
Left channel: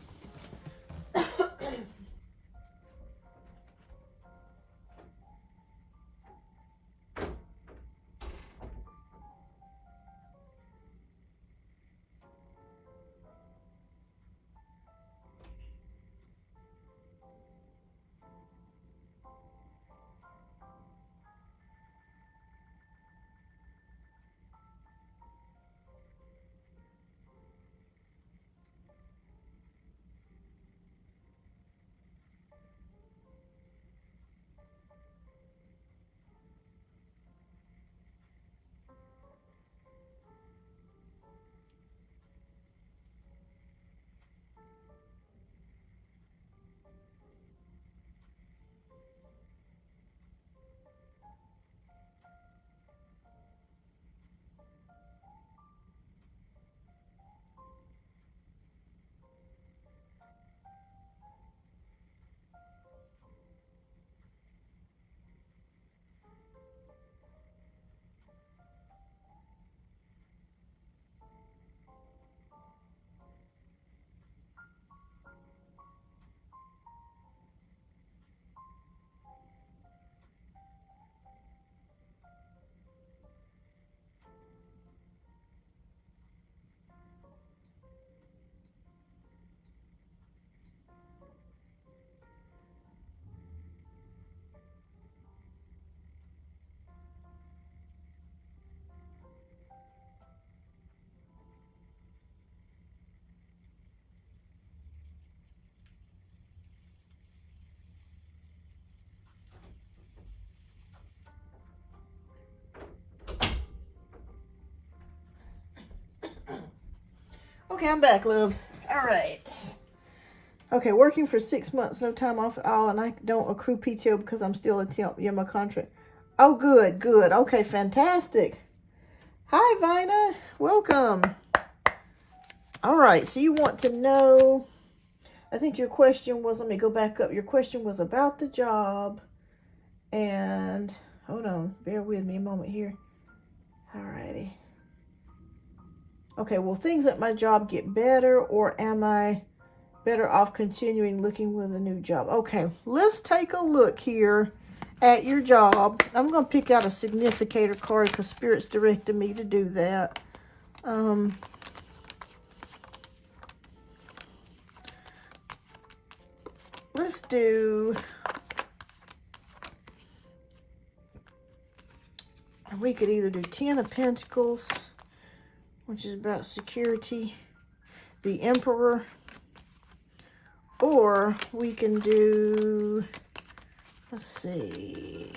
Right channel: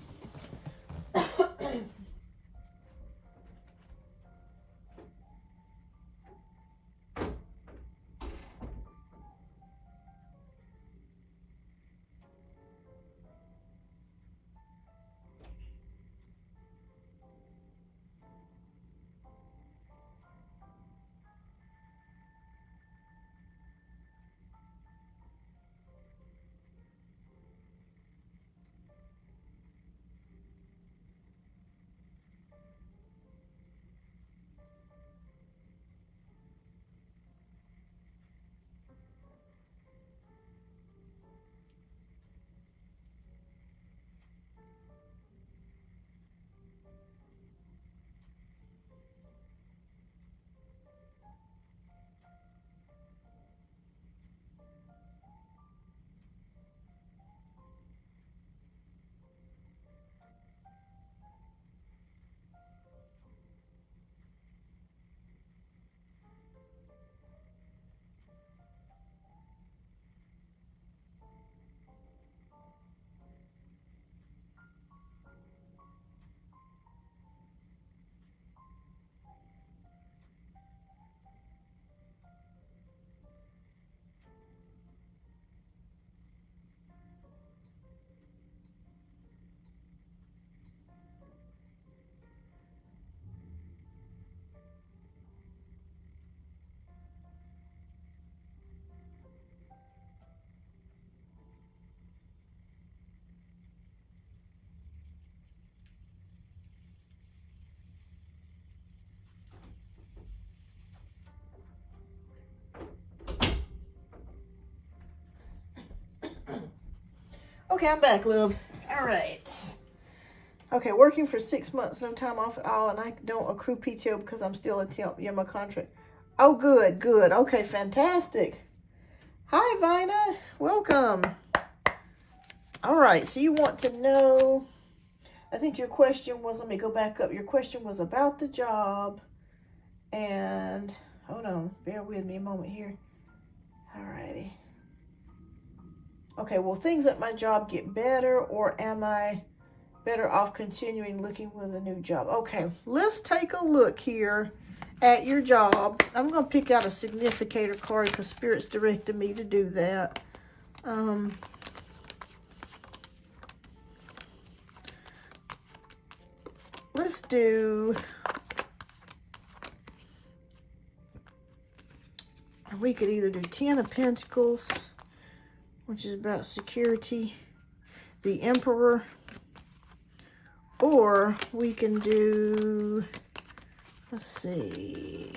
Okay, I'm back, loves. All right. Okay, working for 6 months, no time off at all, and I don't accrue PTO because I'm still a temp. Yeah, my contract. Oh, good, good. Okay, fantastic. Hi, Vina. Welcome. All right, so you want to know, I think your question was, let me go back up. Your question was about the job. And, hold on, bear with me a moment here. All righty. Okay, will things at my job get better, or am I better off continuing looking with a new job? Okay, let's take a look here at your job. I'm going to pick out a significator card because Spirit's directed me to do that. Let's do, we could either do 10 of Pentacles, which is about security, the Emperor, or we can do, let's see,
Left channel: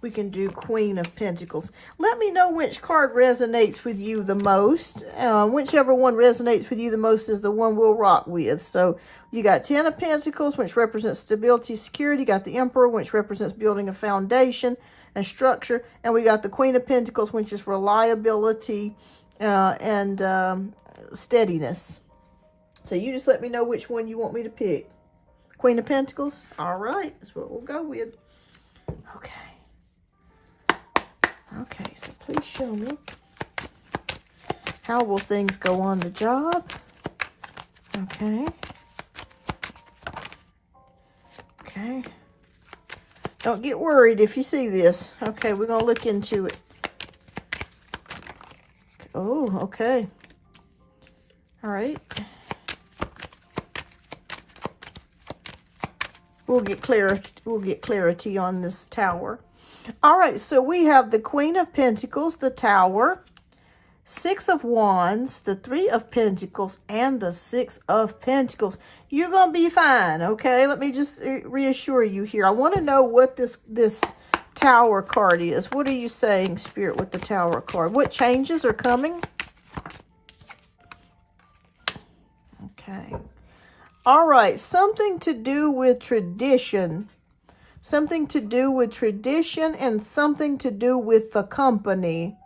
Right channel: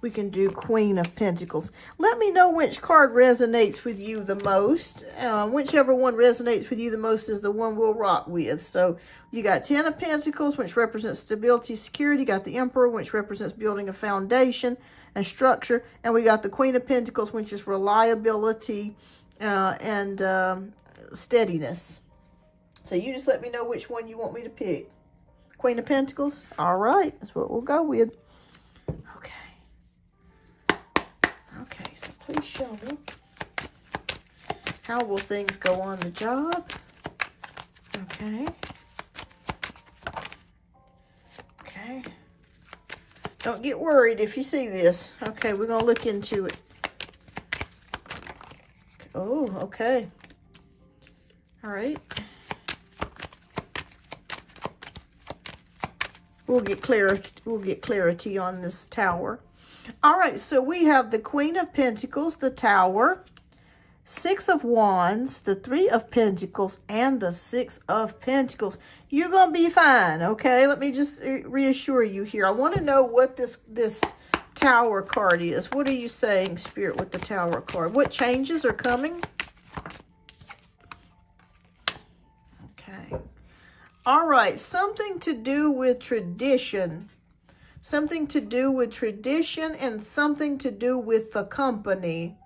we can do Queen of Pentacles. Let me know which card resonates with you the most. Whichever one resonates with you the most is the one we'll rock with. So you got 10 of Pentacles, which represents stability, security. You got the Emperor, which represents building a foundation and structure. And we got the Queen of Pentacles, which is reliability and steadiness. So you just let me know which one you want me to pick. Queen of Pentacles? All right, that's what we'll go with. Okay. Okay, so please show me. How will things go on the job? Okay. Okay. Don't get worried if you see this. Okay, we're going to look into it. Oh, okay. All right. We'll get clarity on this Tower. All right, so we have the Queen of Pentacles, the Tower, 6 of Wands, the 3 of Pentacles, and the 6 of Pentacles. You're going to be fine, okay? Let me just reassure you here. I want to know what this Tower card is. What are you saying, Spirit, with the Tower card? What changes are coming? Okay. All right, something to do with tradition. Something to do with tradition and something to do with the company.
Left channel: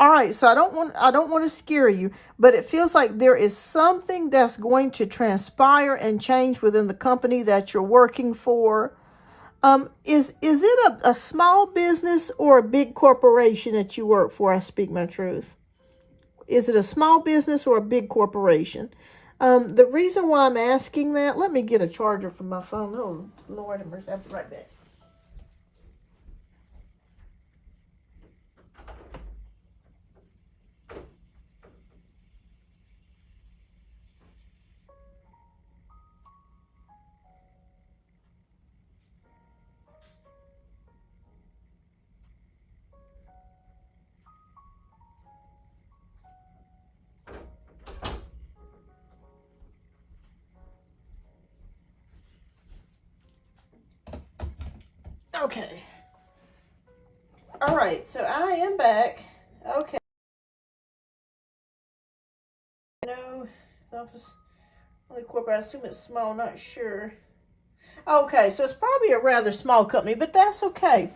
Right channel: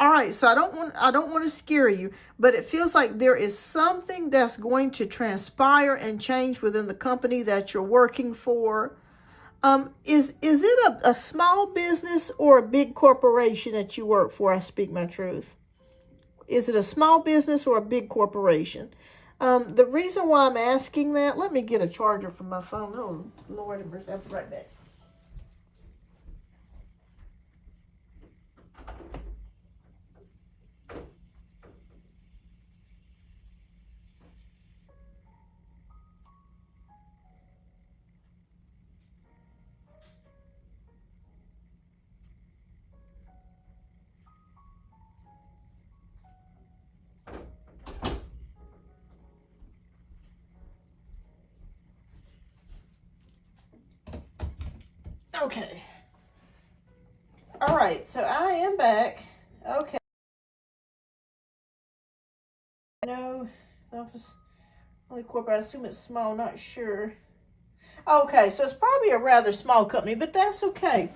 All right, so I don't want to scare you, but it feels like there is something that's going to transpire and change within the company that you're working for. Is it a small business or a big corporation that you work for? I speak my truth. Is it a small business or a big corporation? The reason why I'm asking that, let me get a charger from my phone. Oh, Lord have mercy, I'll be right back. Okay. All right, so I am back. Okay. No, office, only corporate. I assume it's small, not sure. Okay, so it's probably a rather small company, but that's okay.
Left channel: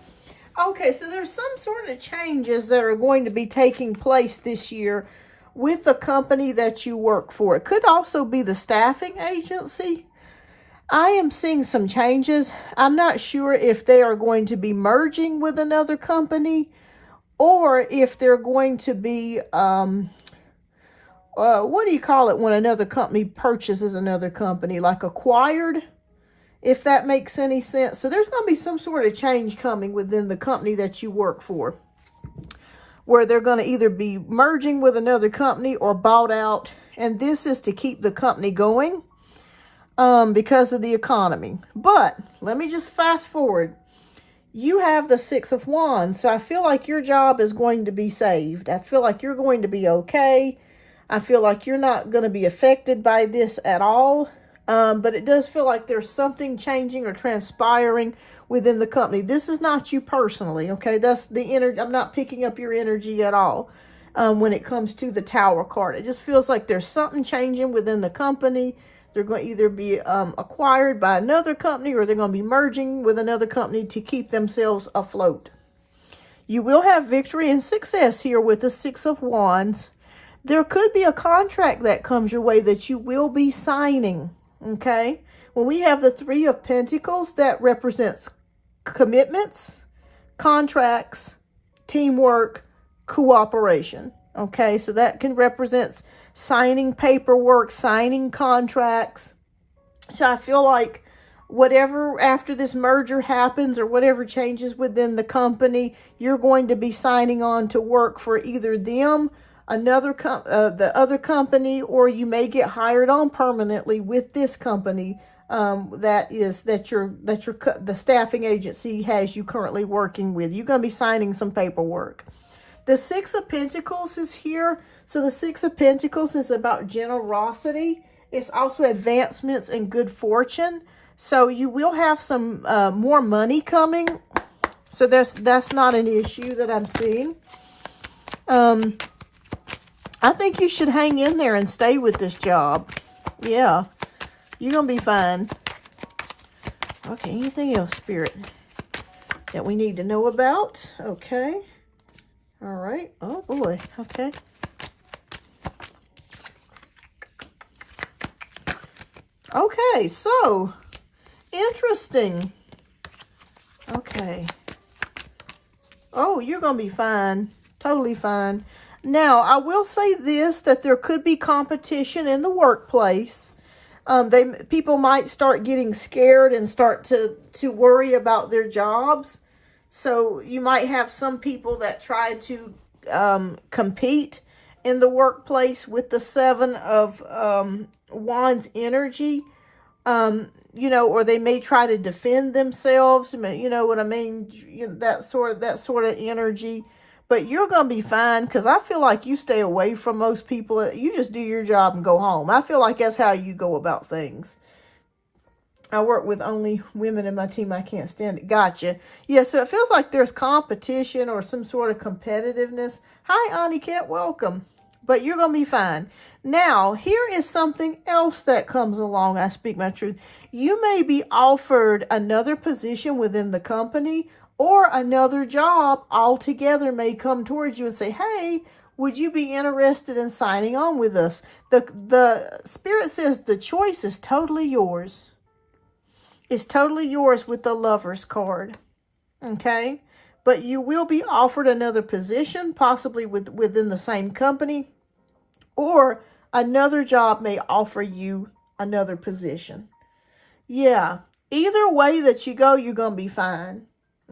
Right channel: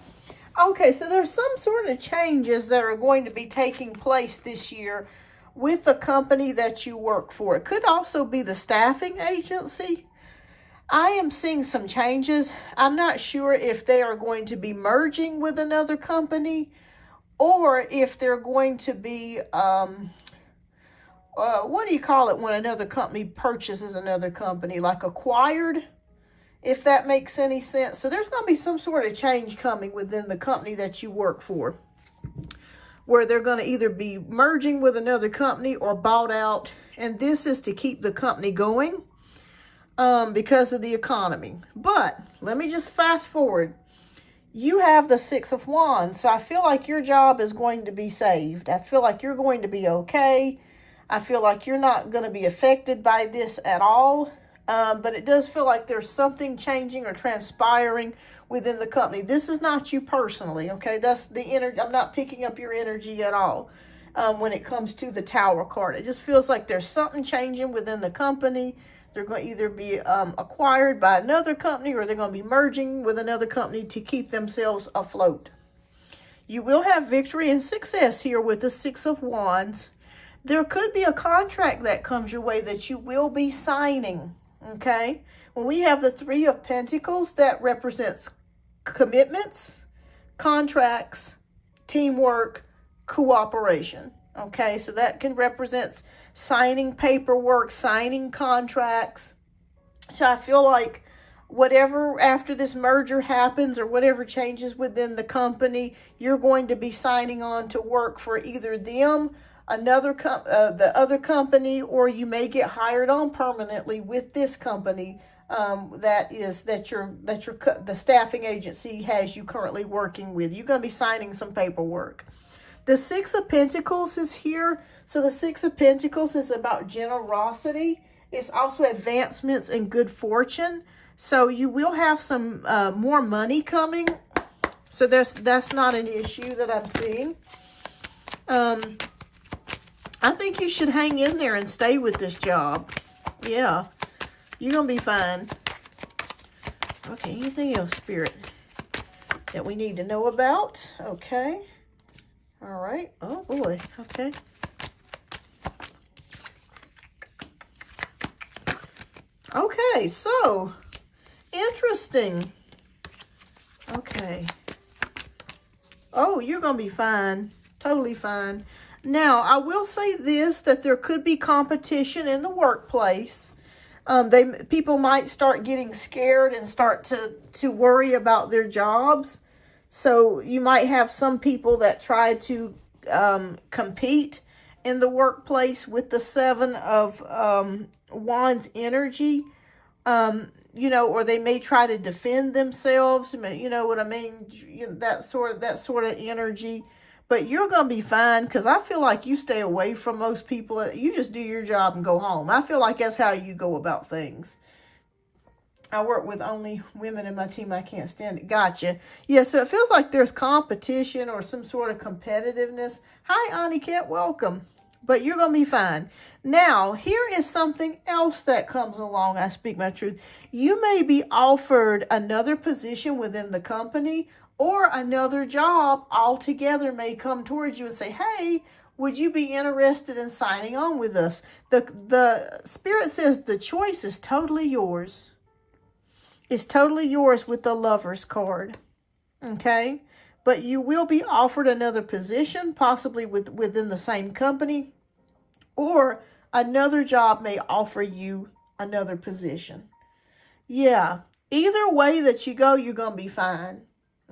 Okay, so there's some sort of changes that are going to be taking place this year with the company that you work for. It could also be the staffing agency. I am seeing some changes. I'm not sure if they are going to be merging with another company or if they're going to be, what do you call it when another company purchases another company, like acquired, if that makes any sense. So there's going to be some sort of change coming within the company that you work for, where they're going to either be merging with another company or bought out. And this is to keep the company going. Because of the economy. But let me just fast forward. You have the 6 of Wands, so I feel like your job is going to be saved. I feel like you're going to be okay. I feel like you're not going to be affected by this at all. But it does feel like there's something changing or transpiring within the company. This is not you personally, okay? That's the energy. I'm not picking up your energy at all. when it comes to the Tower card. It just feels like there's something changing within the company. They're going to either be acquired by another company, or they're going to be merging with another company to keep themselves afloat. You will have victory and success here with the Six of Wands. There could be a contract that comes your way that you will be signing, okay? When we have the Three of Pentacles, that represents commitments, contracts, teamwork, cooperation, okay? So that can represent signing paperwork, signing contracts. So I feel like whatever after this merger happens, or whatever changes within the company, you're going to be signing on to work for either them, the other company, or you may get hired on permanently with this company the staffing agency has you currently working with. You're going to be signing some paperwork. The Six of Pentacles is here. So the Six of Pentacles is about generosity. It's also advancements and good fortune. So you will have some more money coming. So that's not an issue that I'm seeing. I think you should hang in there and stay with this job. Yeah, you're going to be fine. Okay, anything else, Spirit, that we need to know about? Okay. All right. Oh, boy. Okay. Okay, so interesting. Okay. Oh, you're going to be fine. Totally fine. Now, I will say this, that there could be competition in the workplace. People might start getting scared and start to worry about their jobs. So you might have some people that try to compete in the workplace with the Seven of Wands energy. You know, or they may try to defend themselves. You know what I mean? That sort of energy. But you're going to be fine, because I feel like you stay away from most people. You just do your job and go home. I feel like that's how you go about things. I work with only women in my team. I can't stand it. Gotcha. Yeah, so it feels like there's competition or some sort of competitiveness. Hi, Auntie Cat. Welcome. But you're going to be fine. Now, here is something else that comes along. I speak my truth. You may be offered another position within the company, or another job altogether may come towards you and say, hey, would you be interested in signing on with us? The Spirit says the choice is totally yours. It's totally yours with the Lover's card. Okay? But you will be offered another position, possibly within the same company, or another job may offer you another position. Yeah. Either way that you go, you're going to be fine.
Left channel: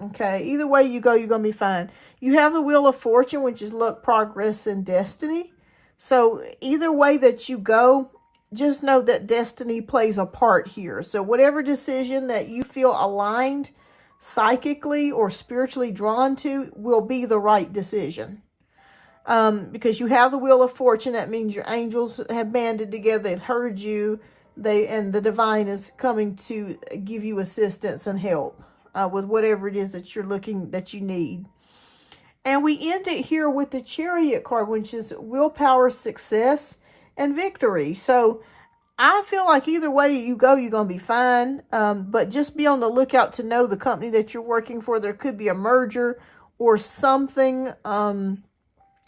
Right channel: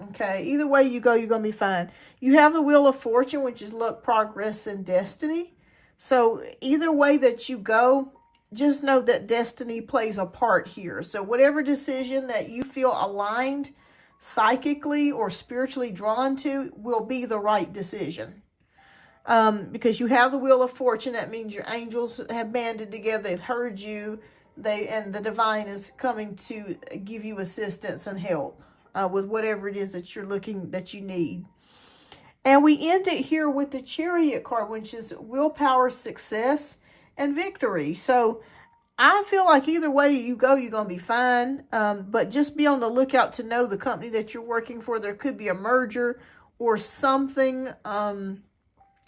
Okay, either way you go, you're going to be fine. You have the Wheel of Fortune, which is luck, progress, and destiny. So either way that you go, just know that destiny plays a part here. So whatever decision that you feel aligned psychically or spiritually drawn to will be the right decision. Because you have the Wheel of Fortune, that means your angels have banded together. They've heard you. And the divine is coming to give you assistance and help. With whatever it is that you need. And we end it here with the Chariot card, which is willpower, success, and victory. So I feel like either way you go, you're going to be fine. But just be on the lookout to know the company that you're working for. There could be a merger or something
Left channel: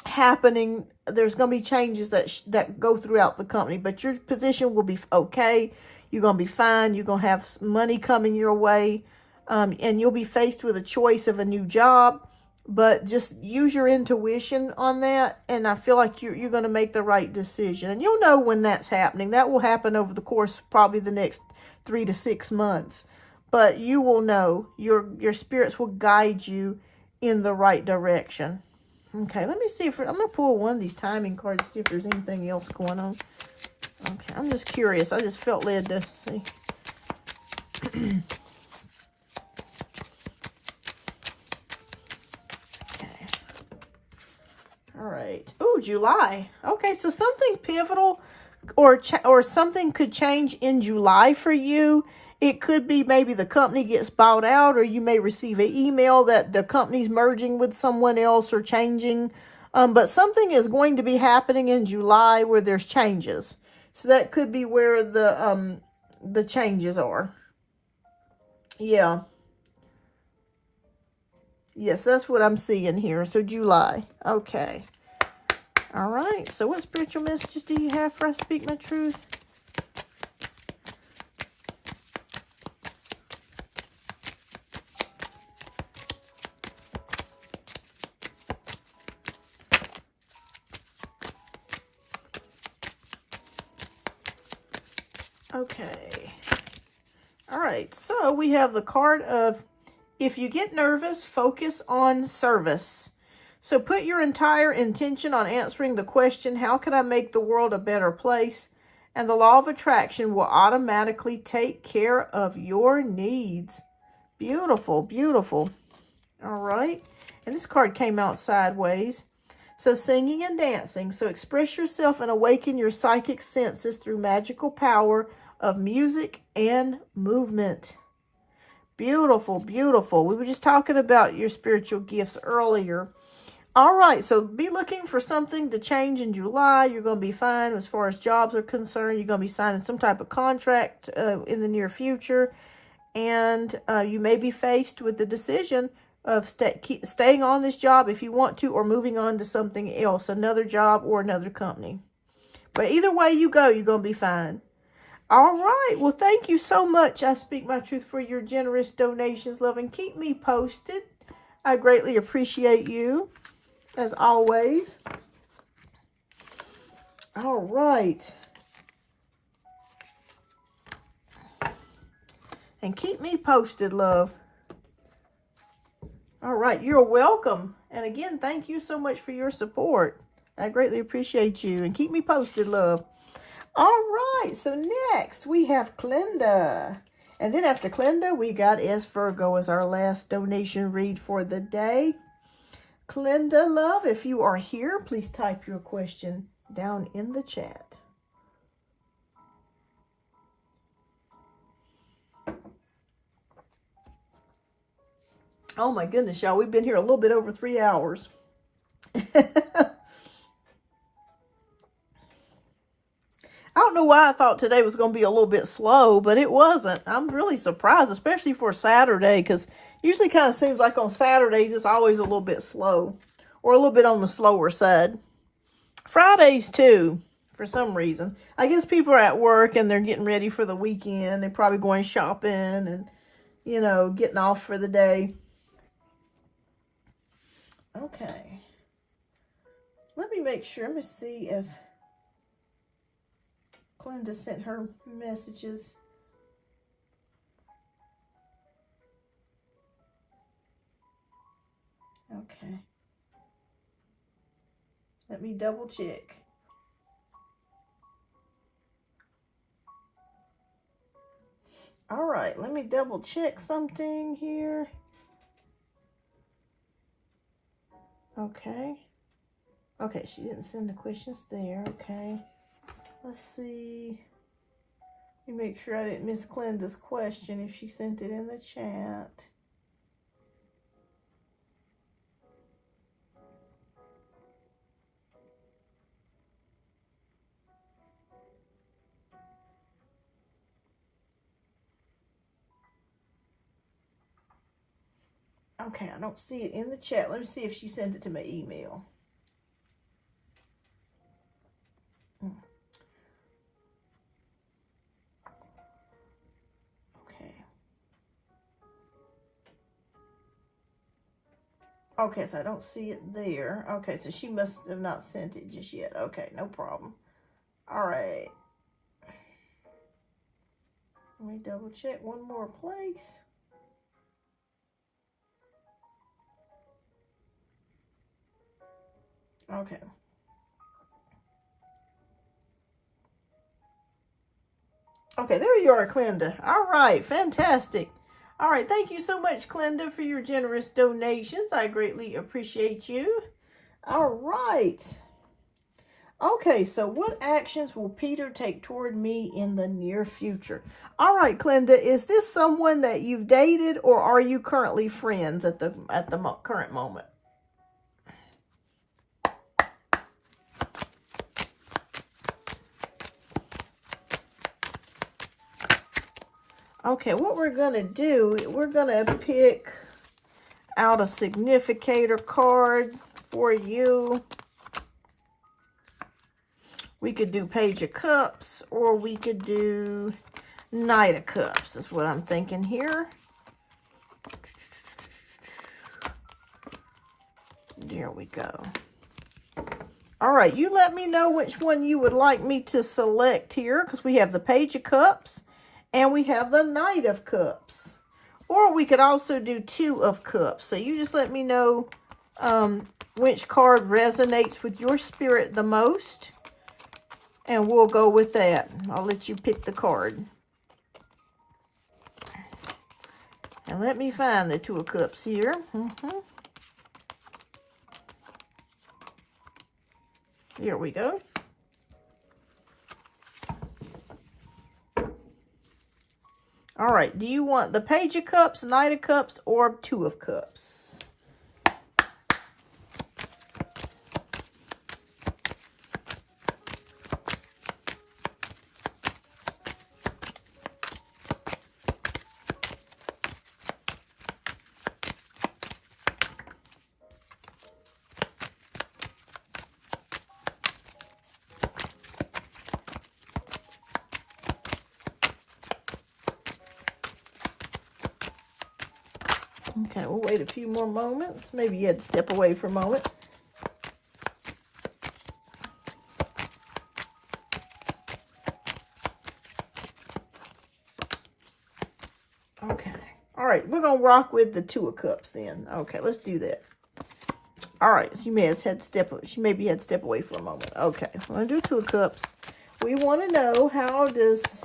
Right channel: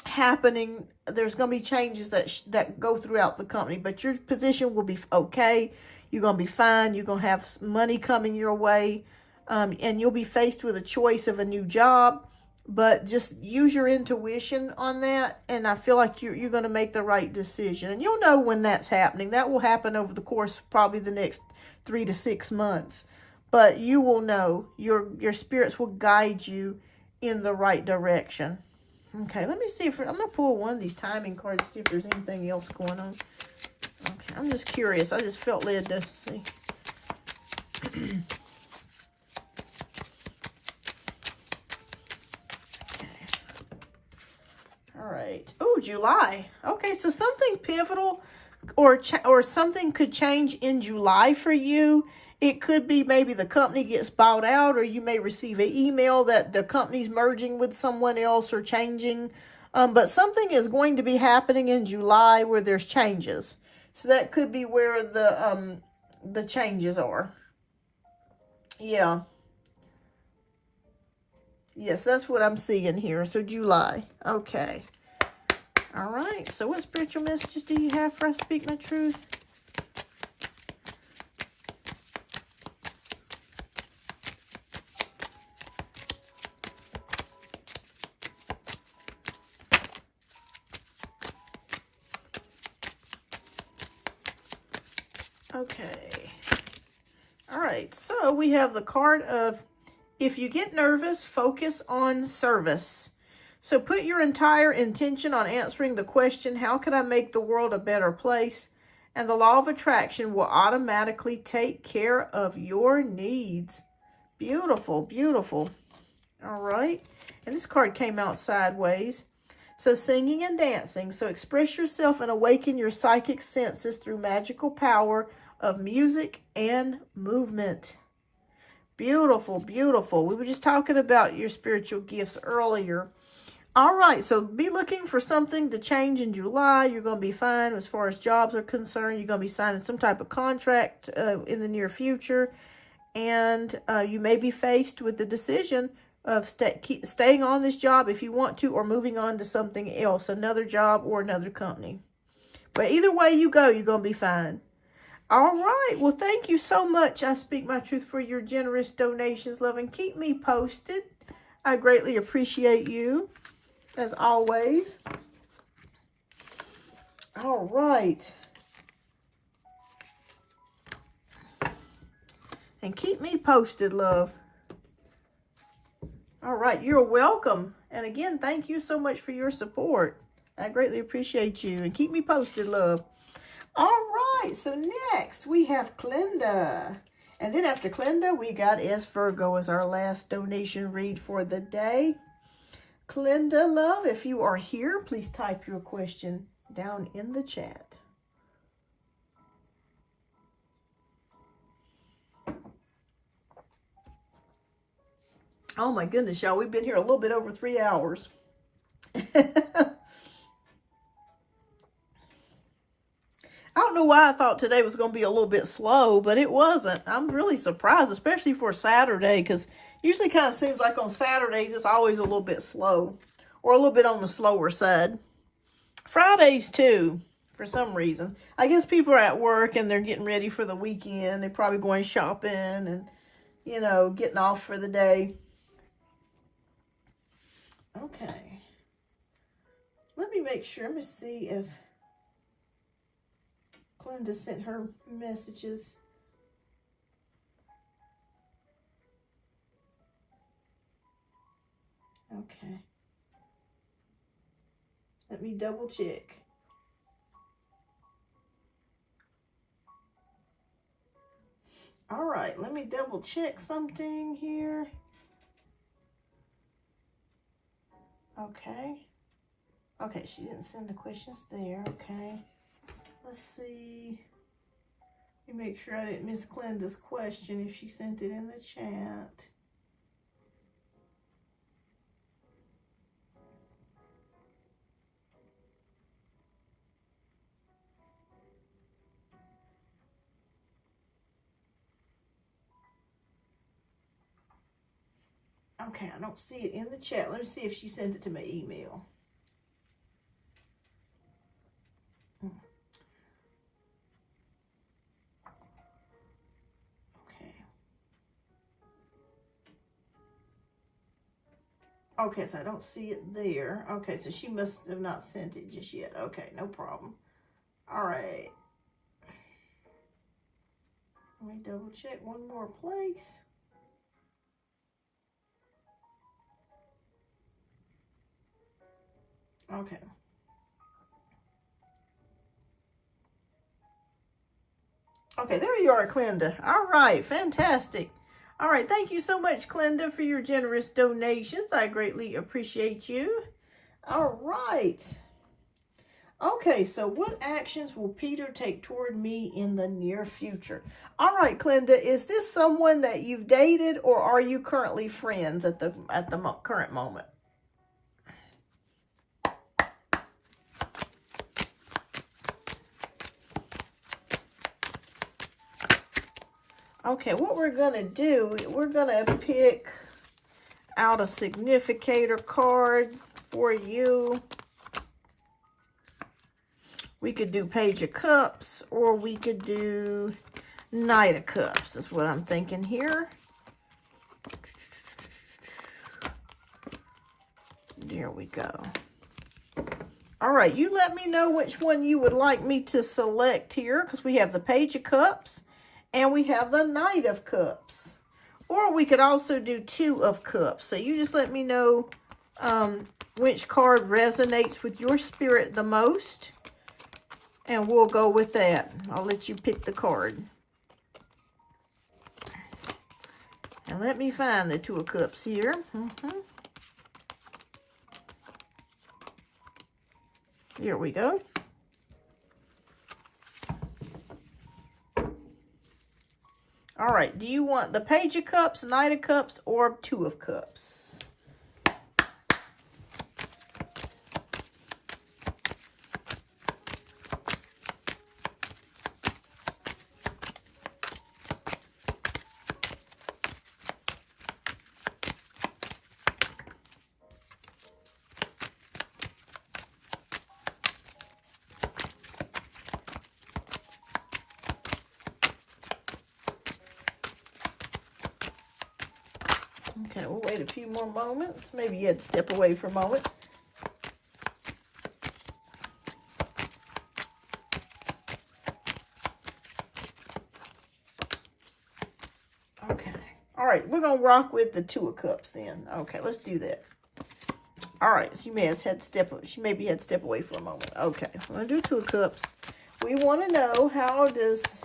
happening. There's going to be changes that go throughout the company. But your position will be okay. You're going to be fine. You're going to have money coming your way. And you'll be faced with a choice of a new job, but just use your intuition on that. And I feel like you're going to make the right decision, and you'll know when that's happening. That will happen over the course of probably the next 3 to 6 months, but you will know. Your spirits will guide you in the right direction. Okay, let me see if I'm going to pull one of these timing cards to see if there's anything else going on. Okay, I'm just curious. I just felt led to see. All right. Oh, July. Okay, so something pivotal or something could change in July for you. It could be maybe the company gets bought out, or you may receive an email that the company's merging with someone else or changing But something is going to be happening in July where there's changes. So that could be where the changes are. Yeah. Yes, that's what I'm seeing here. So July. Okay. All right. So what spiritual messages do you have for us? Speak my truth. Okay. All right. So we have the card of, if you get nervous, focus on service. So put your entire intention on answering the question, how can I make the world a better place? And the law of attraction will automatically take care of your needs. Beautiful, beautiful. All right. And this card came out sideways. So singing and dancing. So express yourself and awaken your psychic senses through magical power of music and movement. Beautiful, beautiful. We were just talking about your spiritual gifts earlier. All right, so be looking for something to change in July. You're going to be fine as far as jobs are concerned. You're going to be signing some type of contract in the near future. And you may be faced with the decision of staying on this job if you want to, or moving on to something else, another job or another company. But either way you go, you're going to be fine. All right. Well, thank you so much. I speak my truth for your generous donations, love, and keep me posted. I greatly appreciate you, as always. All right. And keep me posted, love. All right. You're welcome. And again, thank you so much for your support. I greatly appreciate you. And keep me posted, love. All right, so next we have Clinda. And then after Clinda, we got S. Virgo as our last donation read for the day. Clinda, love, if you are here, please type your question down in the chat. Oh my goodness, y'all, we've been here a little bit over 3 hours. I don't know why I thought today was going to be a little bit slow, but it wasn't. I'm really surprised, especially for Saturday, because usually kind of seems like on Saturdays it's always a little bit slow, or a little bit on the slower side. Fridays too, for some reason. I guess people are at work and they're getting ready for the weekend. They're probably going shopping and, you know, getting off for the day. Okay. Let me make sure. Let me see if Clinda sent her messages. Okay. Let me double check. All right, let me double check something here. Okay. Okay, she didn't send the questions there. Okay. Let's see. Let me make sure I didn't miss Clinda's question if she sent it in the chat. Okay, I don't see it in the chat. Let me see if she sent it to my email. Okay, so I don't see it there. Okay, so she must have not sent it just yet. Okay, no problem. All right. Let me double check one more place. Okay. Okay, there you are, Clinda. All right, fantastic. All right, thank you so much, Clinda, for your generous donations. I greatly appreciate you. All right. Okay, so what actions will Peter take toward me in the near future? All right, Clinda, is this someone that you've dated, or are you currently friends at the current moment? Okay, what we're going to do, we're going to pick out a significator card for you. We could do Page of Cups, or we could do Knight of Cups. That's what I'm thinking here. There we go. All right, you let me know which one you would like me to select here, because we have the Page of Cups and we have the Knight of Cups. Or we could also do Two of Cups. So you just let me know which card resonates with your spirit the most, and we'll go with that. I'll let you pick the card. And let me find the Two of Cups here. Here we go. All right, do you want the Page of Cups, Knight of Cups, or Two of Cups? Okay, we'll wait a few more moments. Maybe you had to step away for a moment. Okay. All right, we're going to rock with the Two of Cups then. Okay, let's do that. All right, so you may have had to step, she maybe had to step away for a moment. Okay, I'm going to do Two of Cups. We want to know, how does...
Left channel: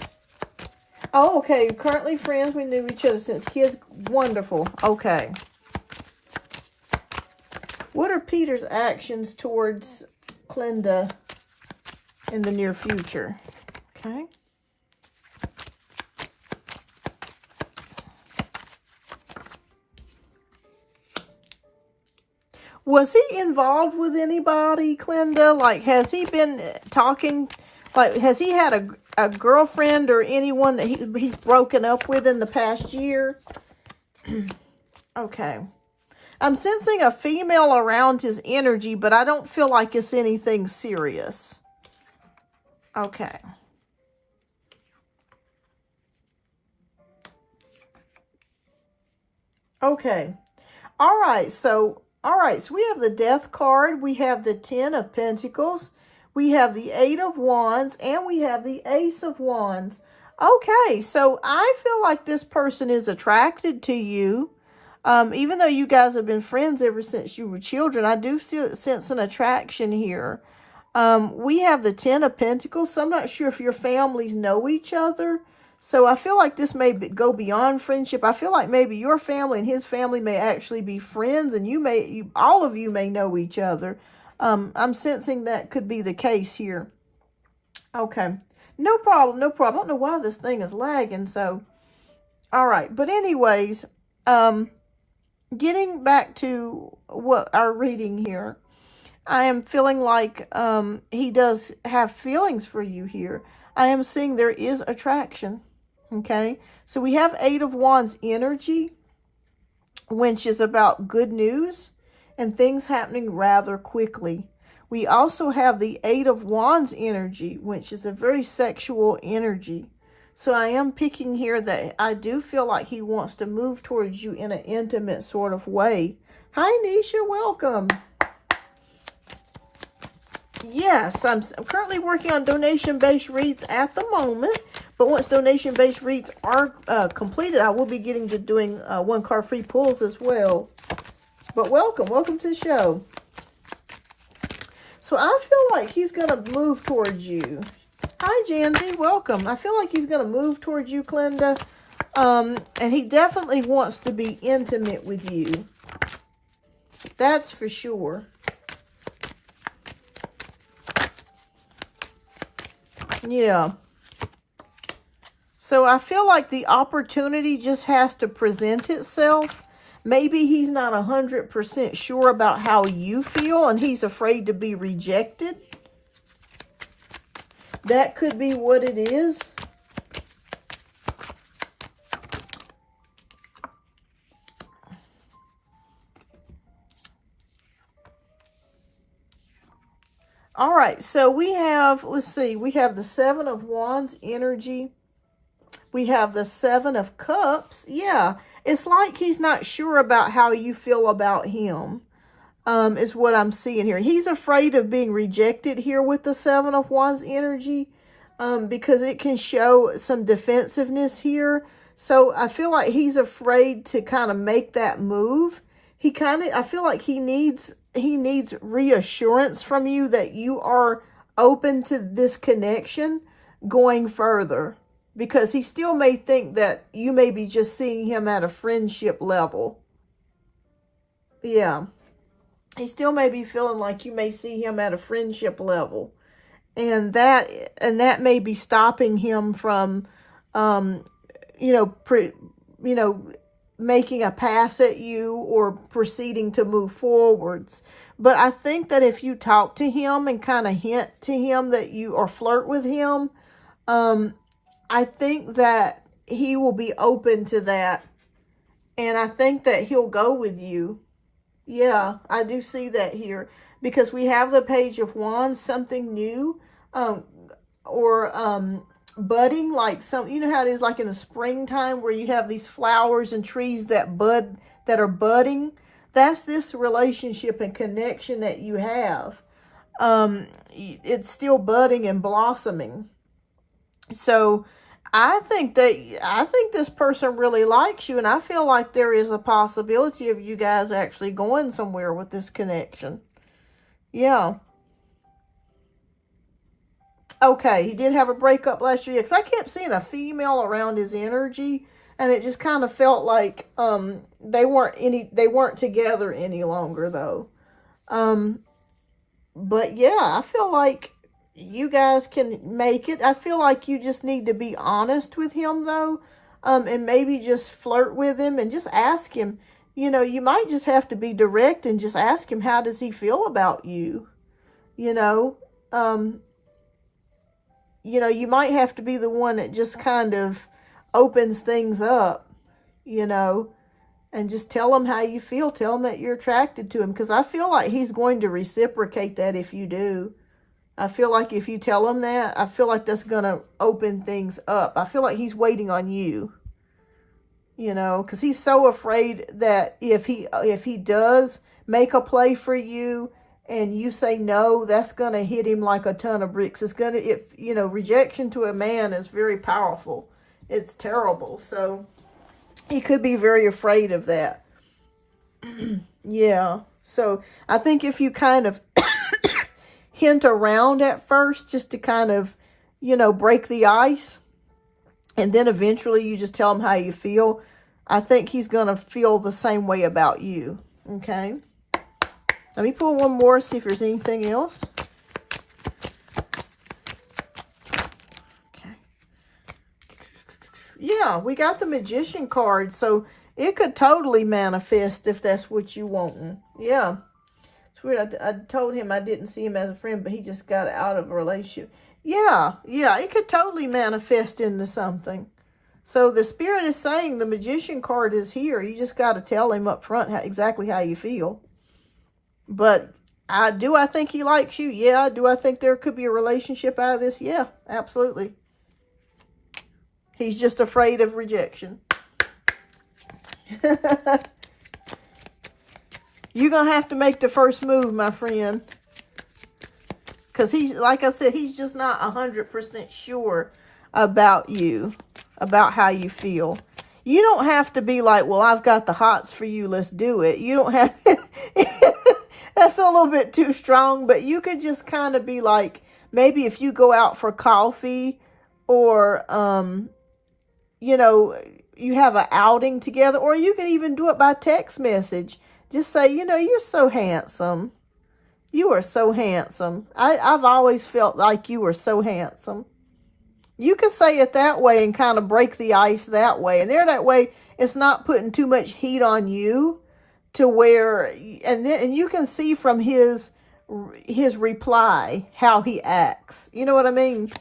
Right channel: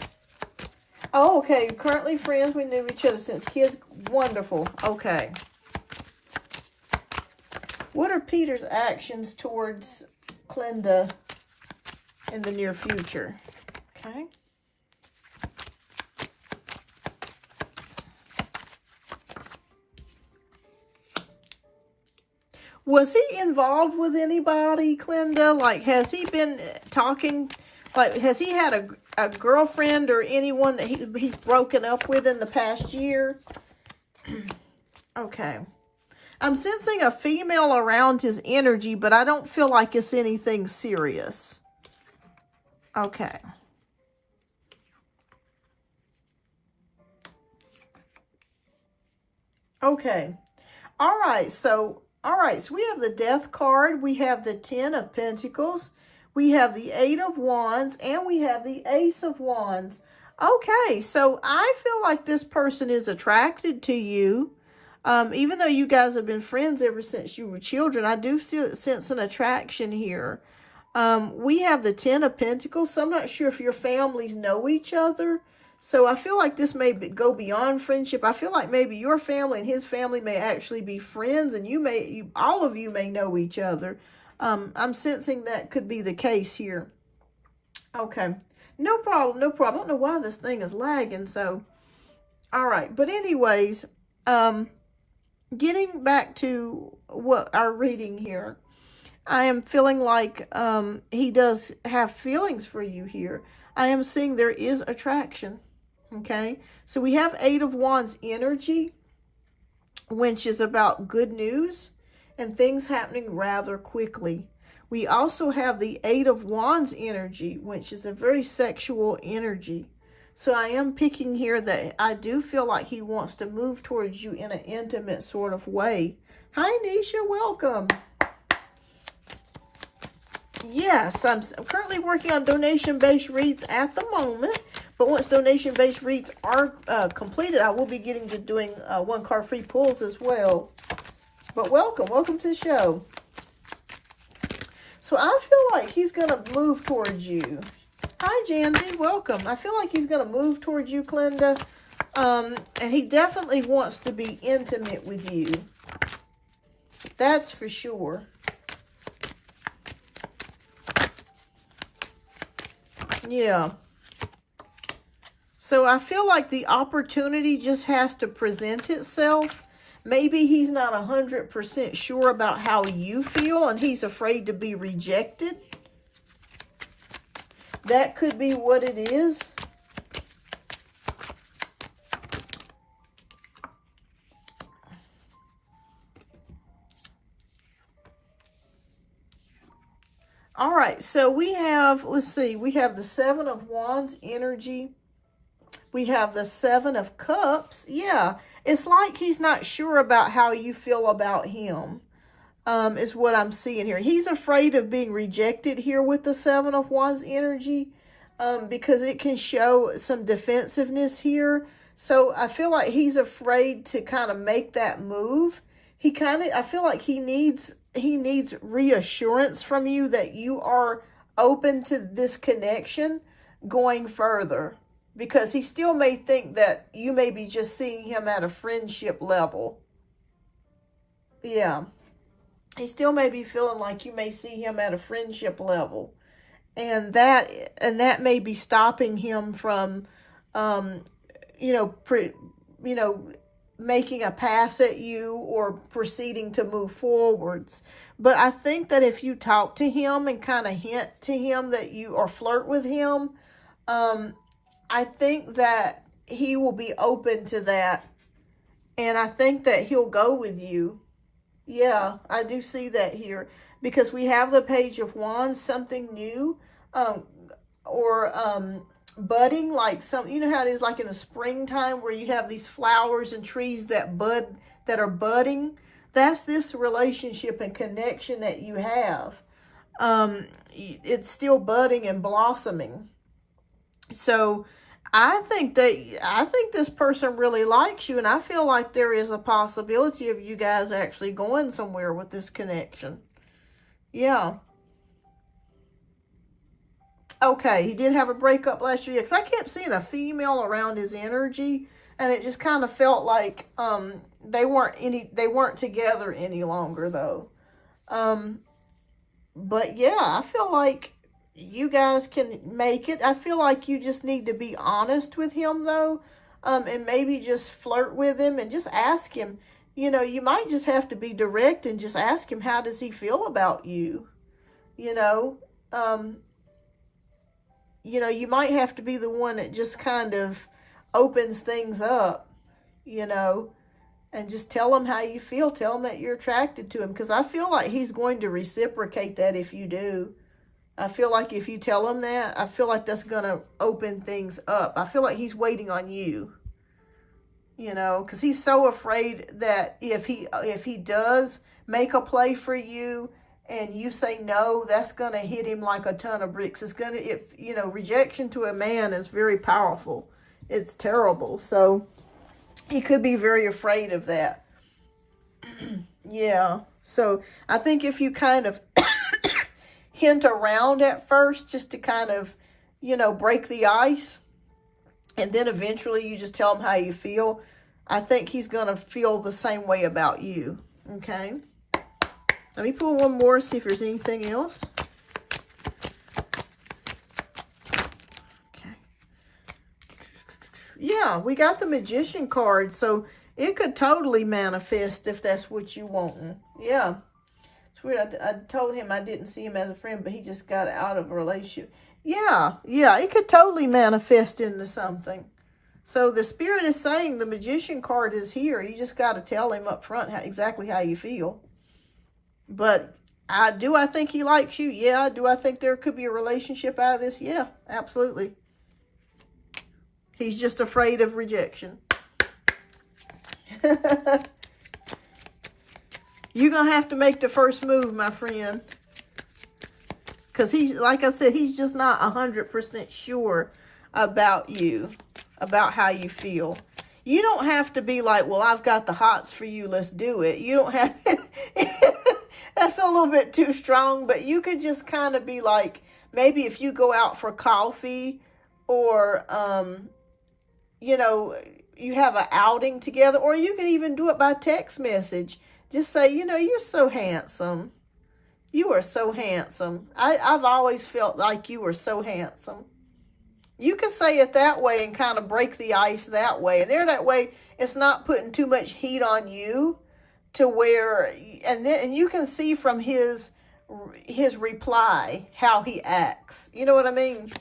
Oh, okay. Currently friends. We knew each other since kids. Wonderful. Okay. What are Peter's actions towards Clinda in the near future? Okay. Was he involved with anybody, Clinda? Like, has he been talking... Like, has he had a girlfriend or anyone that he's broken up with in the past year? Okay. I'm sensing a female around his energy, but I don't feel like it's anything serious. Okay. Okay. All right, so we have the Death card. We have the Ten of Pentacles. We have the Eight of Wands, and we have the Ace of Wands. Okay, so I feel like this person is attracted to you. Even though you guys have been friends ever since you were children, I do sense an attraction here. We have the Ten of Pentacles, so I'm not sure if your families know each other. So I feel like this may go beyond friendship. I feel like maybe your family and his family may actually be friends, and all of you may know each other. I'm sensing that could be the case here. Okay. No problem. No problem. I don't know why this thing is lagging. So, all right. But anyways, getting back to what our reading here, I am feeling like he does have feelings for you here. I am seeing there is attraction. Okay. So we have Eight of Wands energy, which is about good news and things happening rather quickly. We also have the Eight of Wands energy, which is a very sexual energy. So I am picking here that I do feel like he wants to move towards you in an intimate sort of way. Hi, Nisha. Welcome. Yes, I'm currently working on donation-based reads at the moment. But once donation-based reads are completed, I will be getting to doing one-card free pulls as well. But welcome to the show. So I feel like he's going to move towards you. Hi, Jandy. Welcome. I feel like he's going to move towards you, Clinda. And he definitely wants to be intimate with you. That's for sure. Yeah. So I feel like the opportunity just has to present itself. Maybe he's not 100% sure about how you feel and he's afraid to be rejected. That could be what it is. All right, so we have, let's see, we have the Seven of Wands energy. We have the Seven of Cups. Yeah, it's like he's not sure about how you feel about him, is what I'm seeing here. He's afraid of being rejected here with the Seven of Wands energy, because it can show some defensiveness here. So I feel like he's afraid to kind of make that move. I feel like he needs reassurance from you that you are open to this connection going further, because he still may think that you may be just seeing him at a friendship level. Yeah. He still may be feeling like you may see him at a friendship level. And that may be stopping him from, making a pass at you or proceeding to move forwards. But I think that if you talk to him and kind of hint to him that you, or flirt with him, I think that he will be open to that. And I think that he'll go with you. Yeah, I do see that here. Because we have the Page of Wands, something new, or budding, like you know how it is like in the springtime where you have these flowers and trees that bud, that are budding. That's this relationship and connection that you have. It's still budding and blossoming. So I think this person really likes you, and I feel like there is a possibility of you guys actually going somewhere with this connection. Yeah. Okay, he did have a breakup last year, because I kept seeing a female around his energy, and it just kind of felt like they weren't together any longer though. But yeah, I feel like you guys can make it. I feel like you just need to be honest with him though, and maybe just flirt with him and just ask him. You might just have to be direct and just ask him, how does he feel about you? You might have to be the one that just kind of opens things up, and just tell him how you feel. Tell him that you're attracted to him, because I feel like he's going to reciprocate that if you do. I feel like if you tell him that, I feel like that's going to open things up. I feel like he's waiting on you, because he's so afraid that if he does make a play for you and you say no, that's going to hit him like a ton of bricks. Rejection to a man is very powerful. It's terrible. So he could be very afraid of that. Yeah. So I think if you kind of hint around at first, just to kind of, break the ice, and then eventually you just tell him how you feel, I think he's going to feel the same way about you. Okay. Let me pull one more, see if there's anything else. Okay. Yeah, we got the Magician card, so it could totally manifest if that's what you want. Yeah. It's weird. I told him I didn't see him as a friend, but he just got out of a relationship. Yeah, it could totally manifest into something. So the Spirit is saying the Magician card is here. You just got to tell him up front exactly how you feel. But I think he likes you? Yeah. Do I think there could be a relationship out of this? Yeah, absolutely. He's just afraid of rejection. You're going to have to make the first move, my friend. Because he's, like I said, he's just not 100% sure about you, about how you feel. You don't have to be like, well, I've got the hots for you, let's do it. You don't have... That's a little bit too strong, but you could just kind of be like, maybe if you go out for coffee, or, you have an outing together, or you could even do it by text message. Just say, you're so handsome. You are so handsome. I've always felt like you were so handsome. You can say it that way and kind of break the ice that way. And that way, it's not putting too much heat on you to where, and you can see from his reply how he acts. You know what I mean?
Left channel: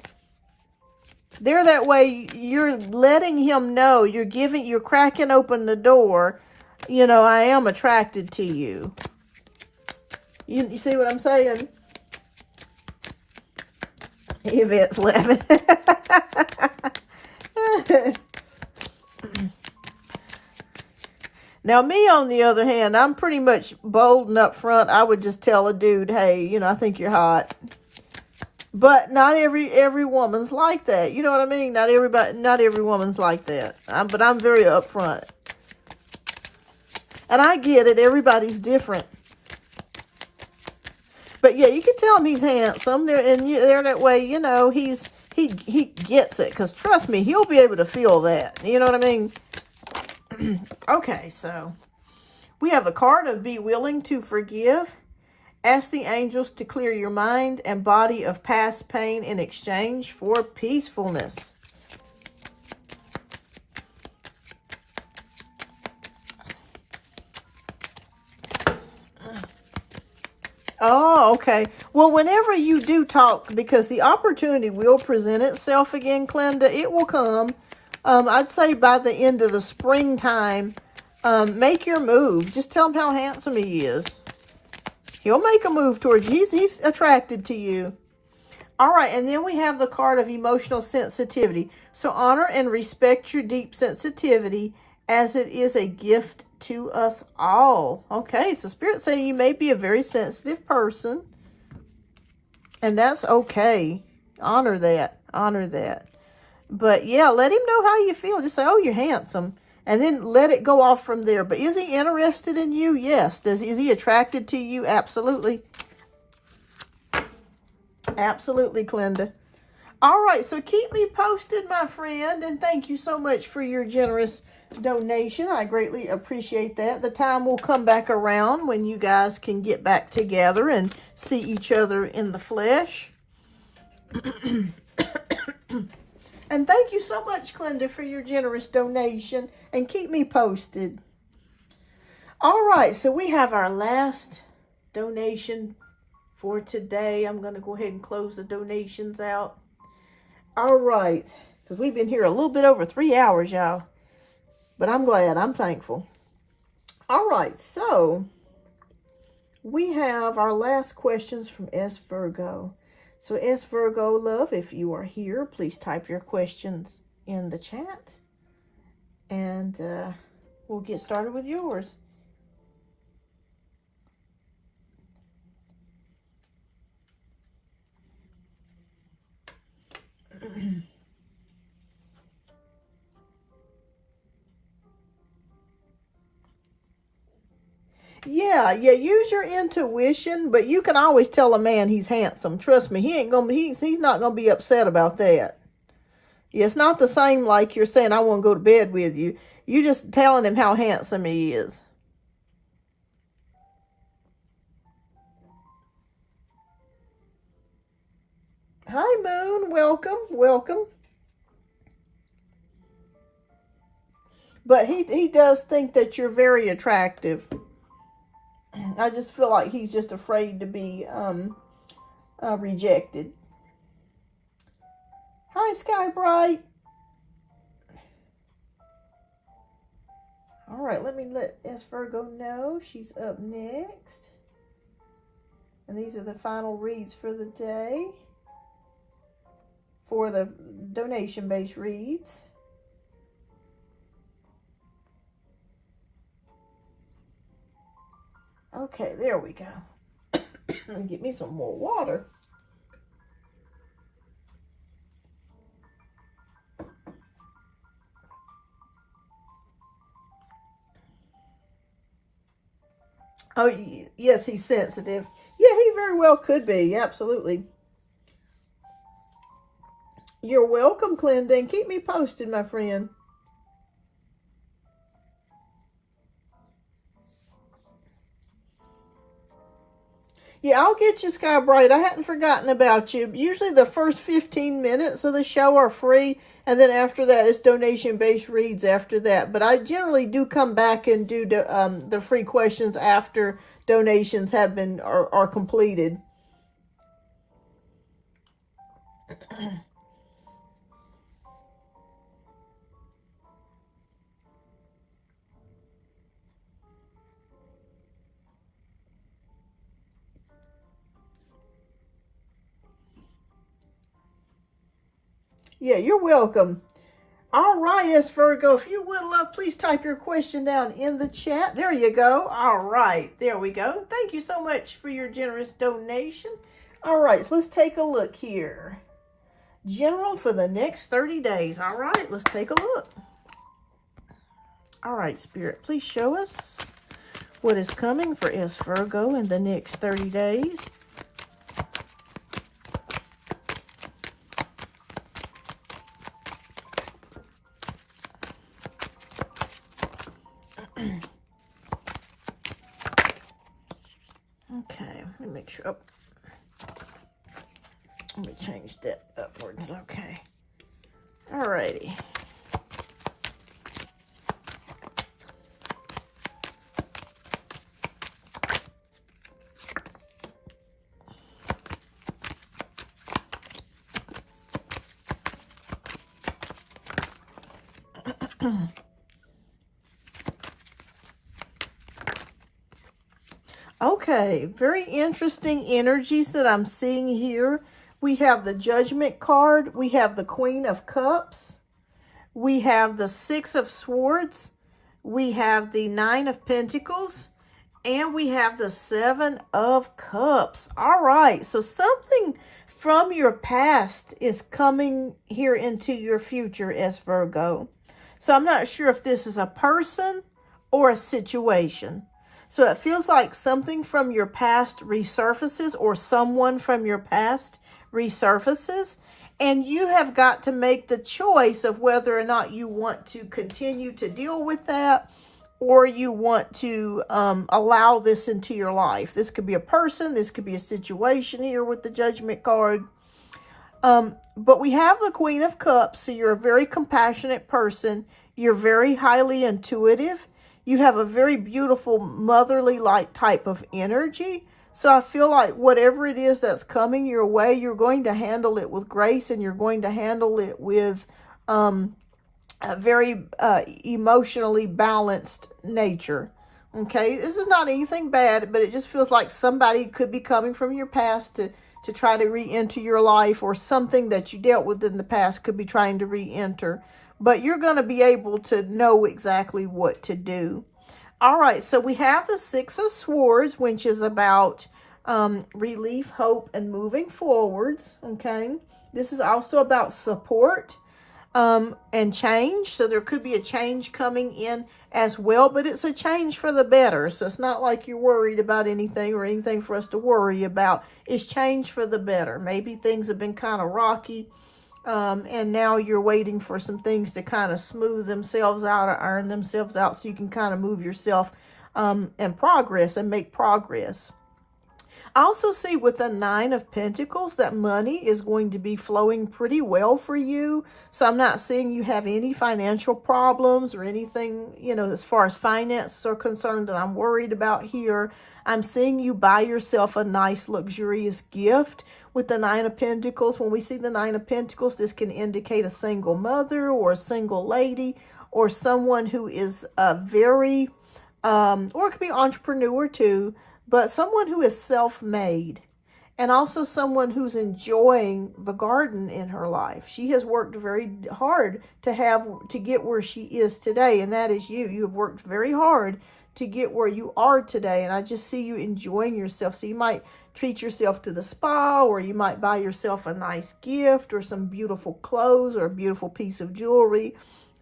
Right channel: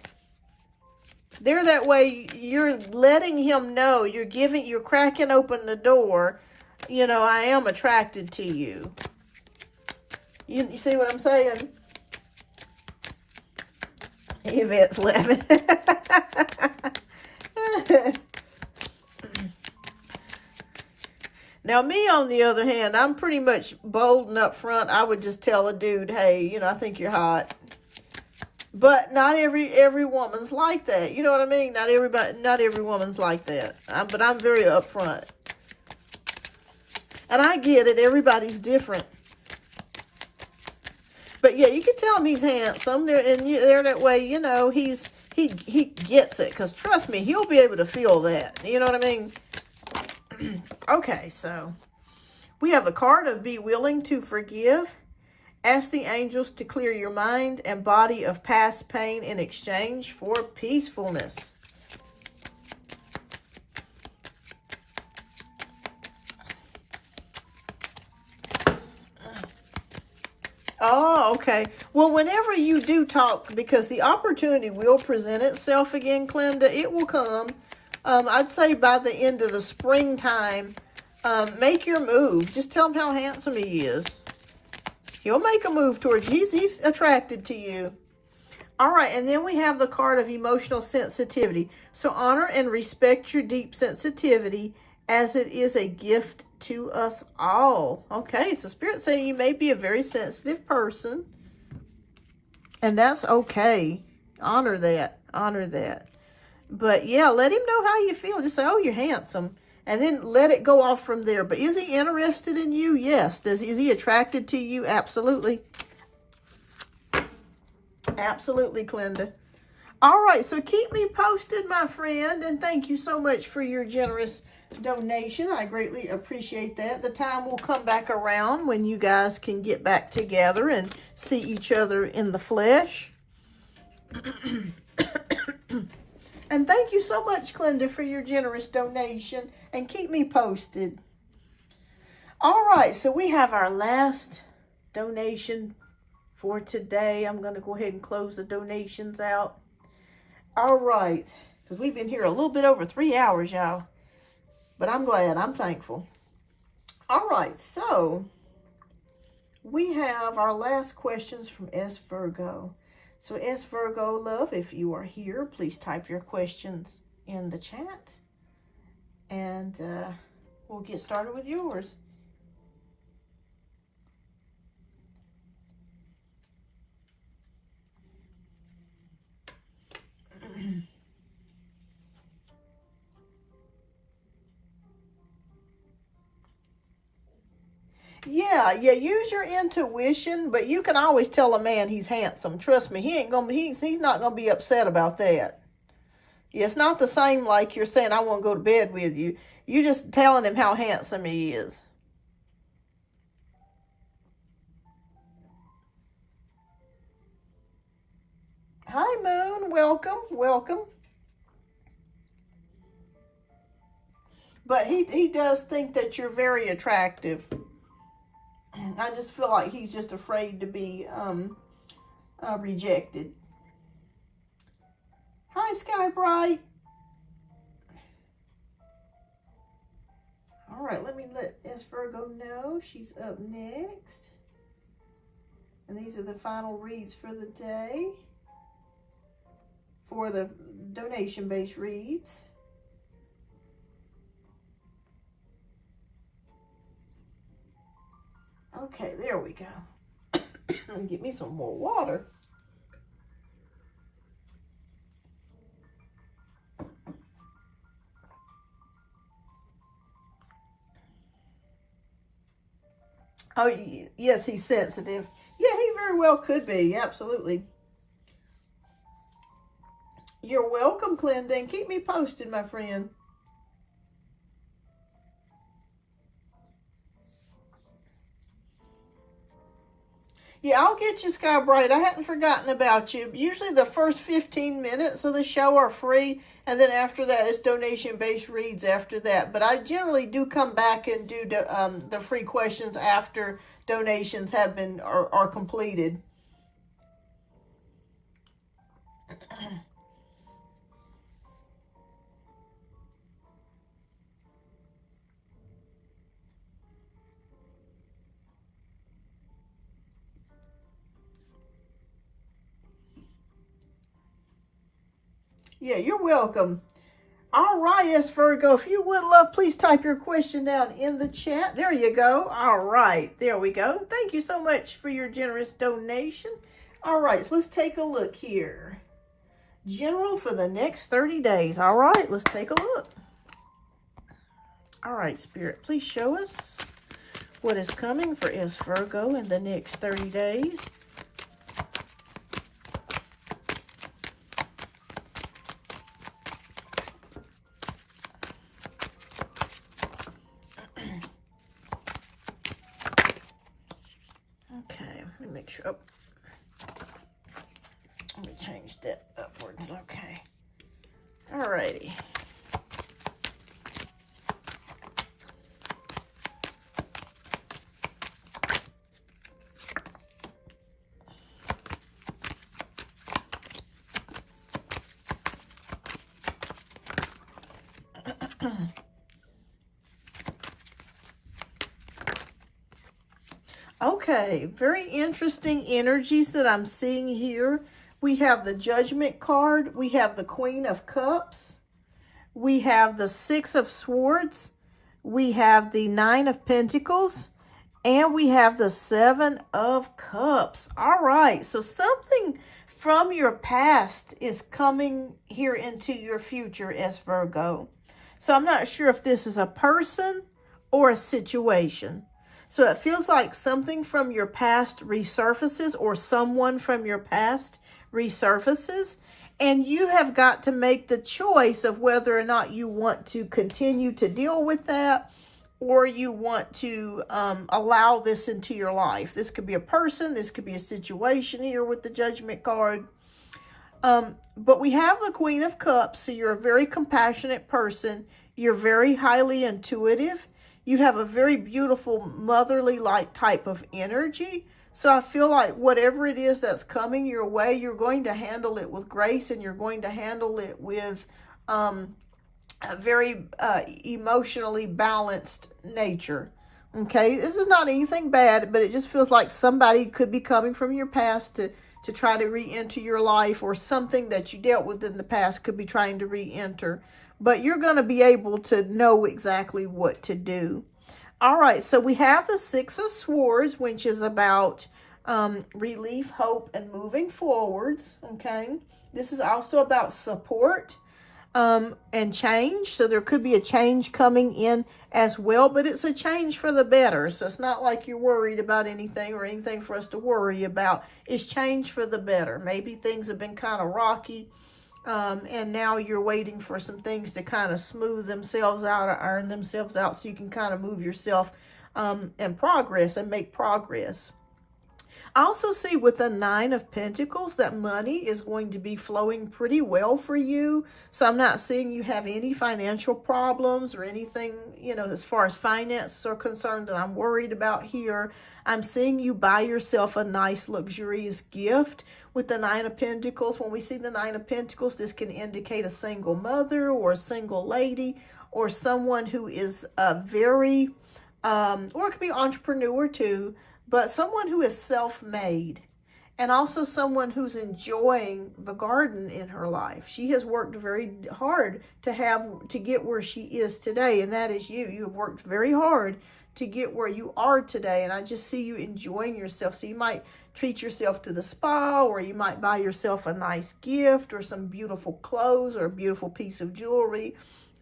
That way, you're letting him know, you're cracking open the door. I am attracted to you. You see what I'm saying? Yvette's laughing. Now, me, on the other hand, I'm pretty much bold and upfront. I would just tell a dude, hey, you know, I think you're hot. But not every woman's like that. You know what I mean? Not every woman's like that. But I'm very upfront. And I get it. Everybody's different. But yeah, you can tell him he's handsome. They're that way, you know, he gets it. Because trust me, he'll be able to feel that. You know what I mean? Okay, so we have the card of be willing to forgive. Ask the angels to clear your mind and body of past pain in exchange for peacefulness. Oh, okay. Well, whenever you do talk, because the opportunity will present itself again, Glenda, it will come. I'd say by the end of the springtime, make your move. Just tell him how handsome he is. He'll make a move towards you. He's attracted to you. All right, and then we have the card of emotional sensitivity. So honor and respect your deep sensitivity as it is a gift to us all. Okay, so Spirit saying you may be a very sensitive person. And that's okay. Honor that. Honor that. But yeah, let him know how you feel. Just say, oh, you're handsome. And then let it go off from there. But is he interested in you? Yes. Is he attracted to you? Absolutely. Absolutely, Glenda. All right, so keep me posted, my friend. And thank you so much for your generous donation. I greatly appreciate that. The time will come back around when you guys can get back together and see each other in the flesh. And thank you so much, Glenda, for your generous donation. And keep me posted. All right, so we have our last donation for today. I'm going to go ahead and close the donations out. All right, because we've been here a little bit over 3 hours, y'all. But I'm glad. I'm thankful. All right, so we have our last questions from S. Virgo. So S. Virgo, love, if you are here, please type your questions in the chat. And we'll get started with yours. Yeah, use your intuition, but you can always tell a man he's handsome. Trust me, he's not gonna be upset about that. Yeah, it's not the same like you're saying, I want to go to bed with you. You're just telling him how handsome he is. Hi, Moon. Welcome, welcome. But he does think that you're very attractive. I just feel like he's just afraid to be rejected. Hi, Sky Bright. All right, let me let S. Virgo know she's up next. And these are the final reads for the day for the donation-based reads. Okay, there we go. Get me some more water. Oh, yes, he's sensitive. Yeah, he very well could be. Absolutely. You're welcome, Glenda. Keep me posted, my friend. Yeah, I'll get you, Sky Bright. I hadn't forgotten about you. Usually the first 15 minutes of the show are free, and then after that, it's donation-based reads after that. But I generally do come back and do the free questions after donations have been are completed. Yeah, you're welcome. All right, S Virgo, if you would love, please type your question down in the chat. There you go. All right, there we go. Thank you so much for your generous donation. All right, so let's take a look here. General for the next 30 days. All right, let's take a look. All right, Spirit, please show us what is coming for S Virgo in the next 30 days. Okay, let me make sure. Oh, let me change that upwards. Okay. Alrighty. Okay, very interesting energies that I'm seeing here. We have the Judgment card. We have the Queen of Cups. We have the Six of Swords. We have the Nine of Pentacles. And we have the Seven of Cups. All right, so something from your past is coming here into your future as Virgo. So I'm not sure if this is a person or a situation. So it feels like something from your past resurfaces, or someone from your past resurfaces. And you have got to make the choice of whether or not you want to continue to deal with that, or you want to allow this into your life. This could be a person. This could be a situation here with the Judgment card. But we have the Queen of Cups. So you're a very compassionate person. You're very highly intuitive. You have a very beautiful motherly-like type of energy. So I feel like whatever it is that's coming your way, you're going to handle it with grace, and you're going to handle it with a very emotionally balanced nature. Okay, this is not anything bad, but it just feels like somebody could be coming from your past to try to re-enter your life, or something that you dealt with in the past could be trying to re-enter. But you're going to be able to know exactly what to do. All right, so we have the Six of Swords, which is about relief, hope, and moving forwards, okay? This is also about support and change. So there could be a change coming in as well, but it's a change for the better. So it's not like you're worried about anything, or anything for us to worry about. It's change for the better. Maybe things have been kind of rocky, and now you're waiting for some things to kind of smooth themselves out or iron themselves out, so you can kind of move yourself and progress and make progress. I also see with the Nine of Pentacles that money is going to be flowing pretty well for you. So I'm not seeing you have any financial problems or anything, you know, as far as finances are concerned, that I'm worried about here. I'm seeing you buy yourself a nice luxurious gift with the Nine of Pentacles. When we see the Nine of Pentacles, this can indicate a single mother or a single lady, or someone who is a very, or it could be entrepreneur too, but someone who is self-made, and also someone who's enjoying the garden in her life. She has worked very hard to get where she is today, and that is you. You have worked very hard to get where you are today, and I just see you enjoying yourself. So you might treat yourself to the spa, or you might buy yourself a nice gift, or some beautiful clothes, or a beautiful piece of jewelry.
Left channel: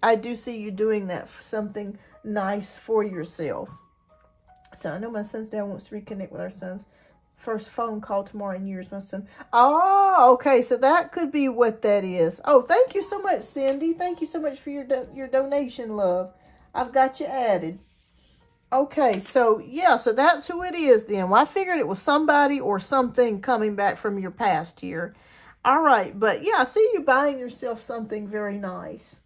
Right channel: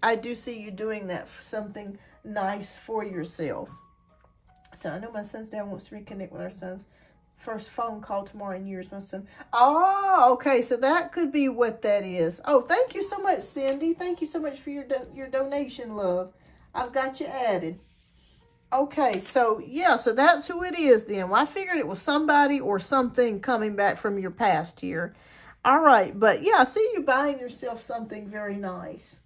I do see you doing that, for something nice for yourself. So I know my son's dad wants to reconnect with our son's first phone call tomorrow in years, my son. Oh, okay. So that could be what that is. Oh, thank you so much, Cindy. Thank you so much for your donation, love. I've got you added. Okay, so yeah, so that's who it is then. Well, I figured it was somebody or something coming back from your past here. All right, but yeah, I see you buying yourself something very nice.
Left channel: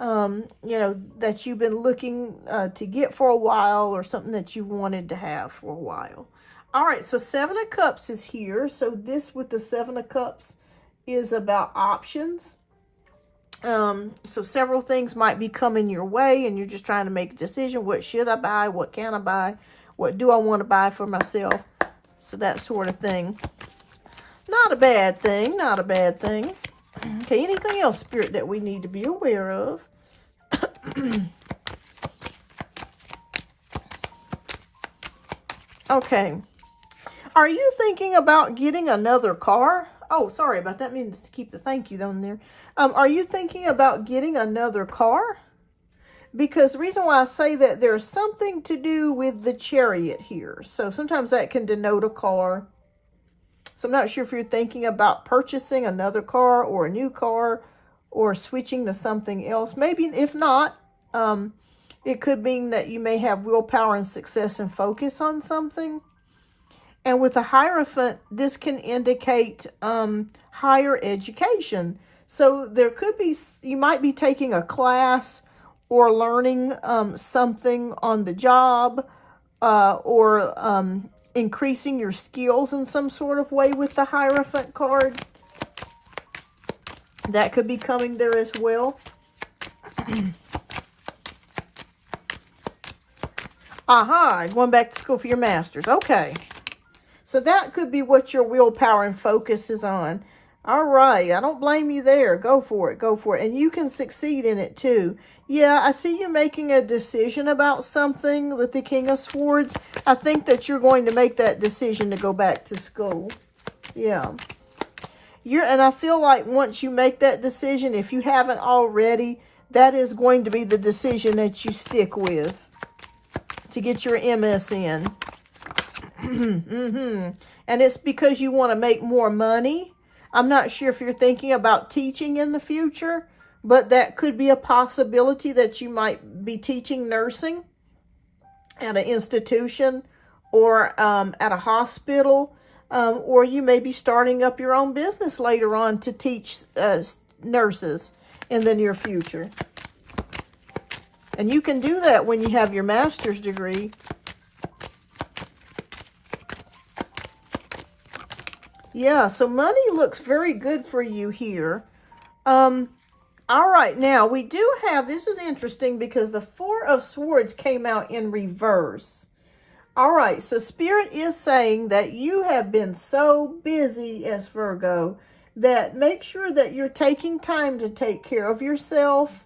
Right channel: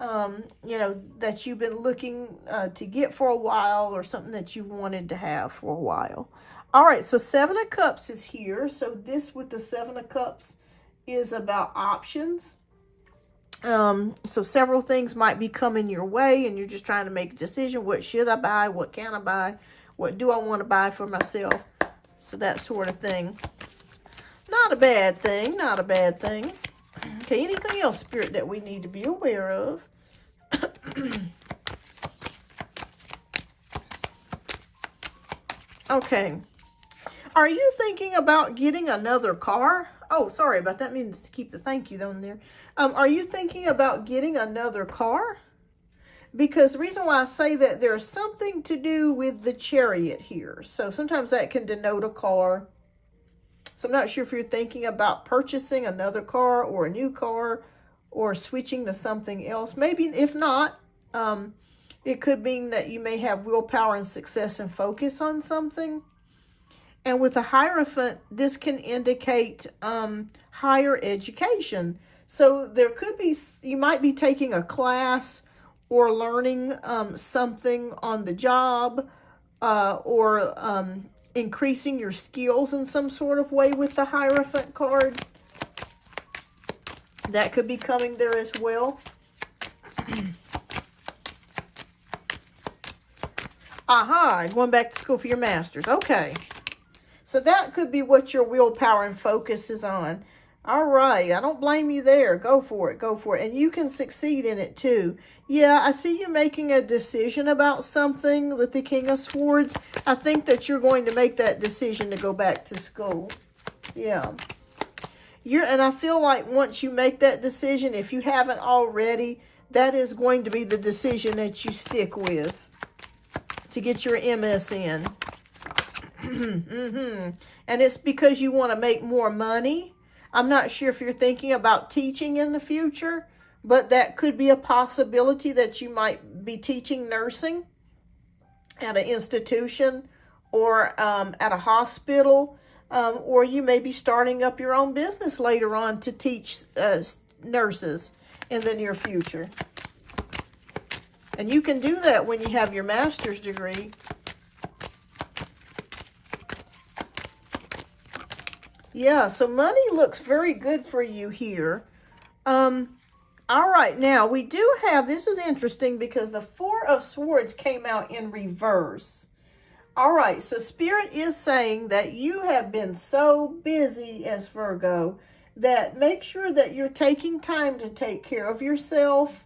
You know, that you've been looking to get for a while, or something that you wanted to have for a while. All right, so Seven of Cups is here. So this with the Seven of Cups is about options. So several things might be coming your way, and you're just trying to make a decision. What should I buy? What can I buy? What do I want to buy for myself? So that sort of thing. Not a bad thing. Not a bad thing. Okay, anything else, Spirit, that we need to be aware of? Okay. Are you thinking about getting another car? Oh, sorry about that. Means to keep the thank you on there. Are you thinking about getting another car? Because the reason why I say that, there's something to do with the Chariot here. So sometimes that can denote a car. So I'm not sure if you're thinking about purchasing another car or a new car or switching to something else. Maybe if not, it could mean that you may have willpower and success and focus on something. And with a Hierophant, this can indicate higher education. So there could be, you might be taking a class or learning something on the job, or increasing your skills in some sort of way with the Hierophant card. That could be coming there as well. Aha, going back to school for your master's. Okay. So that could be what your willpower and focus is on. All right. I don't blame you there. Go for it. Go for it. And you can succeed in it too. Yeah, I see you making a decision about something with the King of Swords. I think that you're going to make that decision to go back to school. Yeah. And I feel like once you make that decision, if you haven't already, that is going to be the decision that you stick with to get your MS in. And it's because you want to make more money. I'm not sure if you're thinking about teaching in the future, but that could be a possibility that you might be teaching nursing at an institution or at a hospital, or you may be starting up your own business later on to teach nurses in the near future. And you can do that when you have your master's degree. Yeah, so money looks very good for you here. All right, now we do have, this is interesting because the Four of Swords came out in reverse. All right, so Spirit is saying that you have been so busy as Virgo that make sure that you're taking time to take care of yourself,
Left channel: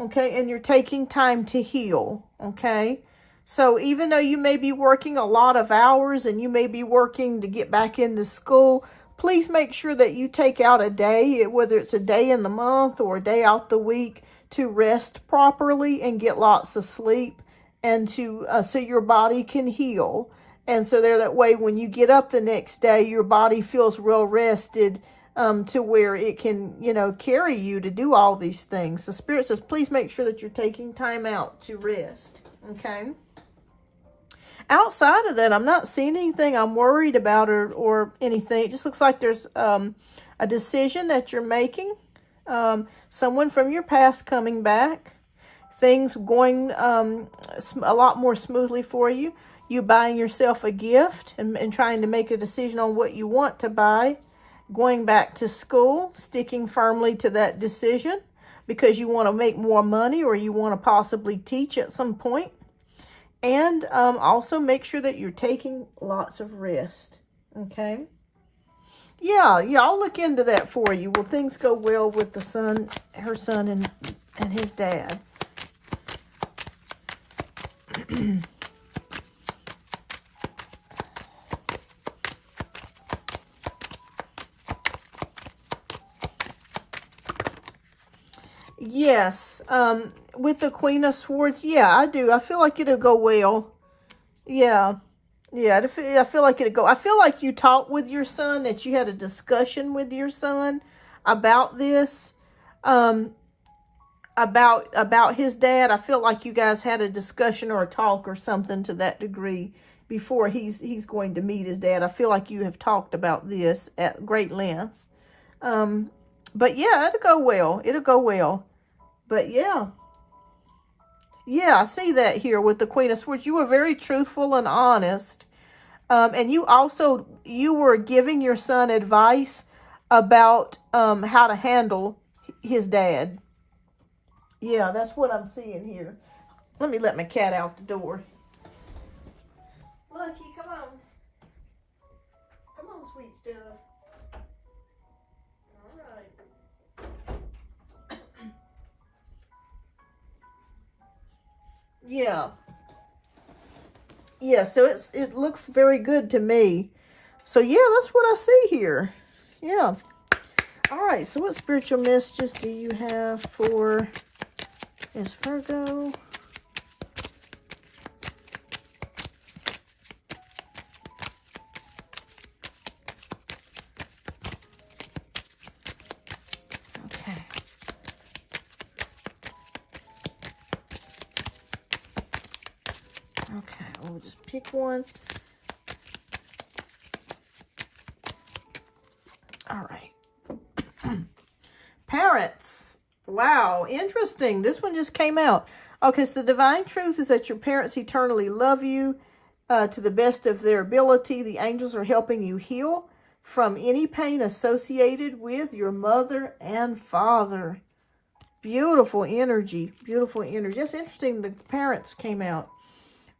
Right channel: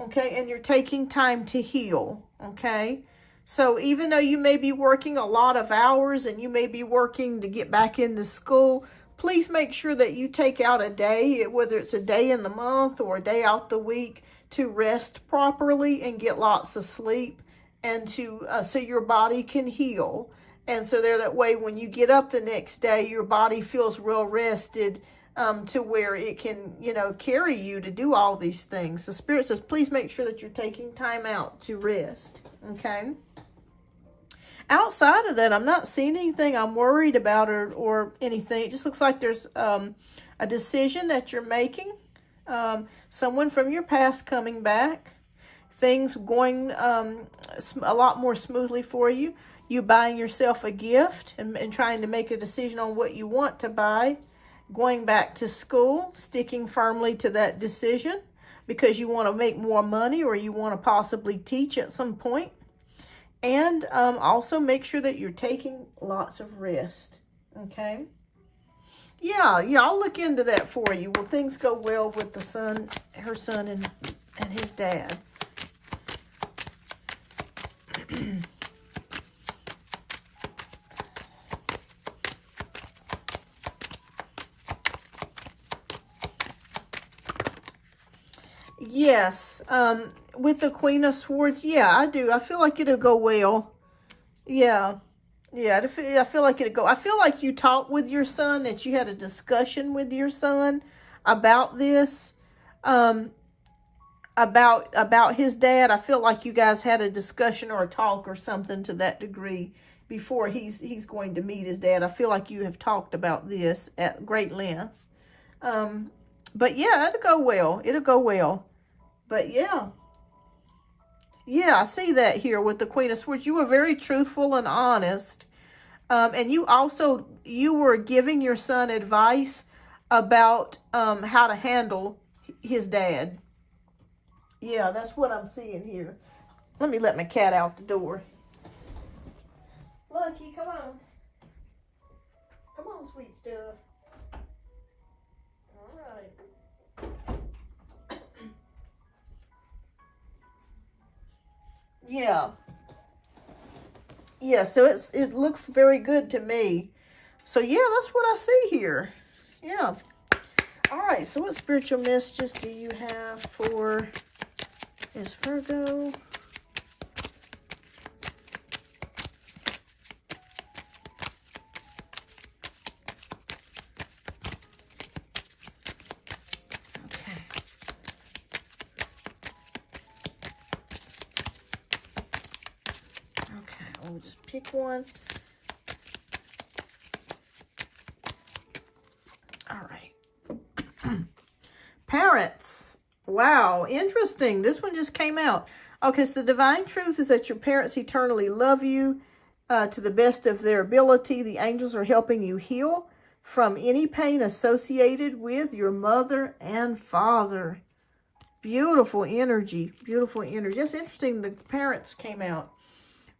okay? And you're taking time to heal, okay? So even though you may be working a lot of hours and you may be working to get back into school, please make sure that you take out a day, whether it's a day in the month or a day out the week, to rest properly and get lots of sleep, and to so your body can heal. And so there, that way when you get up the next day, your body feels well rested, to where it can, you know, carry you to do all these things. So Spirit says, please make sure that you're taking time out to rest. Okay. Outside of that, I'm not seeing anything I'm worried about or anything. It just looks like there's a decision that you're making. Someone from your past coming back. Things going a lot more smoothly for you. You buying yourself a gift and trying to make a decision on what you want to buy. Going back to school, sticking firmly to that decision because you want to make more money or you want to possibly teach at some point. And also make sure that you're taking lots of rest, okay? Yeah, I'll look into that for you. Will things go well with the son, her son, and his dad? Yes, with the Queen of Swords, yeah, I do. I feel like it'll go well. Yeah, I feel like it'll go. I feel like you talked with your son, that you had a discussion with your son about this, about his dad. I feel like you guys had a discussion or a talk or something to that degree before he's going to meet his dad. I feel like you have talked about this at great length. But yeah, it'll go well. It'll go well. But yeah, I see that here with the Queen of Swords. You were very truthful and honest. And you were giving your son advice about how to handle his dad. Yeah, that's what I'm seeing here. Let me let my cat out the door. Lucky, come on. Come on, sweet stuff. All right. Yeah. Yeah, so it looks very good to me. So yeah, that's what I see here. Yeah. All right, so what spiritual messages do you have for Virgo? Okay. Okay, we'll just pick one. All right. Parents. Wow, interesting. This one just came out. Okay, so the divine truth is that your parents eternally love you to the best of their ability. The angels are helping you heal from any pain associated with your mother and father. Beautiful energy. Beautiful energy. That's interesting. The parents came out.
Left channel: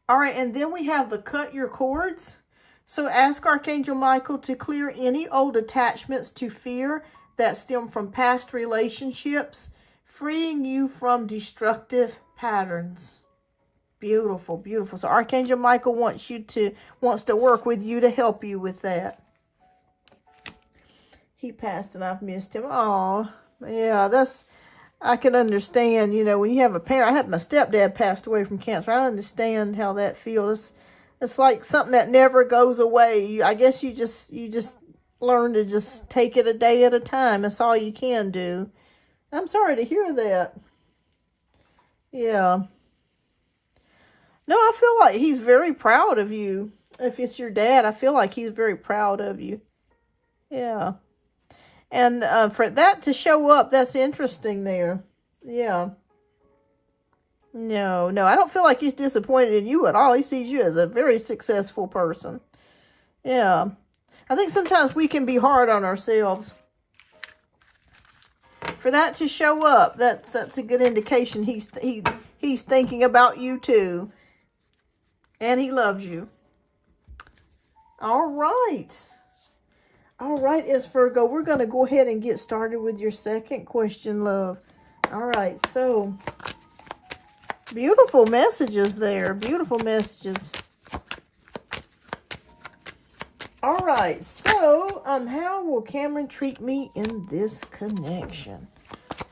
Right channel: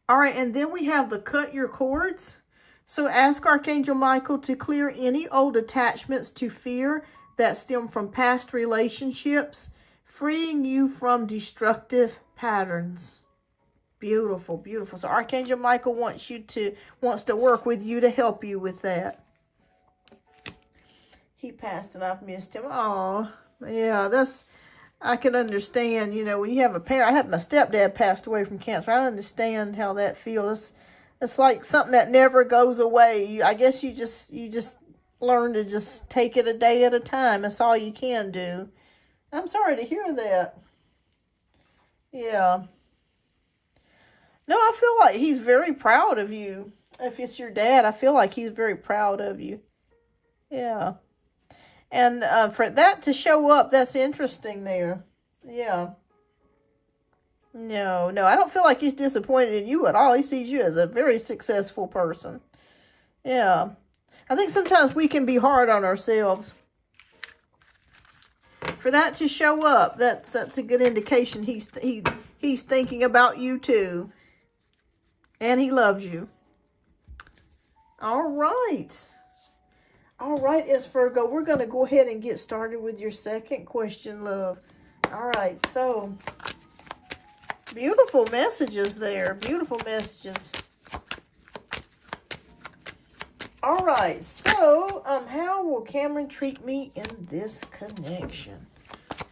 All right, and then we have the cut your cords. So ask Archangel Michael to clear any old attachments to fear that stem from past relationships, freeing you from destructive patterns. Beautiful, beautiful. So Archangel Michael wants to work with you to help you with that. He passed and I've missed him. Oh, yeah, I can understand, you know, when you have a parent. I had my stepdad passed away from cancer. I understand how that feels. It's like something that never goes away. I guess you just learn to just take it a day at a time. That's all you can do. I'm sorry to hear that. Yeah. No, I feel like he's very proud of you. If it's your dad, I feel like he's very proud of you. Yeah. And for that to show up, that's interesting there. Yeah. No, I don't feel like he's disappointed in you at all. He sees you as a very successful person. Yeah. I think sometimes we can be hard on ourselves. For that to show up, that's a good indication he's thinking about you too. And he loves you. All right. All right, Virgo, we're going to go ahead and get started with your second question, love. All right, so beautiful messages there. Beautiful messages. All right, so how will Cameron treat me in this connection?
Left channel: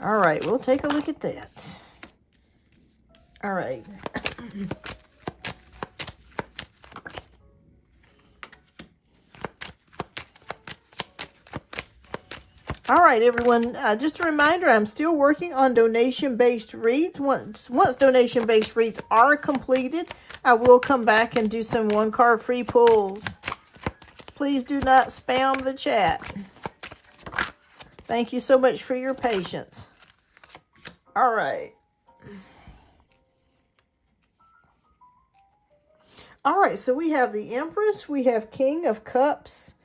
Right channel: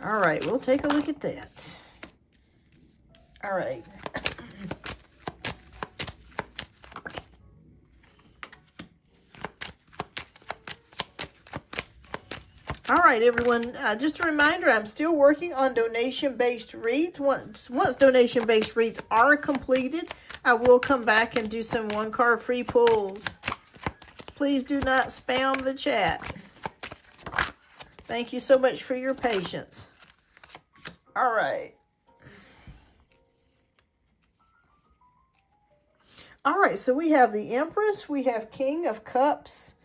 All right, we'll take a look at that. All right. All right, everyone, just a reminder, I'm still working on donation-based reads. Once donation-based reads are completed, I will come back and do some one-card free pulls. Please do not spam the chat. Thank you so much for your patience. All right. All right, so we have the Empress, we have King of Cups,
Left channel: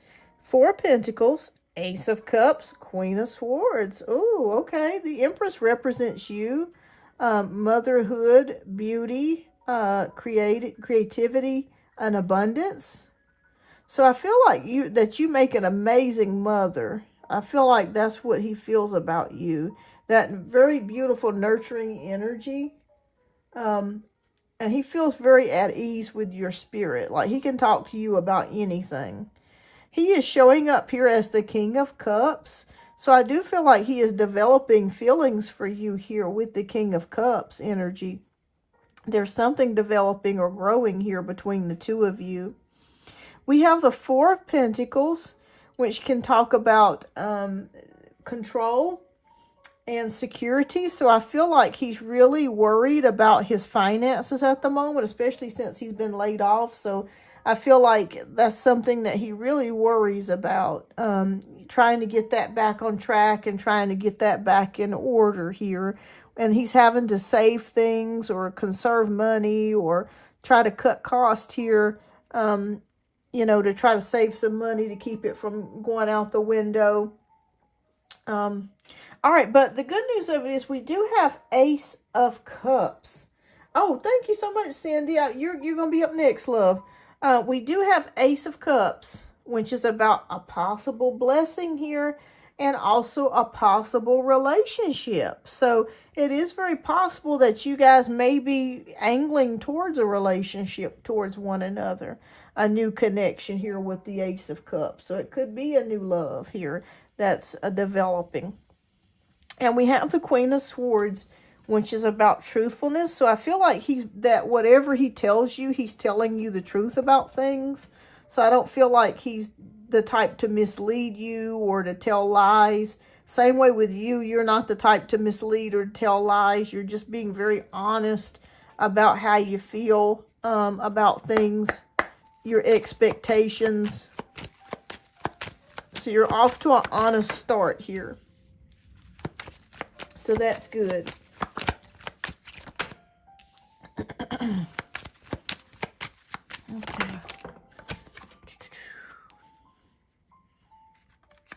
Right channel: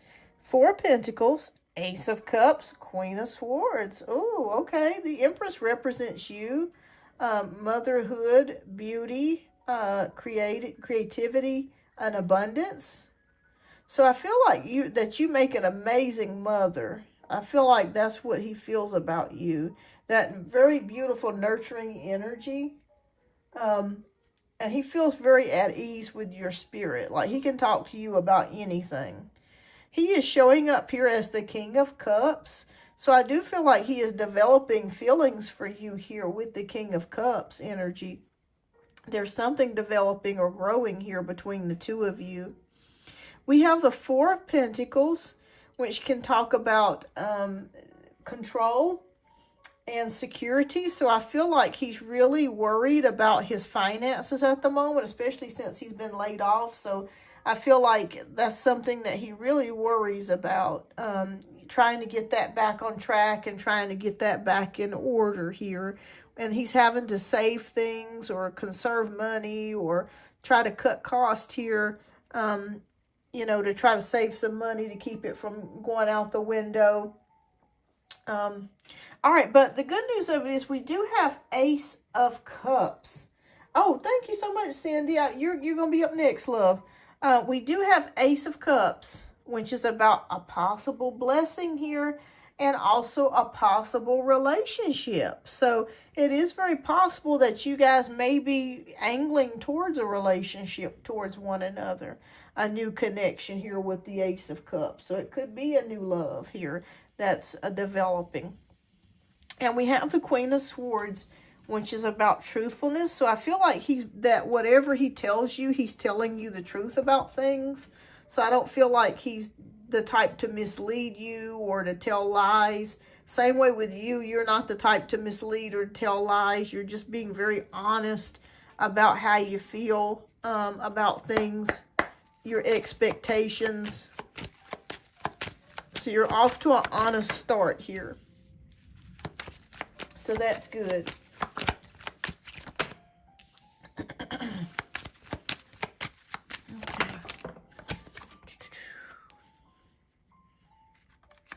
Four of Pentacles, Ace of Cups, Queen of Swords. Oh, okay. The Empress represents you, motherhood, beauty, creativity, and abundance. So I feel like you make an amazing mother. I feel like that's what he feels about you. That very beautiful, nurturing energy. And he feels very at ease with your spirit. Like he can talk to you about anything. He is showing up here as the King of Cups. So I do feel like he is developing feelings for you here with the King of Cups energy. There's something developing or growing here between the two of you. We have the Four of Pentacles, which can talk about control and security. So I feel like he's really worried about his finances at the moment, especially since he's been laid off. So I feel like that's something that he really worries about, trying to get that back on track and trying to get that back in order here. And he's having to save things or conserve money or try to cut costs here, you know, to try to save some money to keep it from going out the window. All right, but the good news of it is we do have Ace of Cups. Oh, thank you so much, Cindy. You're going to be up next, love. We do have Ace of Cups, which is about a possible blessing here. and also a possible relationship. So it is very possible that you guys may be angling towards a relationship towards one another, a new connection here with the Ace of Cups. So it could be a new love here that's developing. And we have the Queen of Swords, which is about truthfulness. So I feel like that whatever he tells you, he's telling you the truth about things. So I don't feel like he's the type to mislead you or to tell lies. Same way with you, you're not the type to mislead or tell lies. You're just being very honest about how you feel about things, your expectations. So you're off to an honest start here. So that's good. Okay.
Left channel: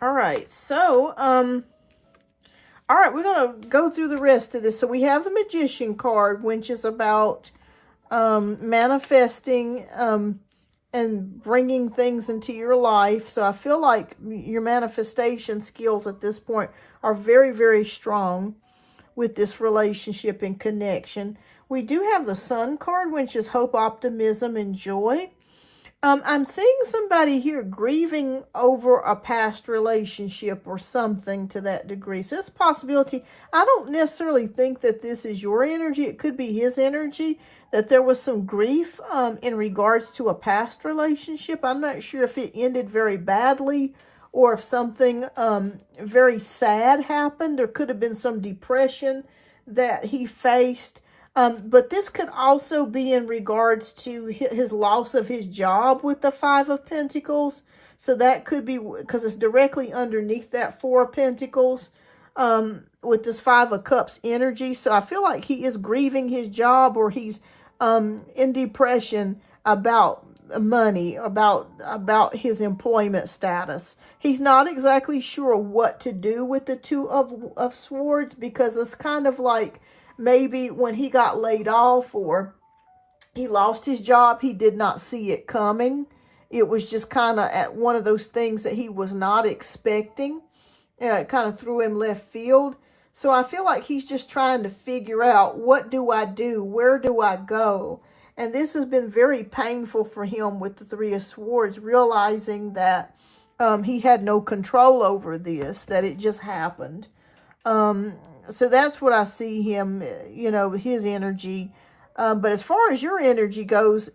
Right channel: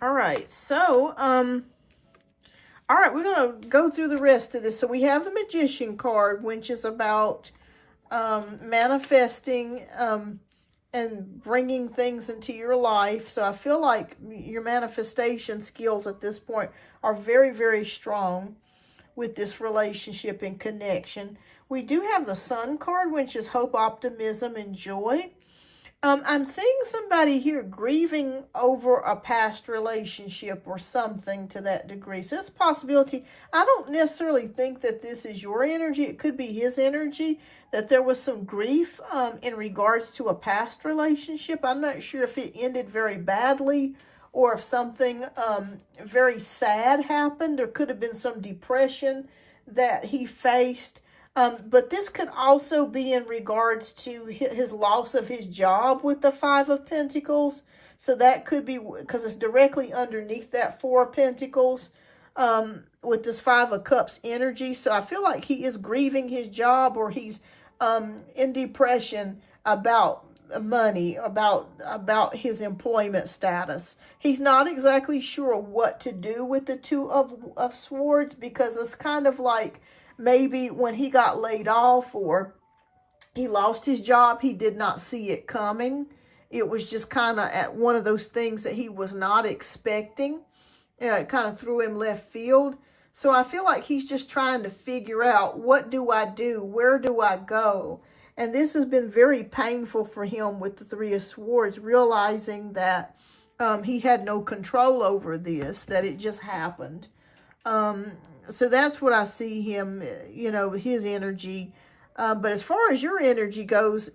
All right, so, all right, we're going to go through the rest of this. So we have the Magician card, which is about manifesting and bringing things into your life. So I feel like your manifestation skills at this point are very, very strong with this relationship and connection. We do have the Sun card, which is hope, optimism, and joy. I'm seeing somebody here grieving over a past relationship or something to that degree. So it's a possibility. I don't necessarily think that this is your energy. It could be his energy, that there was some grief in regards to a past relationship. I'm not sure if it ended very badly or if something very sad happened. There could have been some depression that he faced. But this could also be in regards to his loss of his job with the Five of Pentacles. So that could be because it's directly underneath that Four of Pentacles with this Five of Cups energy. So I feel like he is grieving his job, or he's in depression about money, about his employment status. He's not exactly sure what to do with the Two of Swords, because it's kind of like, maybe when he got laid off or he lost his job, he did not see it coming. It was just kind of at one of those things that he was not expecting. It kind of threw him left field. So I feel like he's just trying to figure out, what do I do? Where do I go? And this has been very painful for him with the Three of Swords, realizing that he had no control over this, that it just happened. So that's what I see him, his energy. But as far as your energy goes,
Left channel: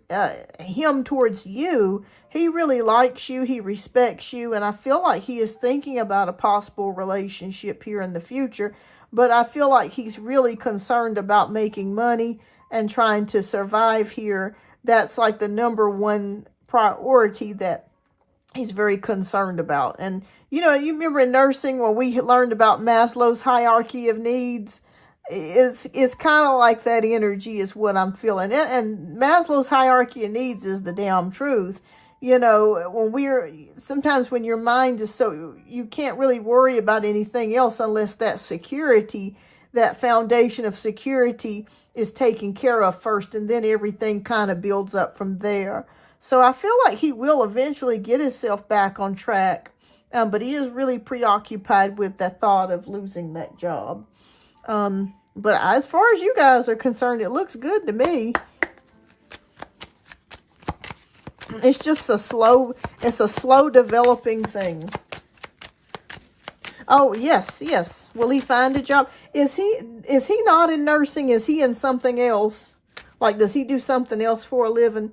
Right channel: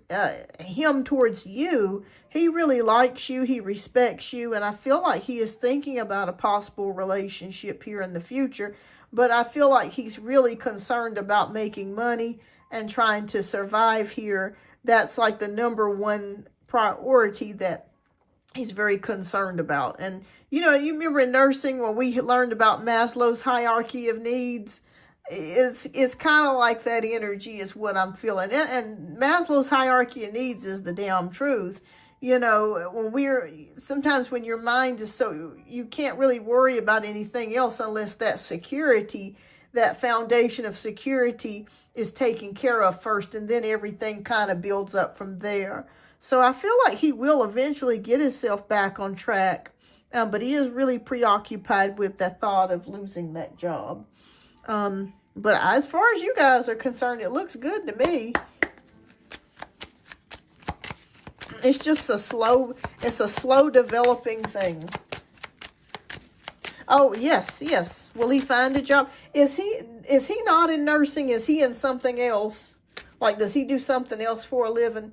him towards you, he really likes you. He respects you. And I feel like he is thinking about a possible relationship here in the future. But I feel like he's really concerned about making money and trying to survive here. That's like the #1 priority that he's very concerned about. And, you remember in nursing when we learned about Maslow's hierarchy of needs? It's kind of like that energy is what I'm feeling. And Maslow's hierarchy of needs is the damn truth. Sometimes when your mind is so, you can't really worry about anything else unless that security, that foundation of security is taken care of first, and then everything kind of builds up from there. So I feel like he will eventually get himself back on track, but he is really preoccupied with the thought of losing that job. But as far as you guys are concerned, it looks good to me. It's just a slow developing thing. Oh, yes. Will he find a job? Is he not in nursing? Is he in something else? Like, does he do something else for a living?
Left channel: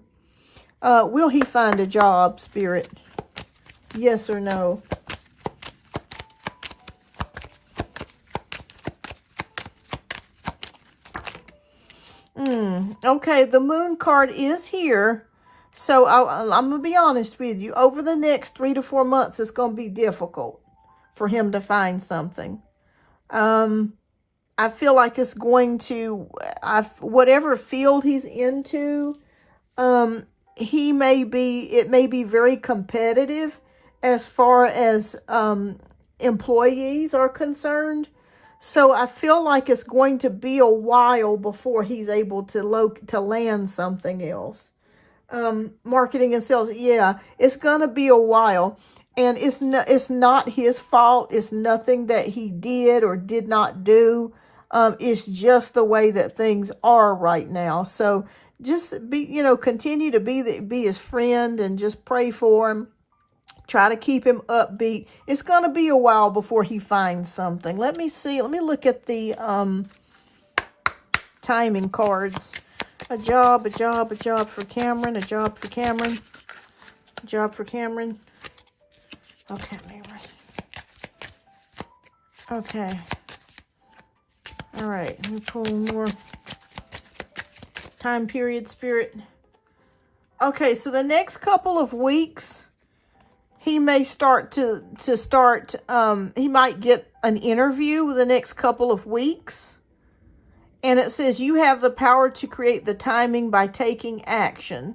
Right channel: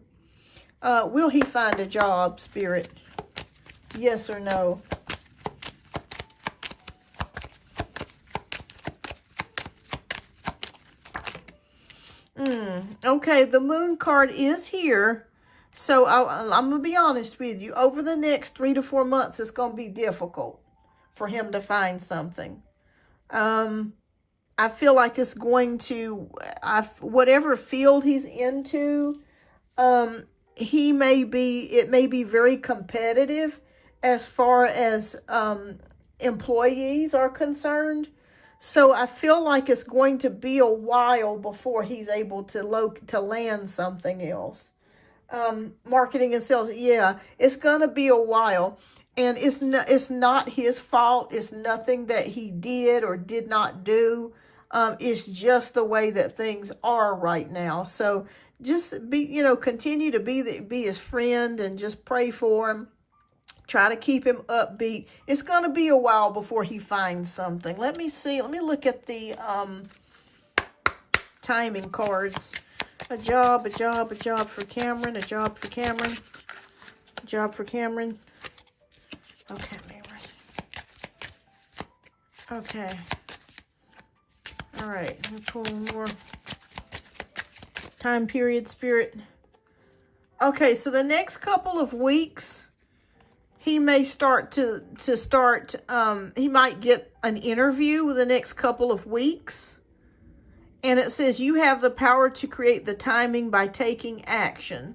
Will he find a job, Spirit? Yes or no? Okay, the Moon card is here. So I'm going to be honest with you. Over the next 3 to 4 months, it's going to be difficult for him to find something. I feel like it's going to, whatever field he's into, it may be very competitive as far as employees are concerned. So I feel like it's going to be a while before he's able to land something else. Marketing and sales, yeah, it's going to be a while. And it's not his fault. It's nothing that he did or did not do. It's just the way that things are right now. So just be, continue to be his friend and just pray for him. Try to keep him upbeat. It's going to be a while before he finds something. Let me see. Let me look at the timing cards. A job for Cameron, a job for Cameron, a job for Cameron. Okay, okay. All right, let me pull more. Time period, spirit. Okay, so the next couple of weeks, he may start he might get an interview the next couple of weeks. And it says you have the power to create the timing by taking action.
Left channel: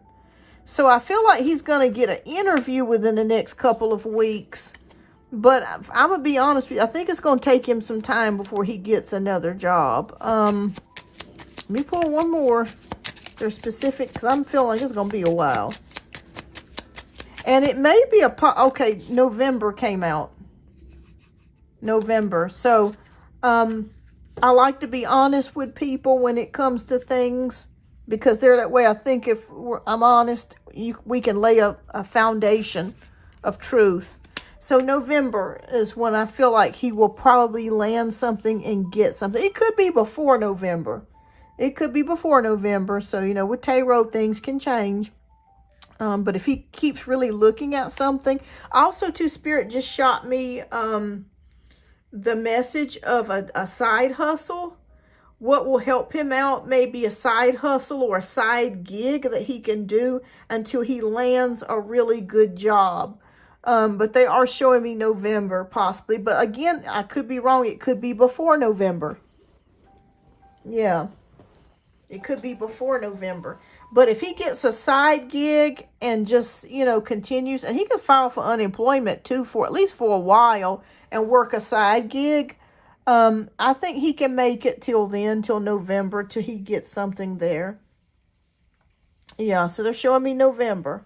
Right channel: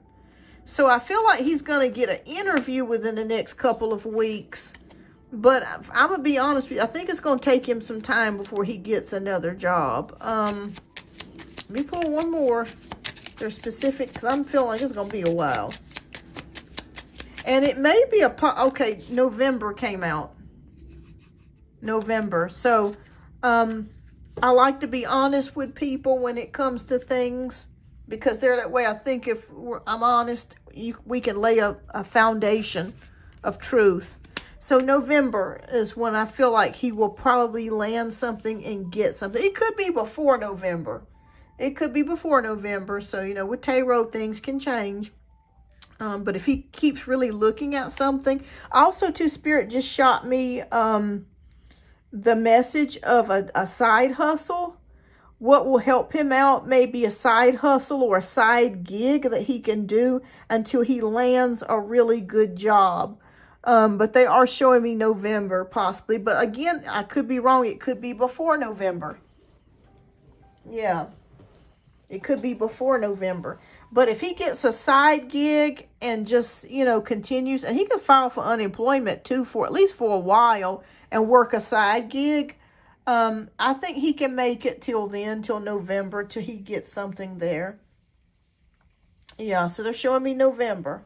So I feel like he's going to get an interview within the next couple of weeks. But I'm going to be honest with you. I think it's going to take him some time before he gets another job. Let me pull one more. They're specific because I'm feeling like it's going to be a while. And it may be okay, November came out. November. So, I like to be honest with people when it comes to things, because they're that way. I think if I'm honest, we can lay a foundation of truth. So November is when I feel like he will probably land something and get something. It could be before November. It could be before November. So, with tarot, things can change. But if he keeps really looking at something. Also, too, Spirit just shot me the message of a side hustle. What will help him out, maybe a side hustle or a side gig that he can do until he lands a really good job. But they are showing me November possibly. But again, I could be wrong. It could be before November. Yeah. It could be before November. But if he gets a side gig and just, continues, and he can file for unemployment too for at least for a while and work a side gig, I think he can make it till November, till he gets something there. Yeah, so they're showing me November.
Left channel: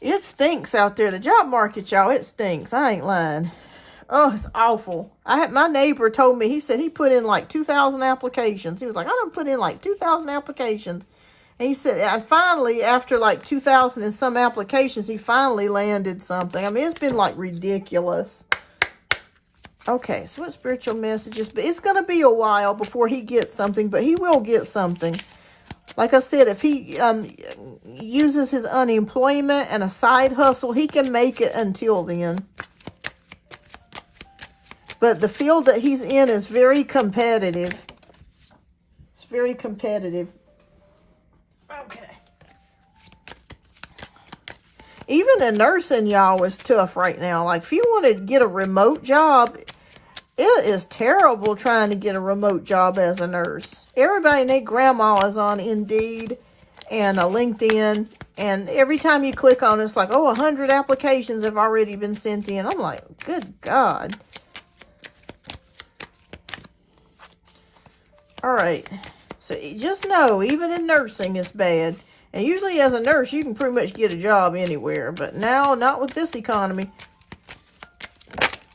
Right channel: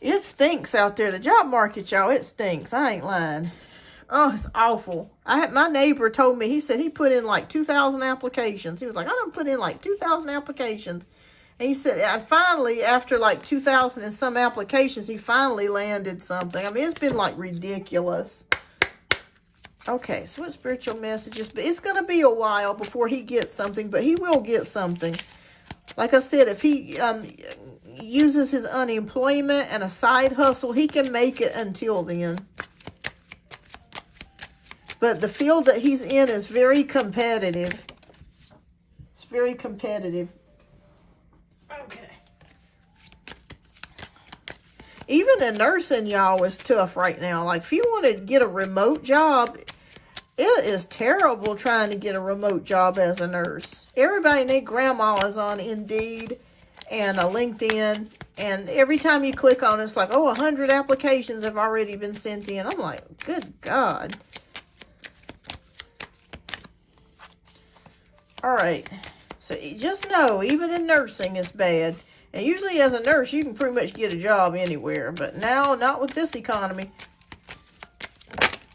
It stinks out there. The job market, y'all, it stinks. I ain't lying. Oh, it's awful. My neighbor told me, he said he put in like 2,000 applications. He was like, I done put in like 2,000 applications. And he said, I finally, after like 2,000 and some applications, he finally landed something. I mean, it's been like ridiculous. Okay, so what spiritual messages? But it's going to be a while before he gets something, but he will get something. Like I said, if he uses his unemployment and a side hustle, he can make it until then. But the field that he's in is very competitive. It's very competitive. Okay. Even the nursing, y'all, is tough right now. Like, if you want to get a remote job, it is terrible trying to get a remote job as a nurse. Everybody and their grandma is on Indeed and LinkedIn. And every time you click on it, it's like, 100 applications have already been sent in. I'm like, good God. All right, so just know, even in nursing, it's bad. And usually as a nurse, you can pretty much get a job anywhere. But now, not with this economy.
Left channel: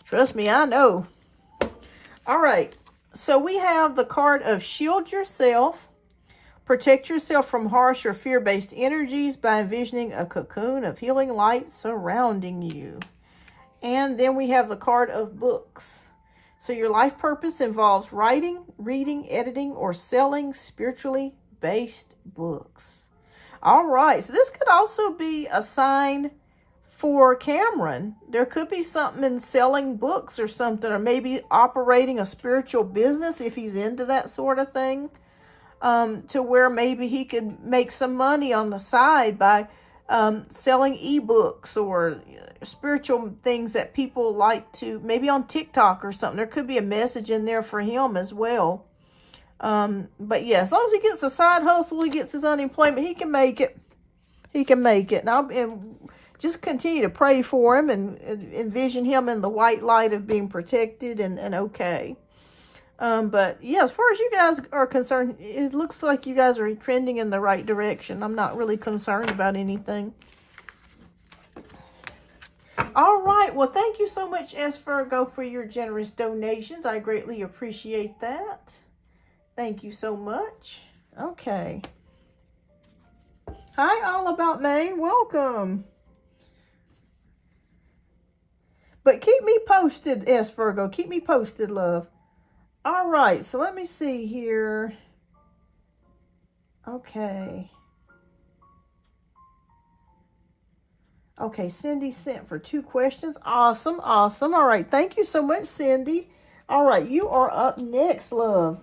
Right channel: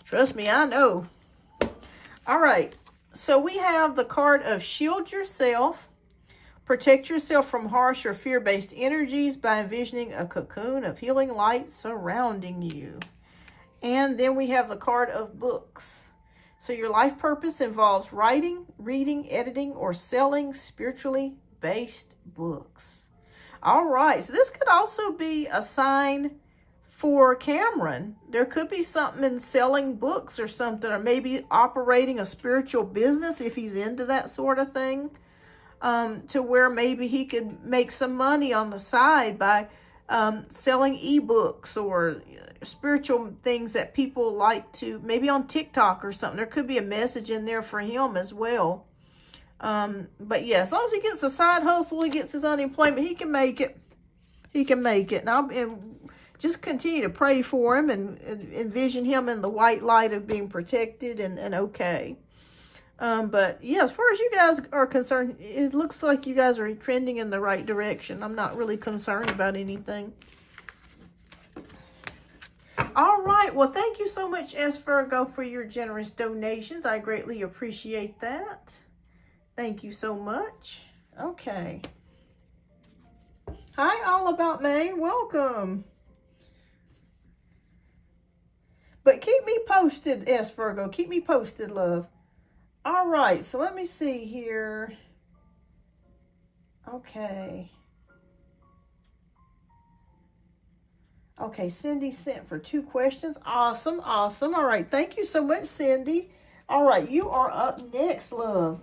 Trust me, I know. All right, so we have the card of Shield Yourself. Protect yourself from harsh or fear-based energies by envisioning a cocoon of healing light surrounding you. And then we have the card of Books. So your life purpose involves writing, reading, editing, or selling spiritually based books. All right, so this could also be a sign for Cameron. There could be something in selling books or something, or maybe operating a spiritual business if he's into that sort of thing, to where maybe he could make some money on the side by selling ebooks or spiritual things that people like to, maybe on TikTok or something. There could be a message in there for him as well. But yeah, as long as he gets a side hustle, he gets his unemployment, he can make it. He can make it. And just continue to pray for him and envision him in the white light of being protected and okay. But yeah, as far as you guys are concerned, it looks like you guys are trending in the right direction. I'm not really concerned about anything. All right. Well, thank you so much, S. Virgo, for your generous donations. I greatly appreciate that. Thank you so much. Okay. Hi, All About Maine. Welcome. But keep me posted, S. Virgo. Keep me posted, love. All right. So let me see here. Okay. Okay, Cindy sent for 2 questions. Awesome, awesome. All right, thank you so much, Cindy. All right, you are up next, love.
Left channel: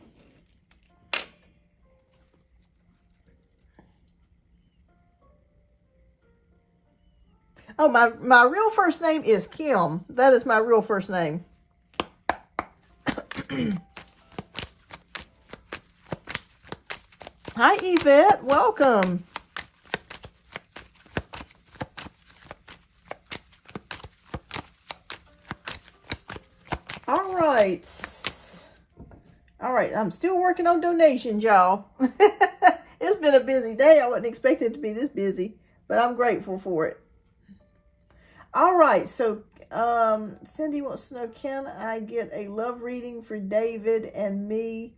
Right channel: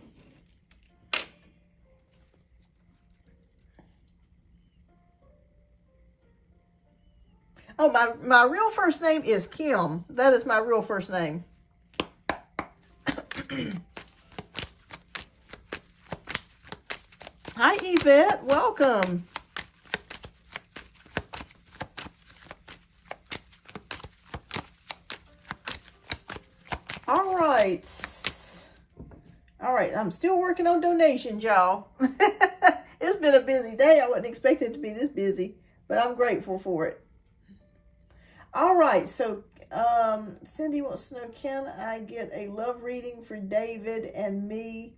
Oh, my real first name is Kim. That is my real first name. Hi, Yvette. Welcome. All right. All right. I'm still working on donations, y'all. It's been a busy day. I wasn't expecting it to be this busy, but I'm grateful for it. All right. So, Cindy wants to know, can I get a love reading for David and me?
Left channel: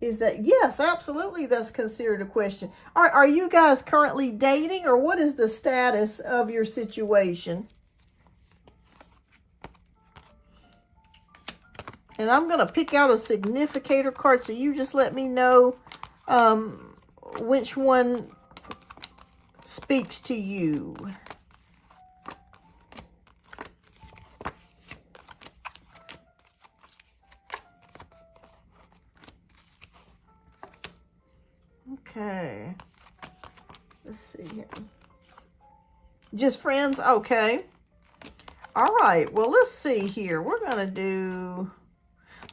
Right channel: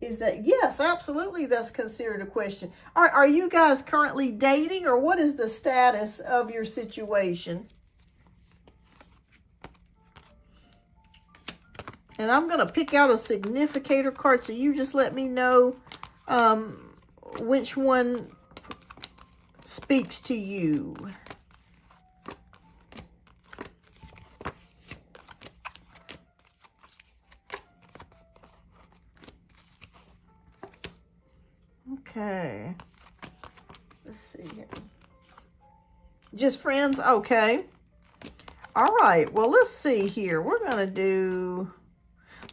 Is that, yes, absolutely. That's considered a question. Are you guys currently dating, or what is the status of your situation? And I'm going to pick out a significator card, so you just let me know which one speaks to you. Okay. Let's see here. Just friends? Okay. All right. Well, let's see here. We're going to do...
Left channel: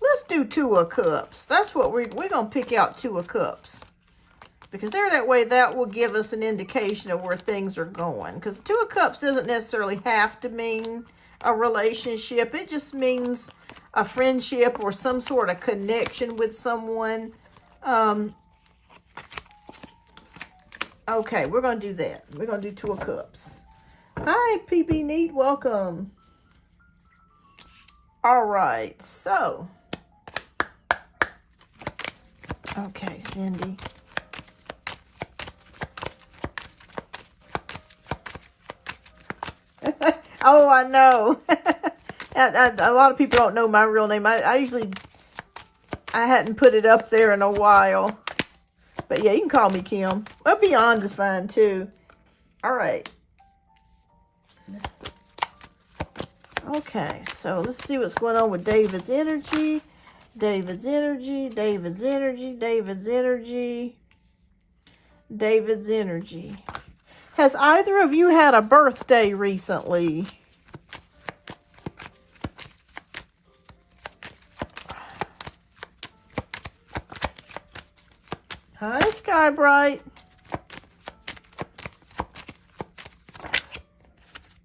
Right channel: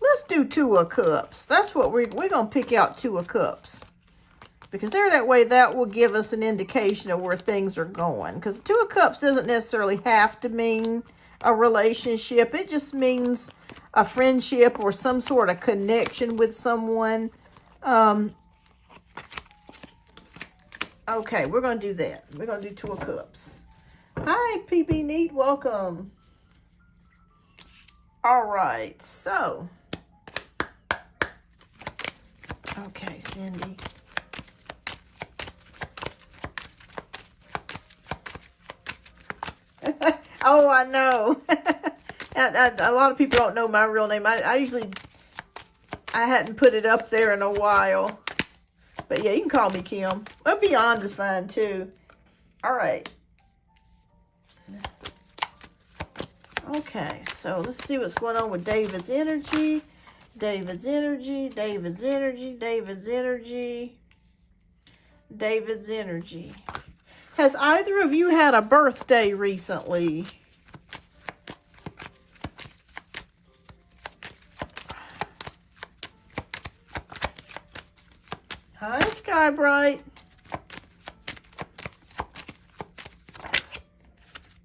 Let's do 2 of Cups. That's what we're going to pick out, 2 of Cups. Because that way that will give us an indication of where things are going. Because 2 of Cups doesn't necessarily have to mean a relationship. It just means a friendship or some sort of connection with someone. Okay, we're going to do that. We're going to do 2 of Cups. Hi, PB Neat. Welcome. All right, so... Okay, Cindy. Oh, I know. A lot of people don't know my real name. I hadn't put it up there in a while. But yeah, you can call me Kim. Well, Beyond is fine too. All right. Okay, so let's see what's going on with David's energy. David's energy, David's energy, David's energy, David's energy. Has either of you had a birthday recently? Hi, Sky Bright.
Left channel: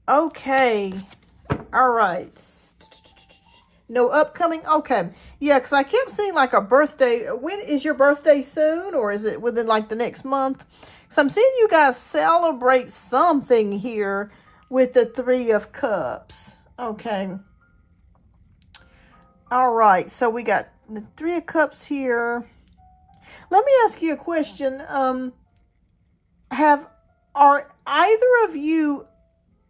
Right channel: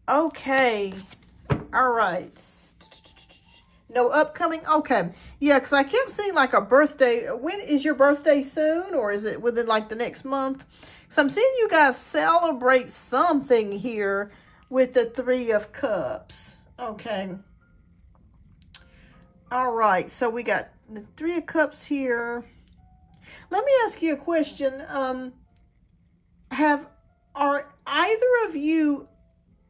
Okay. All right. No upcoming? Okay. Yeah, because I kept seeing like a birthday. When is your birthday soon? Or is it within like the next month? So I'm seeing you guys celebrate something here with the 3 of Cups. Okay. All right. So we got the 3 of Cups here. Let me ask you a question. Are either of you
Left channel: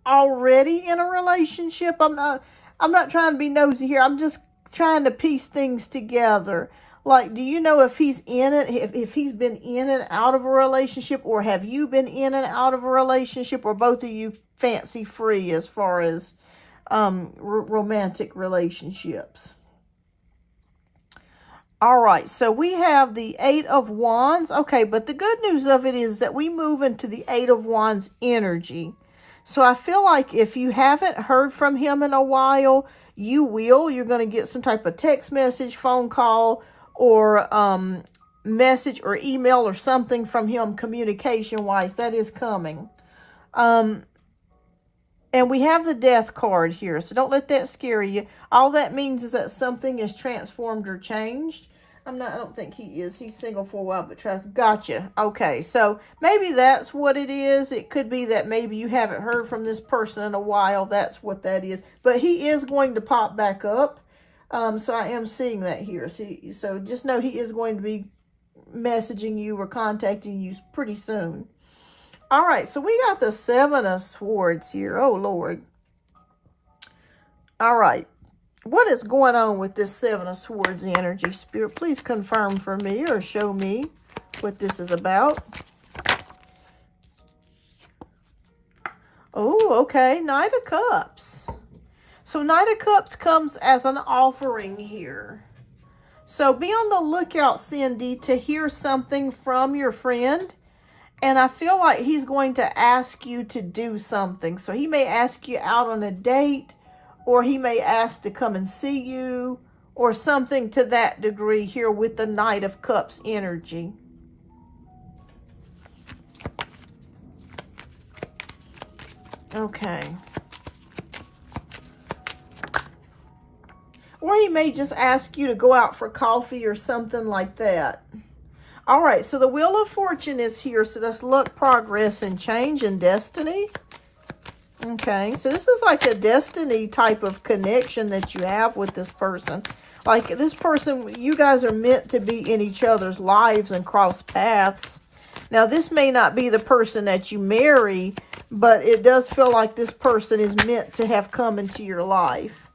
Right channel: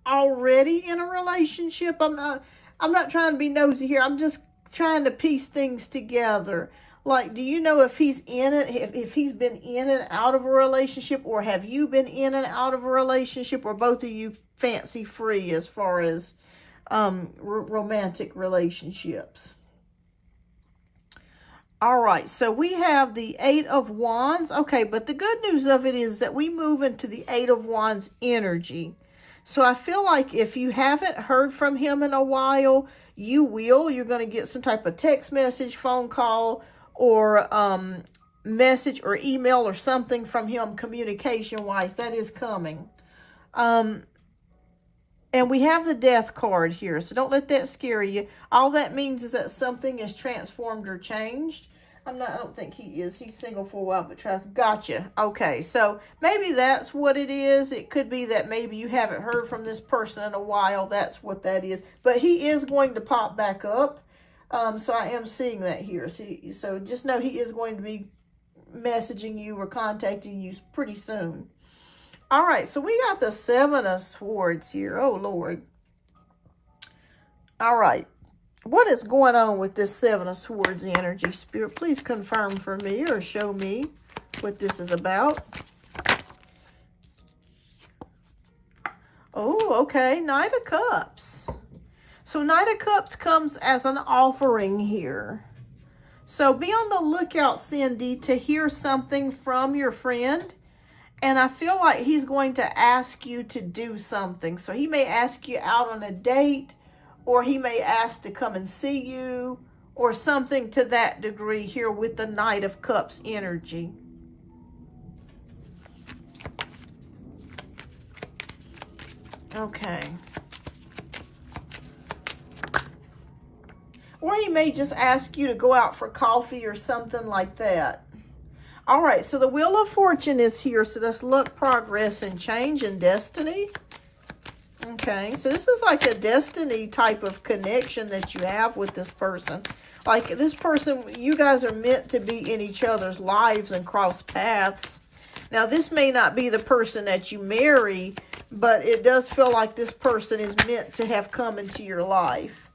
already in a relationship? I'm not trying to be nosy here. I'm just trying to piece things together. Like, do you know if he's in it, if he's been in and out of a relationship, or have you been in and out of a relationship, or both of you fancy free as far as romantic relationships? All right, so we have the 8 of Wands. Okay, but the good news of it is that we move into the 8 of Wands energy. So I feel like if you haven't heard from him in a while, you will. You're going to get some type of text message, phone call, or message or email or something from him communication-wise. That is coming. And we have the Death card here, so don't let that scare you. All that means is that something is transformed or changed. I don't think he is. He's single for a while, but tries. Gotcha. Okay, so maybe that's what it is. It could be that maybe you haven't heard from this person in a while. That's what that is. But he is going to pop back up. So I am seeing that here. So just know he is going to be messaging you or contacting you pretty soon. All right, so we got the Seven of Swords here. Oh, Lord. All right. What is going on with this Seven of Swords energy? Spirit, please confirm for me or show me what this is about. Oh, okay. Knight of Cups. So Knight of Cups comes as an offering here. So be on the lookout, Cindy, to hear something from your friend. And I feel like he's going to ask you to do something. So he may ask you out on a date, or he may ask to come and see you, or something to that degree here with the Knight of Cups energy. Okay. Or he may just ask you to go out for coffee or something like that. All right, so the Wheel of Fortune is here. So that's luck, progress, and change and destiny. Okay, so this is like a destiny type of connection that you have with this person. Like this person, you guys are meant to be in each other's lives and cross paths. Now, this may not be the person that you marry, but it does feel like this person is meant to have come into your life.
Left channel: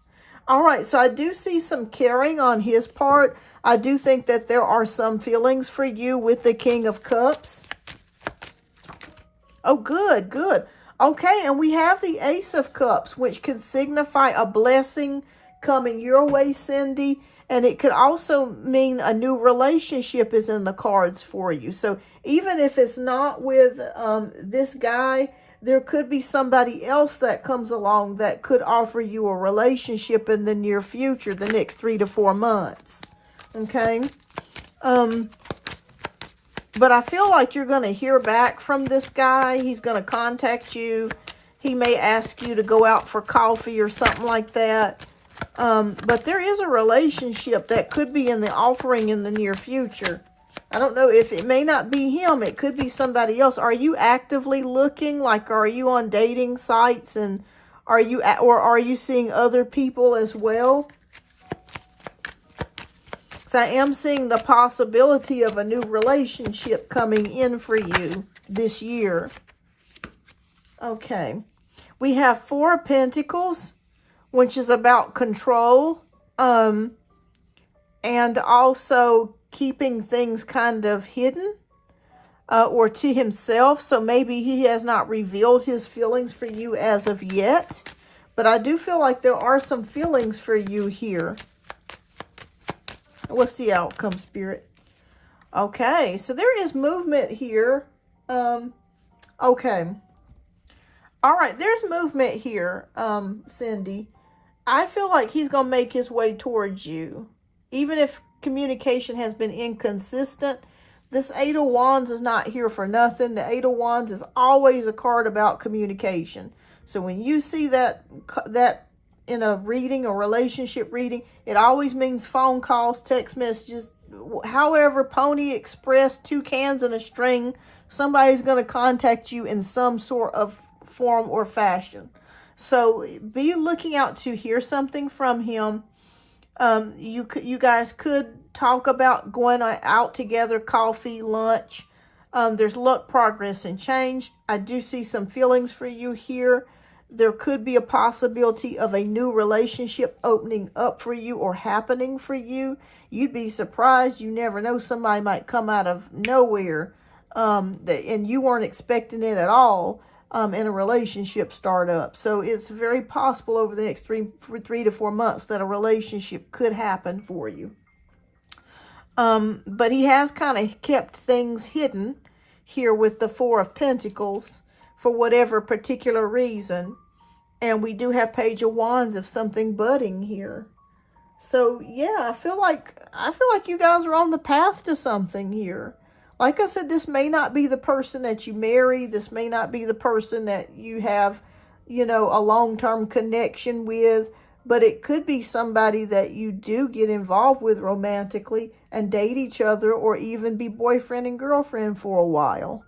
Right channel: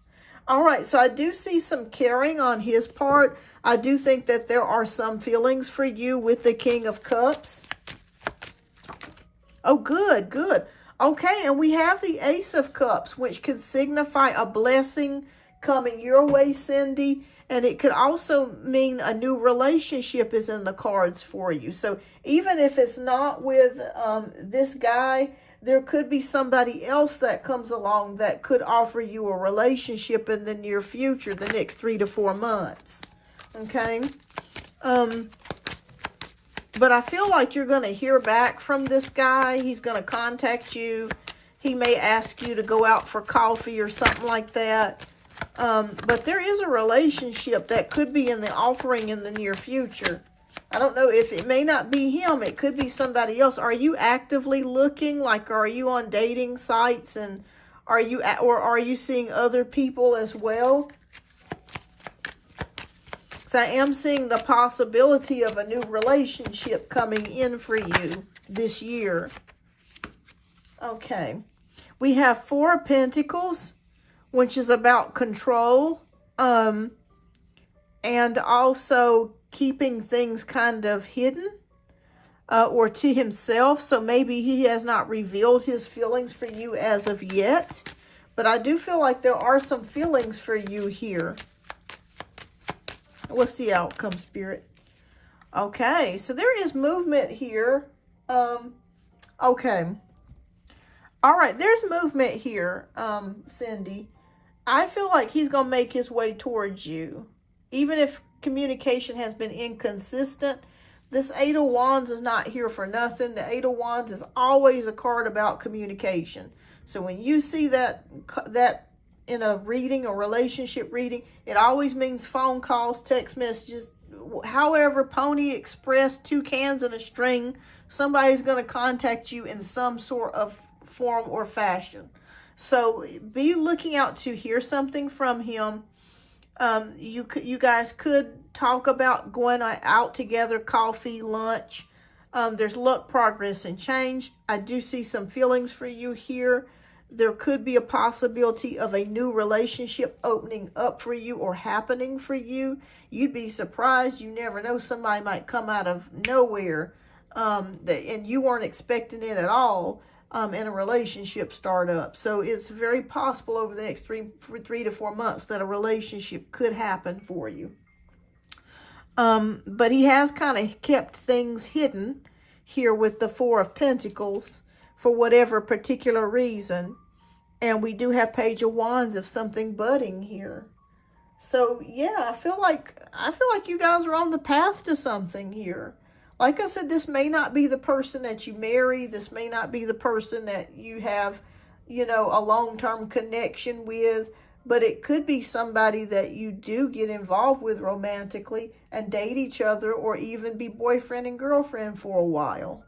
All right, so I do see some caring on his part. I do think that there are some feelings for you with the King of Cups. Oh, good, good. Okay, and we have the Ace of Cups, which could signify a blessing coming your way, Cindy. And it could also mean a new relationship is in the cards for you. So even if it's not with this guy, there could be somebody else that comes along that could offer you a relationship in the near future, the next 3 to 4 months. Okay? But I feel like you're going to hear back from this guy. He's going to contact you. He may ask you to go out for coffee or something like that. But there is a relationship that could be in the offering in the near future. I don't know if it may not be him. It could be somebody else. Are you actively looking? Like, are you on dating sites? And are you seeing other people as well? So I am seeing the possibility of a new relationship coming in for you this year. Okay. We have Four of Pentacles, which is about control. And also keeping things kind of hidden. Or to himself. So maybe he has not revealed his feelings for you as of yet. But I do feel like there are some feelings for you here. What's the outcome, Spirit? Okay, so there is movement here. Okay. All right, there's movement here, Cindy. I feel like he's going to make his way towards you. Even if communication has been inconsistent, this Eight of Wands is not here for nothing. The Eight of Wands is always a card about communication. So when you see that in a reading, a relationship reading, it always means phone calls, text messages, however, Pony Express, 2 cans and a string, somebody's going to contact you in some sort of form or fashion. So be looking out to hear something from him. You guys could talk about going out together, coffee, lunch. There's luck, progress, and change. I do see some feelings for you here. There could be a possibility of a new relationship opening up for you or happening for you. You'd be surprised. You never know. Somebody might come out of nowhere and you weren't expecting it at all in a relationship startup. So it's very possible over the next 3 to 4 months that a relationship could happen for you. But he has kind of kept things hidden here with the Four of Pentacles for whatever particular reason. And we do have Page of Wands of something budding here. So yeah, I feel like you guys are on the path to something here. Like I said, this may not be the person that you marry. This may not be the person that you have, a long-term connection with. but it could be somebody that you do get involved with romantically and date each other, or even be boyfriend and girlfriend for a while.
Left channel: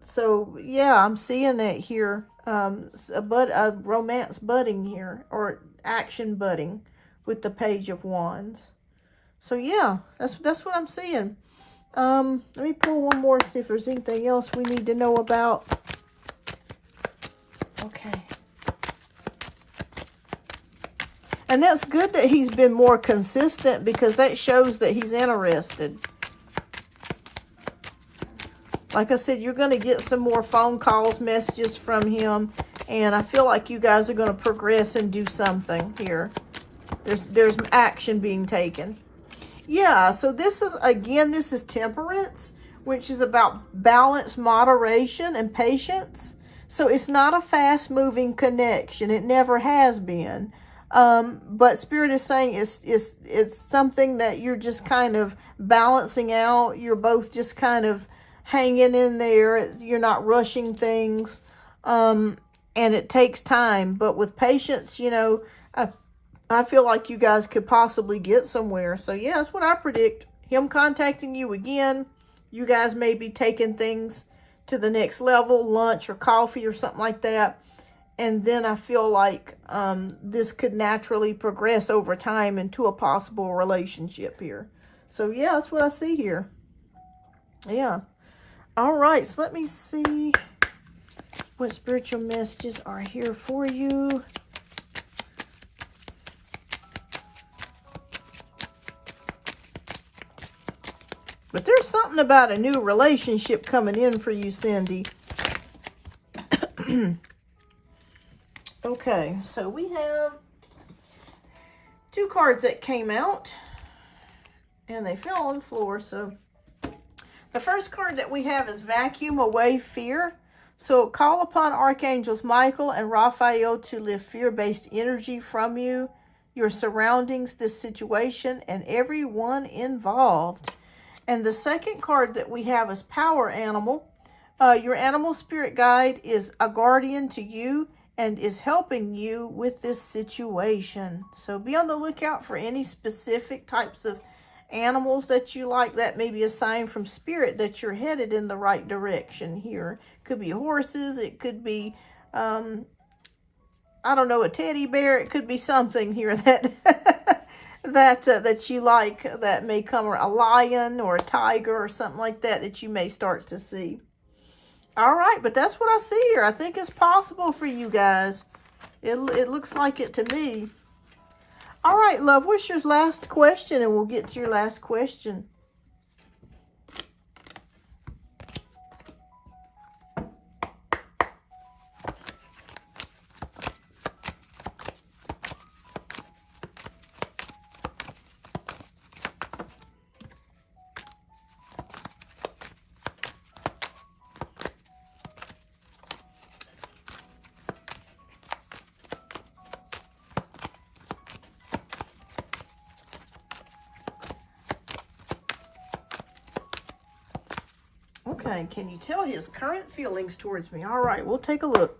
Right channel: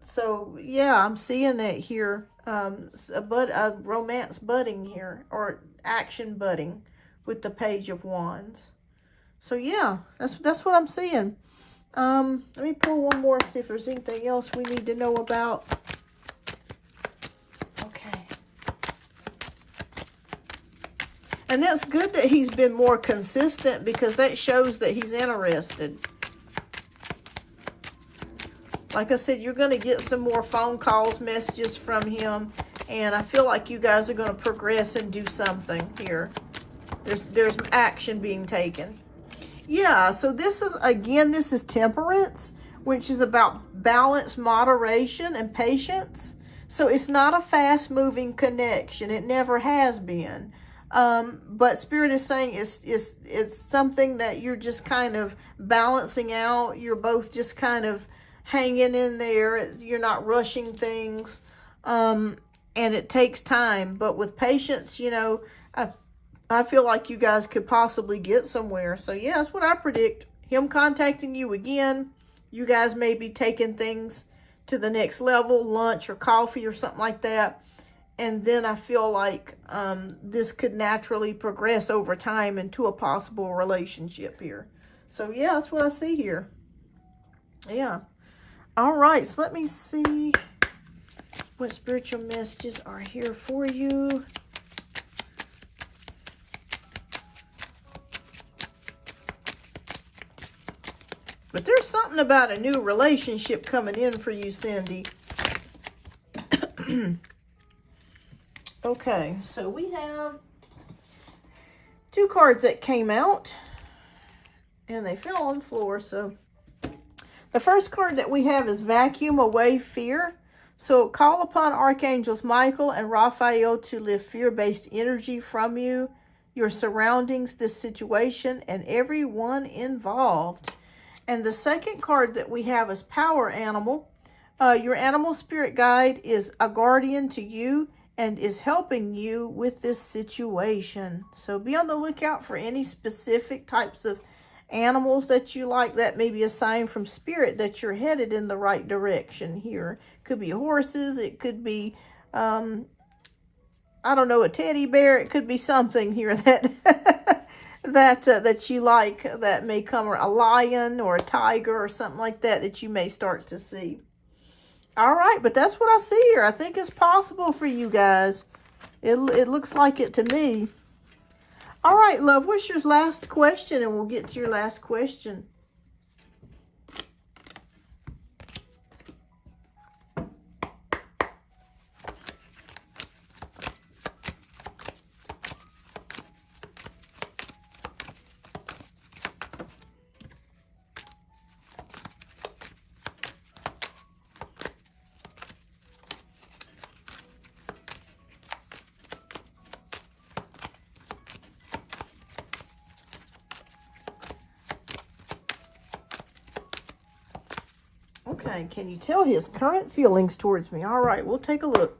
So yeah, I'm seeing that here. A romance budding here, or action budding with the Page of Wands. So yeah, that's what I'm seeing. Let me pull one more, see if there's anything else we need to know about. Okay. And that's good that he's been more consistent, because that shows that he's interested. Like I said, you're going to get some more phone calls, messages from him. And I feel like you guys are going to progress and do something here. There's action being taken. Yeah, so this is, again, this is temperance, which is about balance, moderation, and patience. So it's not a fast-moving connection. It never has been. But Spirit is saying it's something that you're just kind of balancing out. You're both just kind of hanging in there. You're not rushing things. And it takes time. But with patience, you know, I feel like you guys could possibly get somewhere. So yeah, that's what I predict. Him contacting you again. You guys may be taking things to the next level, lunch or coffee or something like that. And then I feel like this could naturally progress over time into a possible relationship here. So yeah, that's what I see here. Yeah. All right, so let me see what spiritual messages are here for you. But there's something about a new relationship coming in for you, Cindy. Okay, so we have two cards that came out, and they fell on the floor. So the first card that we have is Vacuum Away Fear. So call upon Archangels Michael and Raphael to lift fear-based energy from you, your surroundings, this situation, and everyone involved. And the second card that we have is Power Animal. Your animal spirit guide is a guardian to you and is helping you with this situation. So be on the lookout for any specific types of animals that you like. That may be a sign from Spirit that you're headed in the right direction here. Could be horses. It could be, I don't know, a teddy bear. It could be something here that... that you like, that may come, a lion or a tiger or something like that you may start to see. All right, but that's what I see here. I think it's possible for you guys. It looks like it to me. All right, love, what's your last question? And we'll get to your last question. Okay, can you tell his current feelings towards me? All right, we'll take a look.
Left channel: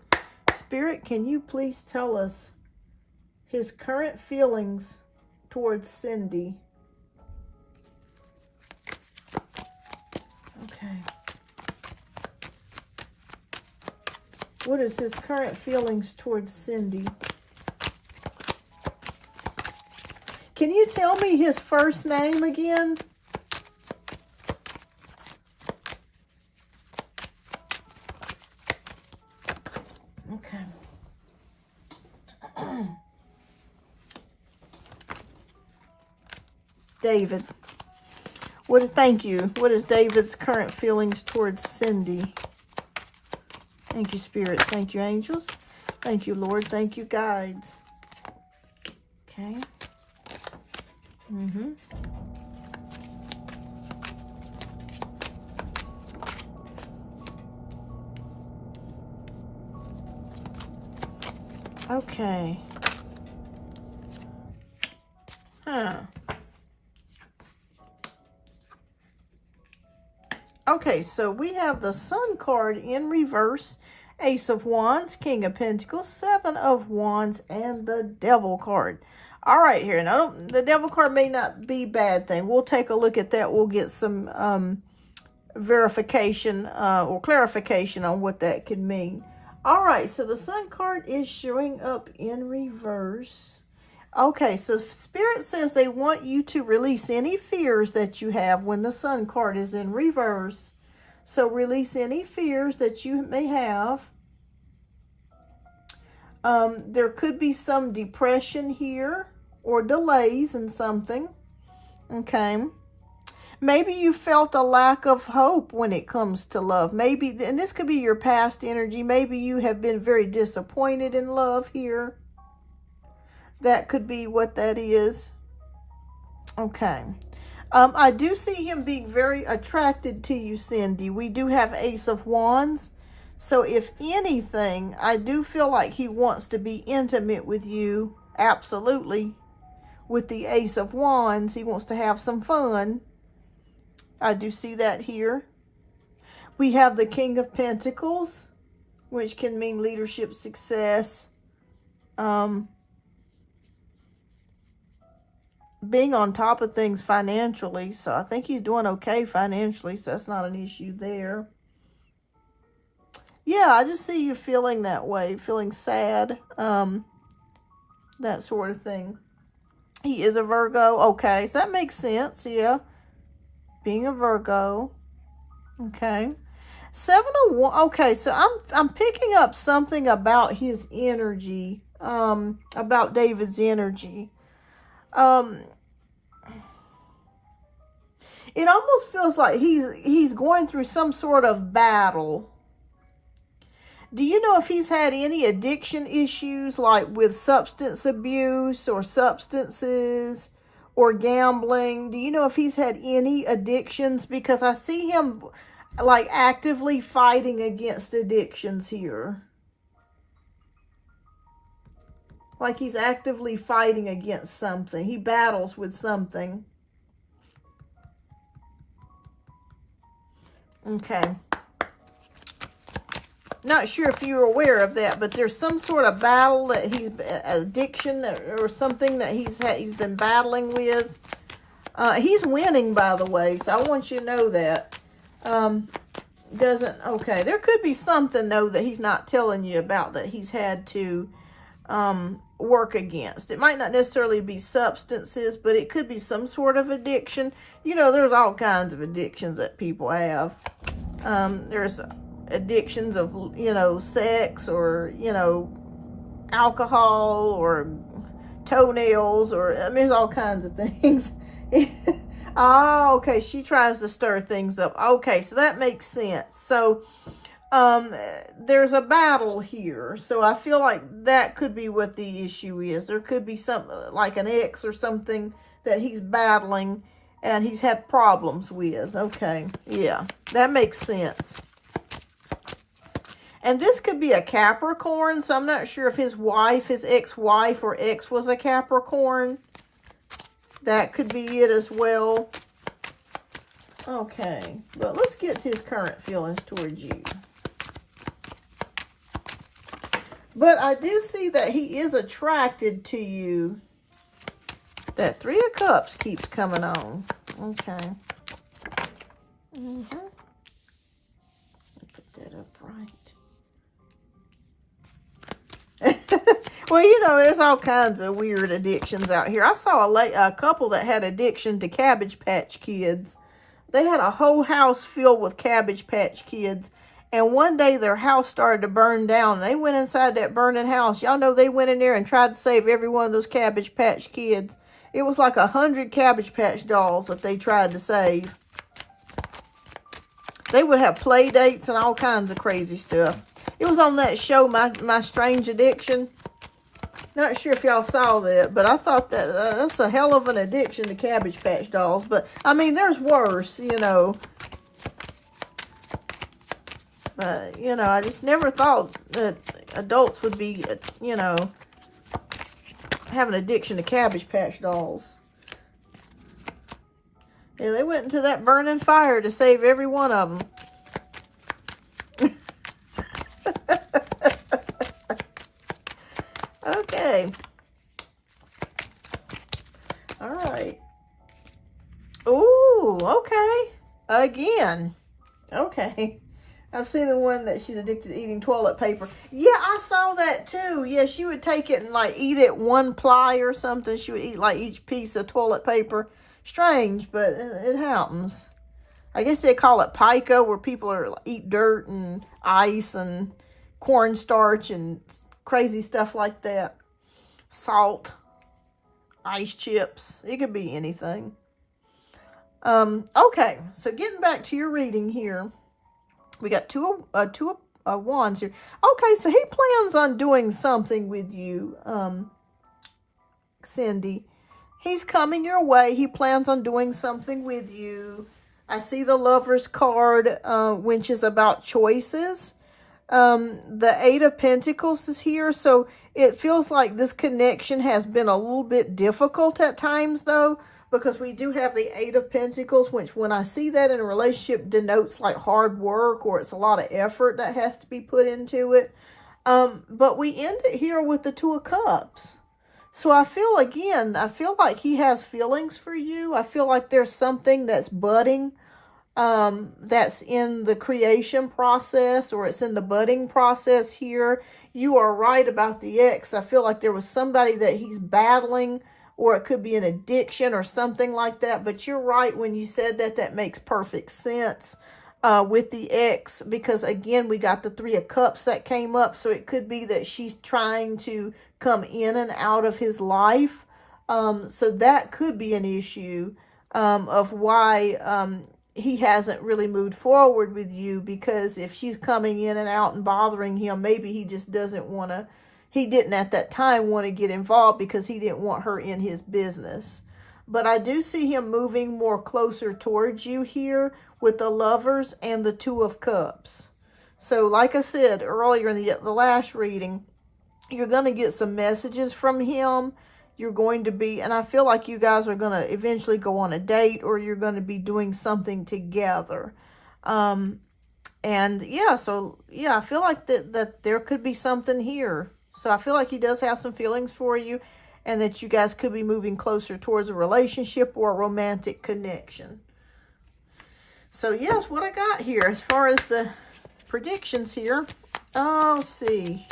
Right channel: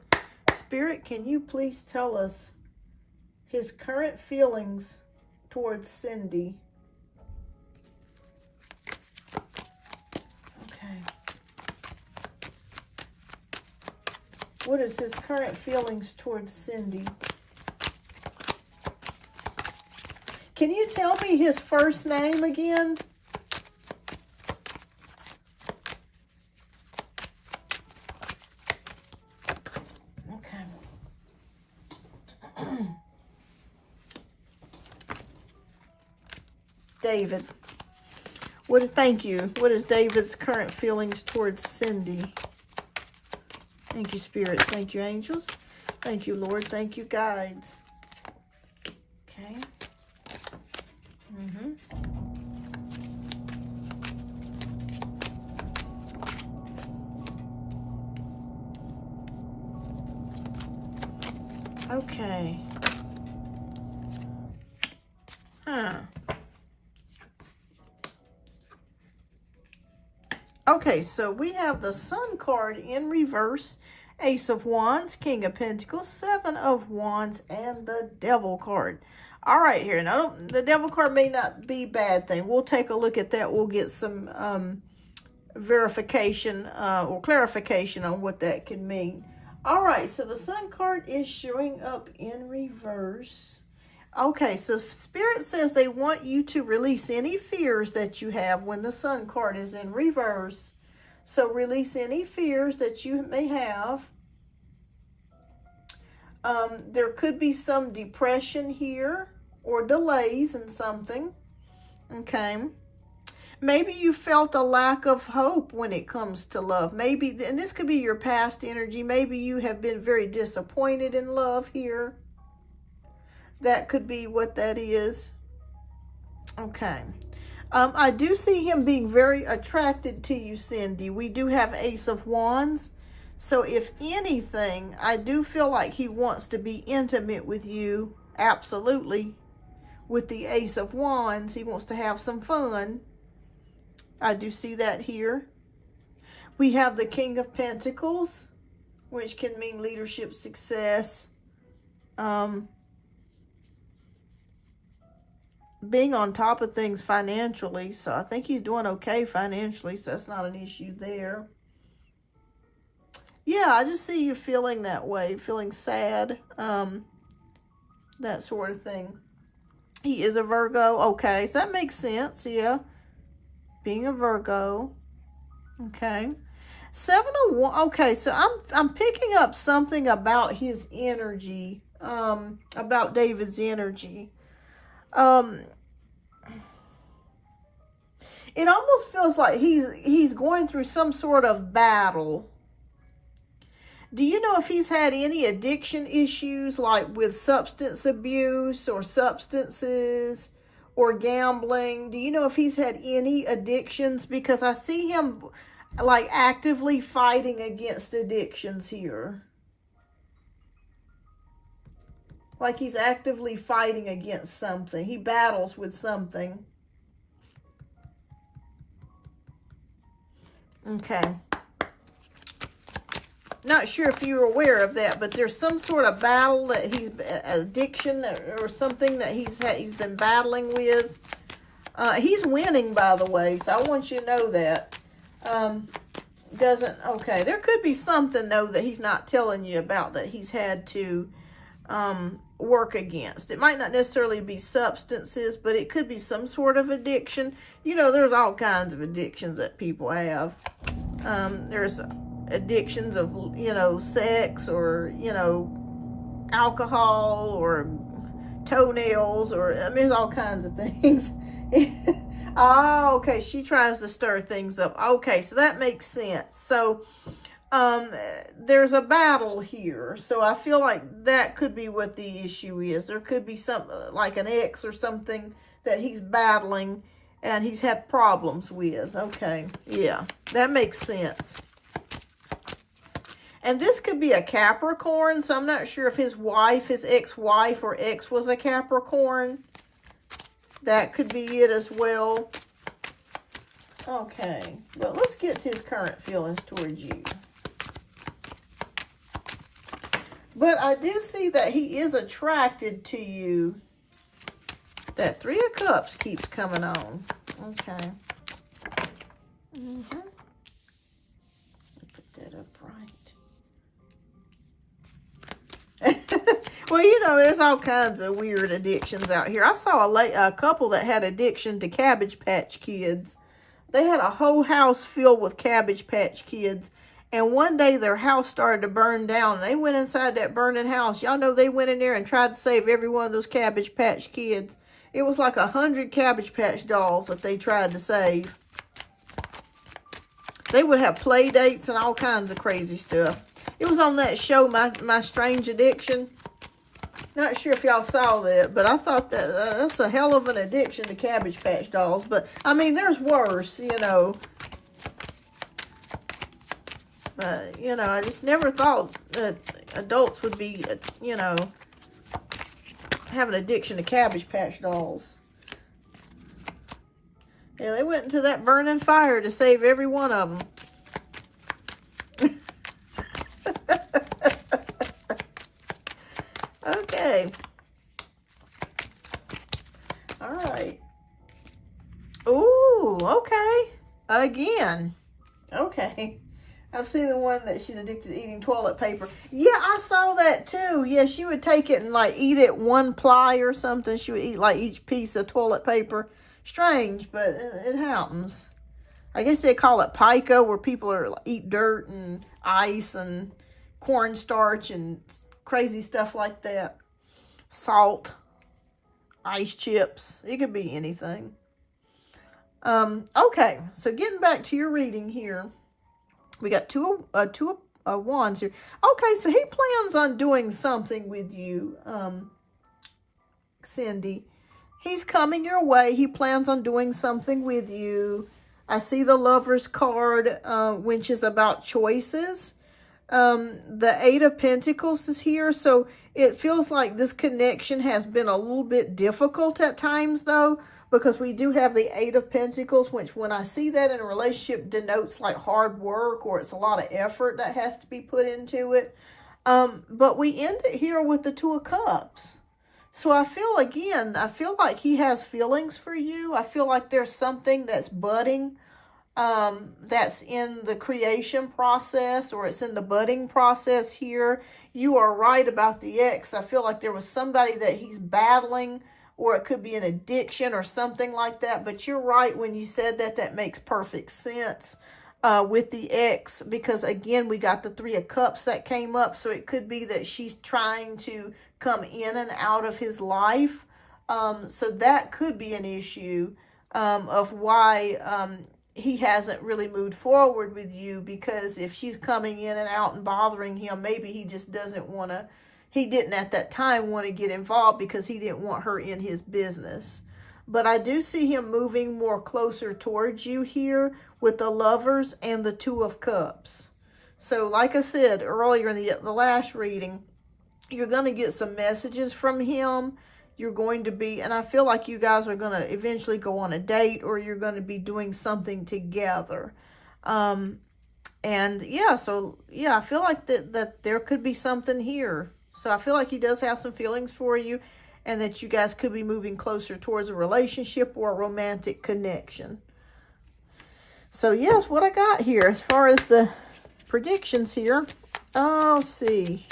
Spirit, can you please tell us his current feelings towards Cindy? Okay. What is his current feelings towards Cindy? Can you tell me his first name again? David. Thank you. What is David's current feelings towards Cindy? Thank you, Spirit. Thank you, angels. Thank you, Lord. Thank you, guides. Okay. Okay. Okay, so we have the Sun card in reverse, Ace of Wands, King of Pentacles, Seven of Wands, and the Devil card. All right, here. Now, the Devil card may not be a bad thing. We'll take a look at that. We'll get some verification or clarification on what that could mean. All right, so the Sun card is showing up in reverse. Okay, so Spirit says they want you to release any fears that you have when the Sun card is in reverse. So release any fears that you may have. There could be some depression here or delays in something. Okay. Maybe you felt a lack of hope when it comes to love. Maybe, and this could be your past energy. Maybe you have been very disappointed in love here. That could be what that is. Okay. I do see him being very attracted to you, Cindy. We do have Ace of Wands. So if anything, I do feel like he wants to be intimate with you. Absolutely. With the Ace of Wands, he wants to have some fun. I do see that here. We have the King of Pentacles, which can mean leadership success. Being on top of things financially. So I think he's doing okay financially. So that's not an issue there. Yeah, I just see you feeling that way. Feeling sad. That sort of thing. He is a Virgo. Okay, so that makes sense. Yeah. Being a Virgo. Okay. Seven of Wands. Okay, so I'm picking up something about his energy. About David's energy. It almost feels like he's going through some sort of battle. Do you know if he's had any addiction issues, like with substance abuse or substances or gambling? Do you know if he's had any addictions? Because I see him like actively fighting against addictions here. Like he's actively fighting against something. He battles with something. Okay. Not sure if you're aware of that, but there's some sort of battle that he's addiction or something that he's been battling with. He's winning, by the way, so I want you to know that. Okay, there could be something though that he's not telling you about that he's had to work against. It might not necessarily be substances, but it could be some sort of addiction. You know, there's all kinds of addictions that people have. There's addictions of, you know, sex or, you know, alcohol or toenails or, I mean, there's all kinds of things. Oh, okay. She tries to stir things up. Okay, so that makes sense. So, there's a battle here. So I feel like that could be what the issue is. There could be something like an ex or something that he's battling and he's had problems with. Okay. Yeah, that makes sense. And this could be a Capricorn. So I'm not sure if his wife, his ex-wife or ex was a Capricorn. That could be it as well. Okay. But let's get to his current feelings towards you. But I do see that he is attracted to you. That Three of Cups keeps coming on. Okay. Put that up right. Well, you know, there's all kinds of weird addictions out here. I saw a couple that had addiction to Cabbage Patch Kids. They had a whole house filled with Cabbage Patch Kids. And one day their house started to burn down. They went inside that burning house. Y'all know they went in there and tried to save every one of those Cabbage Patch Kids. It was like 100 Cabbage Patch dolls that they tried to save. They would have play dates and all kinds of crazy stuff. It was on that show, My Strange Addiction. Not sure if y'all saw that, but I thought that that's a hell of an addiction to Cabbage Patch dolls. But, I mean, there's worse, you know. But, you know, I just never thought that adults would be, you know, have an addiction to Cabbage Patch dolls. Yeah, they went into that burning fire to save every one of them. Oh, okay. Again. Okay. I've seen the one that she's addicted to eating toilet paper. Yeah, I saw that too. Yeah, she would take it and like eat it one ply or something. She would eat like each piece of toilet paper. Strange, but it happens. I guess they call it pica, where people eat dirt and ice and cornstarch and crazy stuff like that. Salt, ice chips. It could be anything. Okay, so getting back to your reading here. We got two of wands here. Okay, so he plans on doing something with you, Cindy. He's coming your way. He plans on doing something with you. I see the Lover's card, which is about choices. The Eight of Pentacles is here, so it feels like this connection has been a little bit difficult at times, though, because we do have the Eight of Pentacles, which when I see that in a relationship denotes like hard work, or it's a lot of effort that has to be put into it. But we end it here with the Two of Cups. So I feel like he has feelings for you. I feel like there's something that's budding, that's in the creation process, or it's in the budding process here. You are right about the ex. I feel like there was somebody that he's battling, or it could be an addiction or something like that. But you're right when you said that. That makes perfect sense with the ex, because again, we got the Three of Cups that came up. So it could be that she's trying to come in and out of his life. So that could be an issue of why he hasn't really moved forward with you, because if she's coming in and out and bothering him, maybe he just doesn't want to, he didn't at that time want to get involved because he didn't want her in his business. But I do see him moving more closer towards you here with the Lovers and the Two of Cups. So like I said earlier in the last reading, you're going to get some messages from him. You're going to be, and I feel like you guys are going to eventually go on a date, or you're going to be doing something together. And yeah, so yeah, I feel like that there could be something here. So I feel like he does have some feelings for you, and that you guys could be moving closer towards a relationship or a romantic connection. So yes, what I got here as far as the predictions here. Oh, let's see.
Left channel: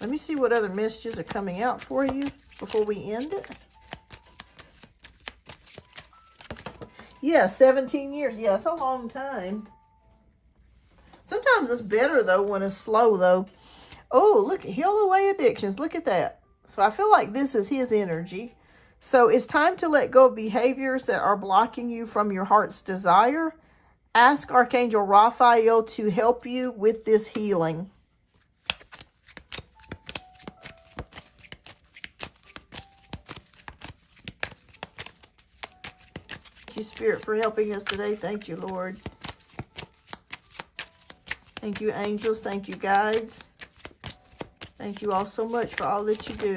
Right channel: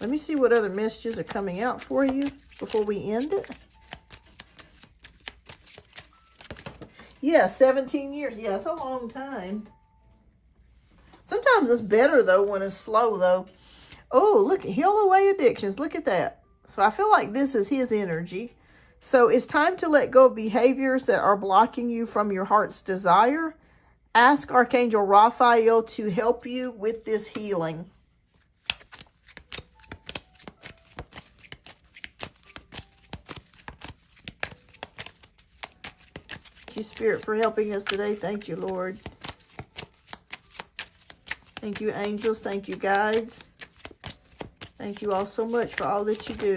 Let me see what other messages are coming out for you before we end it. Yeah, 17 years. Yeah, it's a long time. Sometimes it's better, though, when it's slow, though. Oh, look, heal away addictions. Look at that. So I feel like this is his energy. So it's time to let go of behaviors that are blocking you from your heart's desire. Ask Archangel Raphael to help you with this healing. Thank you, Spirit, for helping us today. Thank you, Lord. Thank you, angels. Thank you, guides. Thank you all so much for all that you do.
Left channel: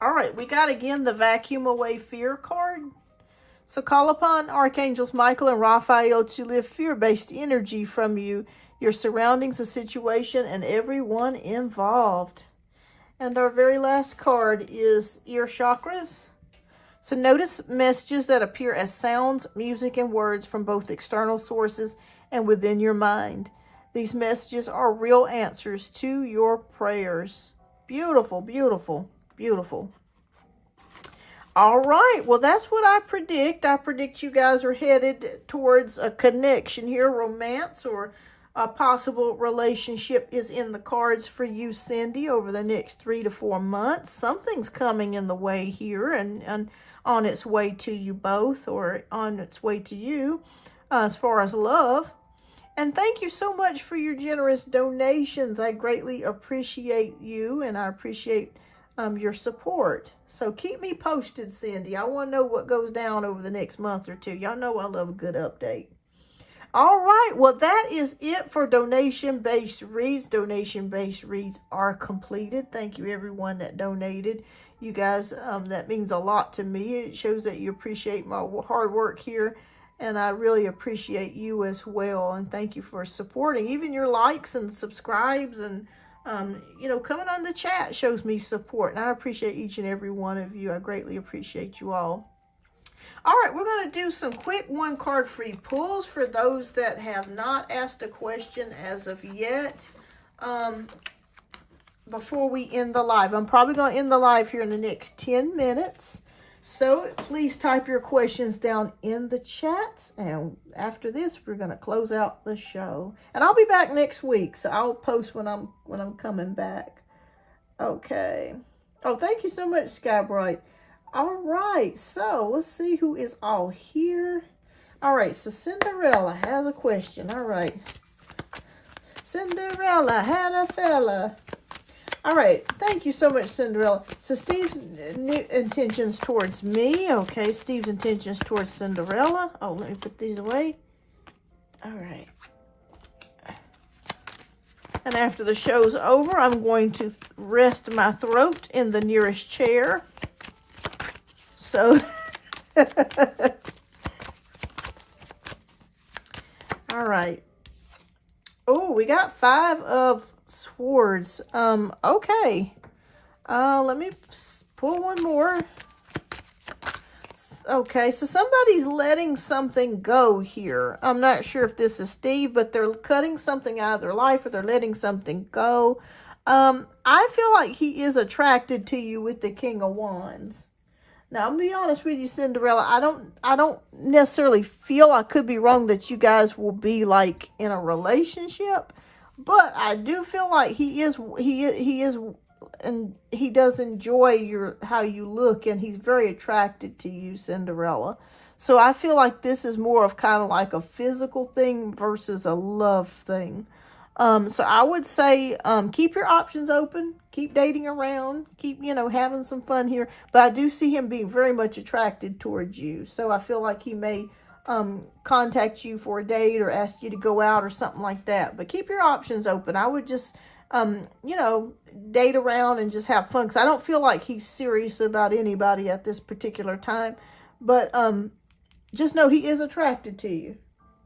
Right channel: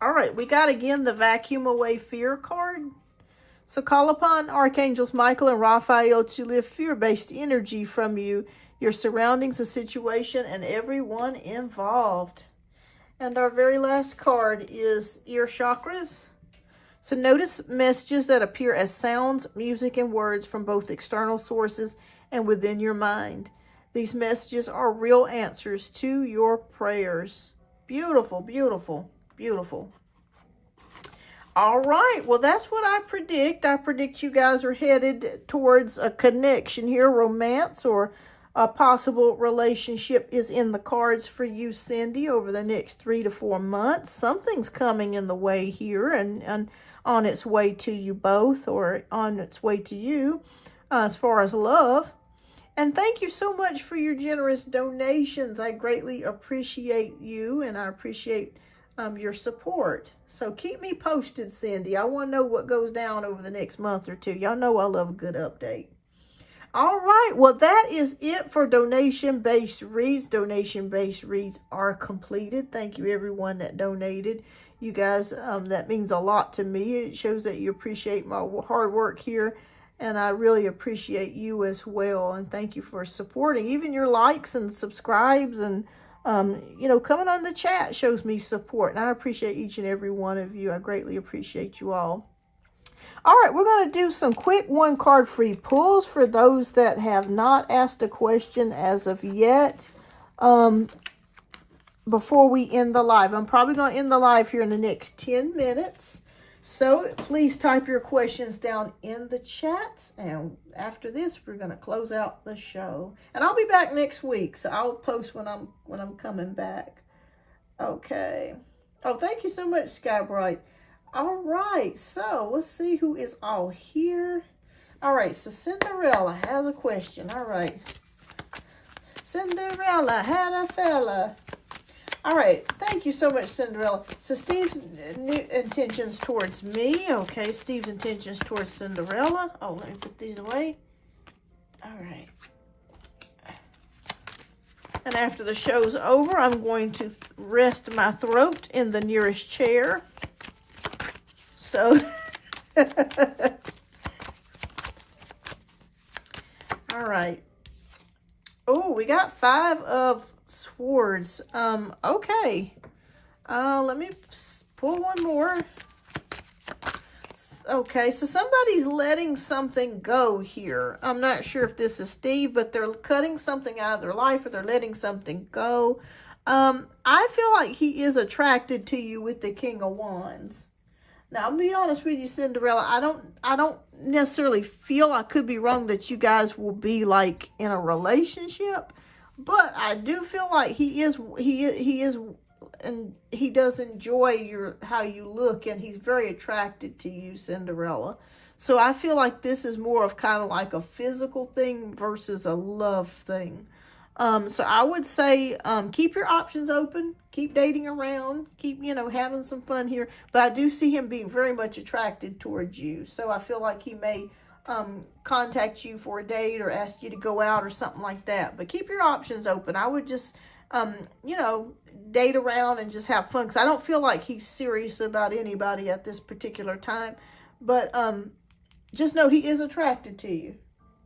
All right, we got again the Vacuum Away Fear card. So call upon Archangels Michael and Raphael to lift fear-based energy from you, your surroundings, the situation, and everyone involved. And our very last card is Ear Chakras. So notice messages that appear as sounds, music, and words from both external sources and within your mind. These messages are real answers to your prayers. Beautiful, beautiful, beautiful. All right, well, that's what I predict. I predict you guys are headed towards a connection here, romance, or a possible relationship is in the cards for you, Cindy, over the next 3 to 4 months. Something's coming in the way here and on its way to you both, or on its way to you as far as love. And thank you so much for your generous donations. I greatly appreciate you, and I appreciate your support. So keep me posted, Cindy. I want to know what goes down over the next month or two. Y'all know I love a good update. All right, well, that is it for donation-based reads. Donation-based reads are completed. Thank you, everyone that donated. You guys, that means a lot to me. It shows that you appreciate my hard work here, and I really appreciate you as well. And thank you for supporting. Even your likes and subscribes and, you know, coming on the chat shows me support. And I appreciate each and every one of you. I greatly appreciate you all. All right, we're going to do some quick one card free pulls for those that have not asked a question as of yet. Before we end the live, I'm probably going to end the live here in the next 10 minutes. So please type your questions down in the chat. And after this, we're going to close out the show. And I'll be back next week. So I'll post when I'm coming back. Okay. Oh, thank you so much, Sky Bright. All right. So let's see who is all here. All right. So Cinderella has a question. All right. Cinderella had a fella. All right, thank you so much, Cinderella. So Steve's intentions towards me. Okay, Steve's intentions towards Cinderella. Oh, let me put these away. All right. And after the show's over, I'm going to rest my throat in the nearest chair. So, all right. Oh, we got 5 of Swords. Okay. Let me pull one more. Okay, so somebody's letting something go here. I'm not sure if this is Steve, but they're cutting something out of their life, or they're letting something go. I feel like he is attracted to you with the King of Wands. Now, I'm gonna be honest with you, Cinderella. I don't necessarily feel, I could be wrong, that you guys will be like in a relationship, but I do feel like he is, and he does enjoy how you look, and he's very attracted to you, Cinderella. So I feel like this is more of kind of like a physical thing versus a love thing. So I would say, keep your options open, keep dating around, keep, having some fun here. But I do see him being very much attracted towards you. So I feel like he may, contact you for a date or ask you to go out or something like that. But keep your options open. I would just, date around and just have fun. 'Cause I don't feel like he's serious about anybody at this particular time. But, just know he is attracted to you.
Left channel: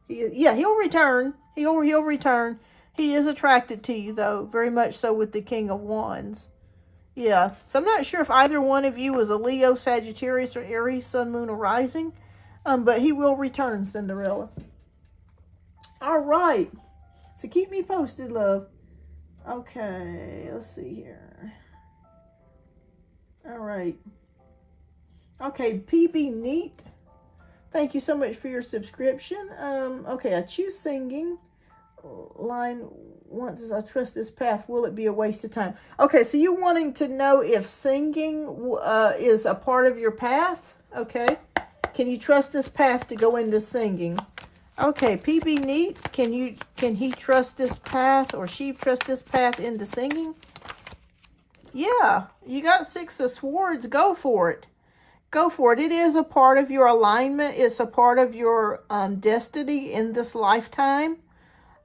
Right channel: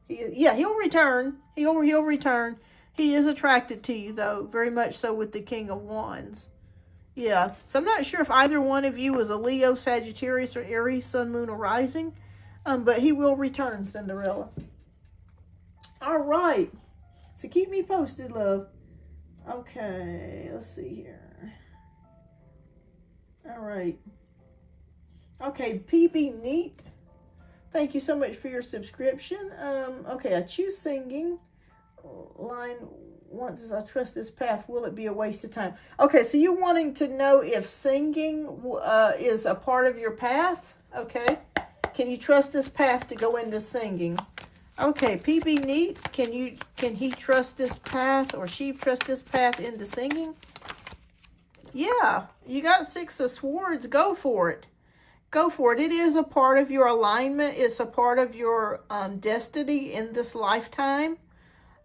He'll return. He'll return. He is attracted to you, though, very much so with the King of Wands. Yeah, so I'm not sure if either one of you is a Leo, Sagittarius, or Aries, Sun, Moon, or Rising, but he will return, Cinderella. All right, so keep me posted, love. Okay, let's see here. All right. Okay, PB Neat, thank you so much for your subscription. Okay, I choose singing. Line once I trust this path, will it be a waste of time? Okay, so you wanting to know if singing is a part of your path? Okay, can you trust this path to go into singing? Okay, PB Neat, can he trust this path, or she trust this path into singing? Yeah, you got 6 of Swords. Go for it. Go for it. It is a part of your alignment. It's a part of your destiny in this lifetime.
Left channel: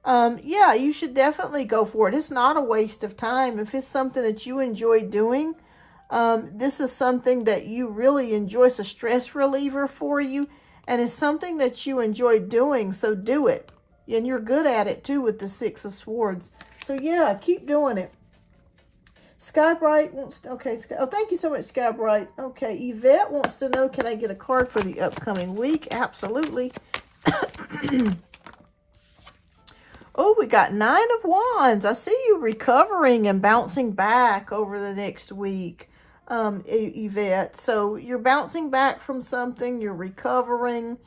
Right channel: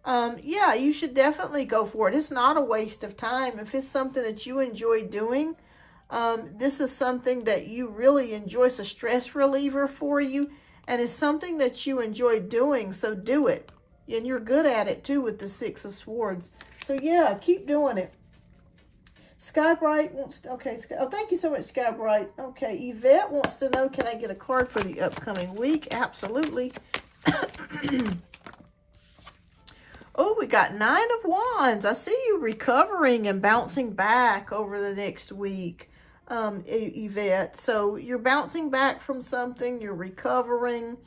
Yeah, you should definitely go for it. It's not a waste of time. If it's something that you enjoy doing, this is something that you really enjoy. It's a stress reliever for you, and it's something that you enjoy doing, so do it. And you're good at it, too, with the 6 of Swords. So, yeah, keep doing it. Sky Bright wants to, okay, oh, thank you so much, Sky Bright. Okay, Yvette wants to know, can I get a card for the upcoming week? Absolutely. Oh, we got 9 of Wands. I see you recovering and bouncing back over the next week, Yvette. So you're bouncing back from something. You're recovering.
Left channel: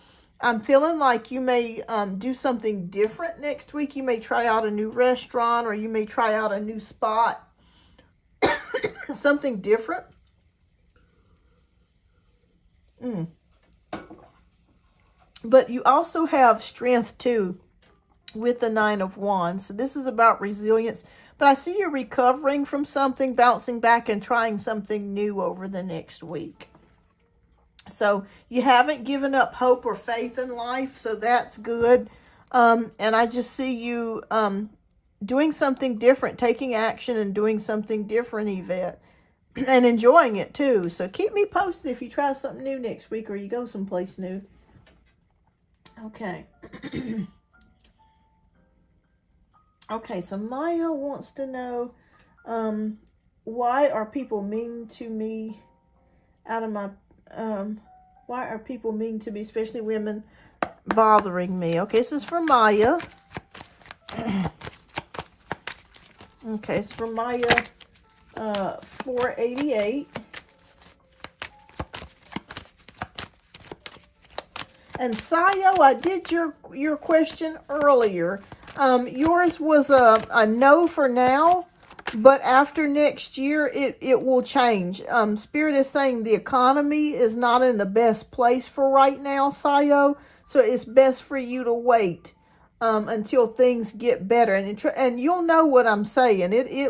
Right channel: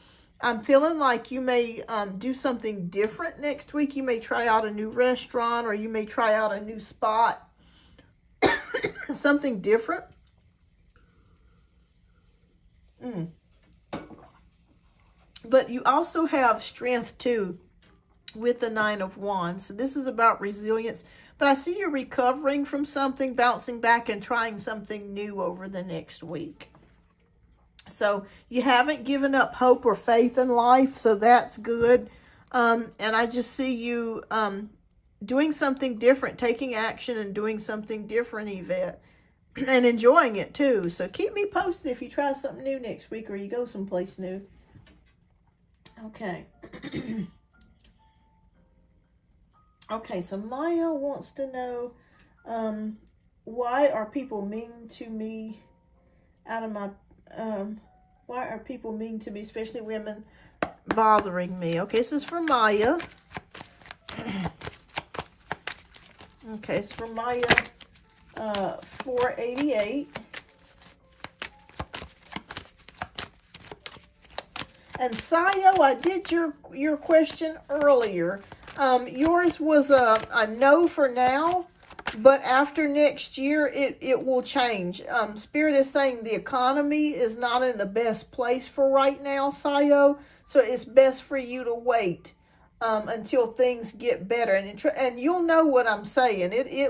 I'm feeling like you may do something different next week. You may try out a new restaurant, or you may try out a new spot. Something different. But you also have strength, too, with the 9 of Wands. So this is about resilience. But I see you recovering from something, bouncing back, and trying something new over the next week. So you haven't given up hope or faith in life, so that's good. And I just see you doing something different, taking action and doing something different, Yvette. And enjoying it, too. So keep me posted if you try something new next week, or you go someplace new. Okay. Okay, so Maya wants to know, why are people mean to me out of my, Why are people mean to me, especially women, bothering me? Okay, this is for Maya. Okay, it's for Maya 488. And Sayo, I did your question earlier. Yours was a no for now, but after next year, it will change. Spirit is saying the economy is not in the best place for right now, Sayo. So it's best for you to wait until things get better, and you'll know what I'm saying. It's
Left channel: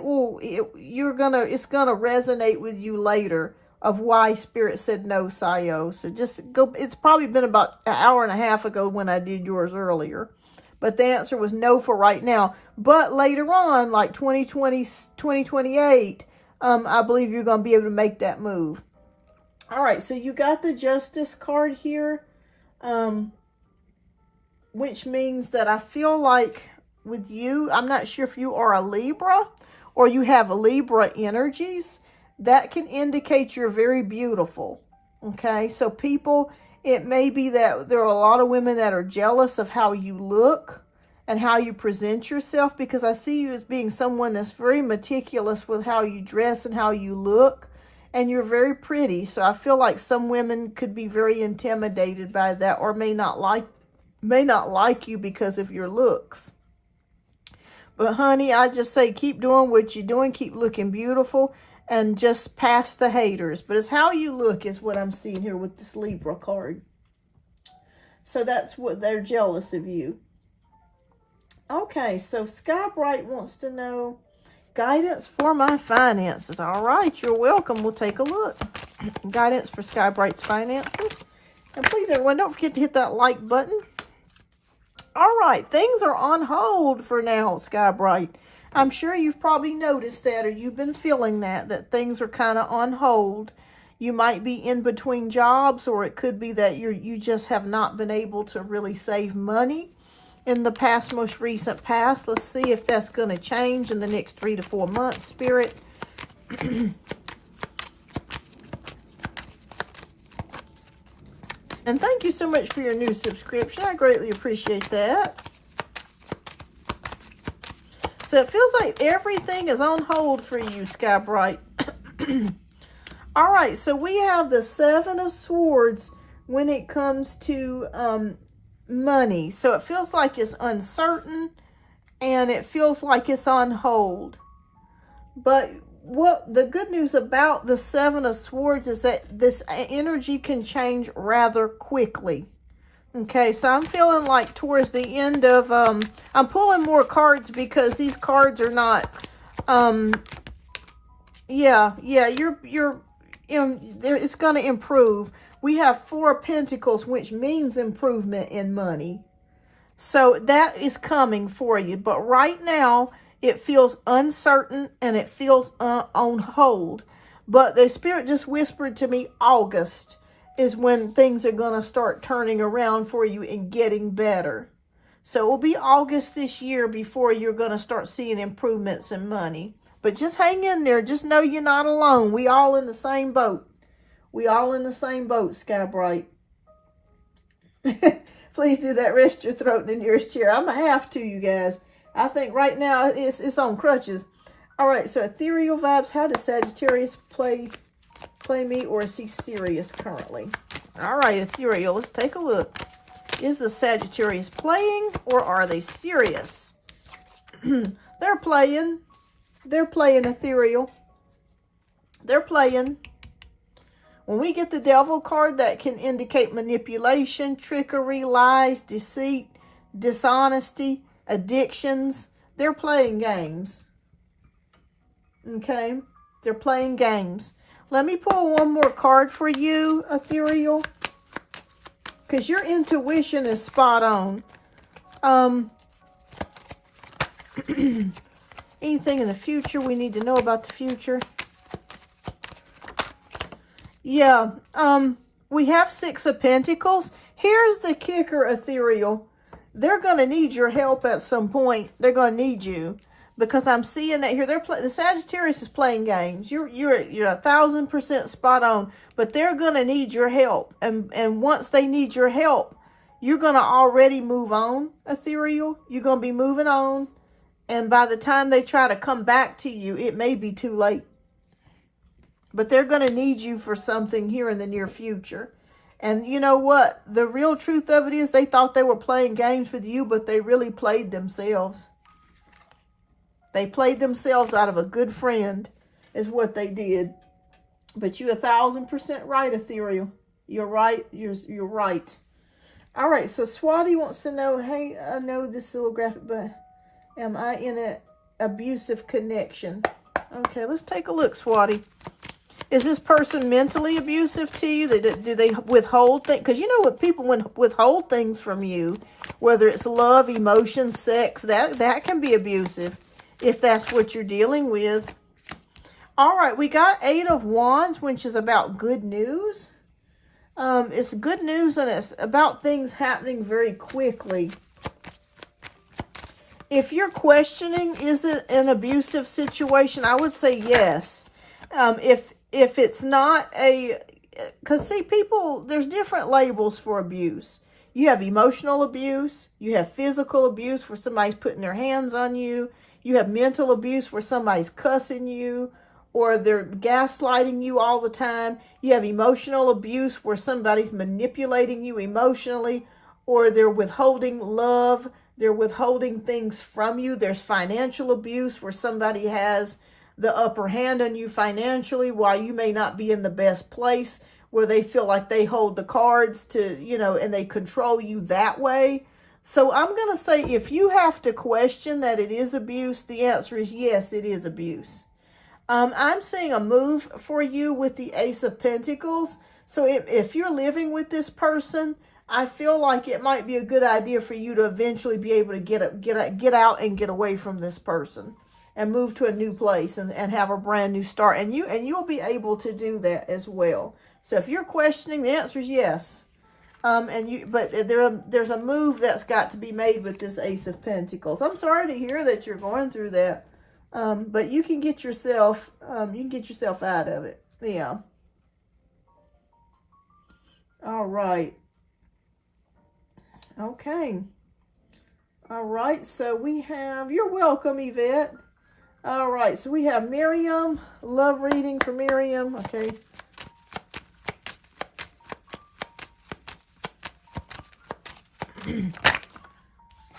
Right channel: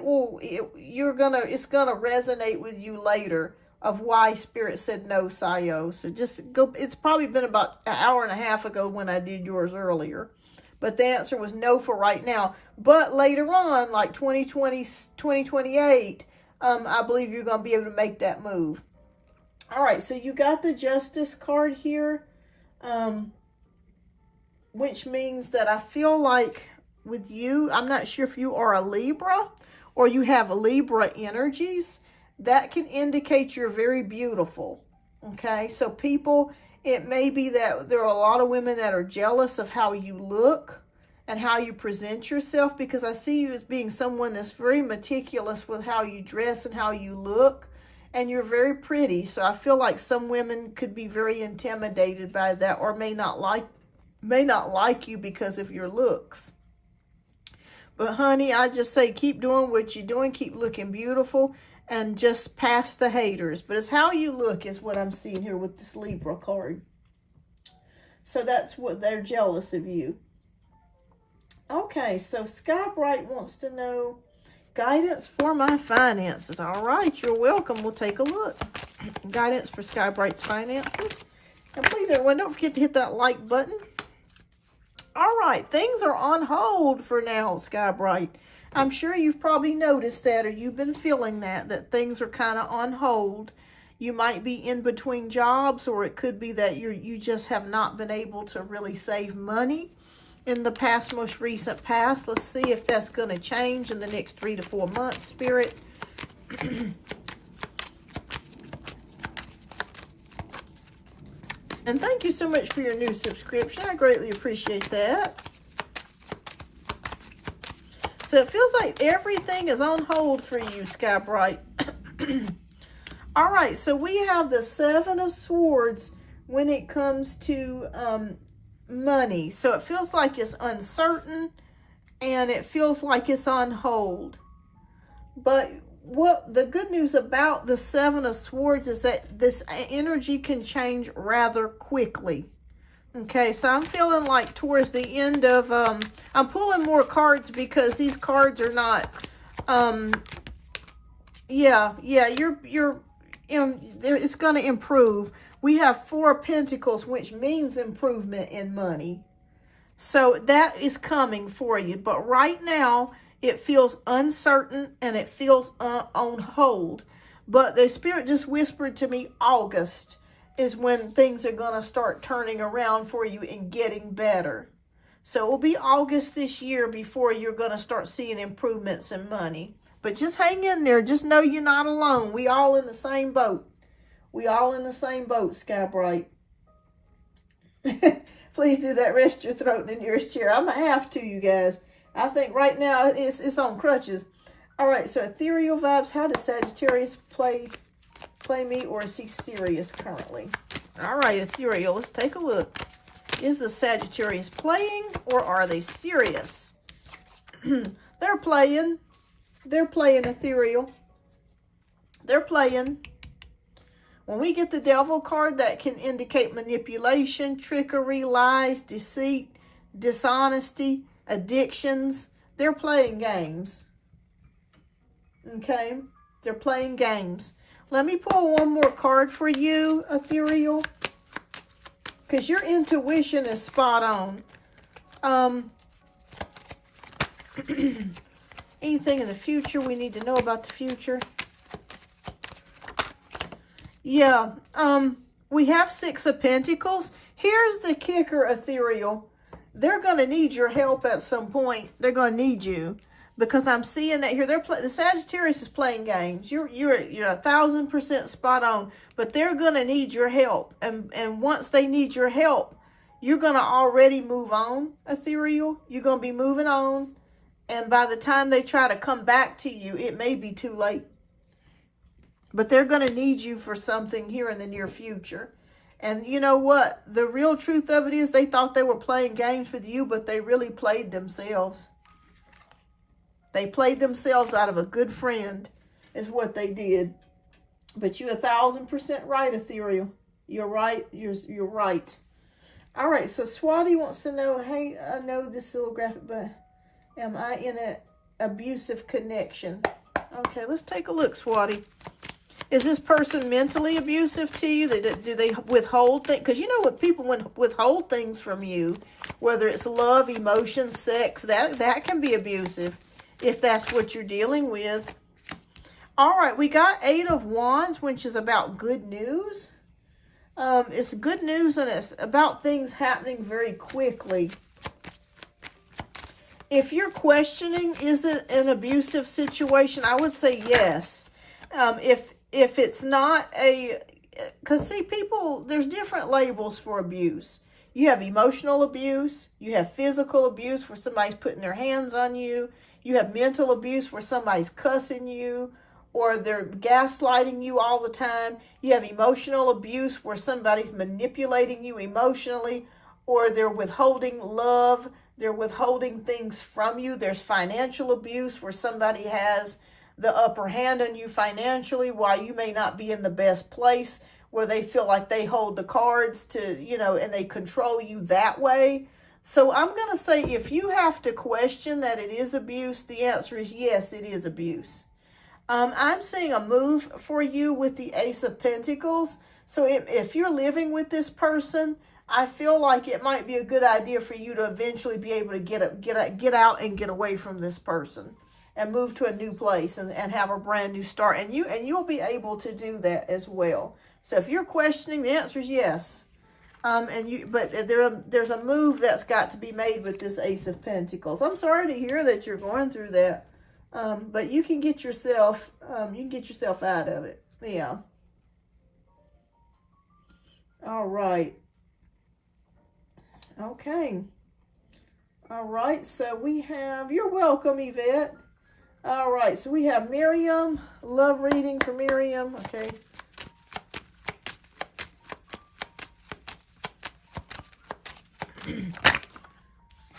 gonna resonate with you later of why Spirit said no, Sayo. So just go. It's probably been about an hour and a half ago when I did yours earlier. But the answer was no for right now. But later on, like 2020, 2028, I believe you're going to be able to make that move. All right, so you got the Justice card here, which means that I feel like with you, I'm not sure if you are a Libra or you have Libra energies. That can indicate you're very beautiful. Okay, so people, it may be that there are a lot of women that are jealous of how you look and how you present yourself, because I see you as being someone that's very meticulous with how you dress and how you look, and you're very pretty. So I feel like some women could be very intimidated by that, or may not like you because of your looks. But honey, I just say keep doing what you're doing, keep looking beautiful, and just pass the haters. But it's how you look is what I'm seeing here with this Libra card. So that's what they're jealous of you. Okay, so Sky Bright wants to know guidance for my finances. All right, you're welcome. We'll take a look. Guidance for Sky Bright's finances. And please, everyone, don't forget to hit that like button. All right, things are on hold for now, Sky Bright. I'm sure you've probably noticed that, or you've been feeling that things are kind of on hold. You might be in between jobs, or it could be that you just have not been able to really save money in the most recent past. Let's see if that's going to change in the next 3 to 4 months, Spirit. And thank you so much for your new subscription. I greatly appreciate that. So it feels like everything is on hold for you, Sky Bright. All right, so we have the Seven of Swords when it comes to money. So it feels like it's uncertain, and it feels like it's on hold. But what the good news about the Seven of Swords is that this energy can change rather quickly. Okay, so I'm feeling like towards the end of, I'm pulling more cards because these cards are not, it's going to improve. We have 4 of Pentacles, which means improvement in money. So that is coming for you. But right now, it feels uncertain and it feels on hold. But the Spirit just whispered to me, August is when things are going to start turning around for you and getting better. So it will be August this year before you're going to start seeing improvements in money. But just hang in there. Just know you're not alone. We all in the same boat. We all in the same boat, Sky Bright. Please do that. Rest your throat in the nearest chair. I'm going to have to, you guys. I think right now it's on crutches. All right, so ethereal vibes. How does Sagittarius play me, or is he serious currently? All right, ethereal, let's take a look. Is the Sagittarius playing, or are they serious? They're playing. They're playing, ethereal. They're playing. When we get the Devil card, that can indicate manipulation, trickery, lies, deceit, dishonesty, addictions. They're playing games. Okay? They're playing games. Let me pull one more card for you, ethereal, because your intuition is spot on. Anything in the future we need to know about the future? Yeah, we have 6 of Pentacles. Here's the kicker, ethereal. They're going to need your help at some point. They're going to need you. because I'm seeing that here. The Sagittarius is playing games. You're 1,000% spot on, but they're gonna need your help, and once they need your help, you're gonna already move on, ethereal. You're gonna be moving on, and by the time they try to come back to you, it may be too late. But they're gonna need you for something here in the near future. And you know what? The real truth of it is, they thought they were playing games with you, but they really played themselves. They played themselves out of a good friend, is what they did. But you're 1,000% right, ethereal. You're right. You're right. All right. So Swati wants to know, hey, I know this is a little graphic, but am I in an abusive connection? Okay, let's take a look, Swati. Is this person mentally abusive to you? Do they withhold things? Because you know what, people withhold things from you, whether it's love, emotion, sex, that can be abusive if that's what you're dealing with. All right, we got 8 of Wands, which is about good news. It's good news, and it's about things happening very quickly. If you're questioning, is it an abusive situation? I would say yes. If it's not because see, people, there's different labels for abuse. You have emotional abuse. You have physical abuse where somebody's putting their hands on you. You have mental abuse where somebody's cussing you or they're gaslighting you all the time. You have emotional abuse where somebody's manipulating you emotionally, or they're withholding love. They're withholding things from you. There's financial abuse where somebody has the upper hand on you financially while you may not be in the best place, where they feel like they hold the cards to, and they control you that way. So I'm going to say, if you have to question that it is abuse, the answer is yes, it is abuse. I'm seeing a move for you with the Ace of Pentacles. So if you're living with this person, I feel like it might be a good idea for you to eventually be able to get out and get away from this person and move to a new place and have a brand new start. And you'll be able to do that as well. So if you're questioning, the answer is yes. But there's a move that's got to be made with this Ace of Pentacles. I'm sorry to hear that you're going through that. But you can get yourself out of it. Yeah. All right. Okay. All right. So we have, you're welcome, Yvette. All right. So we have Miriam, love reading for Miriam. Okay.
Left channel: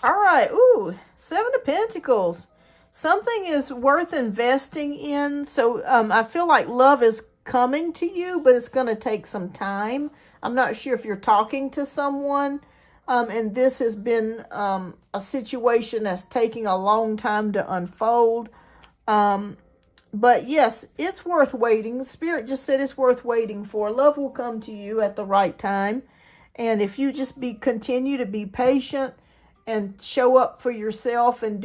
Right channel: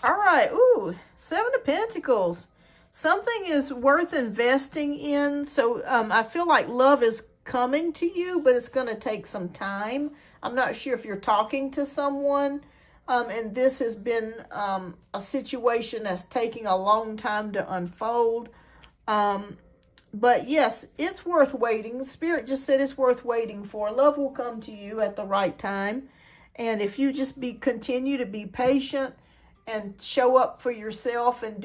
All right. Ooh, 7 of Pentacles. Something is worth investing in. So I feel like love is coming to you, but it's going to take some time. I'm not sure if you're talking to someone, and this has been a situation that's taking a long time to unfold. But yes, it's worth waiting. Spirit just said it's worth waiting for. Love will come to you at the right time. And if you just continue to be patient and show up for yourself and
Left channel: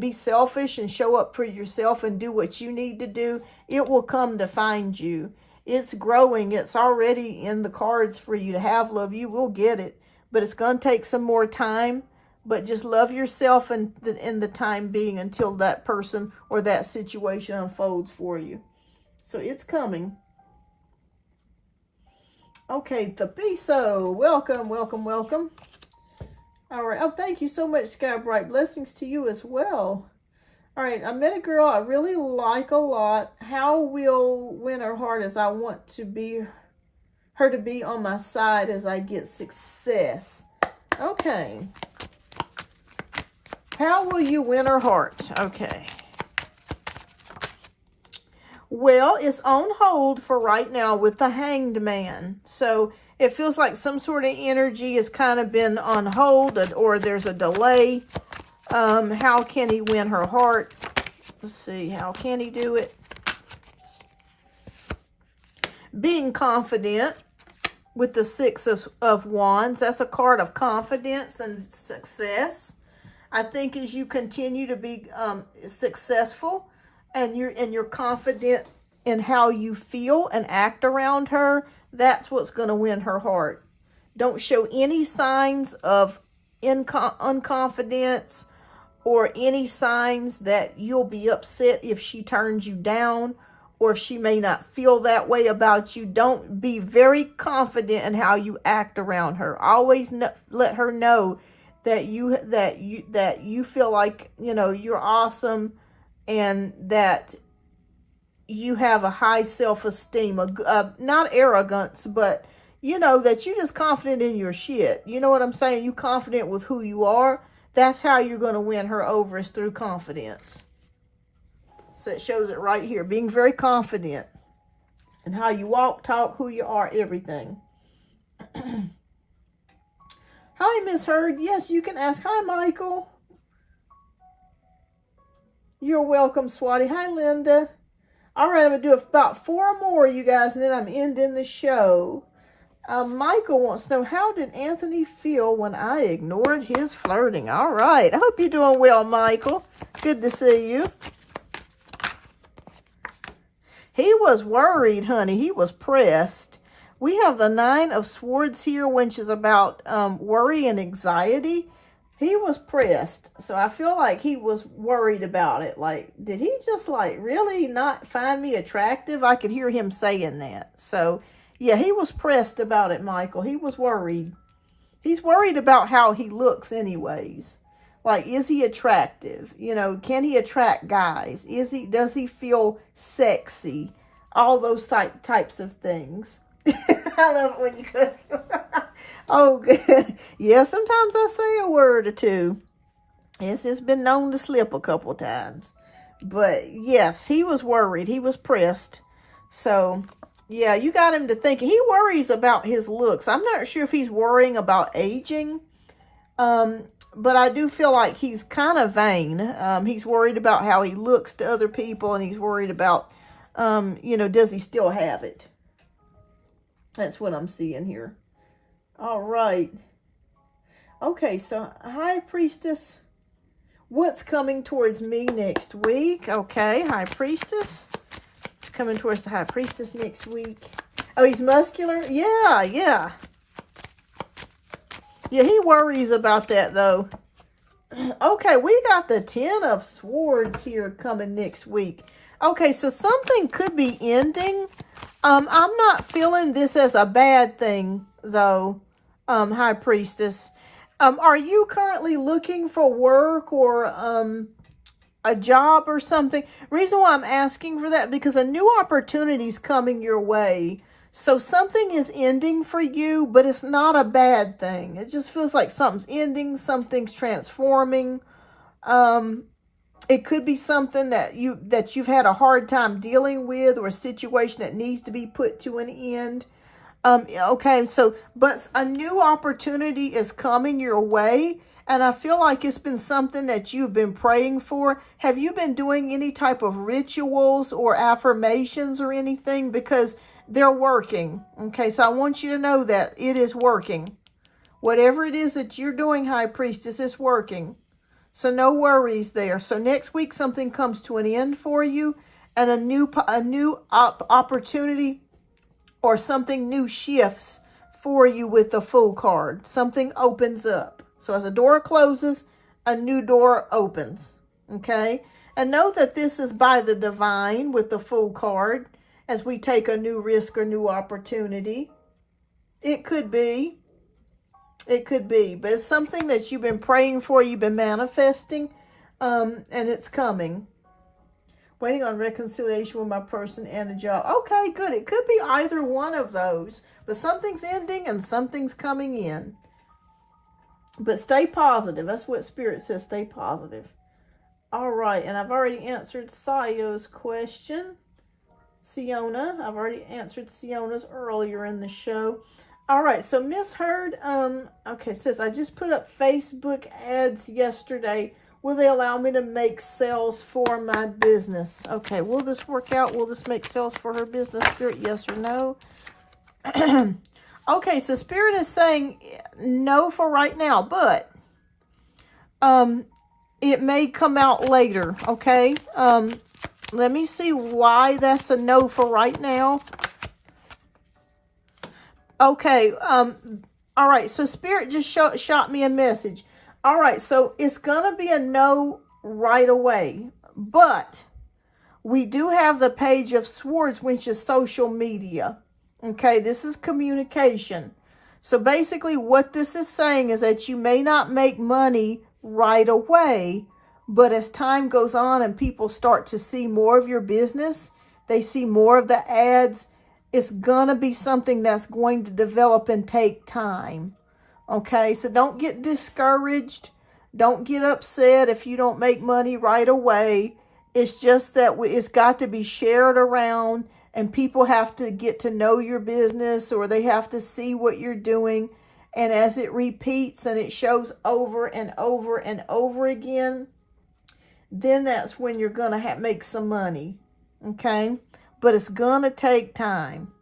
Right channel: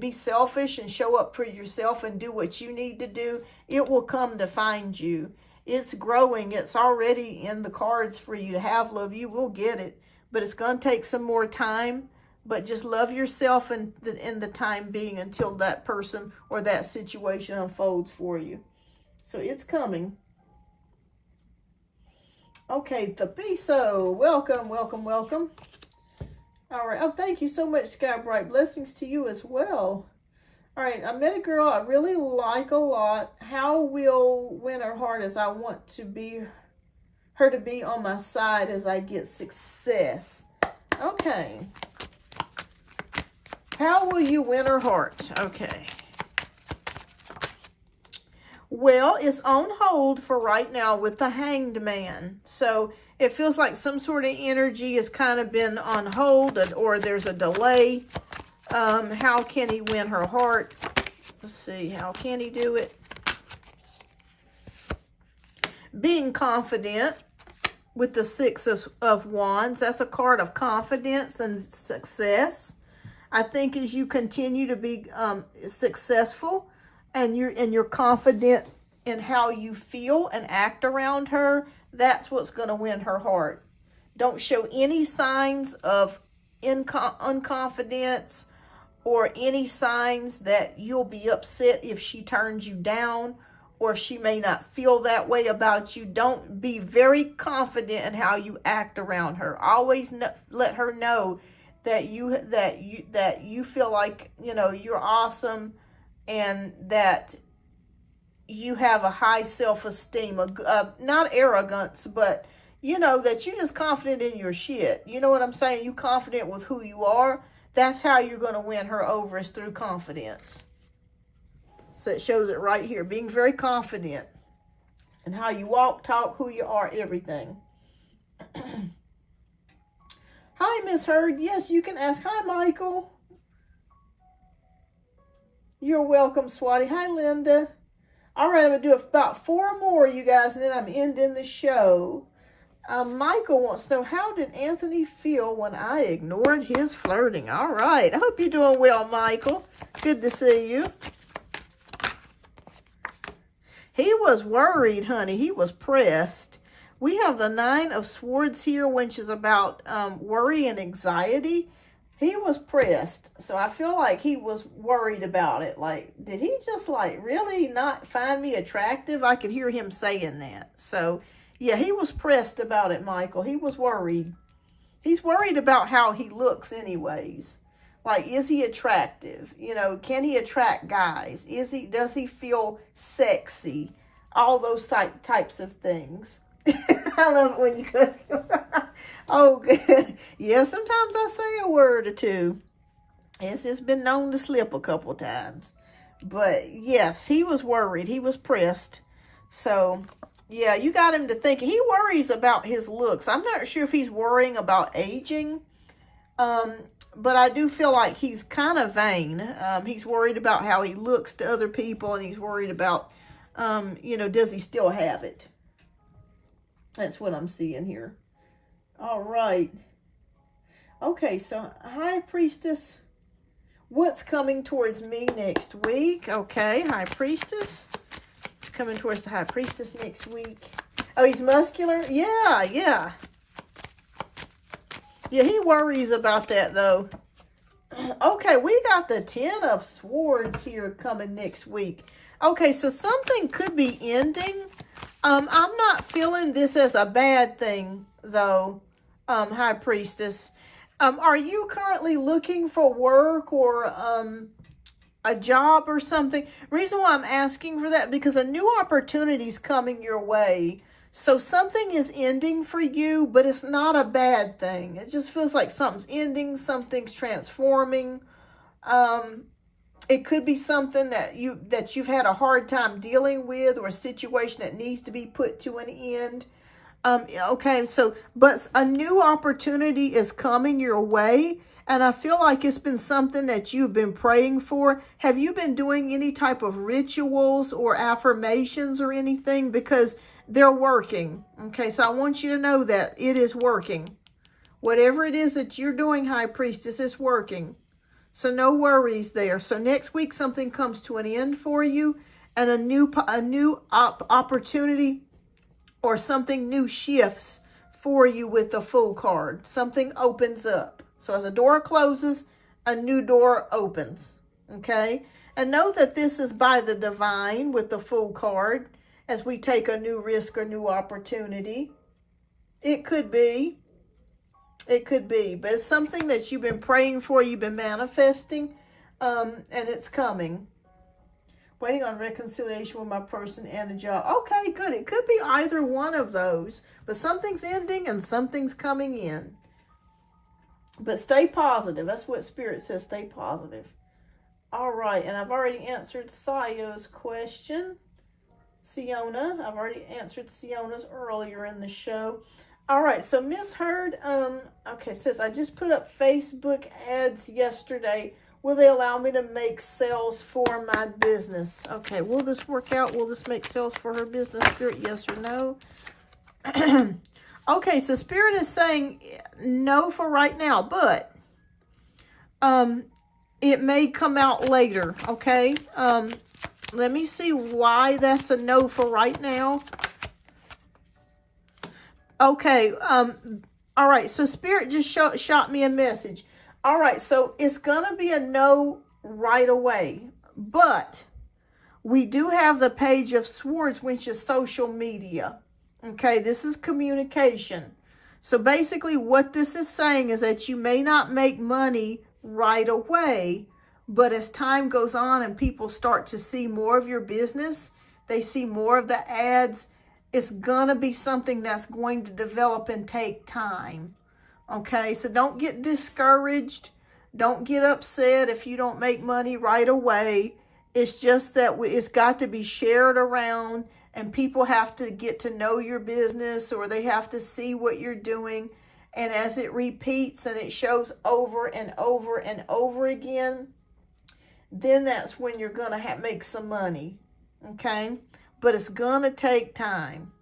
be selfish and show up for yourself and do what you need to do, it will come to find you. It's growing. It's already in the cards for you to have love. You will get it, but it's going to take some more time. But just love yourself in the time being until that person or that situation unfolds for you. So it's coming. Okay, Thapiso, welcome, welcome, welcome. All right. Oh, thank you so much, Sky Bright. Blessings to you as well. All right. I met a girl I really like a lot. How will win her heart, as I want her to be on my side as I get success? Okay. How will you win her heart? Okay. Well, it's on hold for right now with the Hanged Man. So it feels like some sort of energy has kind of been on hold, or there's a delay. How can he win her heart? Let's see. How can he do it? Being confident with the 6 of Wands. That's a card of confidence and success. I think as you continue to be successful, and you're confident in how you feel and act around her, that's what's going to win her heart. Don't show any signs of unconfidence or any signs that you'll be upset if she turns you down, or if she may not feel that way about you. Don't be very confident in how you act around her. Always let her know that you feel like, you know, you're awesome, and that you have a high self-esteem, not arrogance, but you know, that you're just confident in your shit. You know what I'm saying? You confident with who you are. That's how you're going to win her over, is through confidence. So it shows it right here. Being very confident in how you walk, talk, who you are, everything. Hi, Miss Heard. Yes, you can ask. Hi, Michael. You're welcome, Swati. Hi, Linda. All right, I'm going to do about 4 more, you guys, and then I'm ending the show. Michael wants to know, how did Anthony feel when I ignored his flirting? All right. I hope you're doing well, Michael. Good to see you. He was worried, honey. He was pressed. We have the 9 of Swords here, which is about worry and anxiety. He was pressed. So I feel like he was worried about it. Like, did he just like really not find me attractive? I could hear him saying that. So yeah, he was pressed about it, Michael. He was worried. He's worried about how he looks anyways. Like, is he attractive? You know, can he attract guys? Does he feel sexy? All those types of things. I love it when you cuss. Oh, good. Yeah, sometimes I say a word or two. It's just been known to slip a couple times. But yes, he was worried. He was pressed. So yeah, you got him to thinking. He worries about his looks. I'm not sure if he's worrying about aging. But I do feel like he's kind of vain. He's worried about how he looks to other people. And he's worried about, you know, does he still have it? That's what I'm seeing here. All right. Okay, so High Priestess. What's coming towards me next week? Okay, High Priestess. Coming towards the High Priestess next week. Oh, he's muscular? Yeah. Yeah, he worries about that, though. Okay, we got the 10 of Swords here coming next week. Okay, so something could be ending. I'm not feeling this as a bad thing, though, High Priestess. Are you currently looking for work or a job or something? Reason why I'm asking for that, because a new opportunity is coming your way. So something is ending for you, but it's not a bad thing. It just feels like something's ending, something's transforming. It could be something that you've had a hard time dealing with, or a situation that needs to be put to an end. Okay, so, but a new opportunity is coming your way. And I feel like it's been something that you've been praying for. Have you been doing any type of rituals or affirmations or anything? Because they're working. Okay, so I want you to know that it is working. Whatever it is that you're doing, High Priestess, is working. So no worries there. So next week, something comes to an end for you. And a new opportunity or something new shifts for you with the Fool card. Something opens up. So as a door closes, a new door opens, okay? And know that this is by the divine with the Fool card as we take a new risk or new opportunity. It could be, but it's something that you've been praying for, you've been manifesting, and it's coming. Waiting on reconciliation with my person and a job. Okay, good. It could be either one of those, but something's ending and something's coming in. But stay positive. That's what Spirit says. Stay positive. All right. And I've already answered Sayo's question. Siona. I've already answered Siona's earlier in the show. All right. So Miss Heard, okay, says, I just put up Facebook ads yesterday. Will they allow me to make sales for my business? Okay. Will this work out? Will this make sales for her business, Spirit? Yes or no? Okay, so Spirit is saying no for right now, but it may come out later, okay? Let me see why that's a no for right now. Okay, all right, so Spirit just shot me a message. All right, so it's going to be a no right away, but we do have the Page of Swords, which is social media. Okay, this is communication. So basically what this is saying is that you may not make money right away, but as time goes on and people start to see more of your business, they see more of the ads, it's going to be something that's going to develop and take time. Okay, so don't get discouraged. Don't get upset if you don't make money right away. It's just that it's got to be shared around, and people have to get to know your business, or they have to see what you're doing. And as it repeats and it shows over and over and over again, then that's when you're going to make some money. Okay, but it's going to take time.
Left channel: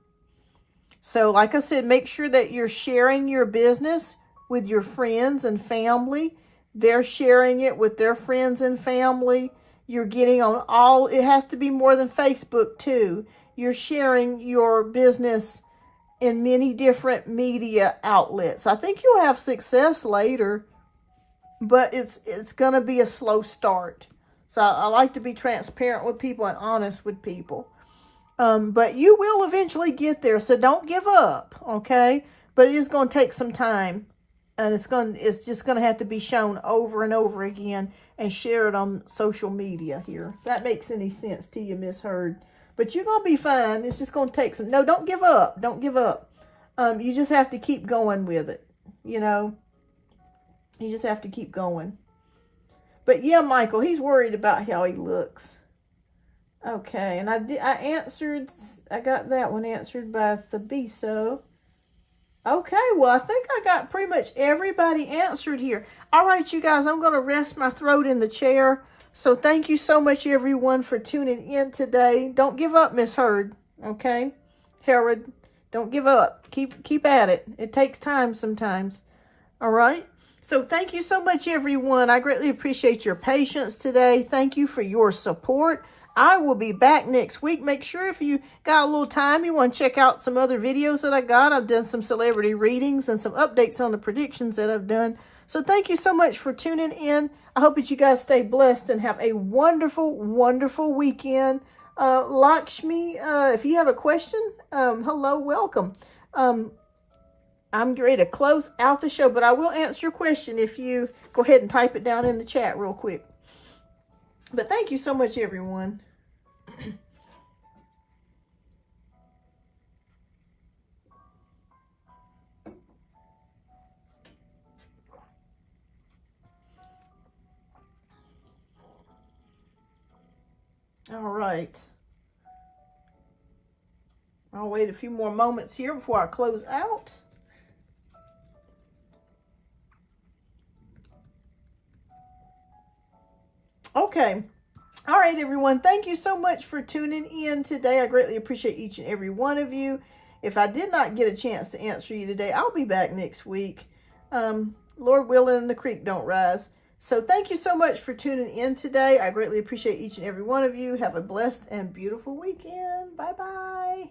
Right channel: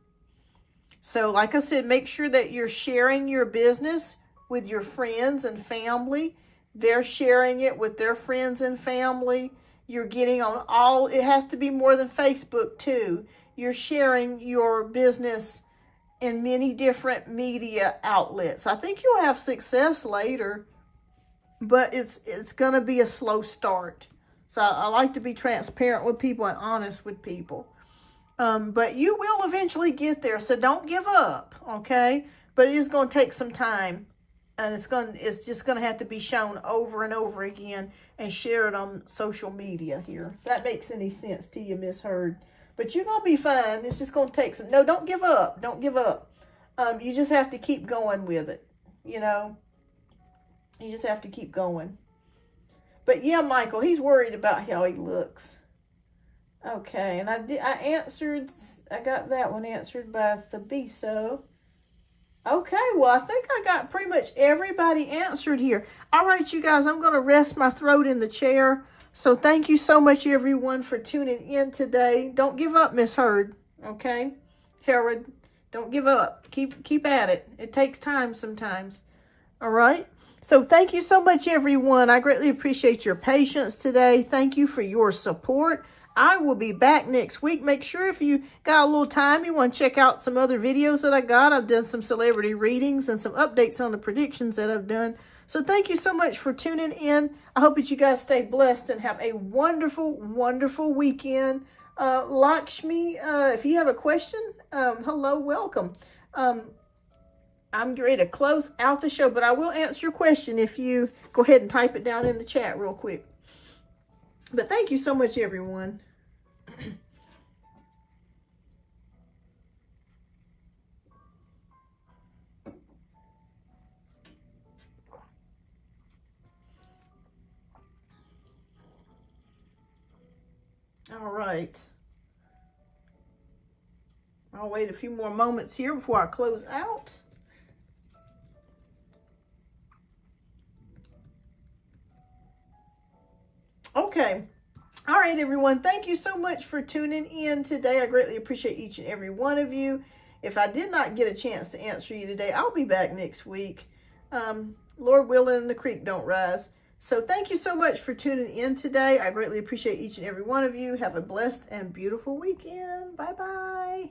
So like I said, make sure that you're sharing your business with your friends and family. They're sharing it with their friends and family. You're getting on all, it has to be more than Facebook too. You're sharing your business in many different media outlets. I think you'll have success later, but it's going to be a slow start. So I like to be transparent with people and honest with people. But you will eventually get there, so don't give up, okay? But it is going to take some time, and it's just going to have to be shown over and over again and shared on social media here. If that makes any sense to you, Miss Heard. But you're going to be fine. It's just going to take some. No, don't give up. Don't give up. You just have to keep going with it, you know. You just have to keep going. But yeah, Michael, he's worried about how he looks. Okay, and I got that one answered by Thabiso. Okay, well, I think I got pretty much everybody answered here. All right, you guys, I'm going to rest my throat in the chair. So thank you so much, everyone, for tuning in today. Don't give up, Miss Heard, okay? Herod, don't give up. Keep at it. It takes time sometimes, all right? So thank you so much, everyone. I greatly appreciate your patience today. Thank you for your support. I will be back next week. Make sure if you got a little time, you want to check out some other videos that I got. I've done some celebrity readings and some updates on the predictions that I've done. So thank you so much for tuning in. I hope that you guys stay blessed and have a wonderful, wonderful weekend. Lakshmi, if you have a question, hello, welcome. I'm ready to close out the show, but I will answer your question if you go ahead and type it down in the chat real quick. But thank you so much, everyone. All right. I'll wait a few more moments here before I close out. Okay. All right, everyone. Thank you so much for tuning in today. I greatly appreciate each and every one of you. If I did not get a chance to answer you today, I'll be back next week. Lord willing, the creek don't rise. So thank you so much for tuning in today. I greatly appreciate each and every one of you. Have a blessed and beautiful weekend. Bye-bye.